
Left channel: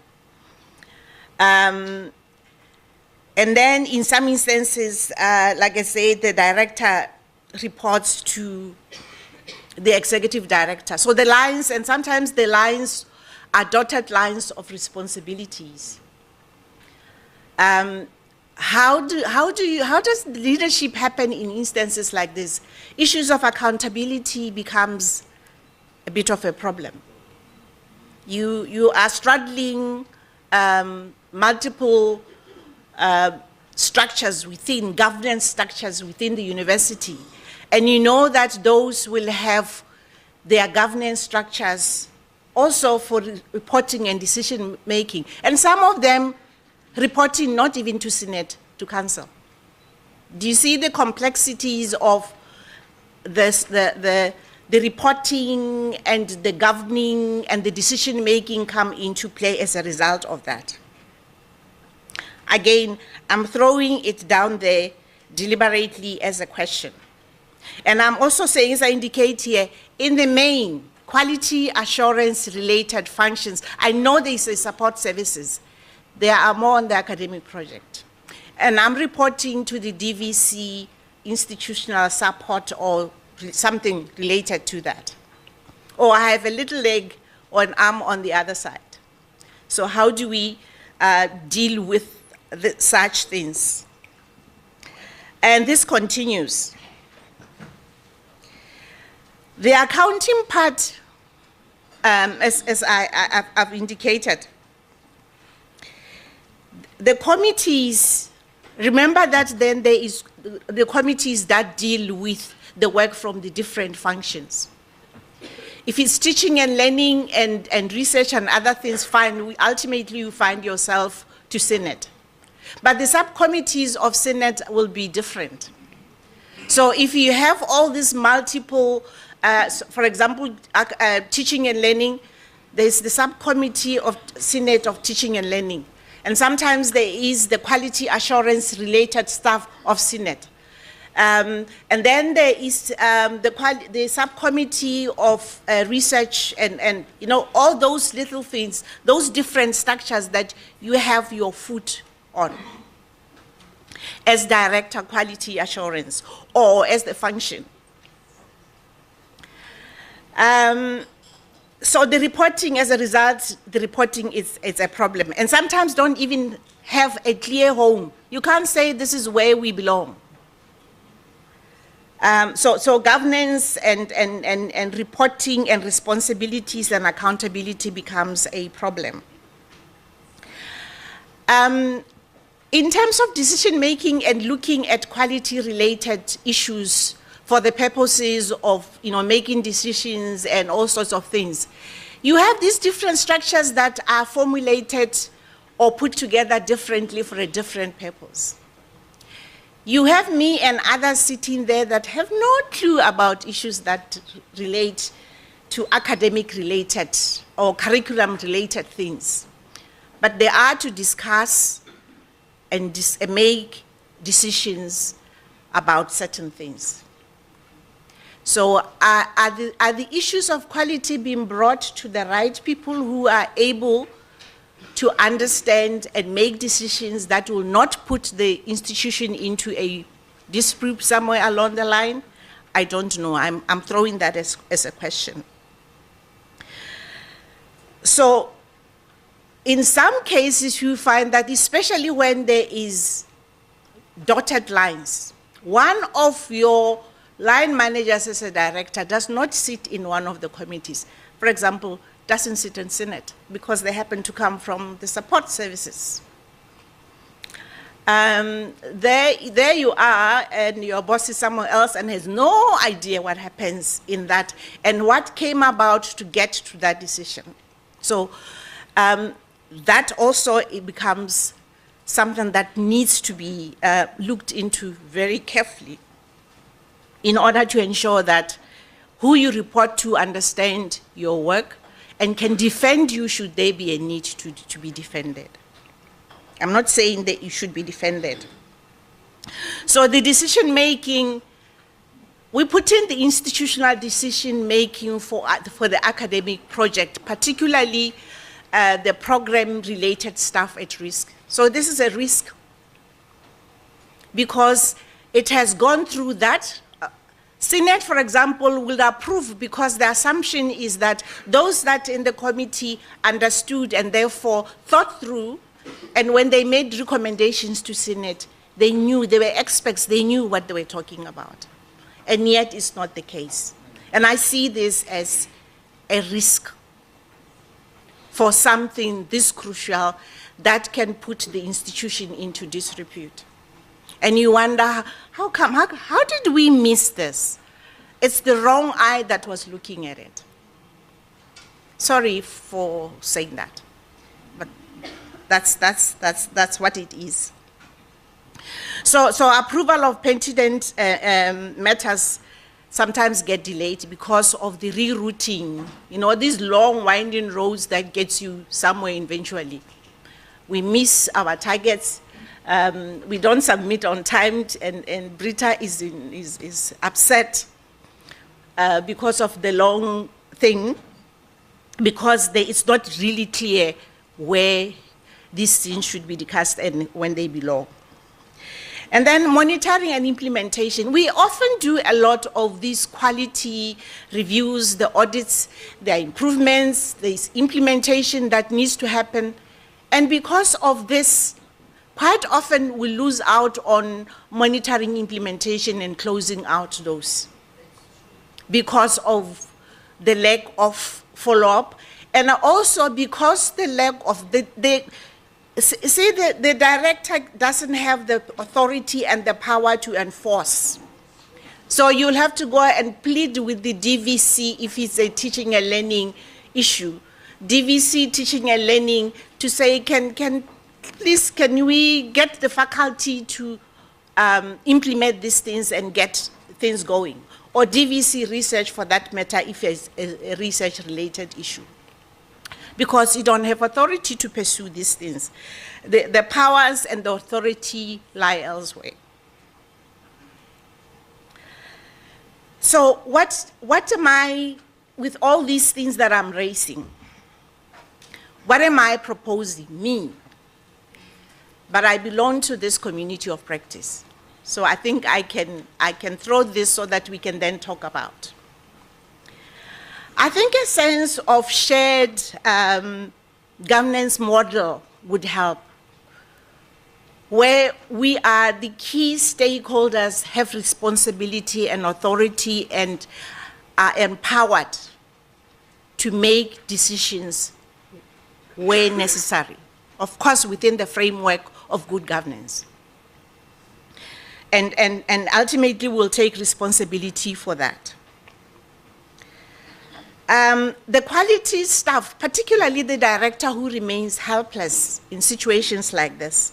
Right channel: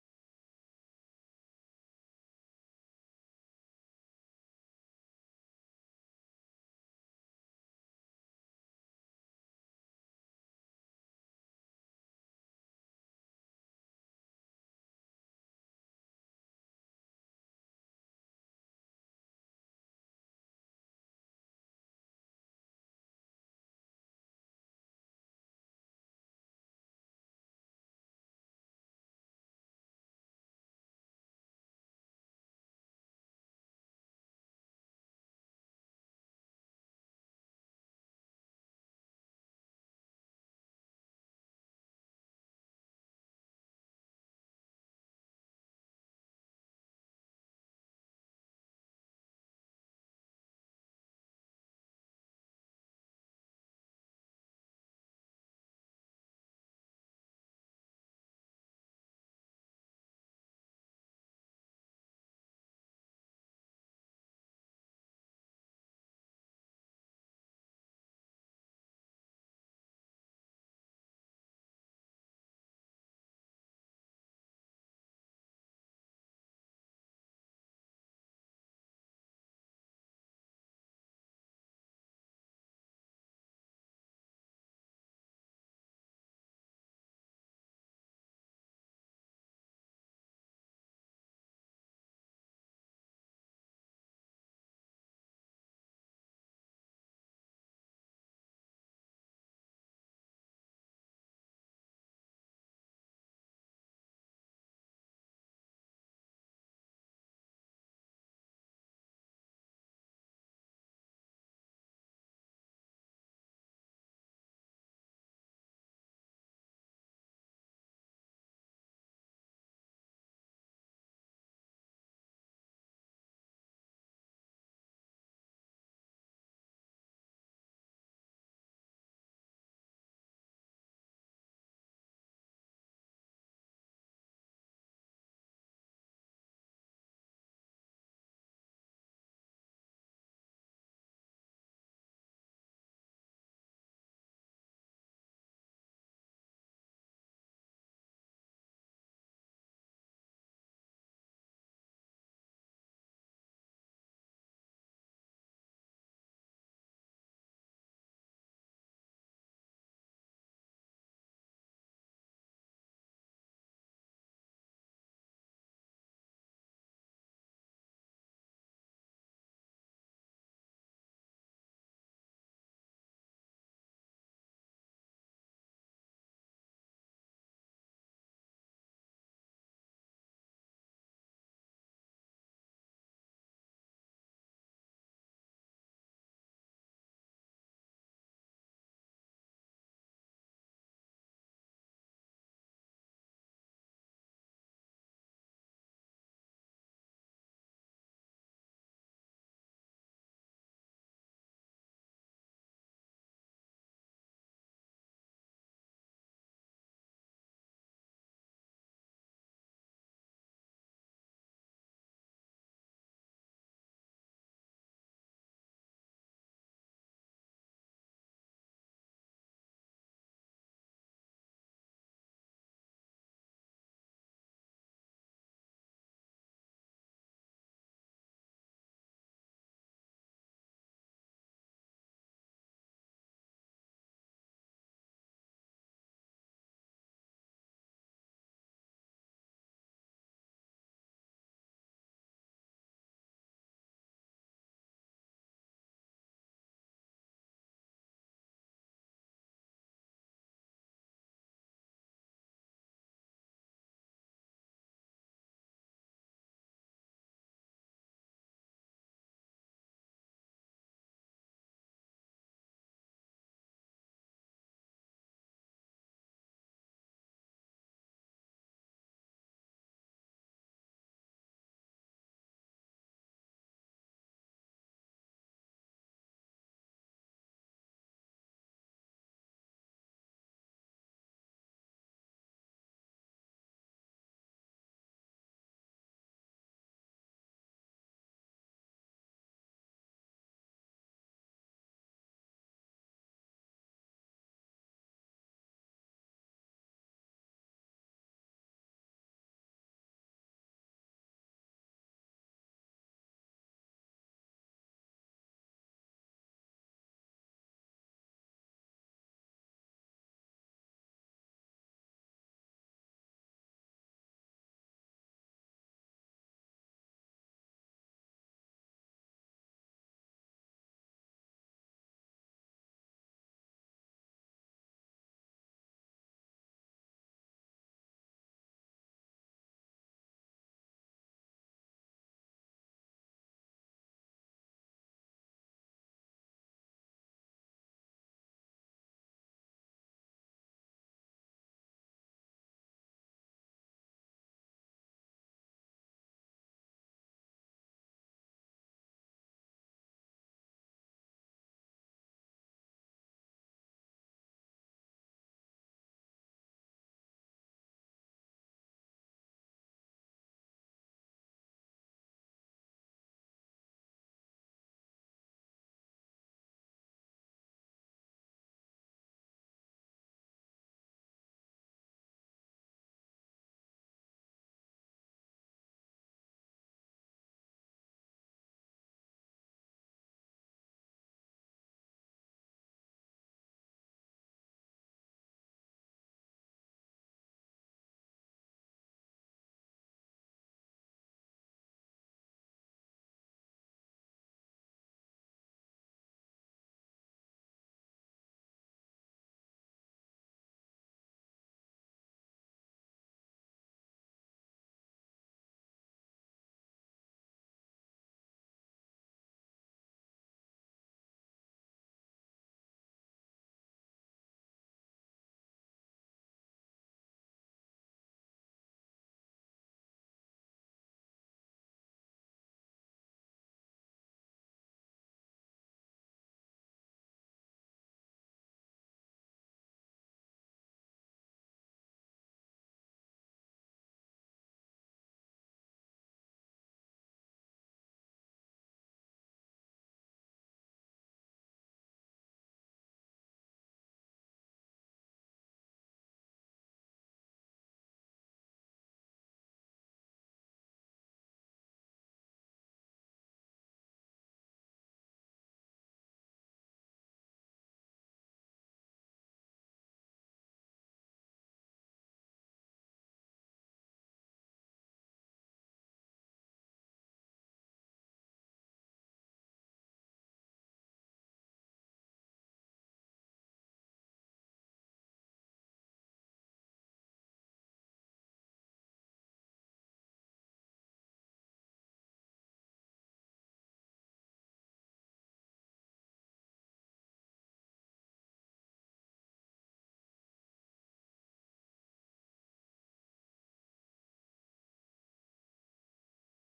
And then in some instances, like I said, the director reports to the executive director. So the lines, and sometimes the lines are dotted lines of responsibilities. How does leadership happen in instances like this? Issues of accountability becomes a bit of a problem. You are straddling multiple structures within, governance structures within the university. And you know that those will have their governance structures also for reporting and decision making. And some of them reporting not even to Senate, to Council. Do you see the complexities of this, the reporting and the governing and the decision making come into play as a result of that? Again, I'm throwing it down there deliberately as a question. And I'm also saying, as I indicate here, in the main, quality assurance related functions, I know there's a support services. There are more on the academic project. And I'm reporting to the DVC institutional support or something related to that. Or I have a little leg or an arm on the other side. So how do we deal with such things? And this continues. The accounting part, as I've indicated, the committees, remember that then there is the committees that deal with the work from the different functions. If it's teaching and learning and research and other things, fine, ultimately you find yourself to Senate. But the subcommittees of Senate will be different. So if you have all these multiple, for example, teaching and learning, there's the subcommittee of Senate of Teaching and Learning. And sometimes there is the quality assurance related staff of Senate. And then there is the subcommittee of research and you know, all those little things, those different structures that you have your foot on as director quality assurance or as the function. So the reporting, as a result, the reporting is a problem. And sometimes don't even have a clear home. You can't say this is where we belong. So governance and reporting and responsibilities and accountability becomes a problem. In terms of decision making and looking at quality related issues for the purposes of making decisions and all sorts of things, you have these different structures that are formulated or put together differently for a different purpose. You have me and others sitting there that have no clue about issues that relate to academic-related or curriculum-related things. But they are to discuss and make decisions about certain things. So are the issues of quality being brought to the right people who are able to understand and make decisions that will not put the institution into a dispute somewhere along the line? I don't know. I'm throwing that as a question. So in some cases, you find that especially when there is dotted lines, one of your line managers as a director does not sit in one of the committees. For example, doesn't sit in Senate because they happen to come from the support services. There you are, and your boss is somewhere else and has no idea what happens in that and what came about to get to that decision. So that also it becomes something that needs to be looked into very carefully in order to ensure that who you report to understand your work and can defend you should there be a need to be defended. I'm not saying that you should be defended. So the decision making, we put in the institutional decision making for the academic project, particularly the program related staff at risk. So this is a risk because it has gone through that. Senate, for example, will approve because the assumption is that those that in the committee understood and therefore thought through, and when they made recommendations to Senate, they knew, they were experts, they knew what they were talking about. And yet it's not the case. And I see this as a risk for something this crucial that can put the institution into disrepute. And you wonder, how come, how did we miss this? It's the wrong eye that was looking at it. Sorry for saying that, but that's what it is. So approval of pertinent matters sometimes get delayed because of the rerouting, these long winding roads that gets you somewhere eventually. We miss our targets. We don't submit on time, and Britta is upset because of the long thing, because it's not really clear where these things should be discussed and when they belong. And then monitoring and implementation. We often do a lot of these quality reviews, the audits, there are improvements, there's implementation that needs to happen. And because of this, quite often we lose out on monitoring implementation and closing out those because of the lack of follow-up, and also because the lack of the director doesn't have the authority and the power to enforce. So you'll have to go and plead with the DVC if it's a teaching and learning issue. DVC teaching and learning to say, please, can we get the faculty to implement these things and get things going, or DVC research for that matter if it's a research-related issue. Because you don't have authority to pursue these things. The powers and the authority lie elsewhere. So what am I, with all these things that I'm raising, what am I proposing? Me. But I belong to this community of practice. So I think I can throw this so that we can then talk about. I think a sense of shared governance model would help, where we are the key stakeholders, have responsibility and authority and are empowered to make decisions where necessary, of course within the framework of good governance. And ultimately we'll take responsibility for that. The quality staff, particularly the director who remains helpless in situations like this,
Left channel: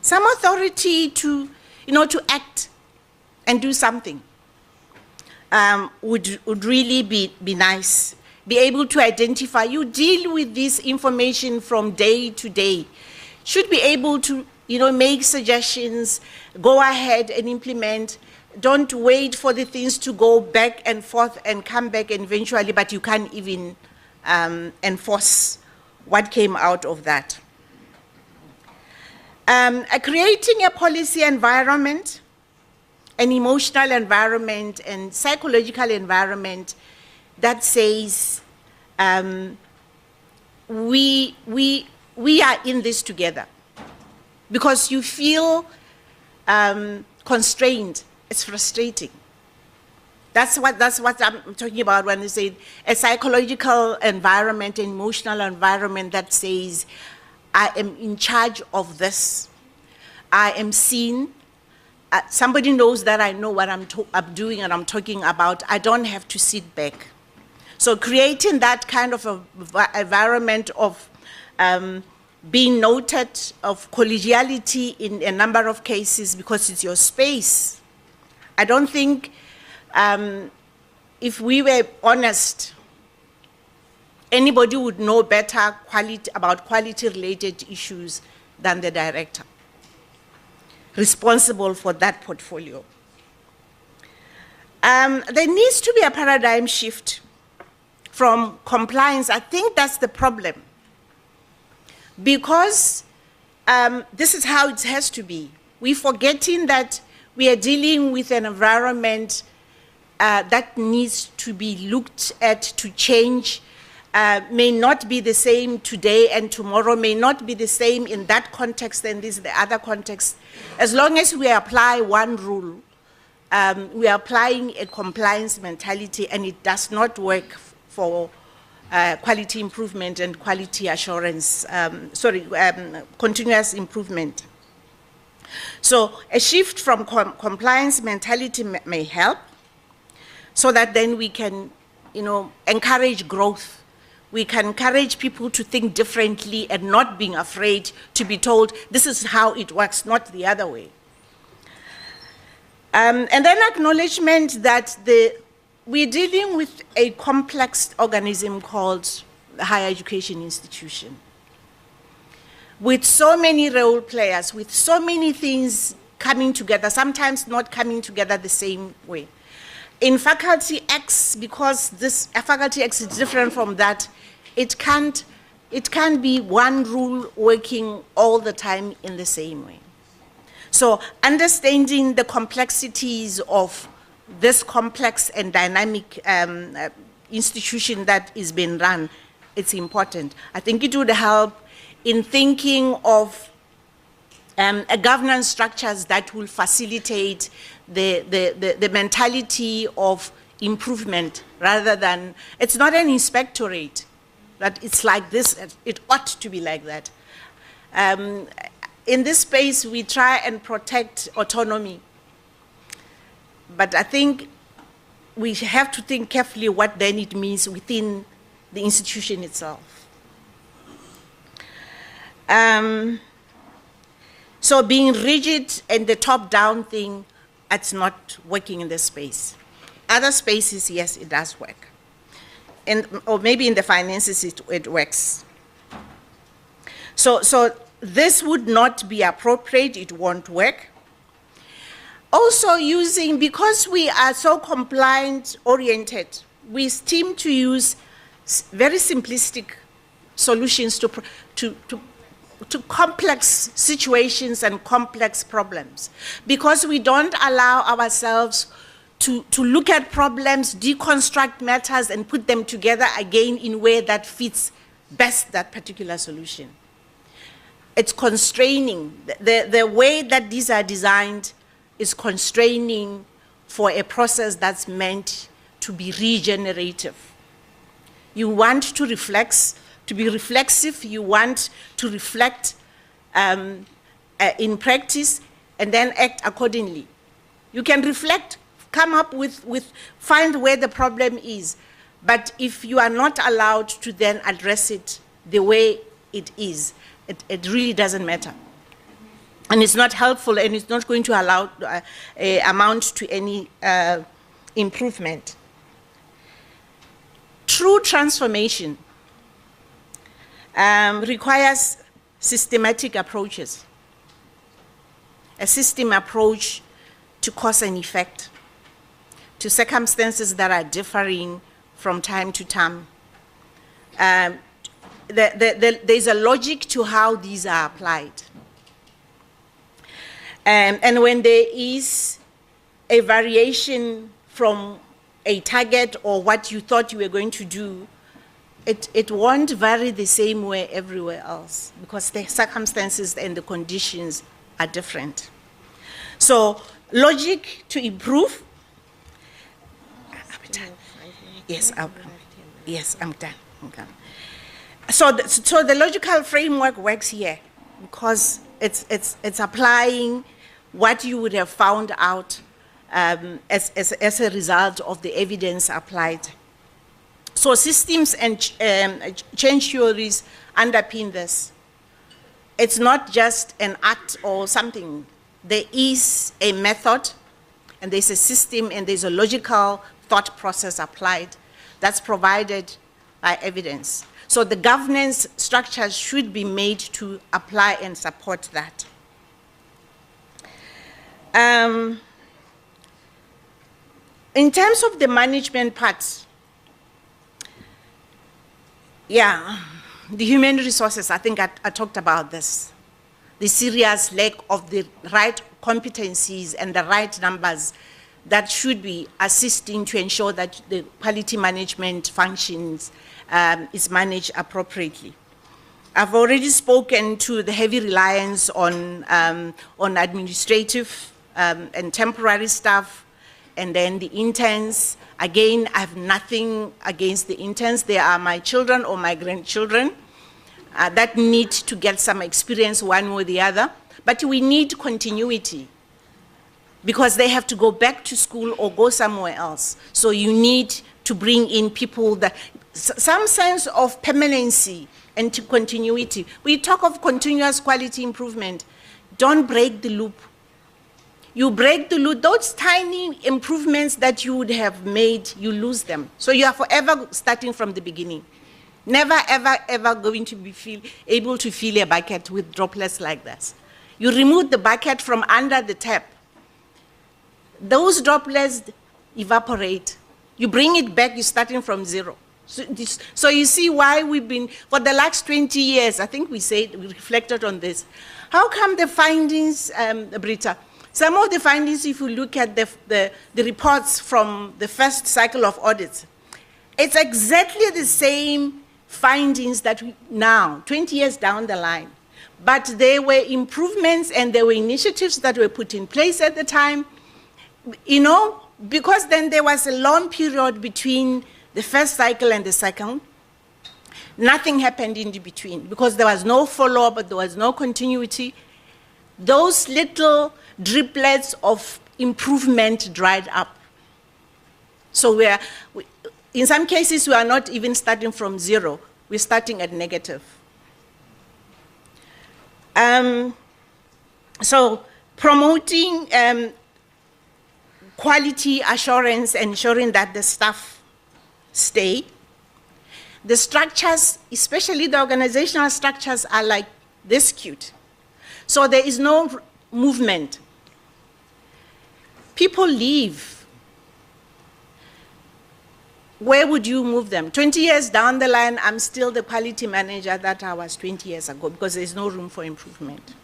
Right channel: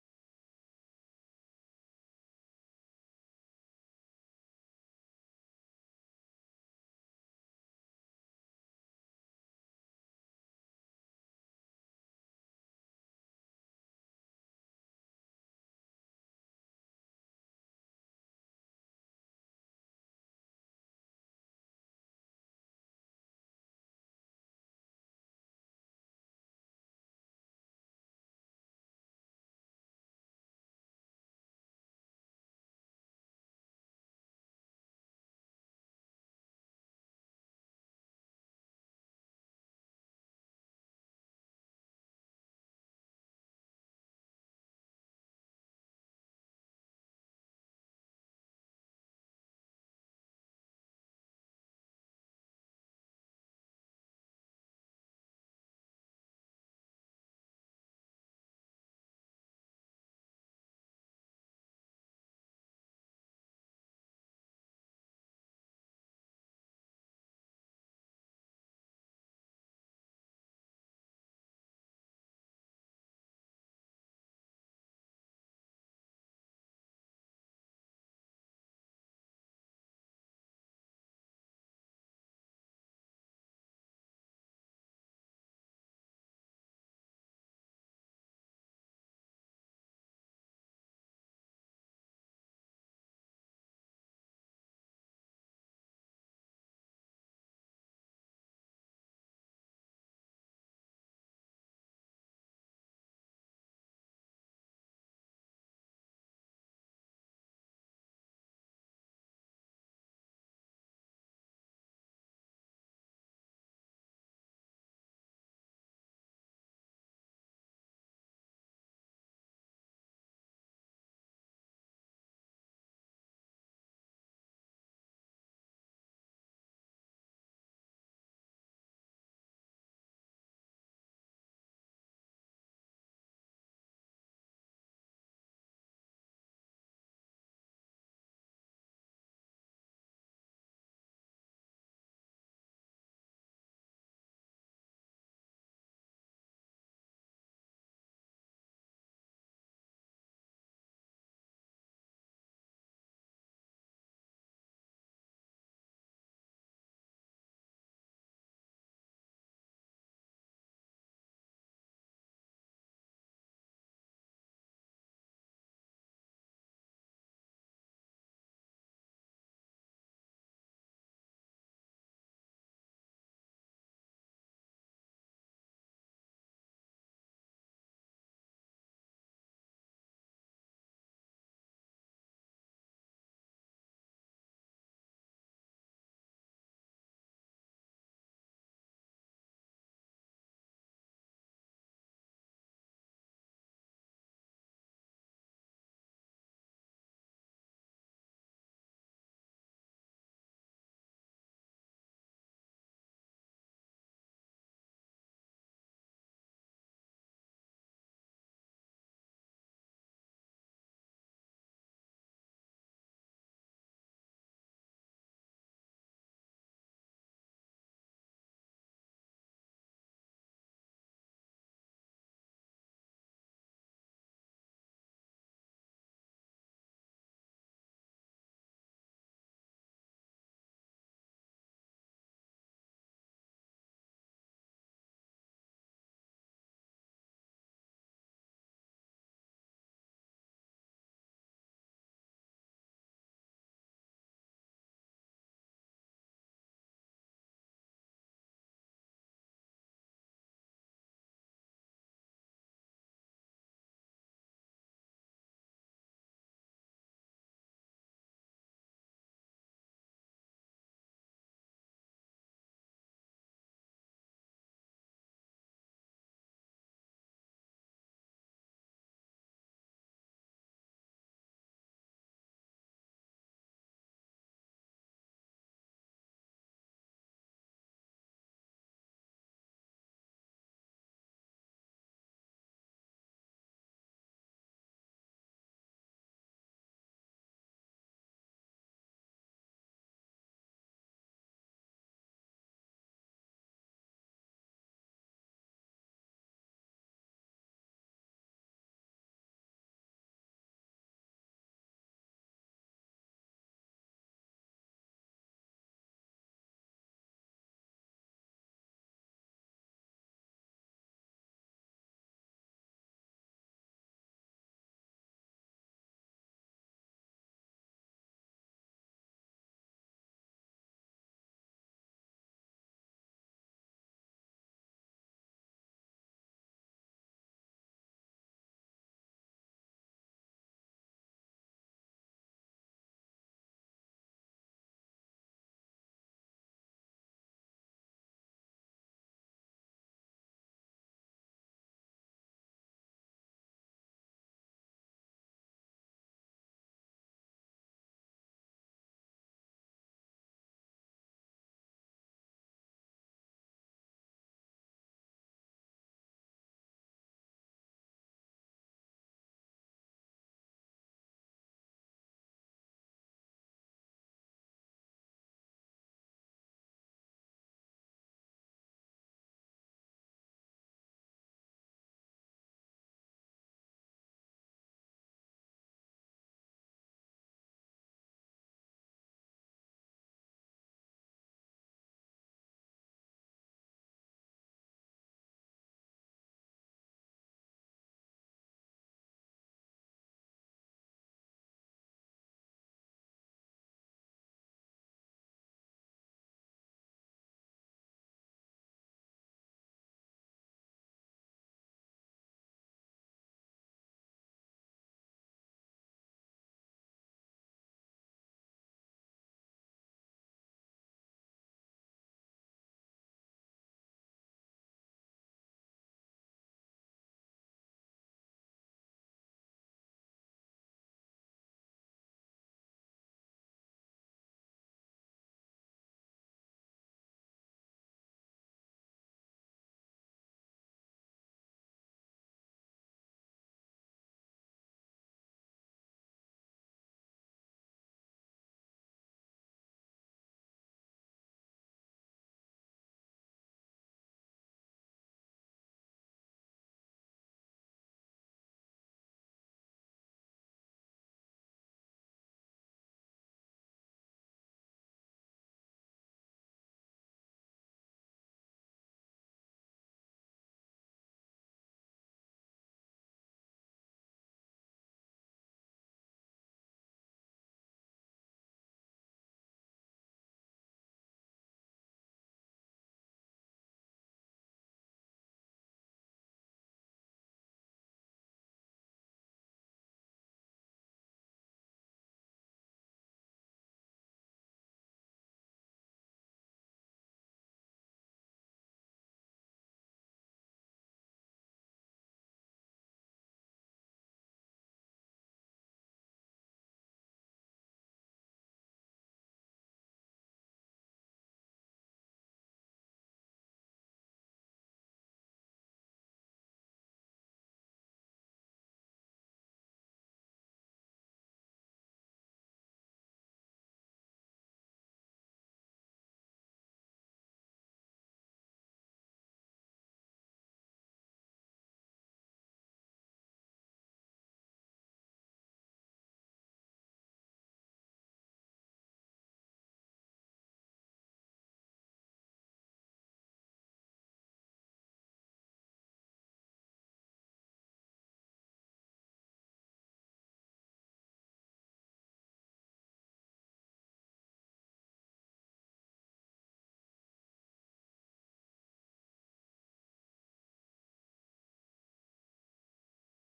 some authority to act and do something would really be nice. Be able to identify, you deal with this information from day to day. Should be able to make suggestions, go ahead and implement. Don't wait for the things to go back and forth and come back eventually, but you can't even enforce what came out of that. Creating a policy environment, an emotional environment and psychological environment that says we are in this together. Because you feel constrained, it's frustrating. That's what I'm talking about when I say a psychological environment, an emotional environment that says, I am in charge of this. I am seen. Somebody knows that I know what I'm doing and I'm talking about. I don't have to sit back. So creating that kind of environment of being noted, of collegiality in a number of cases because it's your space. I don't think if we were honest, anybody would know better about quality-related issues than the director responsible for that portfolio. There needs to be a paradigm shift from compliance. I think that's the problem. Because this is how it has to be. We're forgetting that we are dealing with an environment that needs to be looked at to change, may not be the same today and tomorrow, may not be the same in that context and this the other context. As long as we apply one rule, we are applying a compliance mentality and it does not work for quality improvement and quality assurance, continuous improvement. So a shift from compliance mentality may help so that then we can, encourage growth. We can encourage people to think differently and not being afraid to be told this is how it works, not the other way. And then acknowledgement that we're dealing with a complex organism called the higher education institution, with so many role players, with so many things coming together, sometimes not coming together the same way. In Faculty X, because this Faculty X is different from that, it can't be one rule working all the time in the same way. So understanding the complexities of this complex and dynamic institution that is being run, it's important. I think it would help in thinking of a governance structures that will facilitate the mentality of improvement rather than, it's not an inspectorate, that it's like this, it ought to be like that. In this space, we try and protect autonomy. But I think we have to think carefully what then it means within the institution itself. So being rigid and the top-down thing it's not working in this space. Other spaces, yes, it does work. Or maybe in the finances it works. So this would not be appropriate, it won't work. Also because we are so compliant oriented, we seem to use very simplistic solutions to complex situations and complex problems, because we don't allow ourselves to look at problems, deconstruct matters, and put them together again in a way that fits best that particular solution. It's constraining. The way that these are designed is constraining for a process that's meant to be regenerative. You want to be reflexive, you want to reflect in practice and then act accordingly. You can reflect, come up find where the problem is, but if you are not allowed to then address it the way it is, it really doesn't matter. And it's not helpful, and it's not going to allow amount to any improvement. True transformation requires systematic approaches, a system approach to cause and effect, to circumstances that are differing from time to time. There's a logic to how these are applied. And when there is a variation from a target or what you thought you were going to do, it won't vary the same way everywhere else, because the circumstances and the conditions are different. So logic to improve. Yes, I'm done. Okay. So the logical framework works here because it's applying what you would have found out as a result of the evidence applied. So systems and change theories underpin this. It's not just an act or something. There is a method, and there's a system, and there's a logical thought process applied that's provided by evidence. So the governance structures should be made to apply and support that. In terms of the management part, yeah, the human resources, I think I talked about this. The serious lack of the right competencies and the right numbers that should be assisting to ensure that the quality management functions is managed appropriately. I've already spoken to the heavy reliance on administrative and temporary staff, and then the interns. Again, I have nothing against the interns. They are my children or my grandchildren that need to get some experience one way or the other. But we need continuity because they have to go back to school or go somewhere else. So you need to bring in people that, some sense of permanency and to continuity. We talk of continuous quality improvement. Don't break the loop. You break the loop, those tiny improvements that you would have made, you lose them. So you are forever starting from the beginning. Never, ever, ever going to be able to fill a bucket with droplets like this. You remove the bucket from under the tap. Those droplets evaporate. You bring it back, you're starting from zero. So you see why we've been, for the last 20 years, I think we reflected on this. How come the findings, Britta, some of the findings, if you look at the reports from the first cycle of audits, it's exactly the same findings that we now, 20 years down the line. But there were improvements and there were initiatives that were put in place at the time, you know, because then there was a long period between the first cycle and the second. Nothing happened in between because there was no follow-up, but there was no continuity. Those little driplets of improvement dried up. So in some cases, we are not even starting from zero. We're starting at negative. So promoting quality assurance, ensuring that the staff stay. The structures, especially the organizational structures, are like this cute. So there is no movement. People leave. Where would you move them? 20 years down the line, I'm still the quality manager that I was 20 years ago because there's no room for improvement.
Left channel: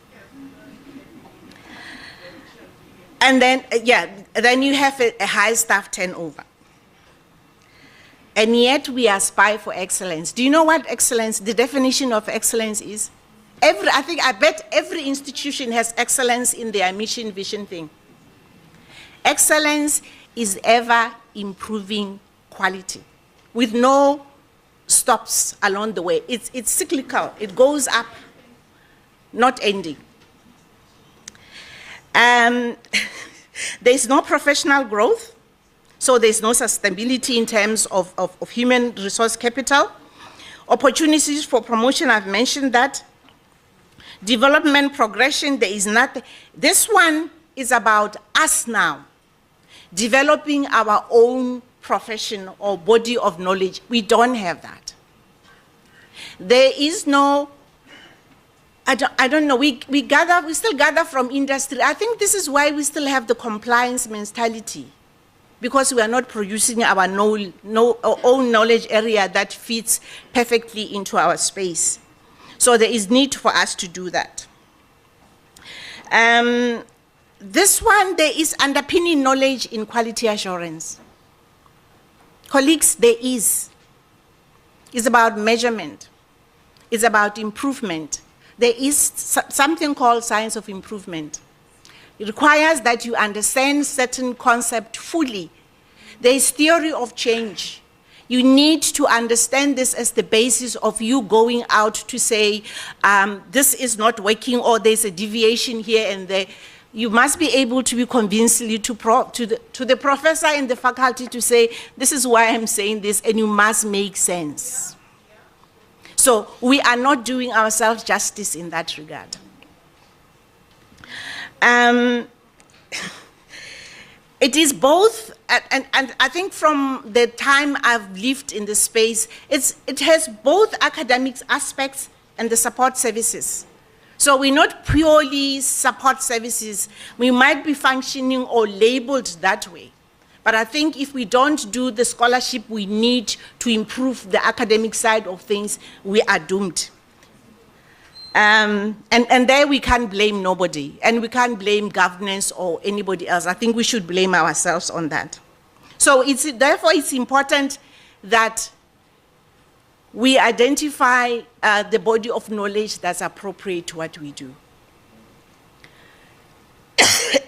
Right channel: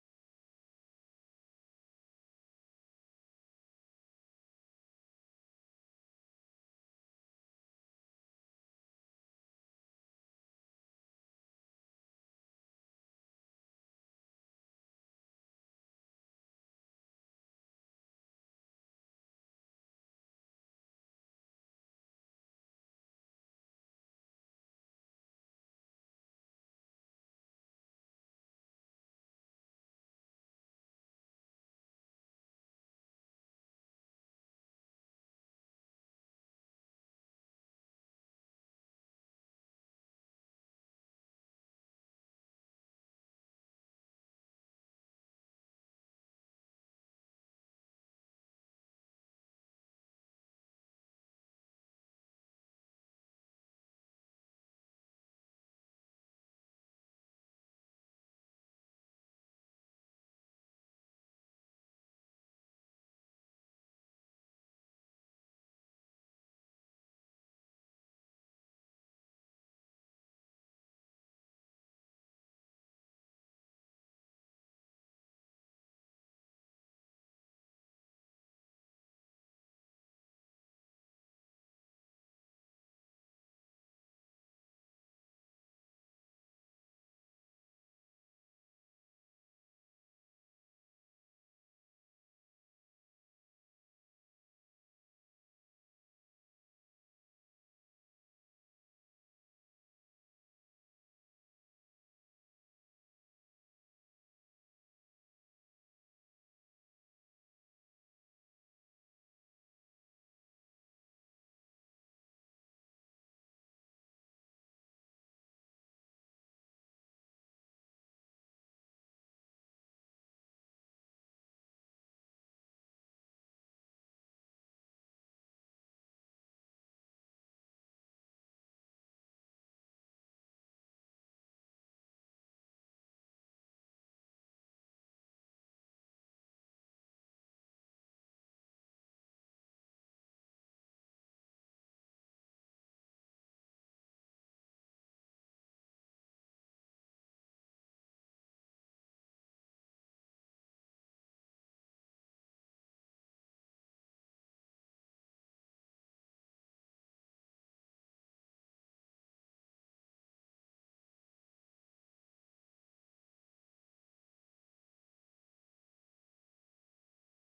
And then, then you have a high staff turnover. And yet we aspire for excellence. Do you know what excellence, the definition of excellence is? I bet every institution has excellence in their mission, vision thing. Excellence is ever improving quality with no stops along the way. It's cyclical. It goes up, not ending. There's no professional growth, so there's no sustainability in terms of human resource capital. Opportunities for promotion, I've mentioned that. Development progression, there is nothing. This one is about us now, developing our own profession or body of knowledge. We don't have that. There is no, I don't know, we still gather from industry. I think this is why we still have the compliance mentality, because we are not producing our own knowledge area that fits perfectly into our space. So there is need for us to do that. This one, there is underpinning knowledge in quality assurance. Colleagues, there is. It's about measurement. It's about improvement. There is something called science of improvement. It requires that you understand certain concept fully. There is theory of change. You need to understand this as the basis of you going out to say, this is not working, or there's a deviation here and there. You must be able to be convincingly to the professor in the faculty to say, this is why I'm saying this, and you must make sense. So we are not doing ourselves justice in that regard. It is both, and I think from the time I've lived in this space, it has both academic aspects and the support services. So we're not purely support services. We might be functioning or labeled that way. But I think if we don't do the scholarship we need to improve the academic side of things, we are doomed. And there we can't blame nobody, and we can't blame governance or anybody else. I think we should blame ourselves on that. So therefore it's important that we identify the body of knowledge that's appropriate to what we do.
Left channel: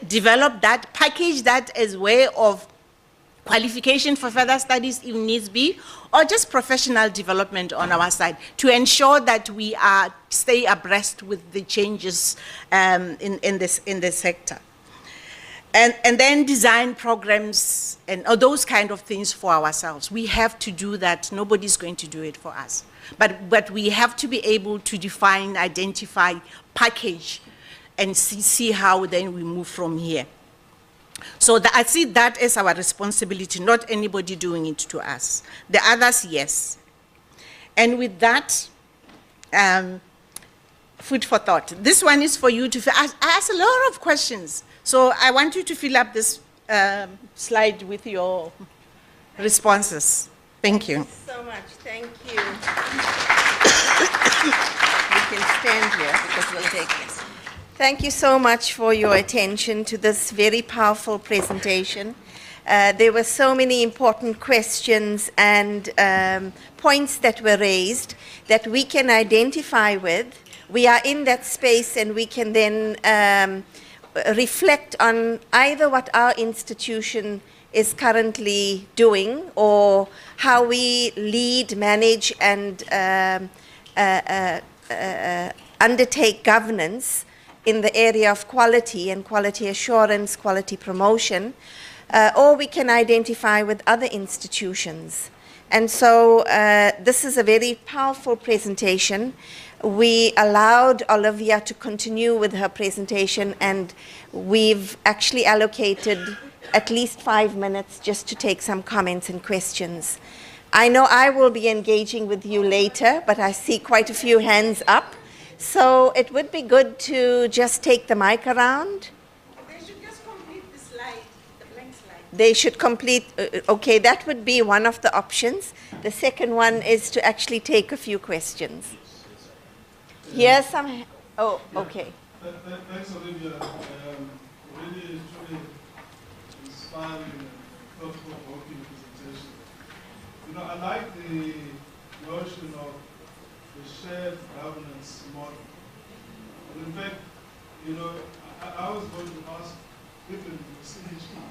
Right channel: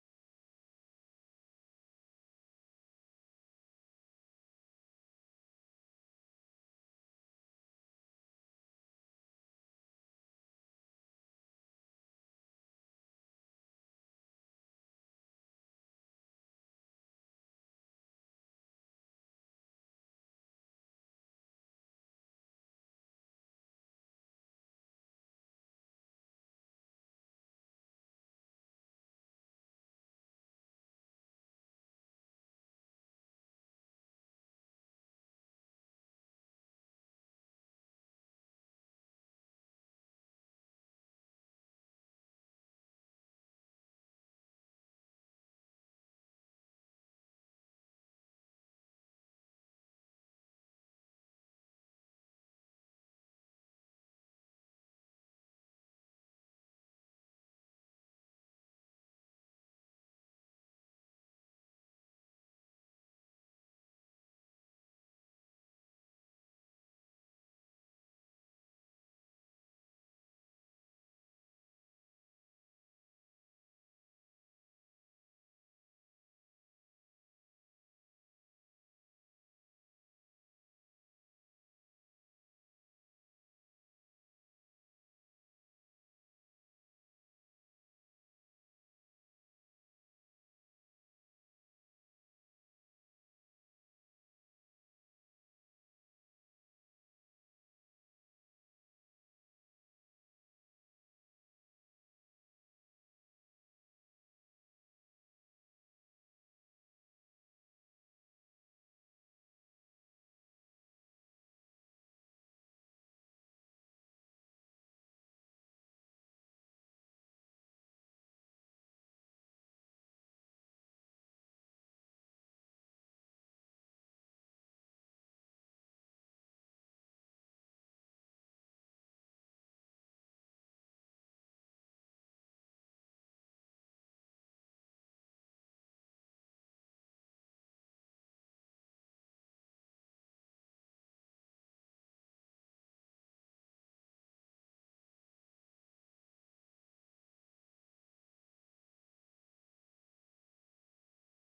Develop that, package that as way of qualification for further studies if needs be, or just professional development on our side to ensure that we stay abreast with the changes in this sector. And then design programs and those kind of things for ourselves. We have to do that. Nobody's going to do it for us. But we have to be able to define, identify, package, and see how then we move from here. So I see that as our responsibility, not anybody doing it to us. The others, yes. And with that, food for thought. This one is for you to ask. I asked a lot of questions. So I want you to fill up this slide with your responses. Thank you. So much, thank you. We can stand here because we'll take this. Thank you so much for your attention to this very powerful presentation. There were so many important questions and points that were raised that we can identify with. We are in that space and we can then reflect on either what our institution is currently doing or how we lead, manage, and undertake governance in the area of quality and quality assurance, quality promotion, or we can identify with other institutions. And so this is a very powerful presentation. We allowed Olivia to continue with her presentation, and we've actually allocated at least 5 minutes just to take some comments and questions. I know I will be engaging with you later, but I see quite a few hands up. So it would be good to just take the mic around. They should just complete the slide, the blank slide. They should complete, okay, that would be one of the options. The second one is to actually take a few questions. Here's some, oh, okay. Thanks, Olivia. Really, truly inspiring and thought-provoking presentation. You know, I like the notion of the shared governance model. And in fact, you know, I was going to ask if in the CHE,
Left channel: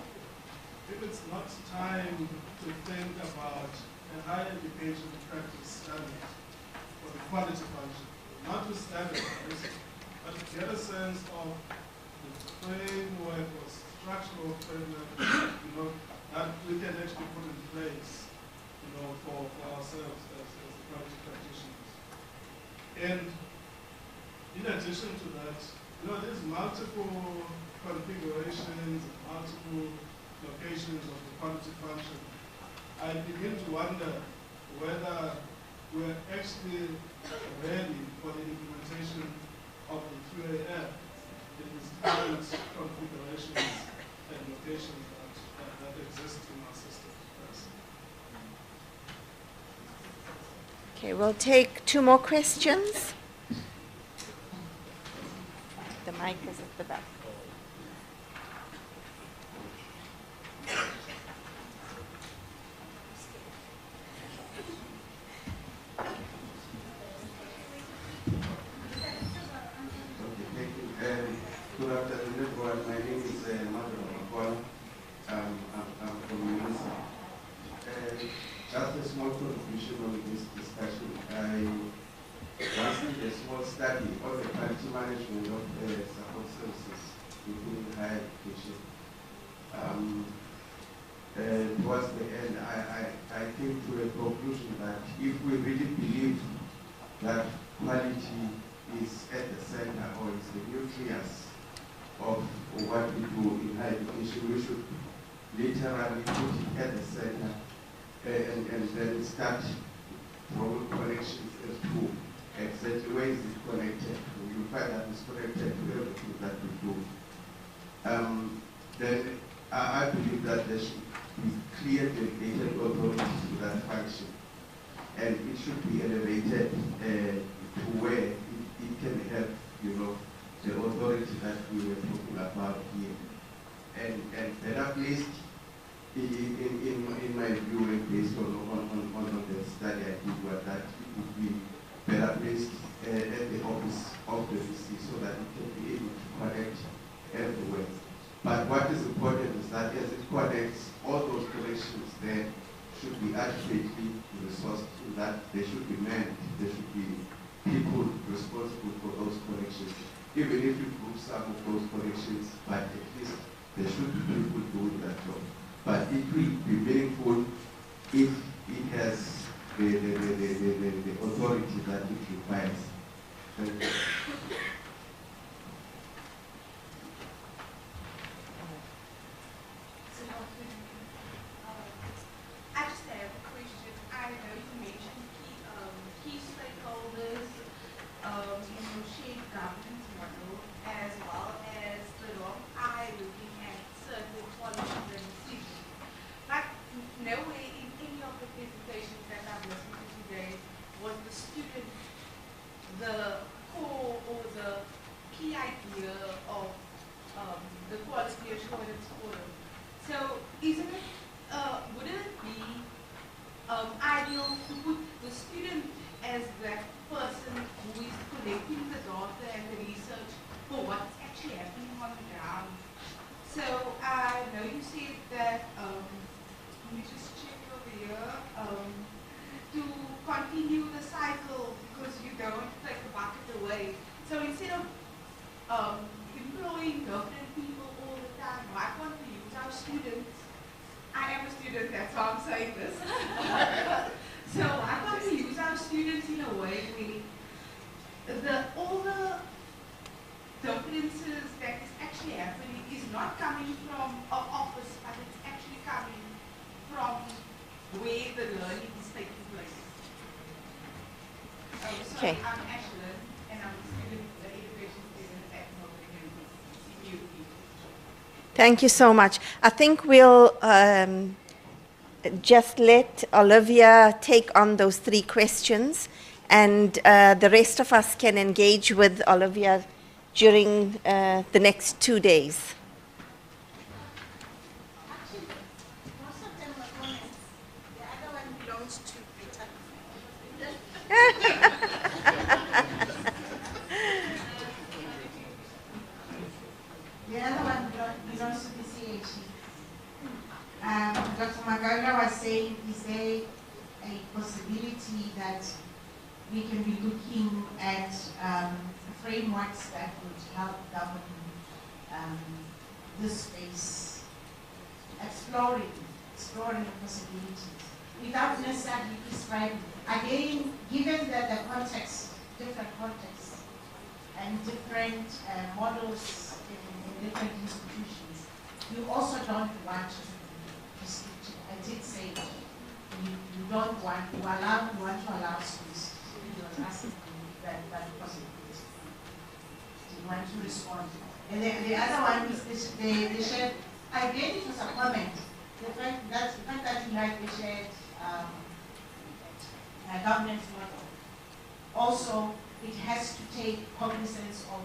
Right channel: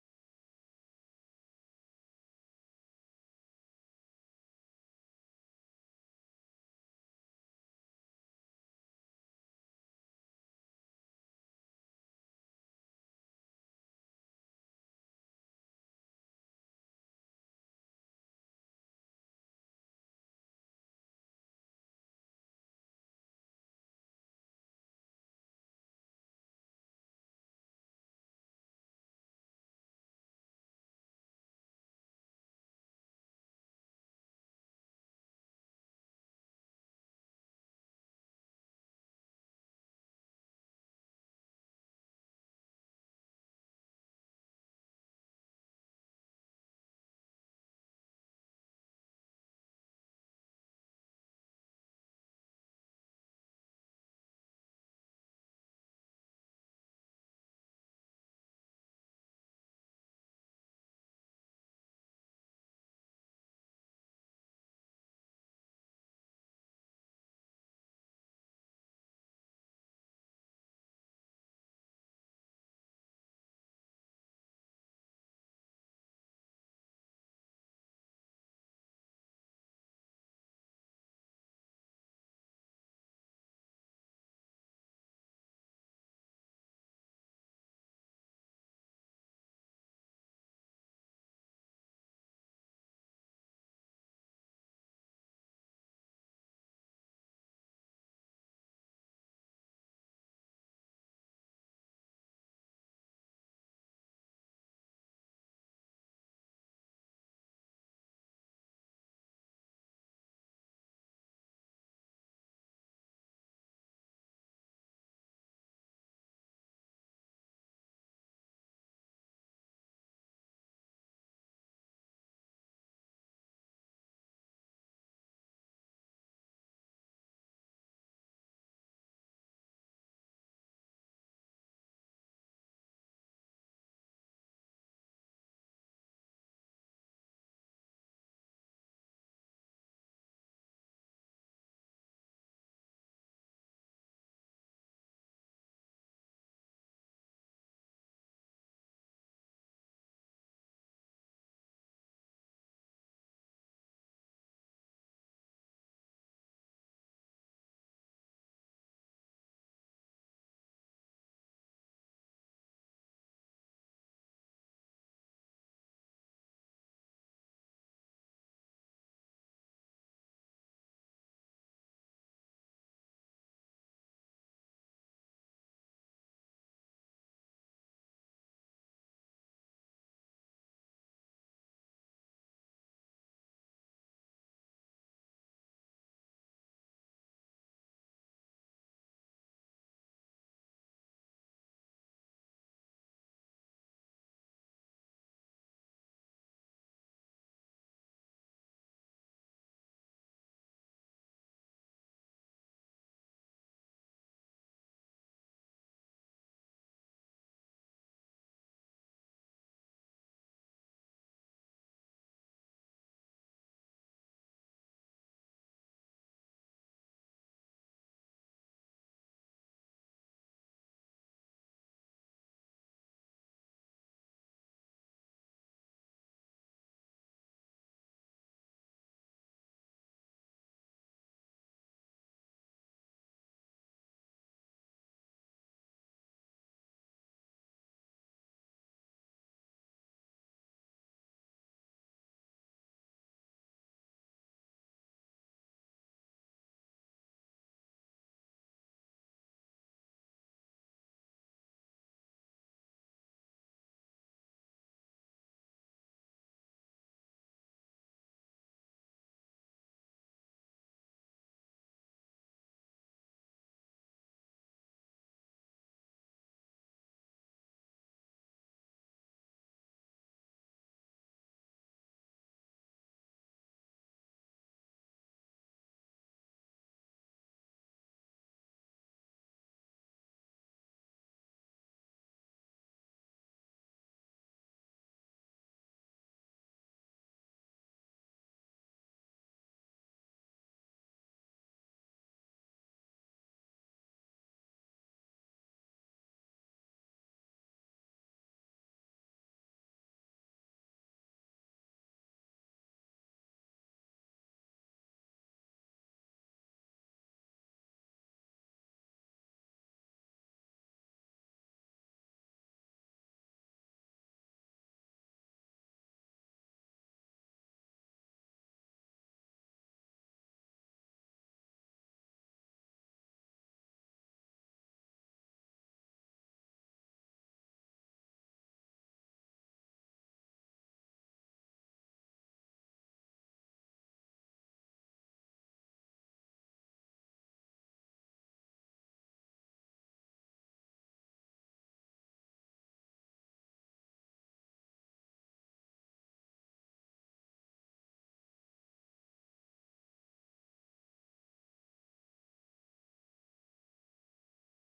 if it's not time to think about a higher education practice standard for the quality function, not to standardize, but to get a sense of the framework or structural framework, you know, that we can actually put in place, you know, for ourselves as the quality practitioners. And in addition to that, you know, there's multiple configurations, multiple locations of the quality function. I begin to wonder whether we're actually ready for the implementation of the QAF in its current configurations and locations that exist in our system. Okay, we'll take 2 more questions. The mic is at the back. Good afternoon, everyone. My name is Violet Makuku. I'm from UNISA. Just a small contribution on this discussion. I once did a small study on the quality management of support services within higher education. Towards the end, I came to a conclusion that if we really believe that quality is at the center or is the nucleus of what we do in higher education, we should literally put it at the center and then start from connections as to exactly where is it connected. You find that it's connected to everything that we do. Then I believe that there should be clear delegated authority to that function, and it should be elevated to where it can help, you know, the authority that we were talking about here. And better placed, in my view, and based on the study I did, was that it would be better placed at the office of the VC so that it can be able to connect everywhere. But what is important is that as it connects, all those connections there should be adequately resourced, in that they should be manned, there should be people responsible for those connections. Even if you group some of those connections, but at least there should be people doing that job. But it will be meaningful if it has the authority that it requires. Thank you. So Okay. Thank you so much. I think we'll just let Olivia take on those 3 questions, and the rest of us can engage with Olivia during the next 2 days. The other one belongs to the CHE. Dr. Makaula was saying, is there a possibility that we can be looking at frameworks that would help govern this space, exploring the possibilities, without necessarily prescribing. Again, given that the context, different contexts, and different models in different institutions, you also don't want to I did say you don't want, you want to allow space. You are asking that possibility. You want to respond. And the other one is the shared, again it was a comment, the fact that you like the shared governance model. Also, it has to take cognizance of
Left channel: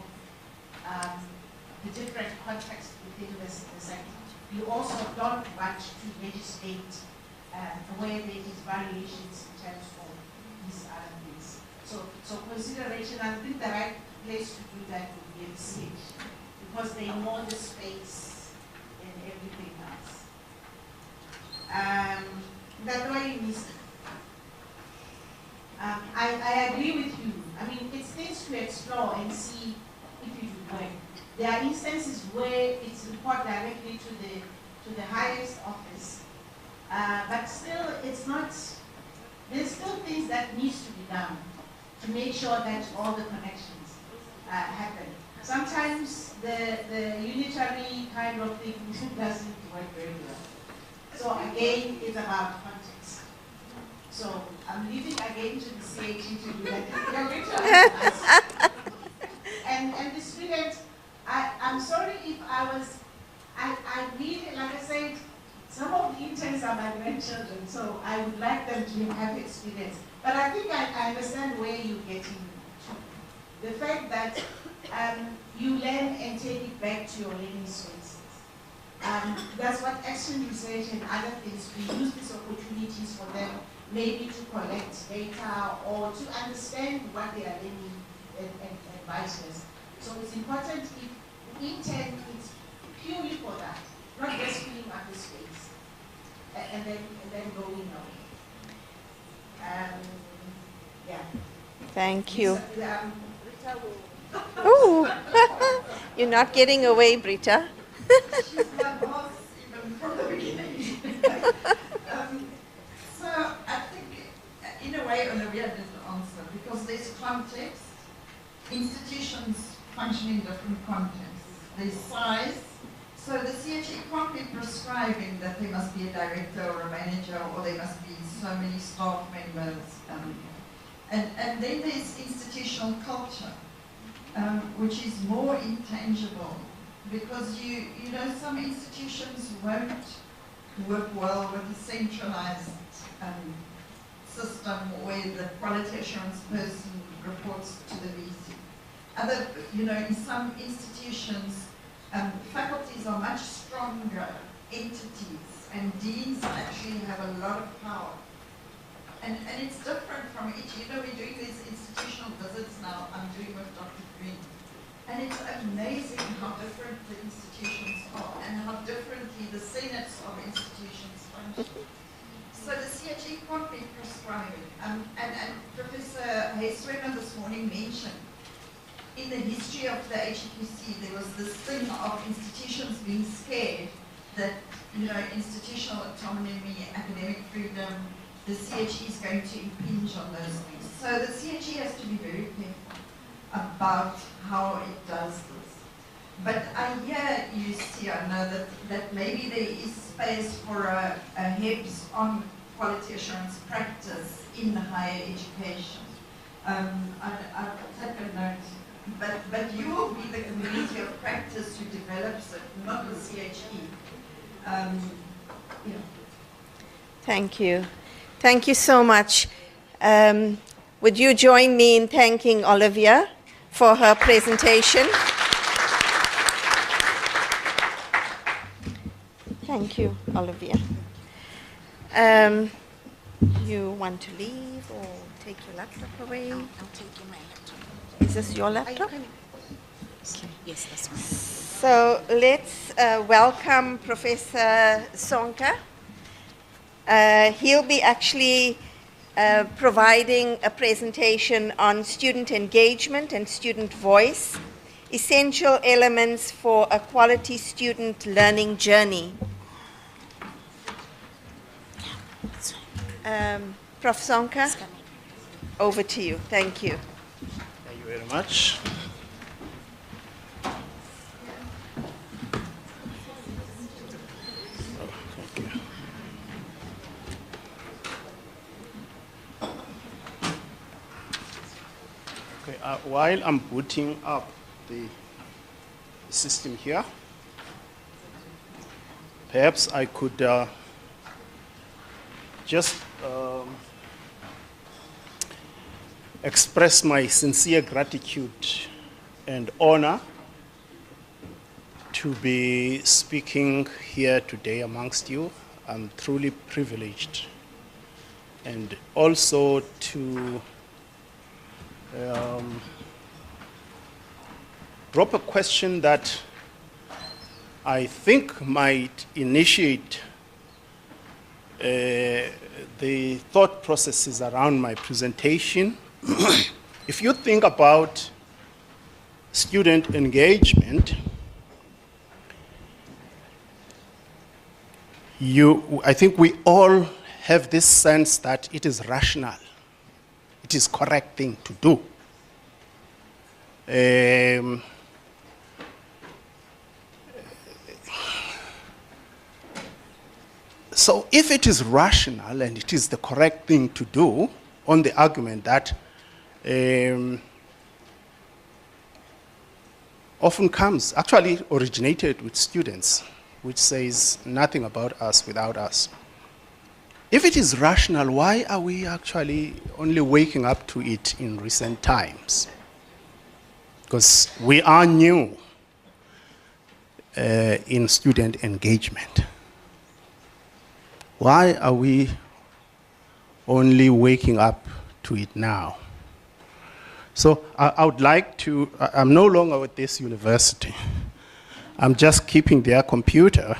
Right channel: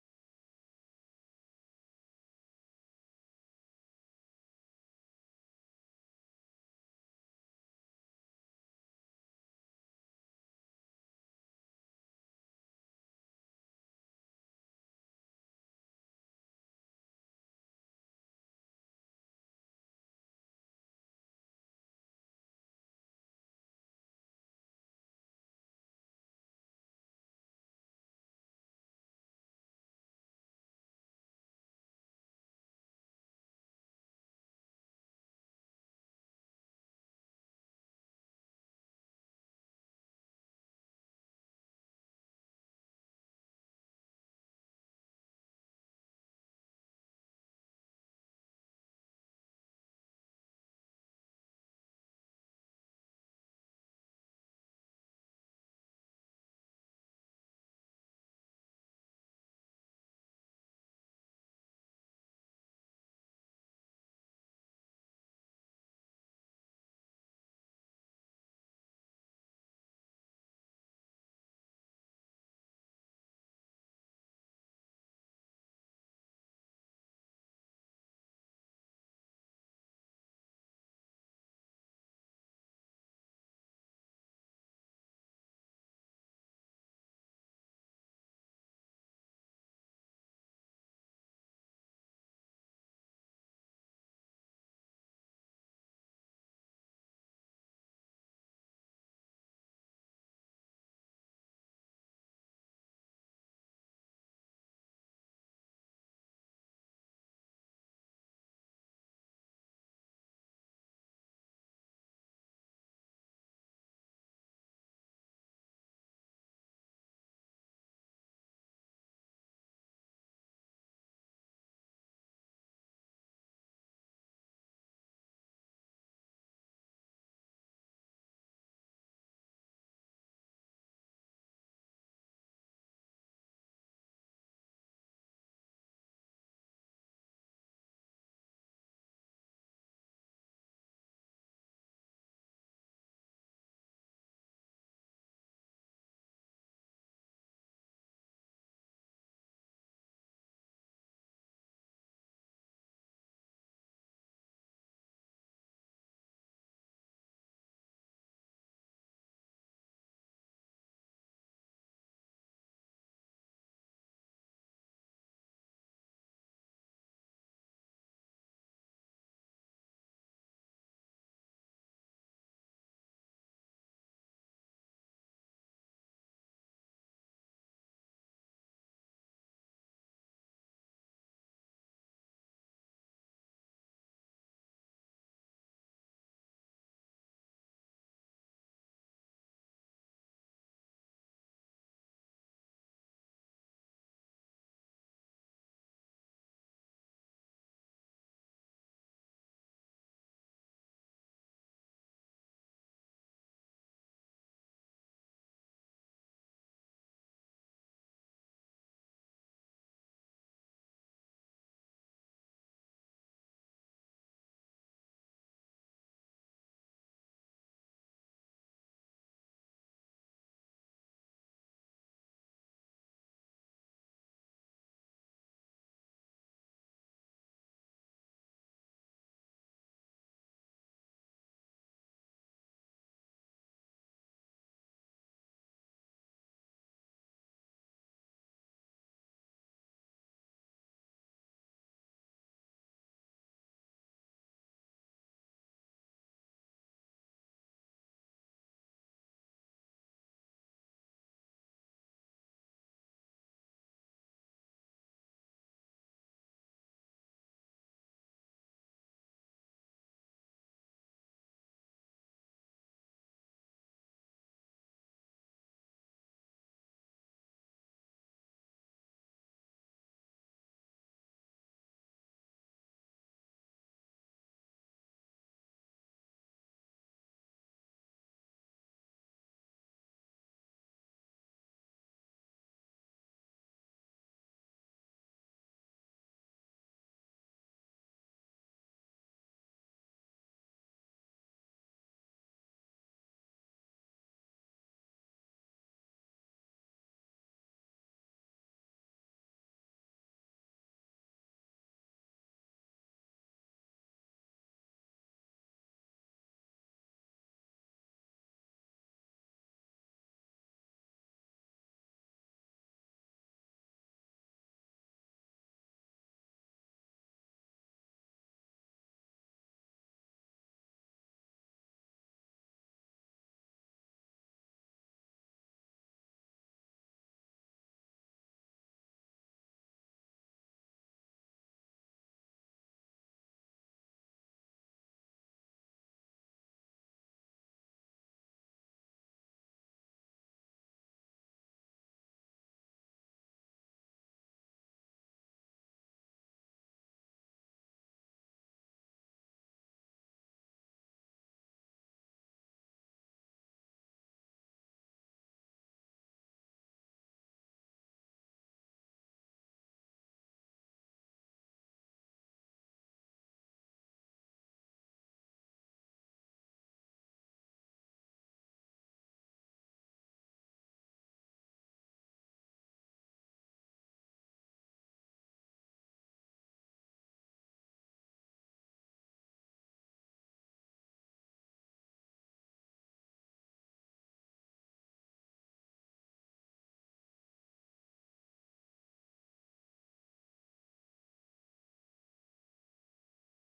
the different contexts within the sector. You also don't want to legislate where there is variations in terms of these other things. So consideration, I think the right place to do that would be at CH, because they know the space and everything else. That way is, I agree with you. I mean, it's things to explore and see if it would work. There are instances where it's reported directly to the highest office, but still it's not, there's still things that needs to be done to make sure that all the connections happen. Sometimes the unitary kind of thing doesn't work very well. So again, it's about context. So I'm leaving again to the CAG to do that. You're going to ask us. And the students, I'm sorry if I really, like I said, some of the interns are my grandchildren, so I would like them to have experience. But I think I understand where you're getting to. The fact that you learn and take it back to your learning spaces. That's what action research and other things, we use these opportunities for them, maybe to collect data or to understand what they are learning and vice versa. So it's important if the intent is purely for that, not just filling up the space and then going on. Yeah. Thank you. Ooh, you're not getting away, Britta. She's my boss even from the beginning. So I think, in a way, Olivia did answer, because there's context, institutions function in different contexts. There's size, so the CHE can't be prescribing that there must be a director or a manager, or there must be so many staff members. And then there's institutional culture, which is more intangible, because you know some institutions won't work well with a centralized system where the quality assurance person reports to the VC. Other, in some institutions, faculties are much stronger entities, and deans actually have a lot of power. And it's different from each. We're doing these institutional visits now. I'm doing with Dr. Green. And it's amazing how different the institutions are and how differently the senates of institutions function. So the CHE can't be prescribing. And Professor Hay-Swemmer this morning mentioned, in the history of the HEQC, there was this thing of institutions being scared that, institutional autonomy, academic freedom, the CHE is going to impinge on those things. So the CHE has to be very careful about how it does this. But I hear you, Siyanda, that maybe there is space for a HEPS on quality assurance practice in higher education. I'll take a note. But you will be the community of practice who develops it, not the CHE. Yeah. Thank you. Thank you so much. Would you join me in thanking Olivia for her presentation? Thank you, Olivia. You want to leave or take your laptop away? I'll take my laptop. Is this your laptop? Okay. Yes, that's fine. So let's welcome Professor Sonka. He'll be actually providing a presentation on student engagement and student voice, essential elements for a quality student learning journey. Prof. Sonka, over to you. Thank you. Thank you very much. While I'm booting up the system here, perhaps I could just express my sincere gratitude and honor to be speaking here today amongst you. I'm truly privileged. And also to drop a question that I think might initiate the thought processes around my presentation. If you think about student engagement, I think we all have this sense that it is rational. It is correct thing to do. So if it is rational and it is the correct thing to do, on the argument that often comes, actually originated with students, which says nothing about us without us. If it is rational, why are we actually only waking up to it in recent times? Because we are new in student engagement. Why are we only waking up to it now? So I would like to, I'm no longer with this university. I'm just keeping their computer.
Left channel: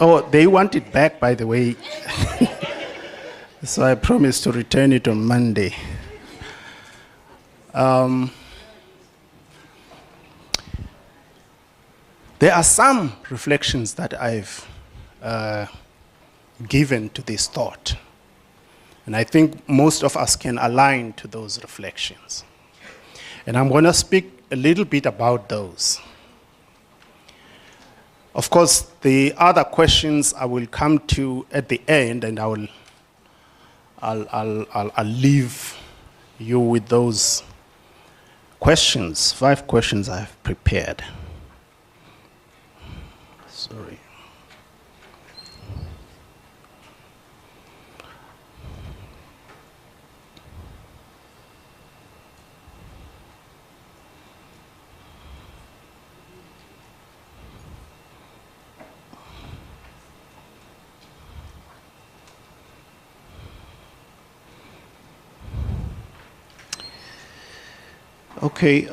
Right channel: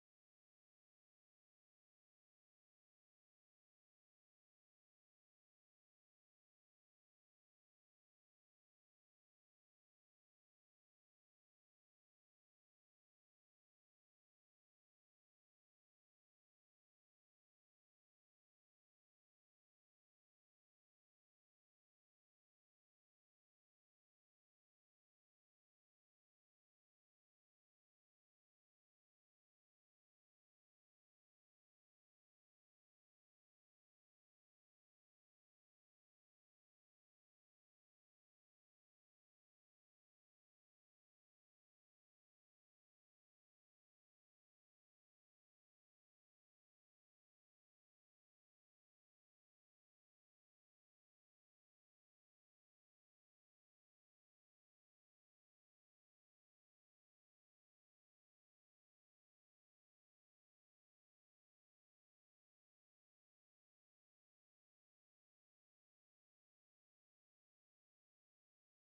Oh, they want it back, by the way. So I promised to return it on Monday. There are some reflections that I've given to this thought. And I think most of us can align to those reflections. And I'm going to speak a little bit about those. Of course, the other questions I will come to at the end, and I'll leave you with those questions, 5 questions I've prepared. Sorry. Okay,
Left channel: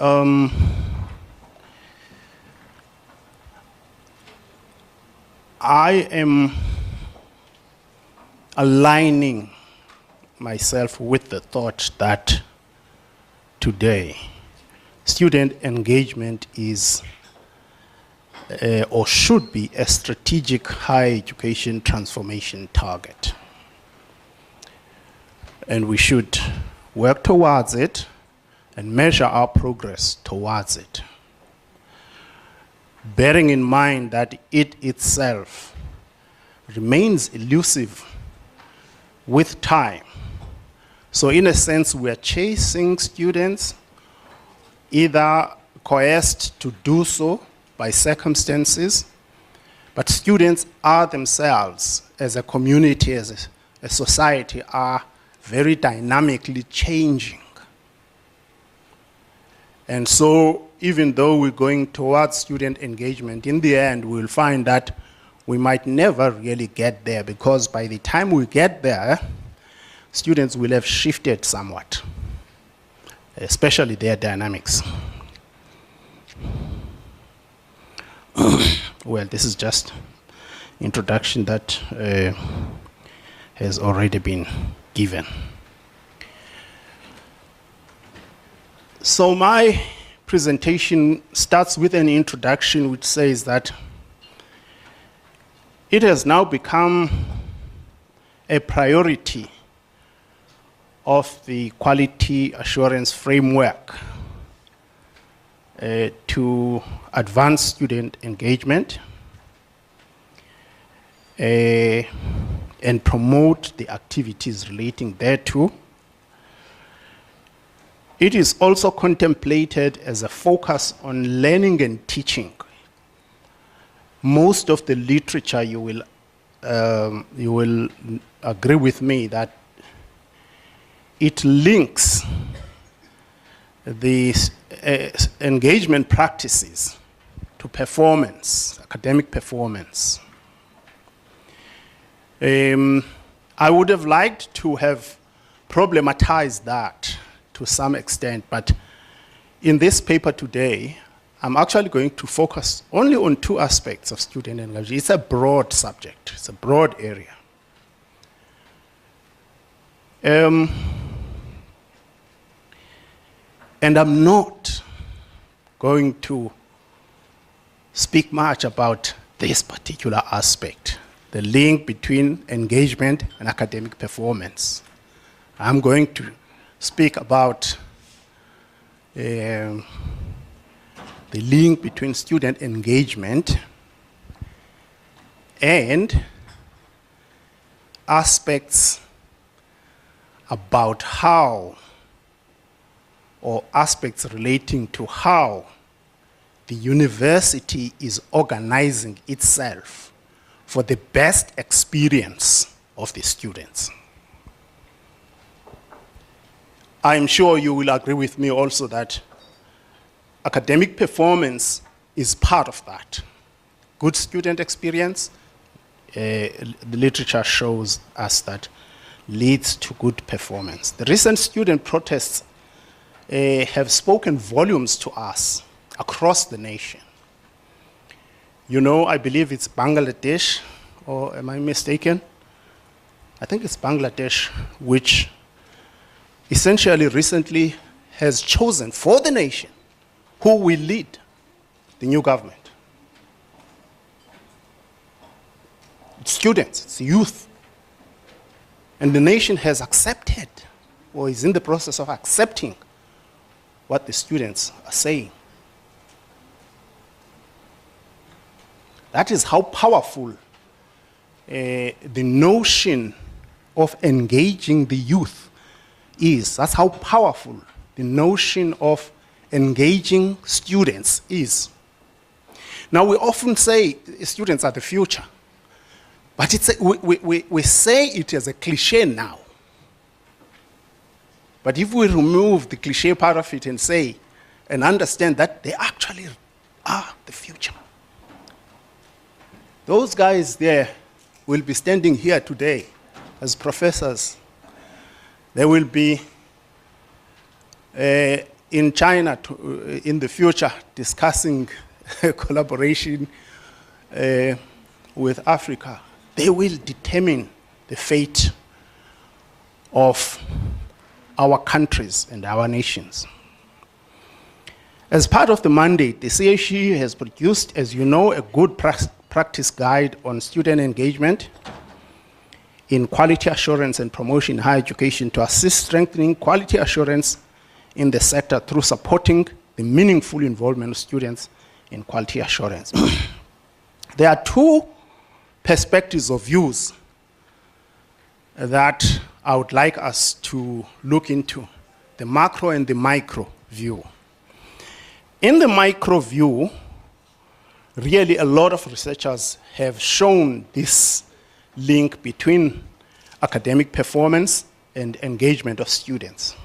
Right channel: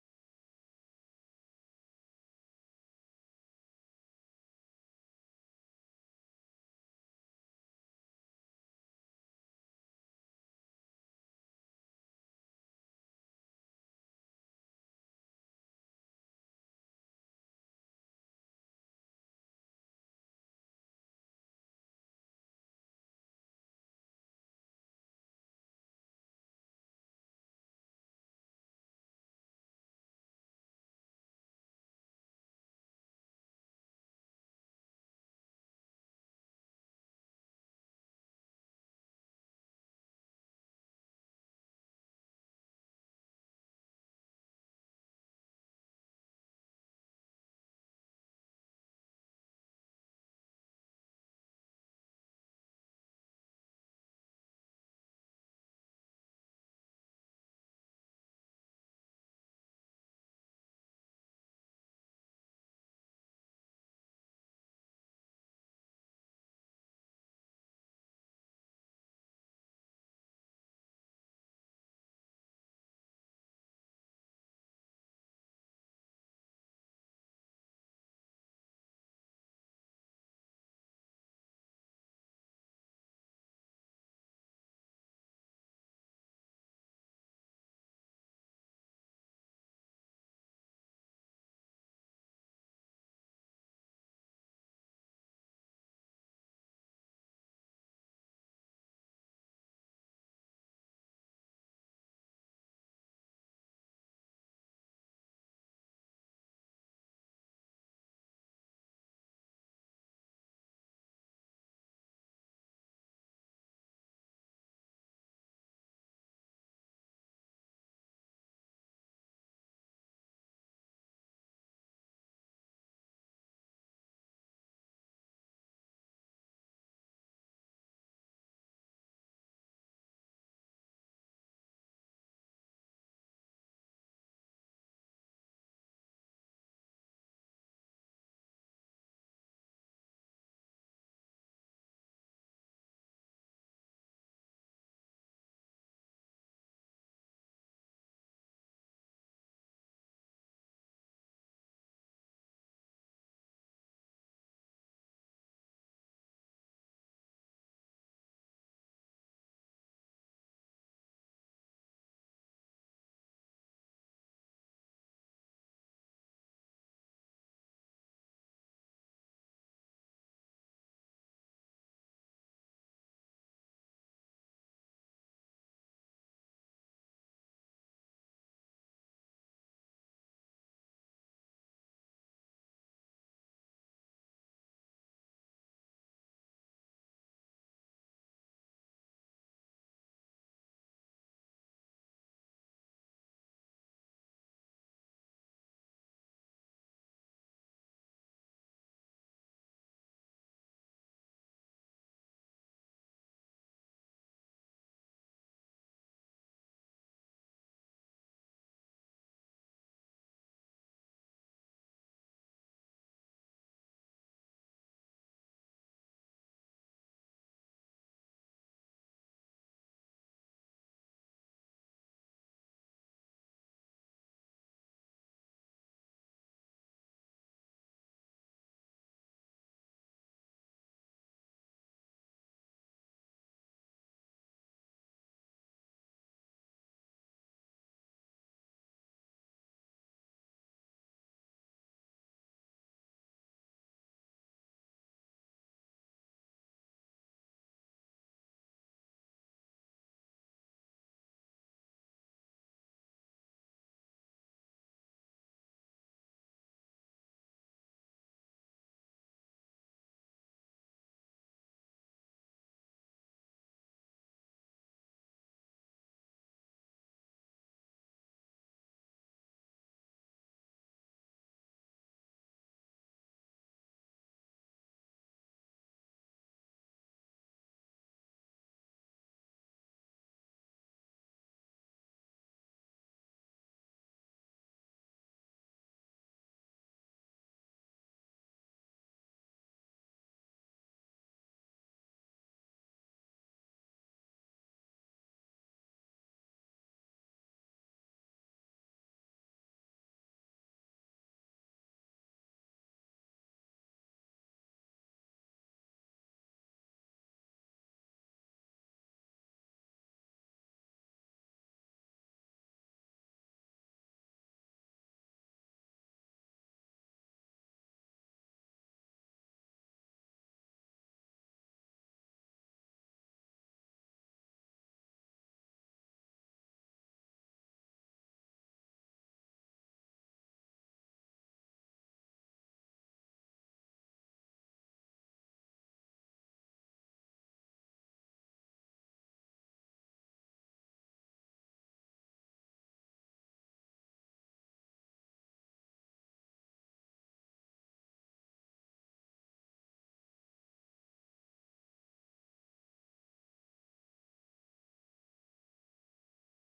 I am aligning myself with the thought that today student engagement is or should be a strategic higher education transformation target. And we should work towards it and measure our progress towards it, bearing in mind that it itself remains elusive with time. So in a sense, we are chasing students, either coerced to do so by circumstances, but students are themselves, as a community, as a society, are very dynamically changing. And so even though we're going towards student engagement, in the end, we'll find that we might never really get there, because by the time we get there, students will have shifted somewhat, especially their dynamics. Well, this is just introduction that has already been given. So my presentation starts with an introduction which says that it has now become a priority of the quality assurance framework to advance student engagement and promote the activities relating thereto. It is also contemplated as a focus on learning and teaching. Most of the literature, you will agree with me that it links the engagement practices to performance, academic performance. I would have liked to have problematized that to some extent, but in this paper today, I'm actually going to focus only on two aspects of student engagement. It's a broad subject, it's a broad area. And I'm not going to speak much about this particular aspect, the link between engagement and academic performance. I'm going to speak about the link between student engagement and aspects about how, or aspects relating to how the university is organizing itself for the best experience of the students. I'm sure you will agree with me also that academic performance is part of that. Good student experience, the literature shows us that leads to good performance. The recent student protests have spoken volumes to us across the nation. You know, I believe it's Bangladesh, or am I mistaken? I think it's Bangladesh, which essentially recently has chosen for the nation who will lead the new government. It's students, it's youth. And the nation has accepted, or is in the process of accepting, what the students are saying. That is how powerful the notion of engaging the youth is. That's how powerful the notion of engaging students is. Now, we often say students are the future, but it's we say it as a cliche now. But if we remove the cliche part of it and say, and understand that they actually are the future. Those guys there will be standing here today as professors. They will be in China in the future discussing collaboration with Africa. They will determine the fate of our countries and our nations. As part of the mandate, the CHE has produced, as you know, a good practice guide on student engagement in quality assurance and promotion in higher education to assist strengthening quality assurance in the sector through supporting the meaningful involvement of students in quality assurance. There are two perspectives of views that I would like us to look into, the macro and the micro view. In the micro view, really a lot of researchers have shown this link between academic performance and engagement of students.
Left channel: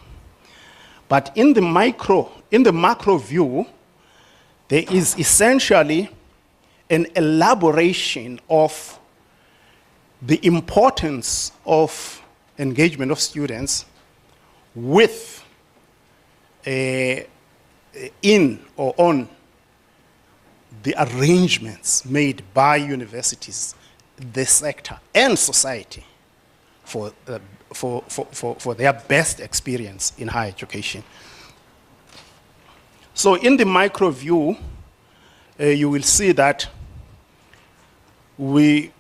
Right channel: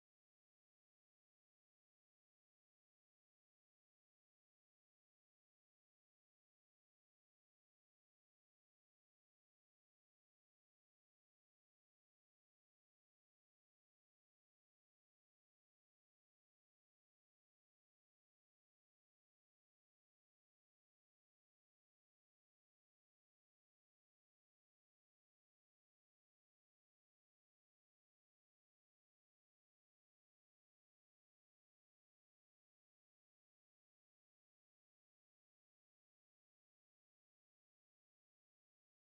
But in the macro view, there is essentially an elaboration of the importance of engagement of students with in or on the arrangements made by universities, the sector, and society for their best experience in higher education. So in the micro view, you will see that we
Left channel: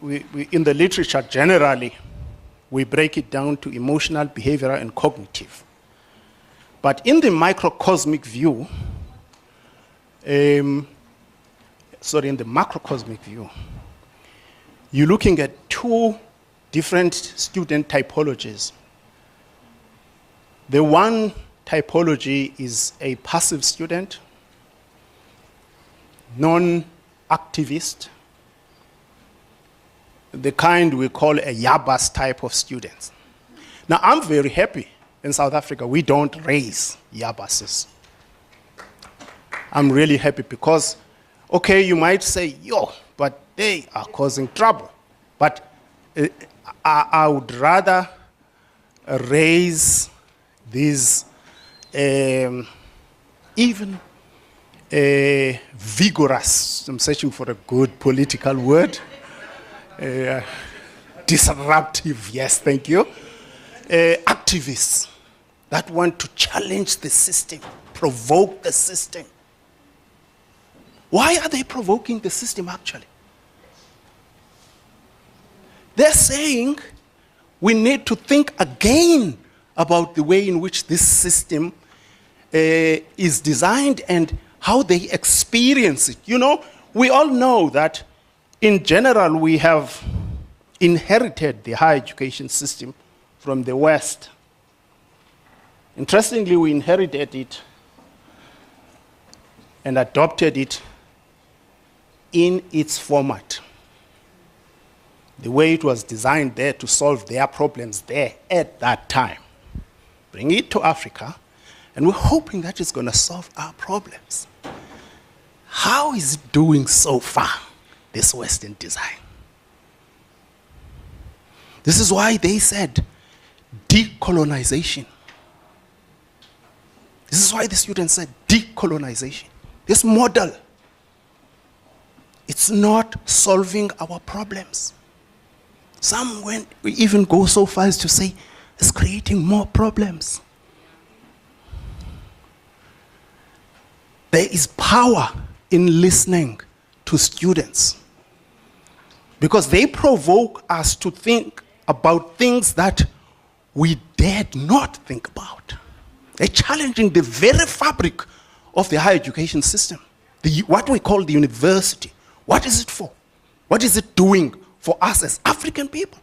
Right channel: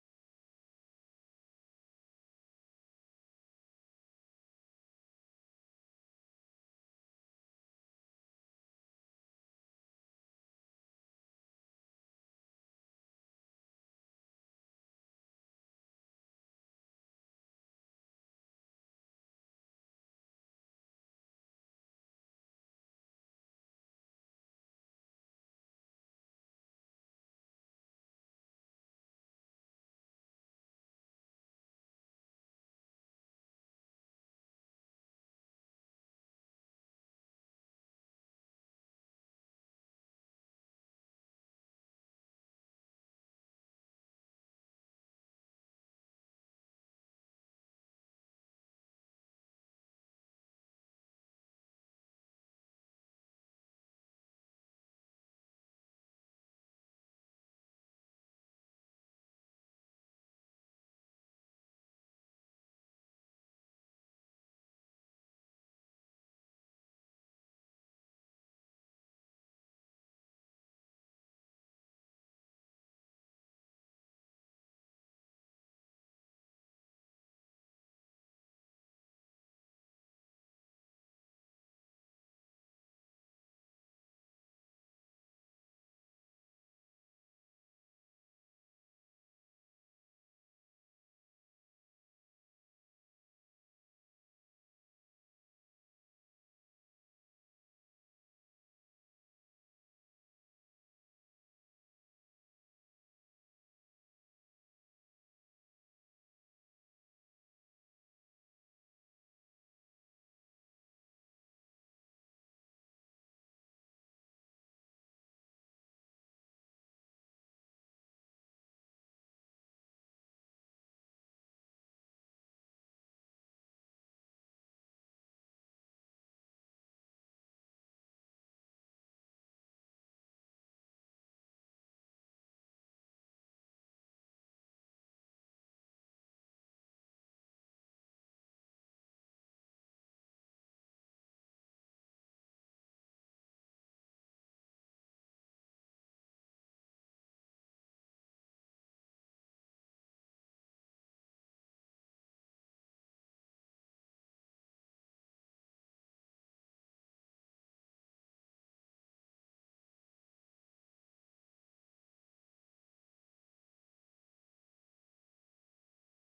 in the literature generally, we break it down to emotional, behavioral, and cognitive. But in the microcosmic view, in the macrocosmic view, you're looking at two different student typologies. The one typology is a passive student, non-activist, the kind we call a Yabas type of students. Now, I'm very happy in South Africa we don't raise Yabases. I'm really happy because, okay, you might say, yo, but they are causing trouble. But I would rather raise these even vigorous, I'm searching for a good political word, disruptive, yes, thank you, activists that want to challenge the system, provoke the system. Why are they provoking the system actually? They're saying we need to think again about the way in which this system is designed and how they experience it. You know, we all know that in general we have inherited the higher education system from the West. Interestingly, we inherited it and adopted it in its format. The way it was designed there to solve their problems there at that time. Bring it to Africa, and we're hoping that it's going to solve our problems. How is it doing so far, this Western design? This is why they said decolonization. This is why the students said decolonization. This model, it's not solving our problems. Some went, we even go so far as to say it's creating more problems. There is power in listening to students because they provoke us to think about things that we dared not think about. They're challenging the very fabric of the higher education system, what we call the university. What is it for? What is it doing for us as African people?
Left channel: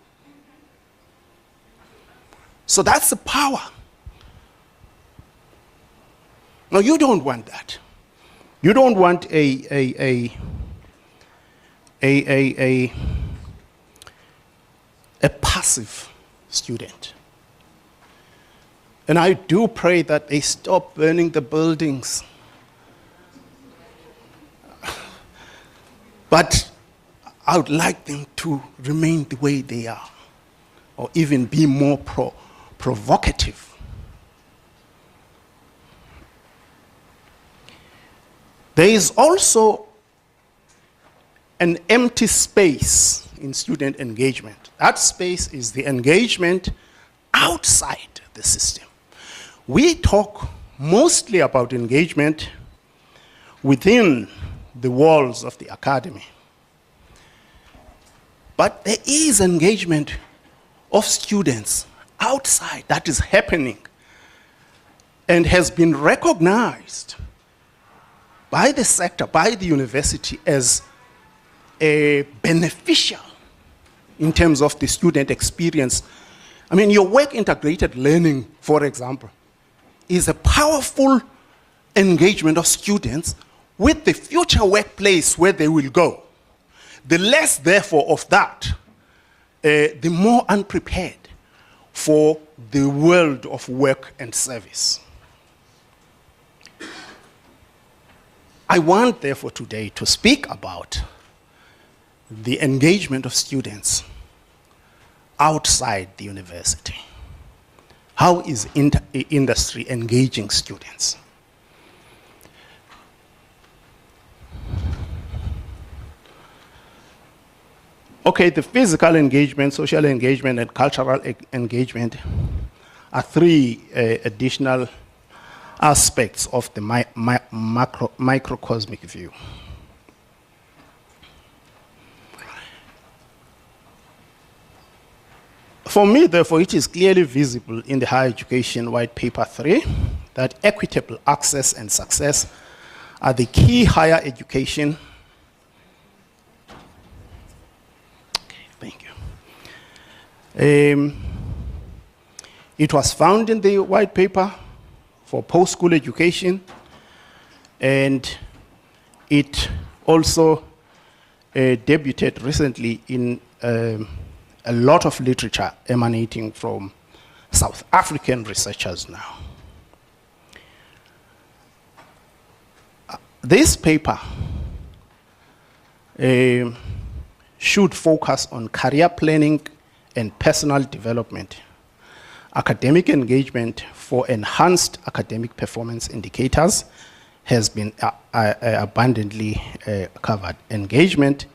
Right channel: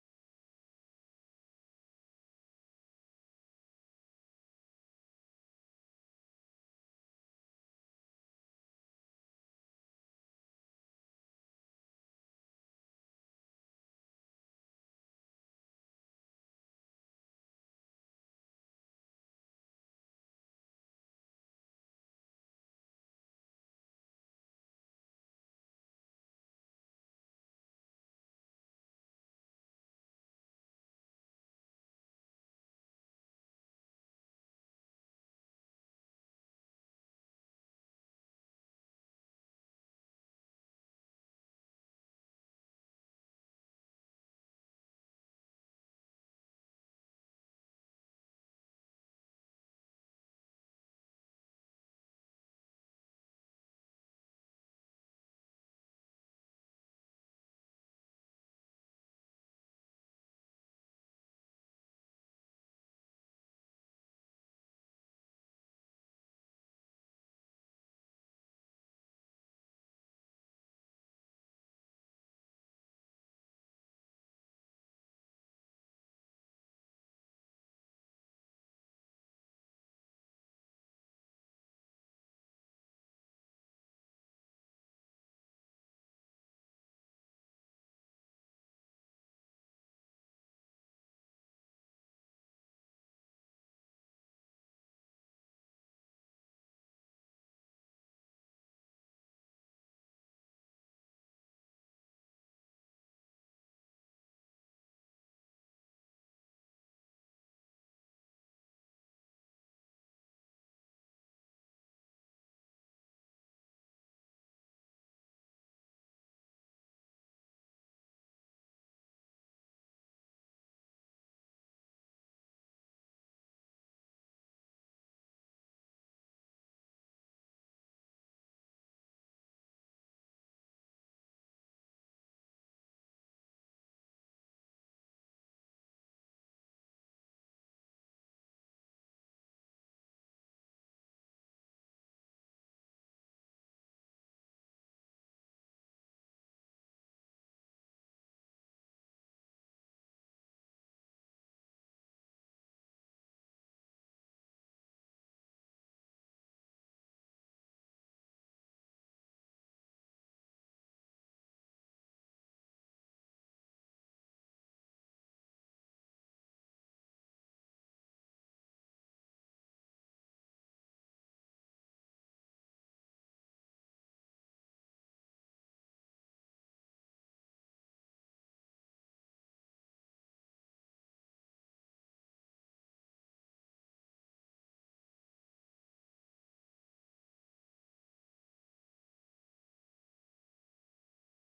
So that's the power. Now, you don't want that. You don't want a passive student. And I do pray that they stop burning the buildings. But I would like them to remain the way they are, or even be more provocative. There is also an empty space in student engagement. That space is the engagement outside the system. We talk mostly about engagement within the walls of the academy. But there is engagement of students outside that is happening and has been recognized by the sector, by the university as beneficial in terms of the student experience I mean, your work-integrated learning, for example, is a powerful engagement of students with the future workplace where they will go. The less, therefore, of that, the more unprepared for the world of work and service. I want, therefore, today to speak about the engagement of students outside the university. How is industry engaging students? Okay, the physical engagement, social engagement, and cultural engagement are three additional aspects of the microcosmic view. For me, therefore, it is clearly visible in the Higher Education White Paper 3 that equitable access and success are the key higher education. Okay, thank you. It was found in the White Paper for post-school education, and it also debuted recently in a lot of literature emanating from South African researchers now. This paper should focus on career planning and personal development, academic engagement for enhanced academic performance indicators has been abundantly covered. Engagement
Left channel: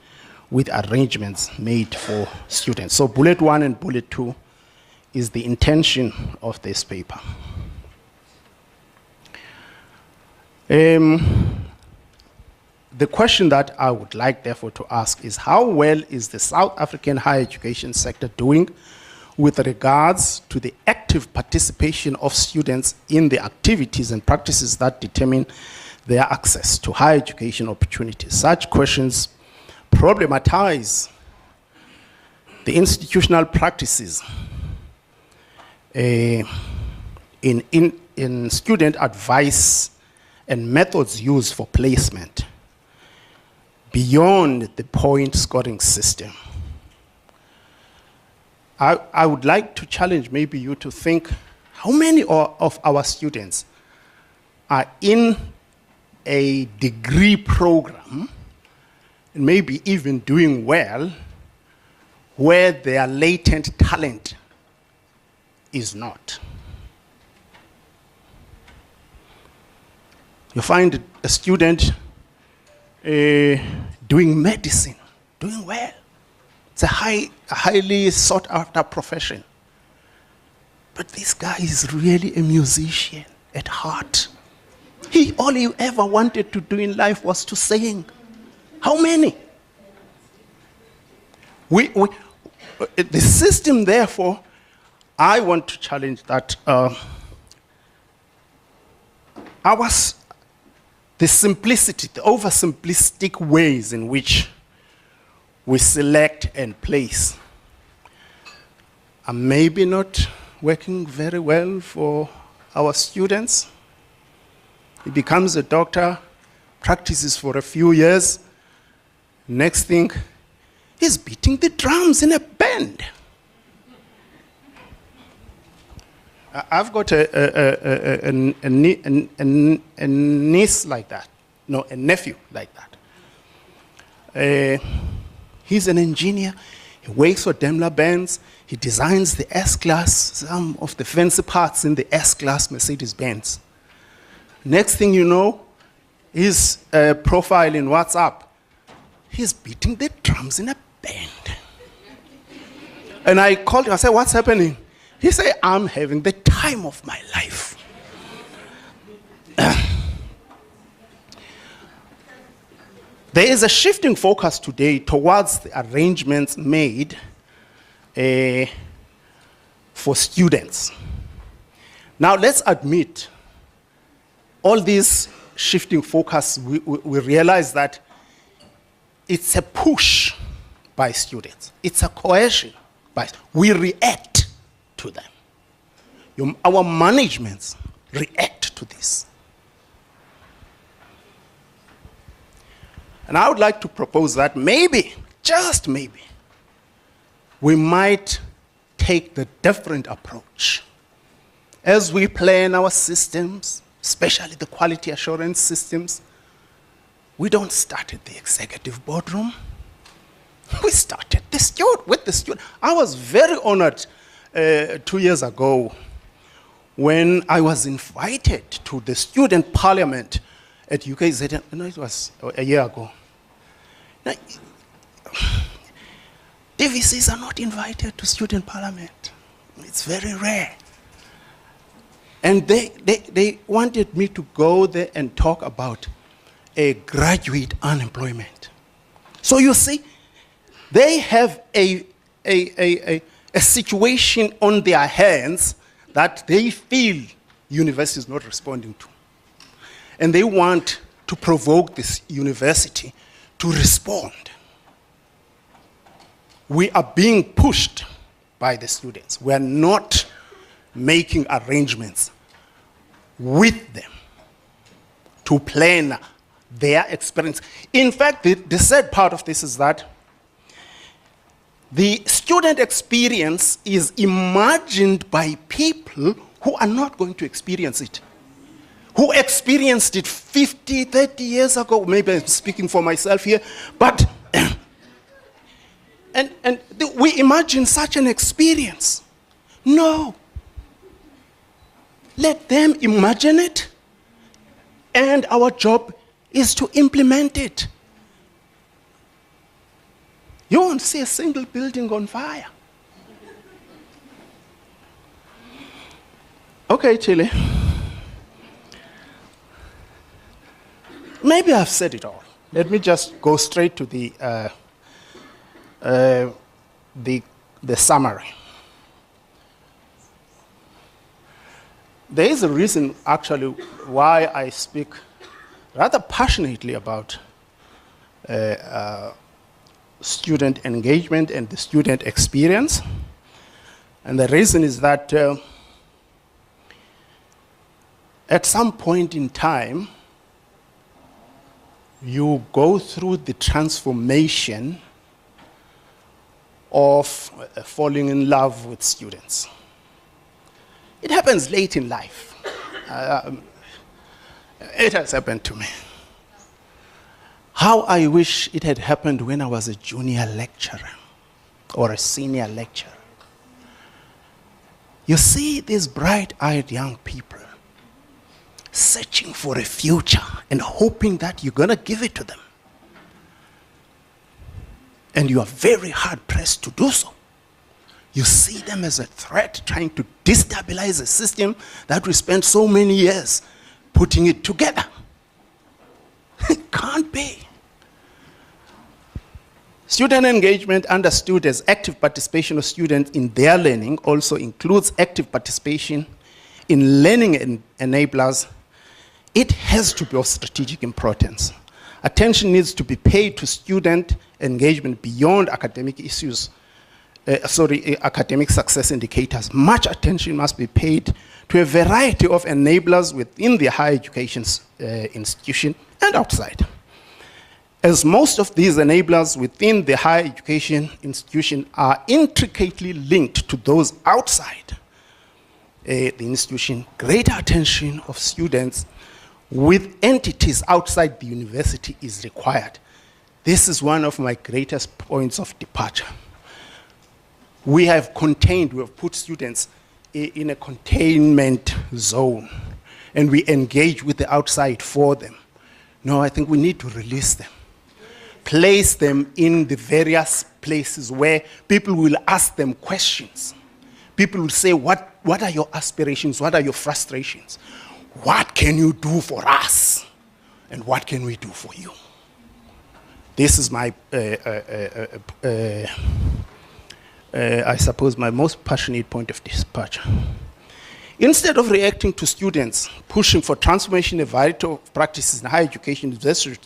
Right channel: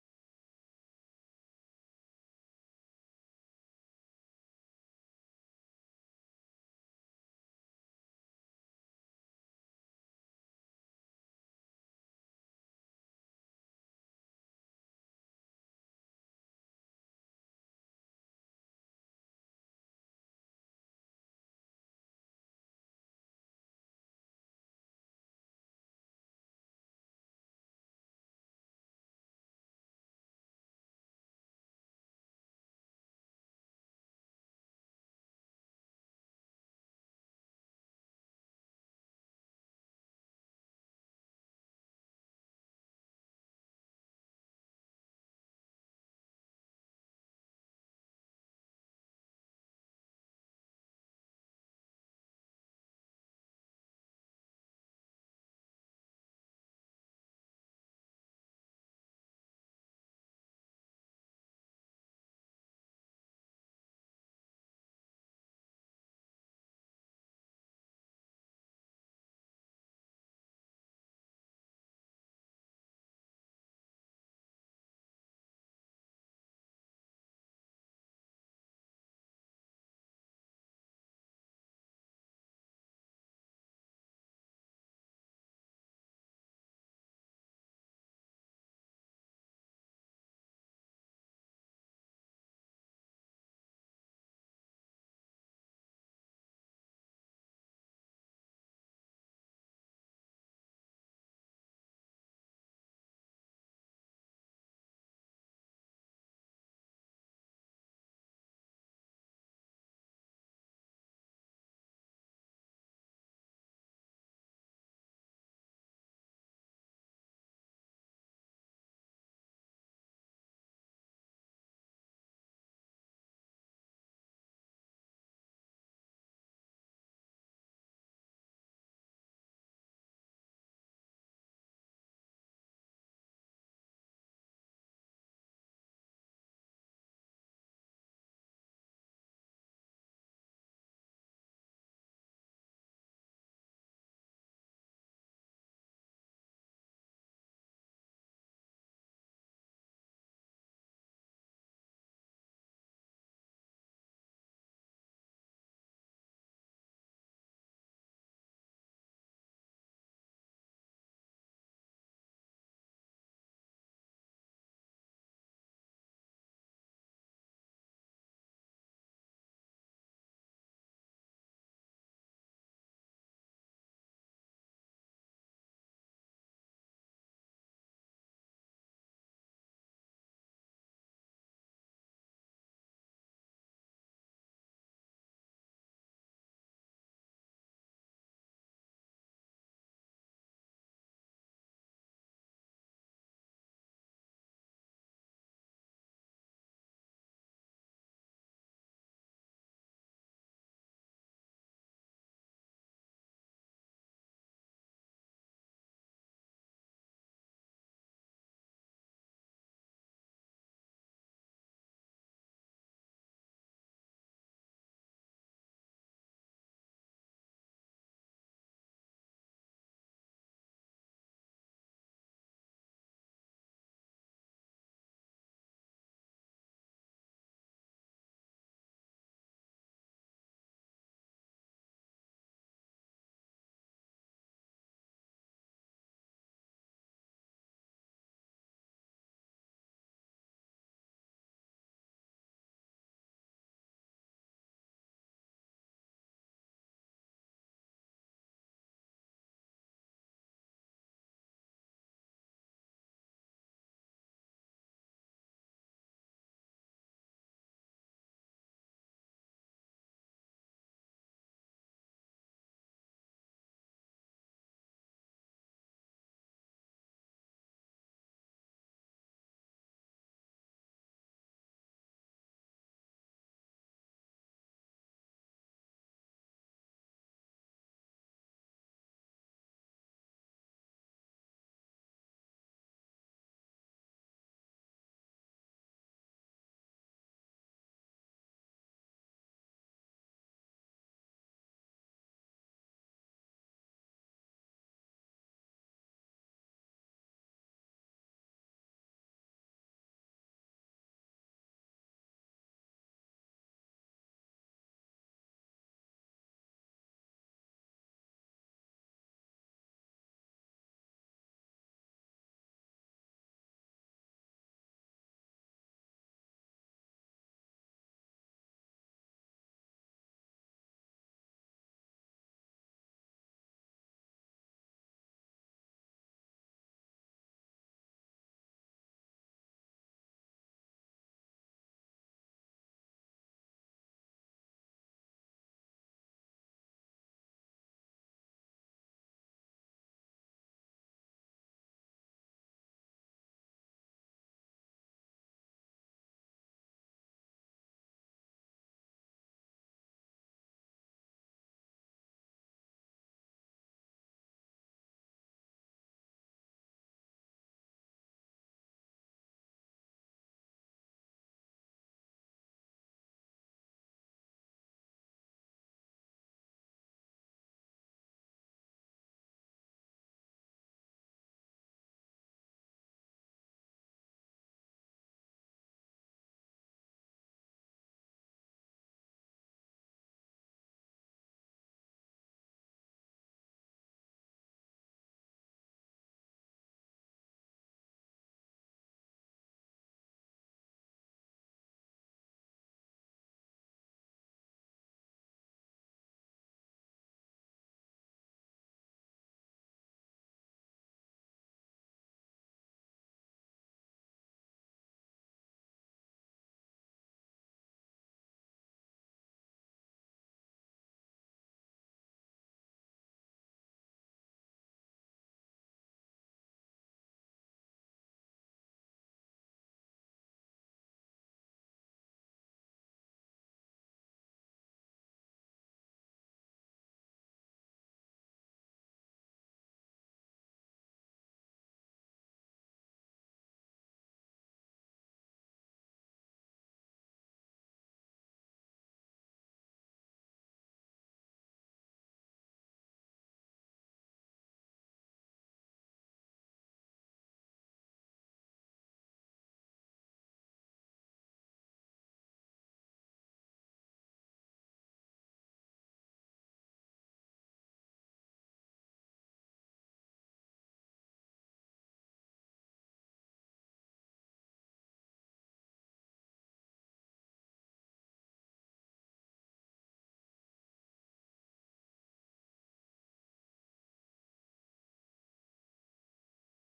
with arrangements made for students. So bullet 1 and bullet 2 is the intention of this paper. The question that I would like, therefore, to ask is how well is the South African higher education sector doing with regards to the active participation of students in the activities and practices that determine their access to higher education opportunities? Such questions problematize the institutional practices in student advice and methods used for placement beyond the point scoring system. I would like to challenge maybe you to think how many of our students are in a degree program, and maybe even doing well, where their latent talent is not. You find a student doing medicine, doing well. It's a highly sought after profession. But this guy is really a musician at heart. All he ever wanted to do in life was to sing. How many? The system, therefore, I want to challenge that the simplicity, the oversimplistic ways in which we select and place are maybe not working very well for our students. He becomes a doctor, practices for a few years. Next thing, he's beating the drums in a band. I've got a niece like that. No, a nephew like that. He's an engineer. He works for Daimler Benz. He designs the S-Class, some of the fancy parts in the S-Class Mercedes-Benz. Next thing you know, his profile in WhatsApp, he's beating the drums in a band. And I called him, I said, what's happening? He said, I'm having the time of my life. There is a shifting focus today towards the arrangements made for students. Now let's admit, all these shifting focus, we realize that it's a push by students. It's a coercion. We react to them. Our managements react to this. And I would like to propose that maybe, just maybe, we might take the different approach. As we plan our systems, especially the quality assurance systems, we don't start at the executive boardroom. We started with the student. I was very honored 2 years ago when I was invited to the student parliament at UKZ. No, it was a year ago. Now, DVCs are not invited to student parliament. It's very rare. And they wanted me to go there and talk about a graduate unemployment. So you see, they have a situation on their hands that they feel university is not responding to. And they want to provoke this university to respond. We are being pushed by the students. We are not making arrangements with them to plan their experience. In fact, the sad part of this is that the student experience is imagined by people who are not going to experience it, who experienced it 50, 30 years ago. Maybe I'm speaking for myself here, but we imagine such an experience. No. Let them imagine it, and our job is to implement it. You won't see a single building on fire. Okay, Chile. Maybe I've said it all. Let me just go straight to the summary. There is a reason, actually, why I speak rather passionately about student engagement and the student experience. And the reason is that at some point in time, you go through the transformation of falling in love with students. It happens late in life. It has happened to me. How I wish it had happened when I was a junior lecturer or a senior lecturer. You see these bright-eyed young people searching for a future and hoping that you're going to give it to them. And you are very hard-pressed to do so. You see them as a threat, trying to destabilize a system that we spent so many years putting it together. It can't be. Student engagement understood as active participation of students in their learning also includes active participation in learning enablers. It has to be of strategic importance. Attention needs to be paid to student engagement beyond academic issues. Academic success indicators. Much attention must be paid to a variety of enablers within the higher education institution and outside. As most of these enablers within the higher education institution are intricately linked to those outside the institution, greater attention of students with entities outside the university is required. This is one of my greatest points of departure. We have put students in a containment zone, and we engage with the outside for them. No, I think we need to release them. Place them in the various places where people will ask them questions. People will say, what are your aspirations? What are your frustrations? What can you do for us? And what can we do for you? This is my, I suppose, my most passionate point of departure. Instead of reacting to students pushing for transformation in a variety of practices in higher education, universities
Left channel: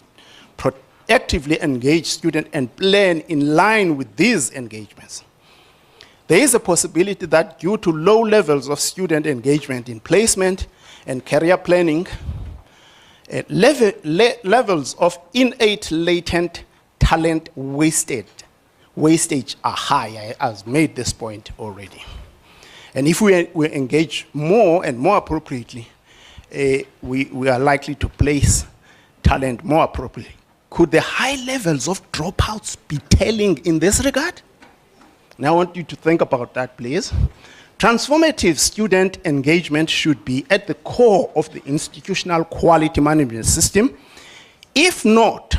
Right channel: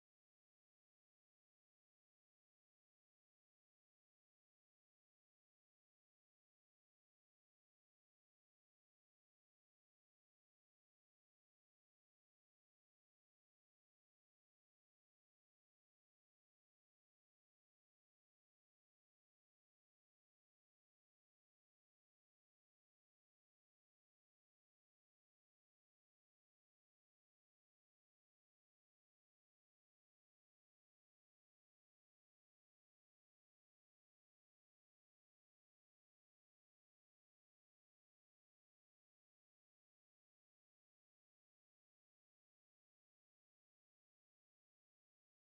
proactively engage students and plan in line with these engagements. there is a possibility that due to low levels of student engagement in placement and career planning, levels of innate latent talent wastage are high. I've made this point already. And if we engage more and more appropriately, we are likely to place talent more appropriately. Could the high levels of dropouts be telling in this regard? Now I want you to think about that, please. Transformative student engagement should be at the core of the institutional quality management system. If not,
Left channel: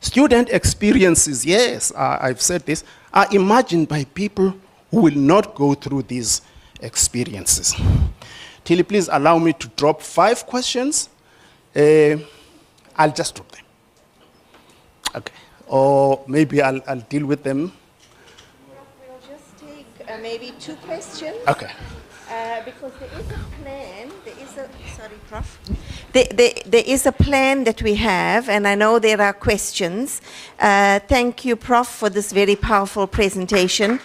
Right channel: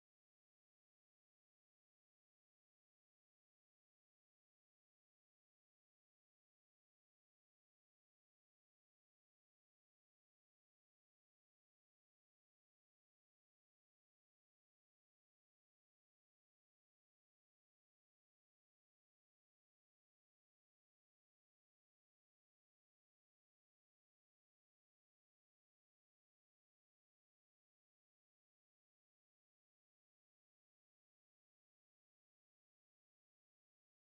student experiences, yes, I've said this, are imagined by people who will not go through these experiences. Tilly, please allow me to drop 5 questions. I'll just drop them. Okay, or maybe I'll deal with them. We'll just take maybe 2 questions. Okay. Because there is a plan, sorry, Prof. There is a plan that we have, and I know there are questions. Thank you, Prof, for this very powerful presentation.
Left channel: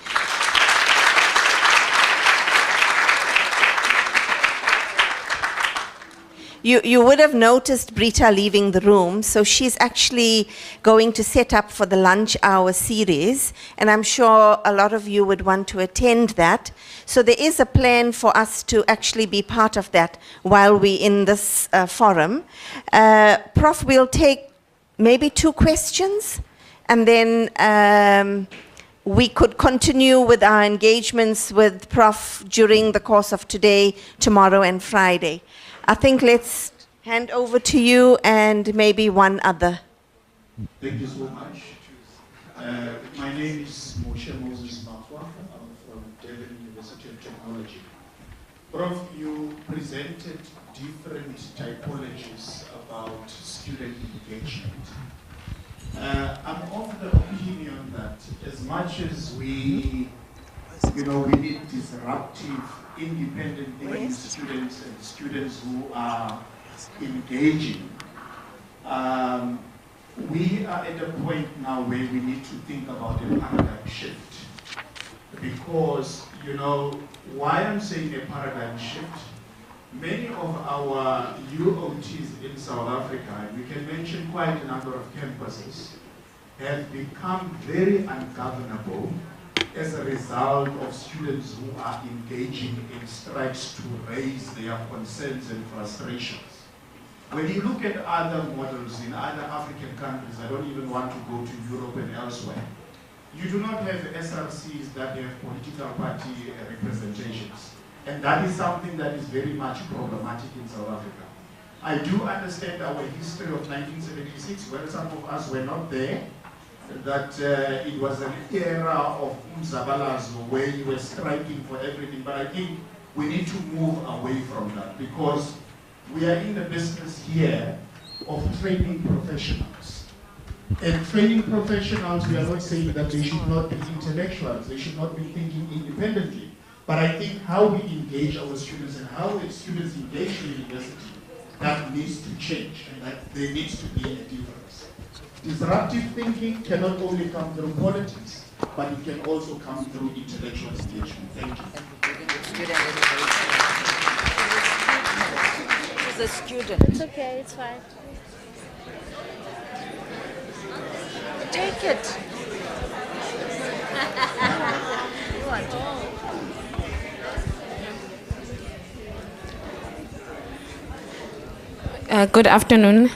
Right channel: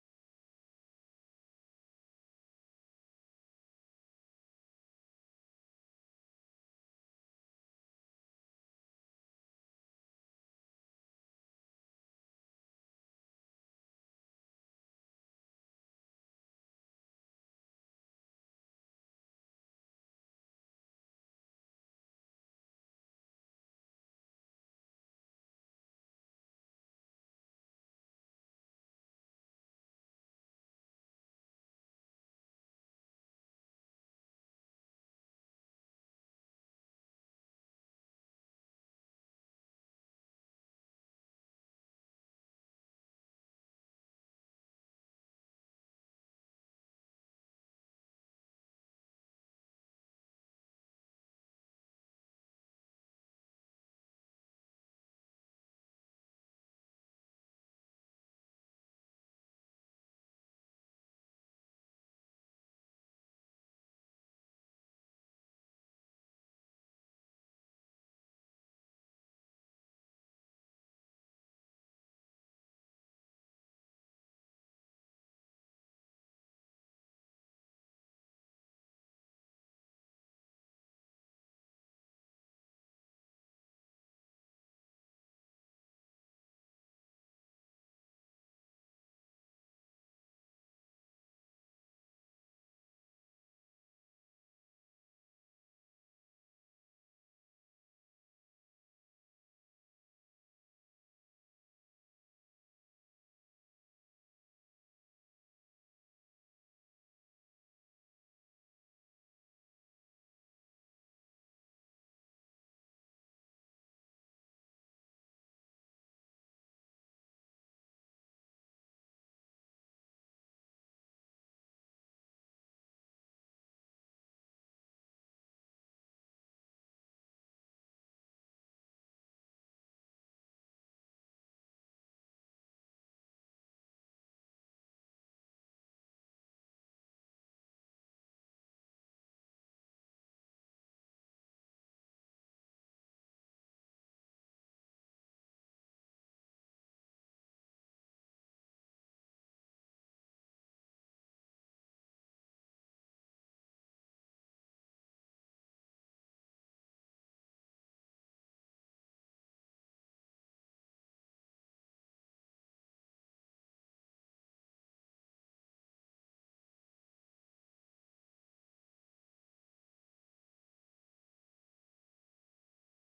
You would have noticed Britta leaving the room, so she's actually going to set up for the lunch hour series, and I'm sure a lot of you would want to attend that. So there is a plan for us to actually be part of that while we're in this forum. Prof, we'll take maybe 2 questions, and then we could continue with our engagements with Prof during the course of today, tomorrow, and Friday. I think let's hand over to you and maybe one other. Thank you so much. My name is Moshe Moses Mafwa. I'm from Durban University of Technology. Prof, you presented different typologies about student engagement. I'm of the opinion that as much as we need disruptive, independent thinking students and students who are engaging, we are at a point now where we need to think about a paradigm shift. Because, why I'm saying a paradigm shift, many of our UOTs in South Africa, and we can mention quite a number of campuses, have become very ungovernable as a result of students who are engaging in strikes to raise their concerns and frustrations. When you look at other models in other African countries, I don't even want to go to Europe and elsewhere, you do not have SRCs that have political party representations. And that is something that is very much problematic in South Africa. I do understand our history of 1976, where some of us were not there, that it was an era of umzabalazo where you were striking for everything, but I think we need to move away from that because we are in the business here of training professionals. And training professionals, we are not saying that they should not be intellectuals, they should not be thinking independently, but I think how we engage our students and how the students engage in university, that needs to change and that there needs to be a difference. Disruptive thinking cannot only come through politics, but it can also come through intellectual engagement. Thank you. He's a student. It's okay, it's fine. Take it. Good afternoon.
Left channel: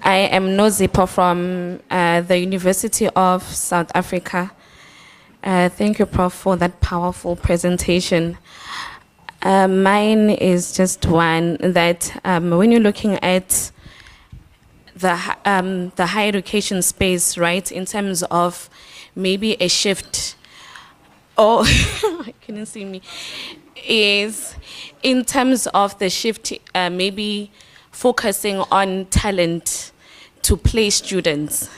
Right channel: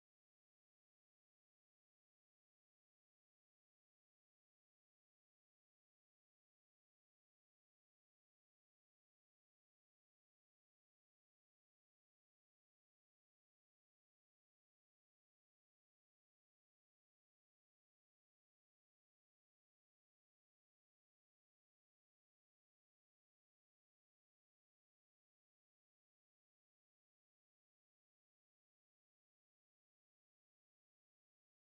I am Nhlapo from the University of South Africa. Thank you, Prof, for that powerful presentation. Mine is just one that when you're looking at the higher education space, right, in terms of maybe a shift, or I couldn't see me, is in terms of the shift, maybe focusing on talent to place students.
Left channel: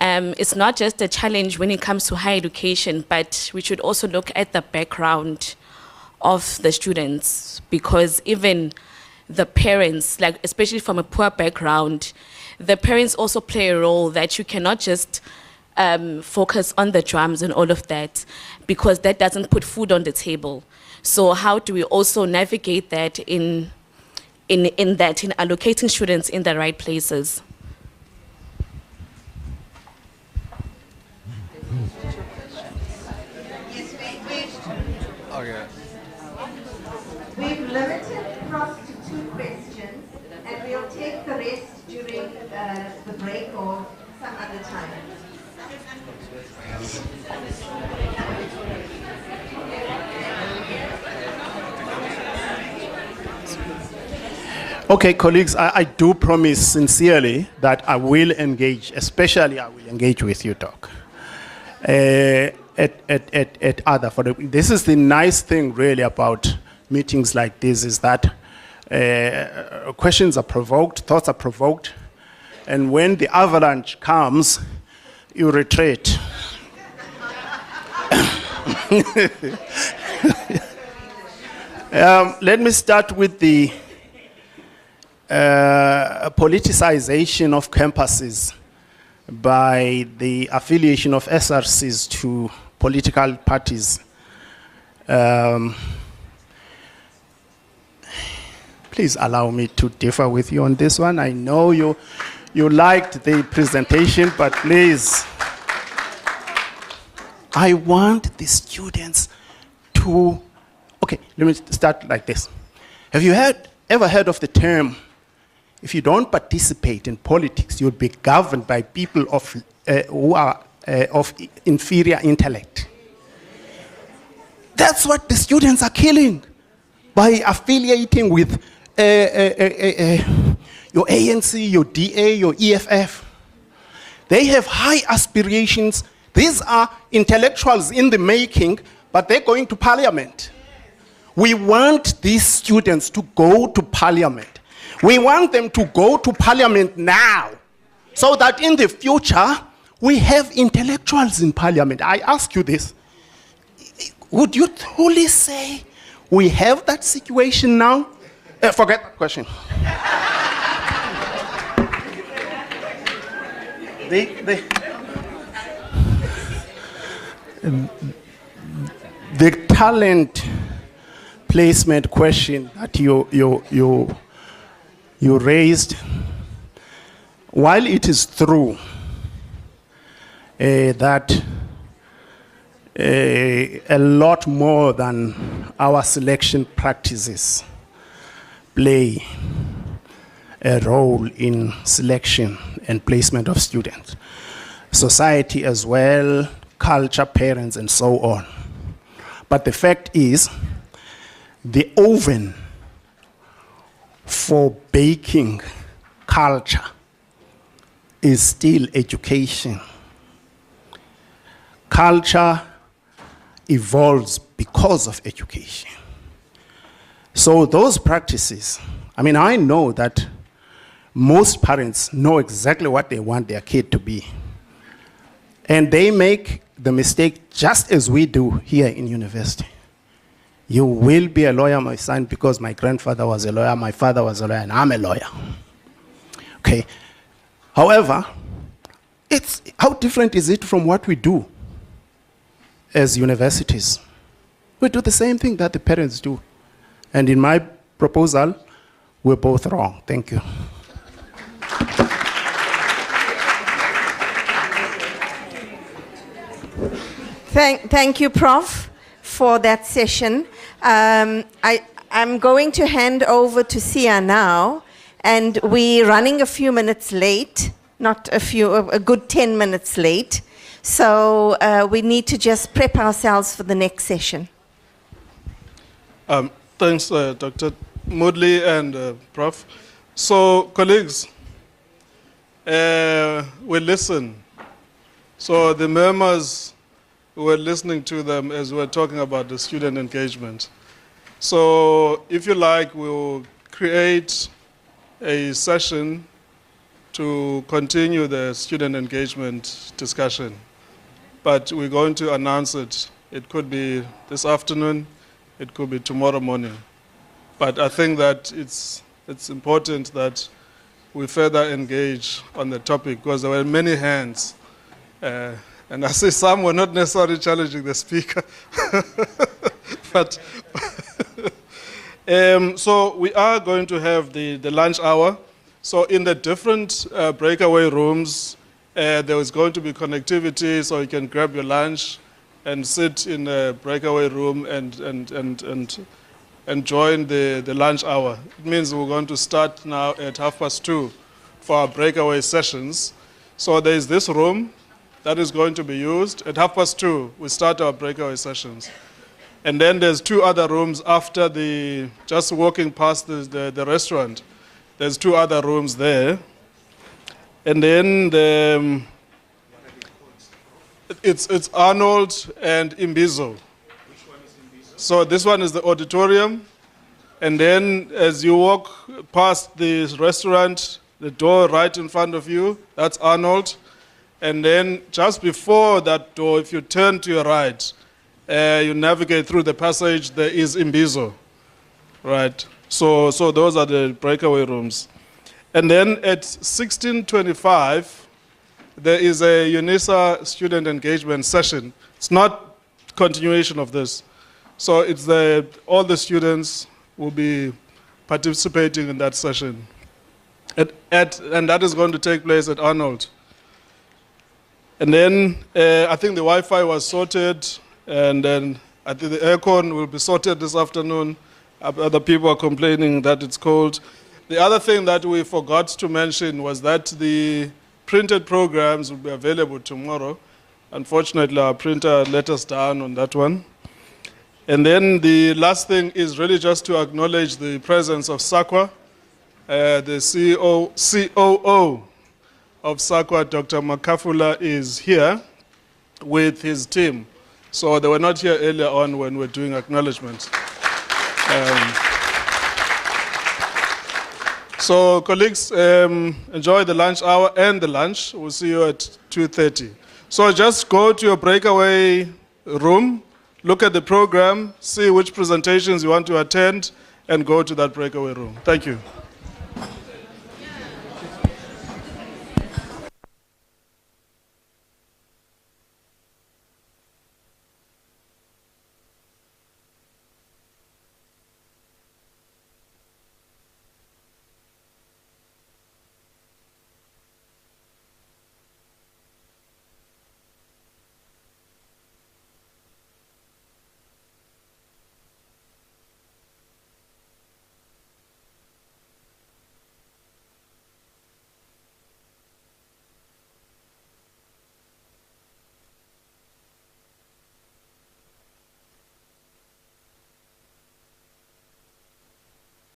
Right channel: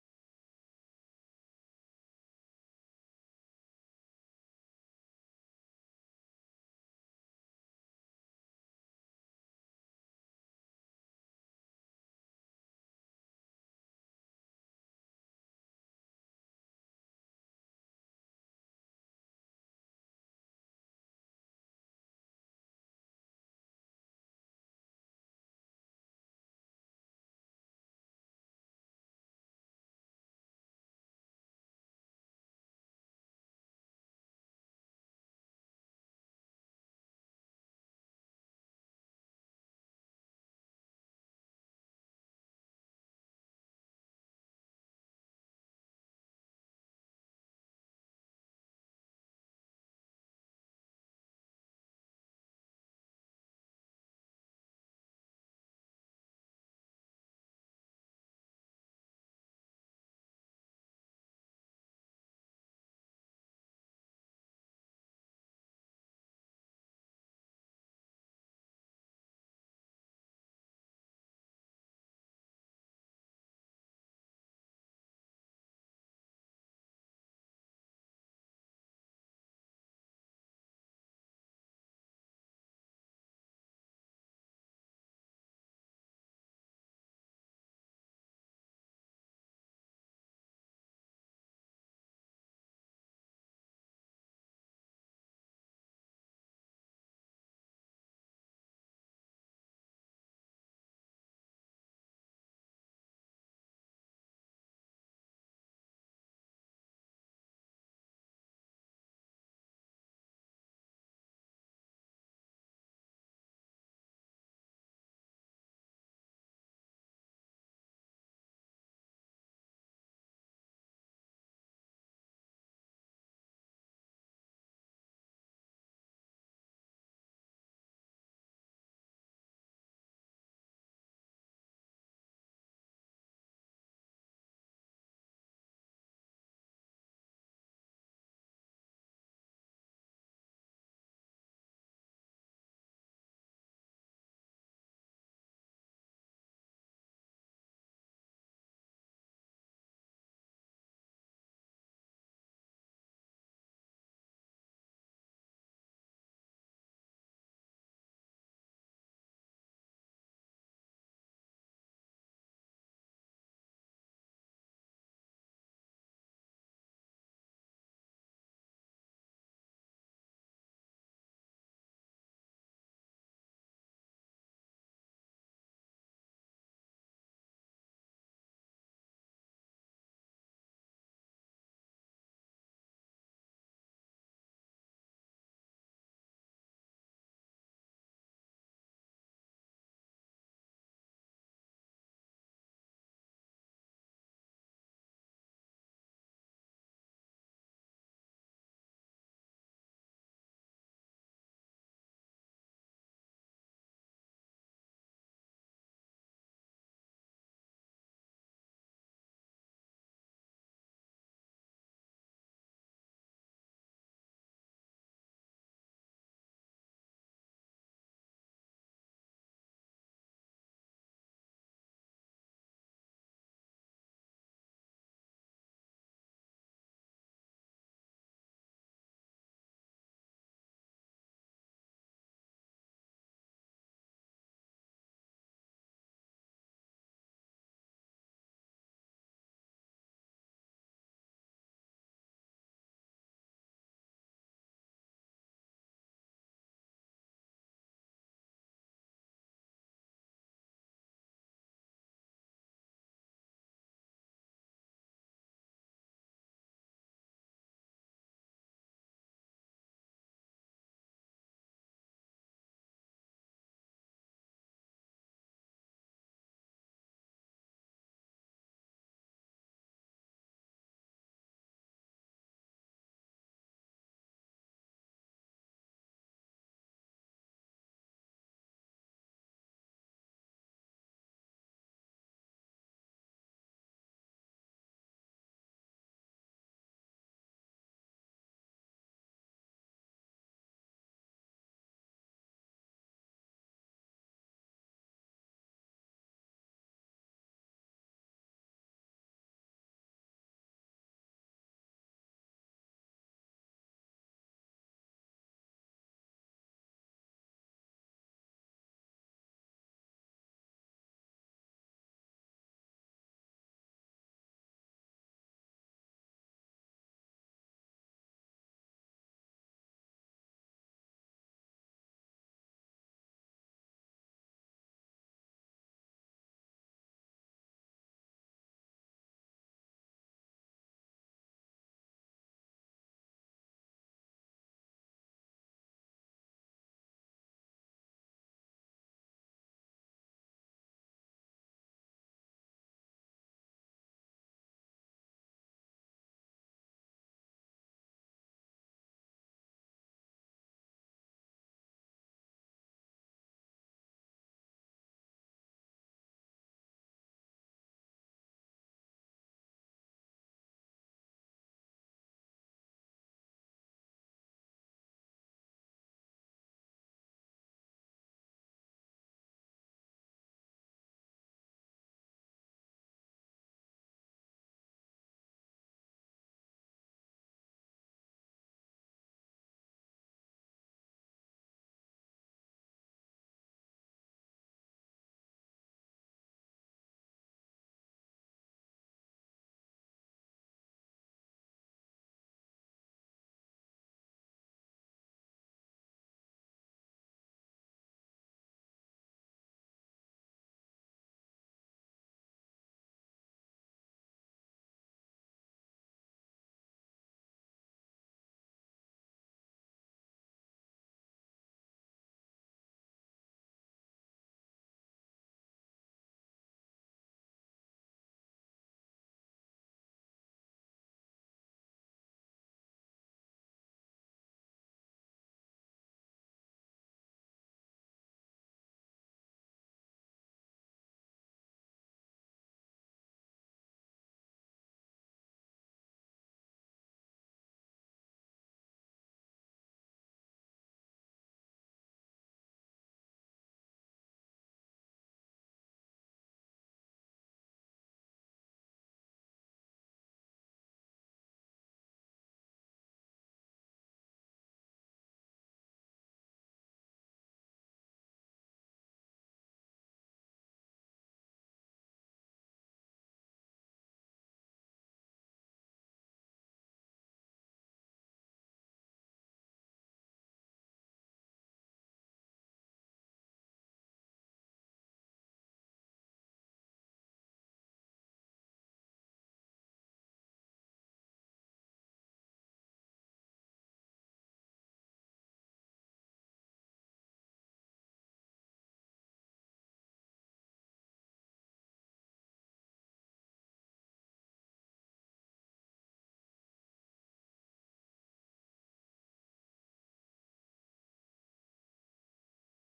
It's not just a challenge when it comes to higher education, but we should also look at the background of the students, because even the parents, like especially from a poor background, the parents also play a role that you cannot just focus on the drums and all of that, because that doesn't put food on the table. So how do we also navigate that in allocating students in the right places? We've limited Prof to 2 questions, and we'll take the rest during the break or some other time. Okay, colleagues, I do promise sincerely that I will engage, especially I will engage with you, Doc. At other, this is the nice thing really about meetings like this, is that questions are provoked, thoughts are provoked, and when the avalanche comes, you retreat. Let me start with the politicization of campuses by the affiliation of SRCs to political parties. Please allow me to differ with you on this one. I know you liked the presentation, but please, I want the students to, okay, let me start like this. Have you ever heard of the term, if you don't participate in politics, you'll be governed by people who are of inferior intellect? That's what the students are killing by affiliating with your ANC, your DA, your EFF. They have high aspirations. These are intellectuals in the making, but they're going to parliament. We want these students to go to parliament. We want them to go to parliament now, so that in the future, we have intellectuals in parliament. I ask you this. Would you truly say we have that situation now? Forget that question. The talent placement question that you raised, while it is true that a lot more than our selection practices play a role in selection and placement of students, society as well, culture, parents, and so on. But the fact is, the oven for baking culture is still education. Culture evolves because of education. So those practices, I mean, I know that most parents know exactly what they want their kid to be. And they make the mistake just as we do here in university. You will be a lawyer, my son, because my grandfather was a lawyer, my father was a lawyer, and I'm a lawyer. Okay. However, how different is it from what we do as universities? We do the same thing that the parents do. And in my proposal, we're both wrong. Thank you. Thank you, Prof, for that session. I'm going to hand over to Sia now, and we're running a few minutes late, not a few, a good 10 minutes late. So we need to just prep ourselves for the next session. Thanks, Dr. Moodley and Prof. So, colleagues, we listen. So the murmurs, we're listening to them as we're talking about the student engagement. So if you like, we'll create a session to continue the student engagement discussion. But we're going to announce it. It could be this afternoon, it could be tomorrow morning. But I think that it's important that we further engage on the topic, because there were many hands And I see some were not necessarily challenging the speaker. But so we are going to have the lunch hour. So in the different breakaway rooms, there is going to be connectivity, so you can grab your lunch and sit in a breakaway room and join the lunch hour. It means we're going to start now at 2:30 for our breakaway sessions. So there is this room that is going to be used. At 2:30, we start our breakaway sessions. And then there's 2 other rooms after just walking past the restaurant. There's 2 other rooms there. And then it's Arnold and Imbizo. So this one is the auditorium. And then as you walk past the restaurant, the door right in front of you, that's Arnold. And then just before that door, if you turn to your right, you navigate through the passage, there is Imbizo. Right. So those are the breakaway rooms. And then at 16:25, there is a UNISA student engagement session. It's not continuation of this. So it's all the students will be participating in that session. And that is going to take place at Arnold. And then I think the Wi-Fi was sorted, and then I think the aircon will be sorted this afternoon. Other people are complaining that it's cold. The other thing that we forgot to mention was that the printed programs will be available tomorrow. Unfortunately, our printer let us down on that one. And then the last thing is really just to acknowledge the presence of SAQA, the COO of SAQA, Dr. Makafula, is here with his team. So they were not here earlier on when we were doing acknowledgements. So colleagues, enjoy the lunch hour and the lunch. We'll see you at 2:30. So just go to your breakaway room, look at the program, see which presentations you want to attend, and go to that breakaway room. Thank you.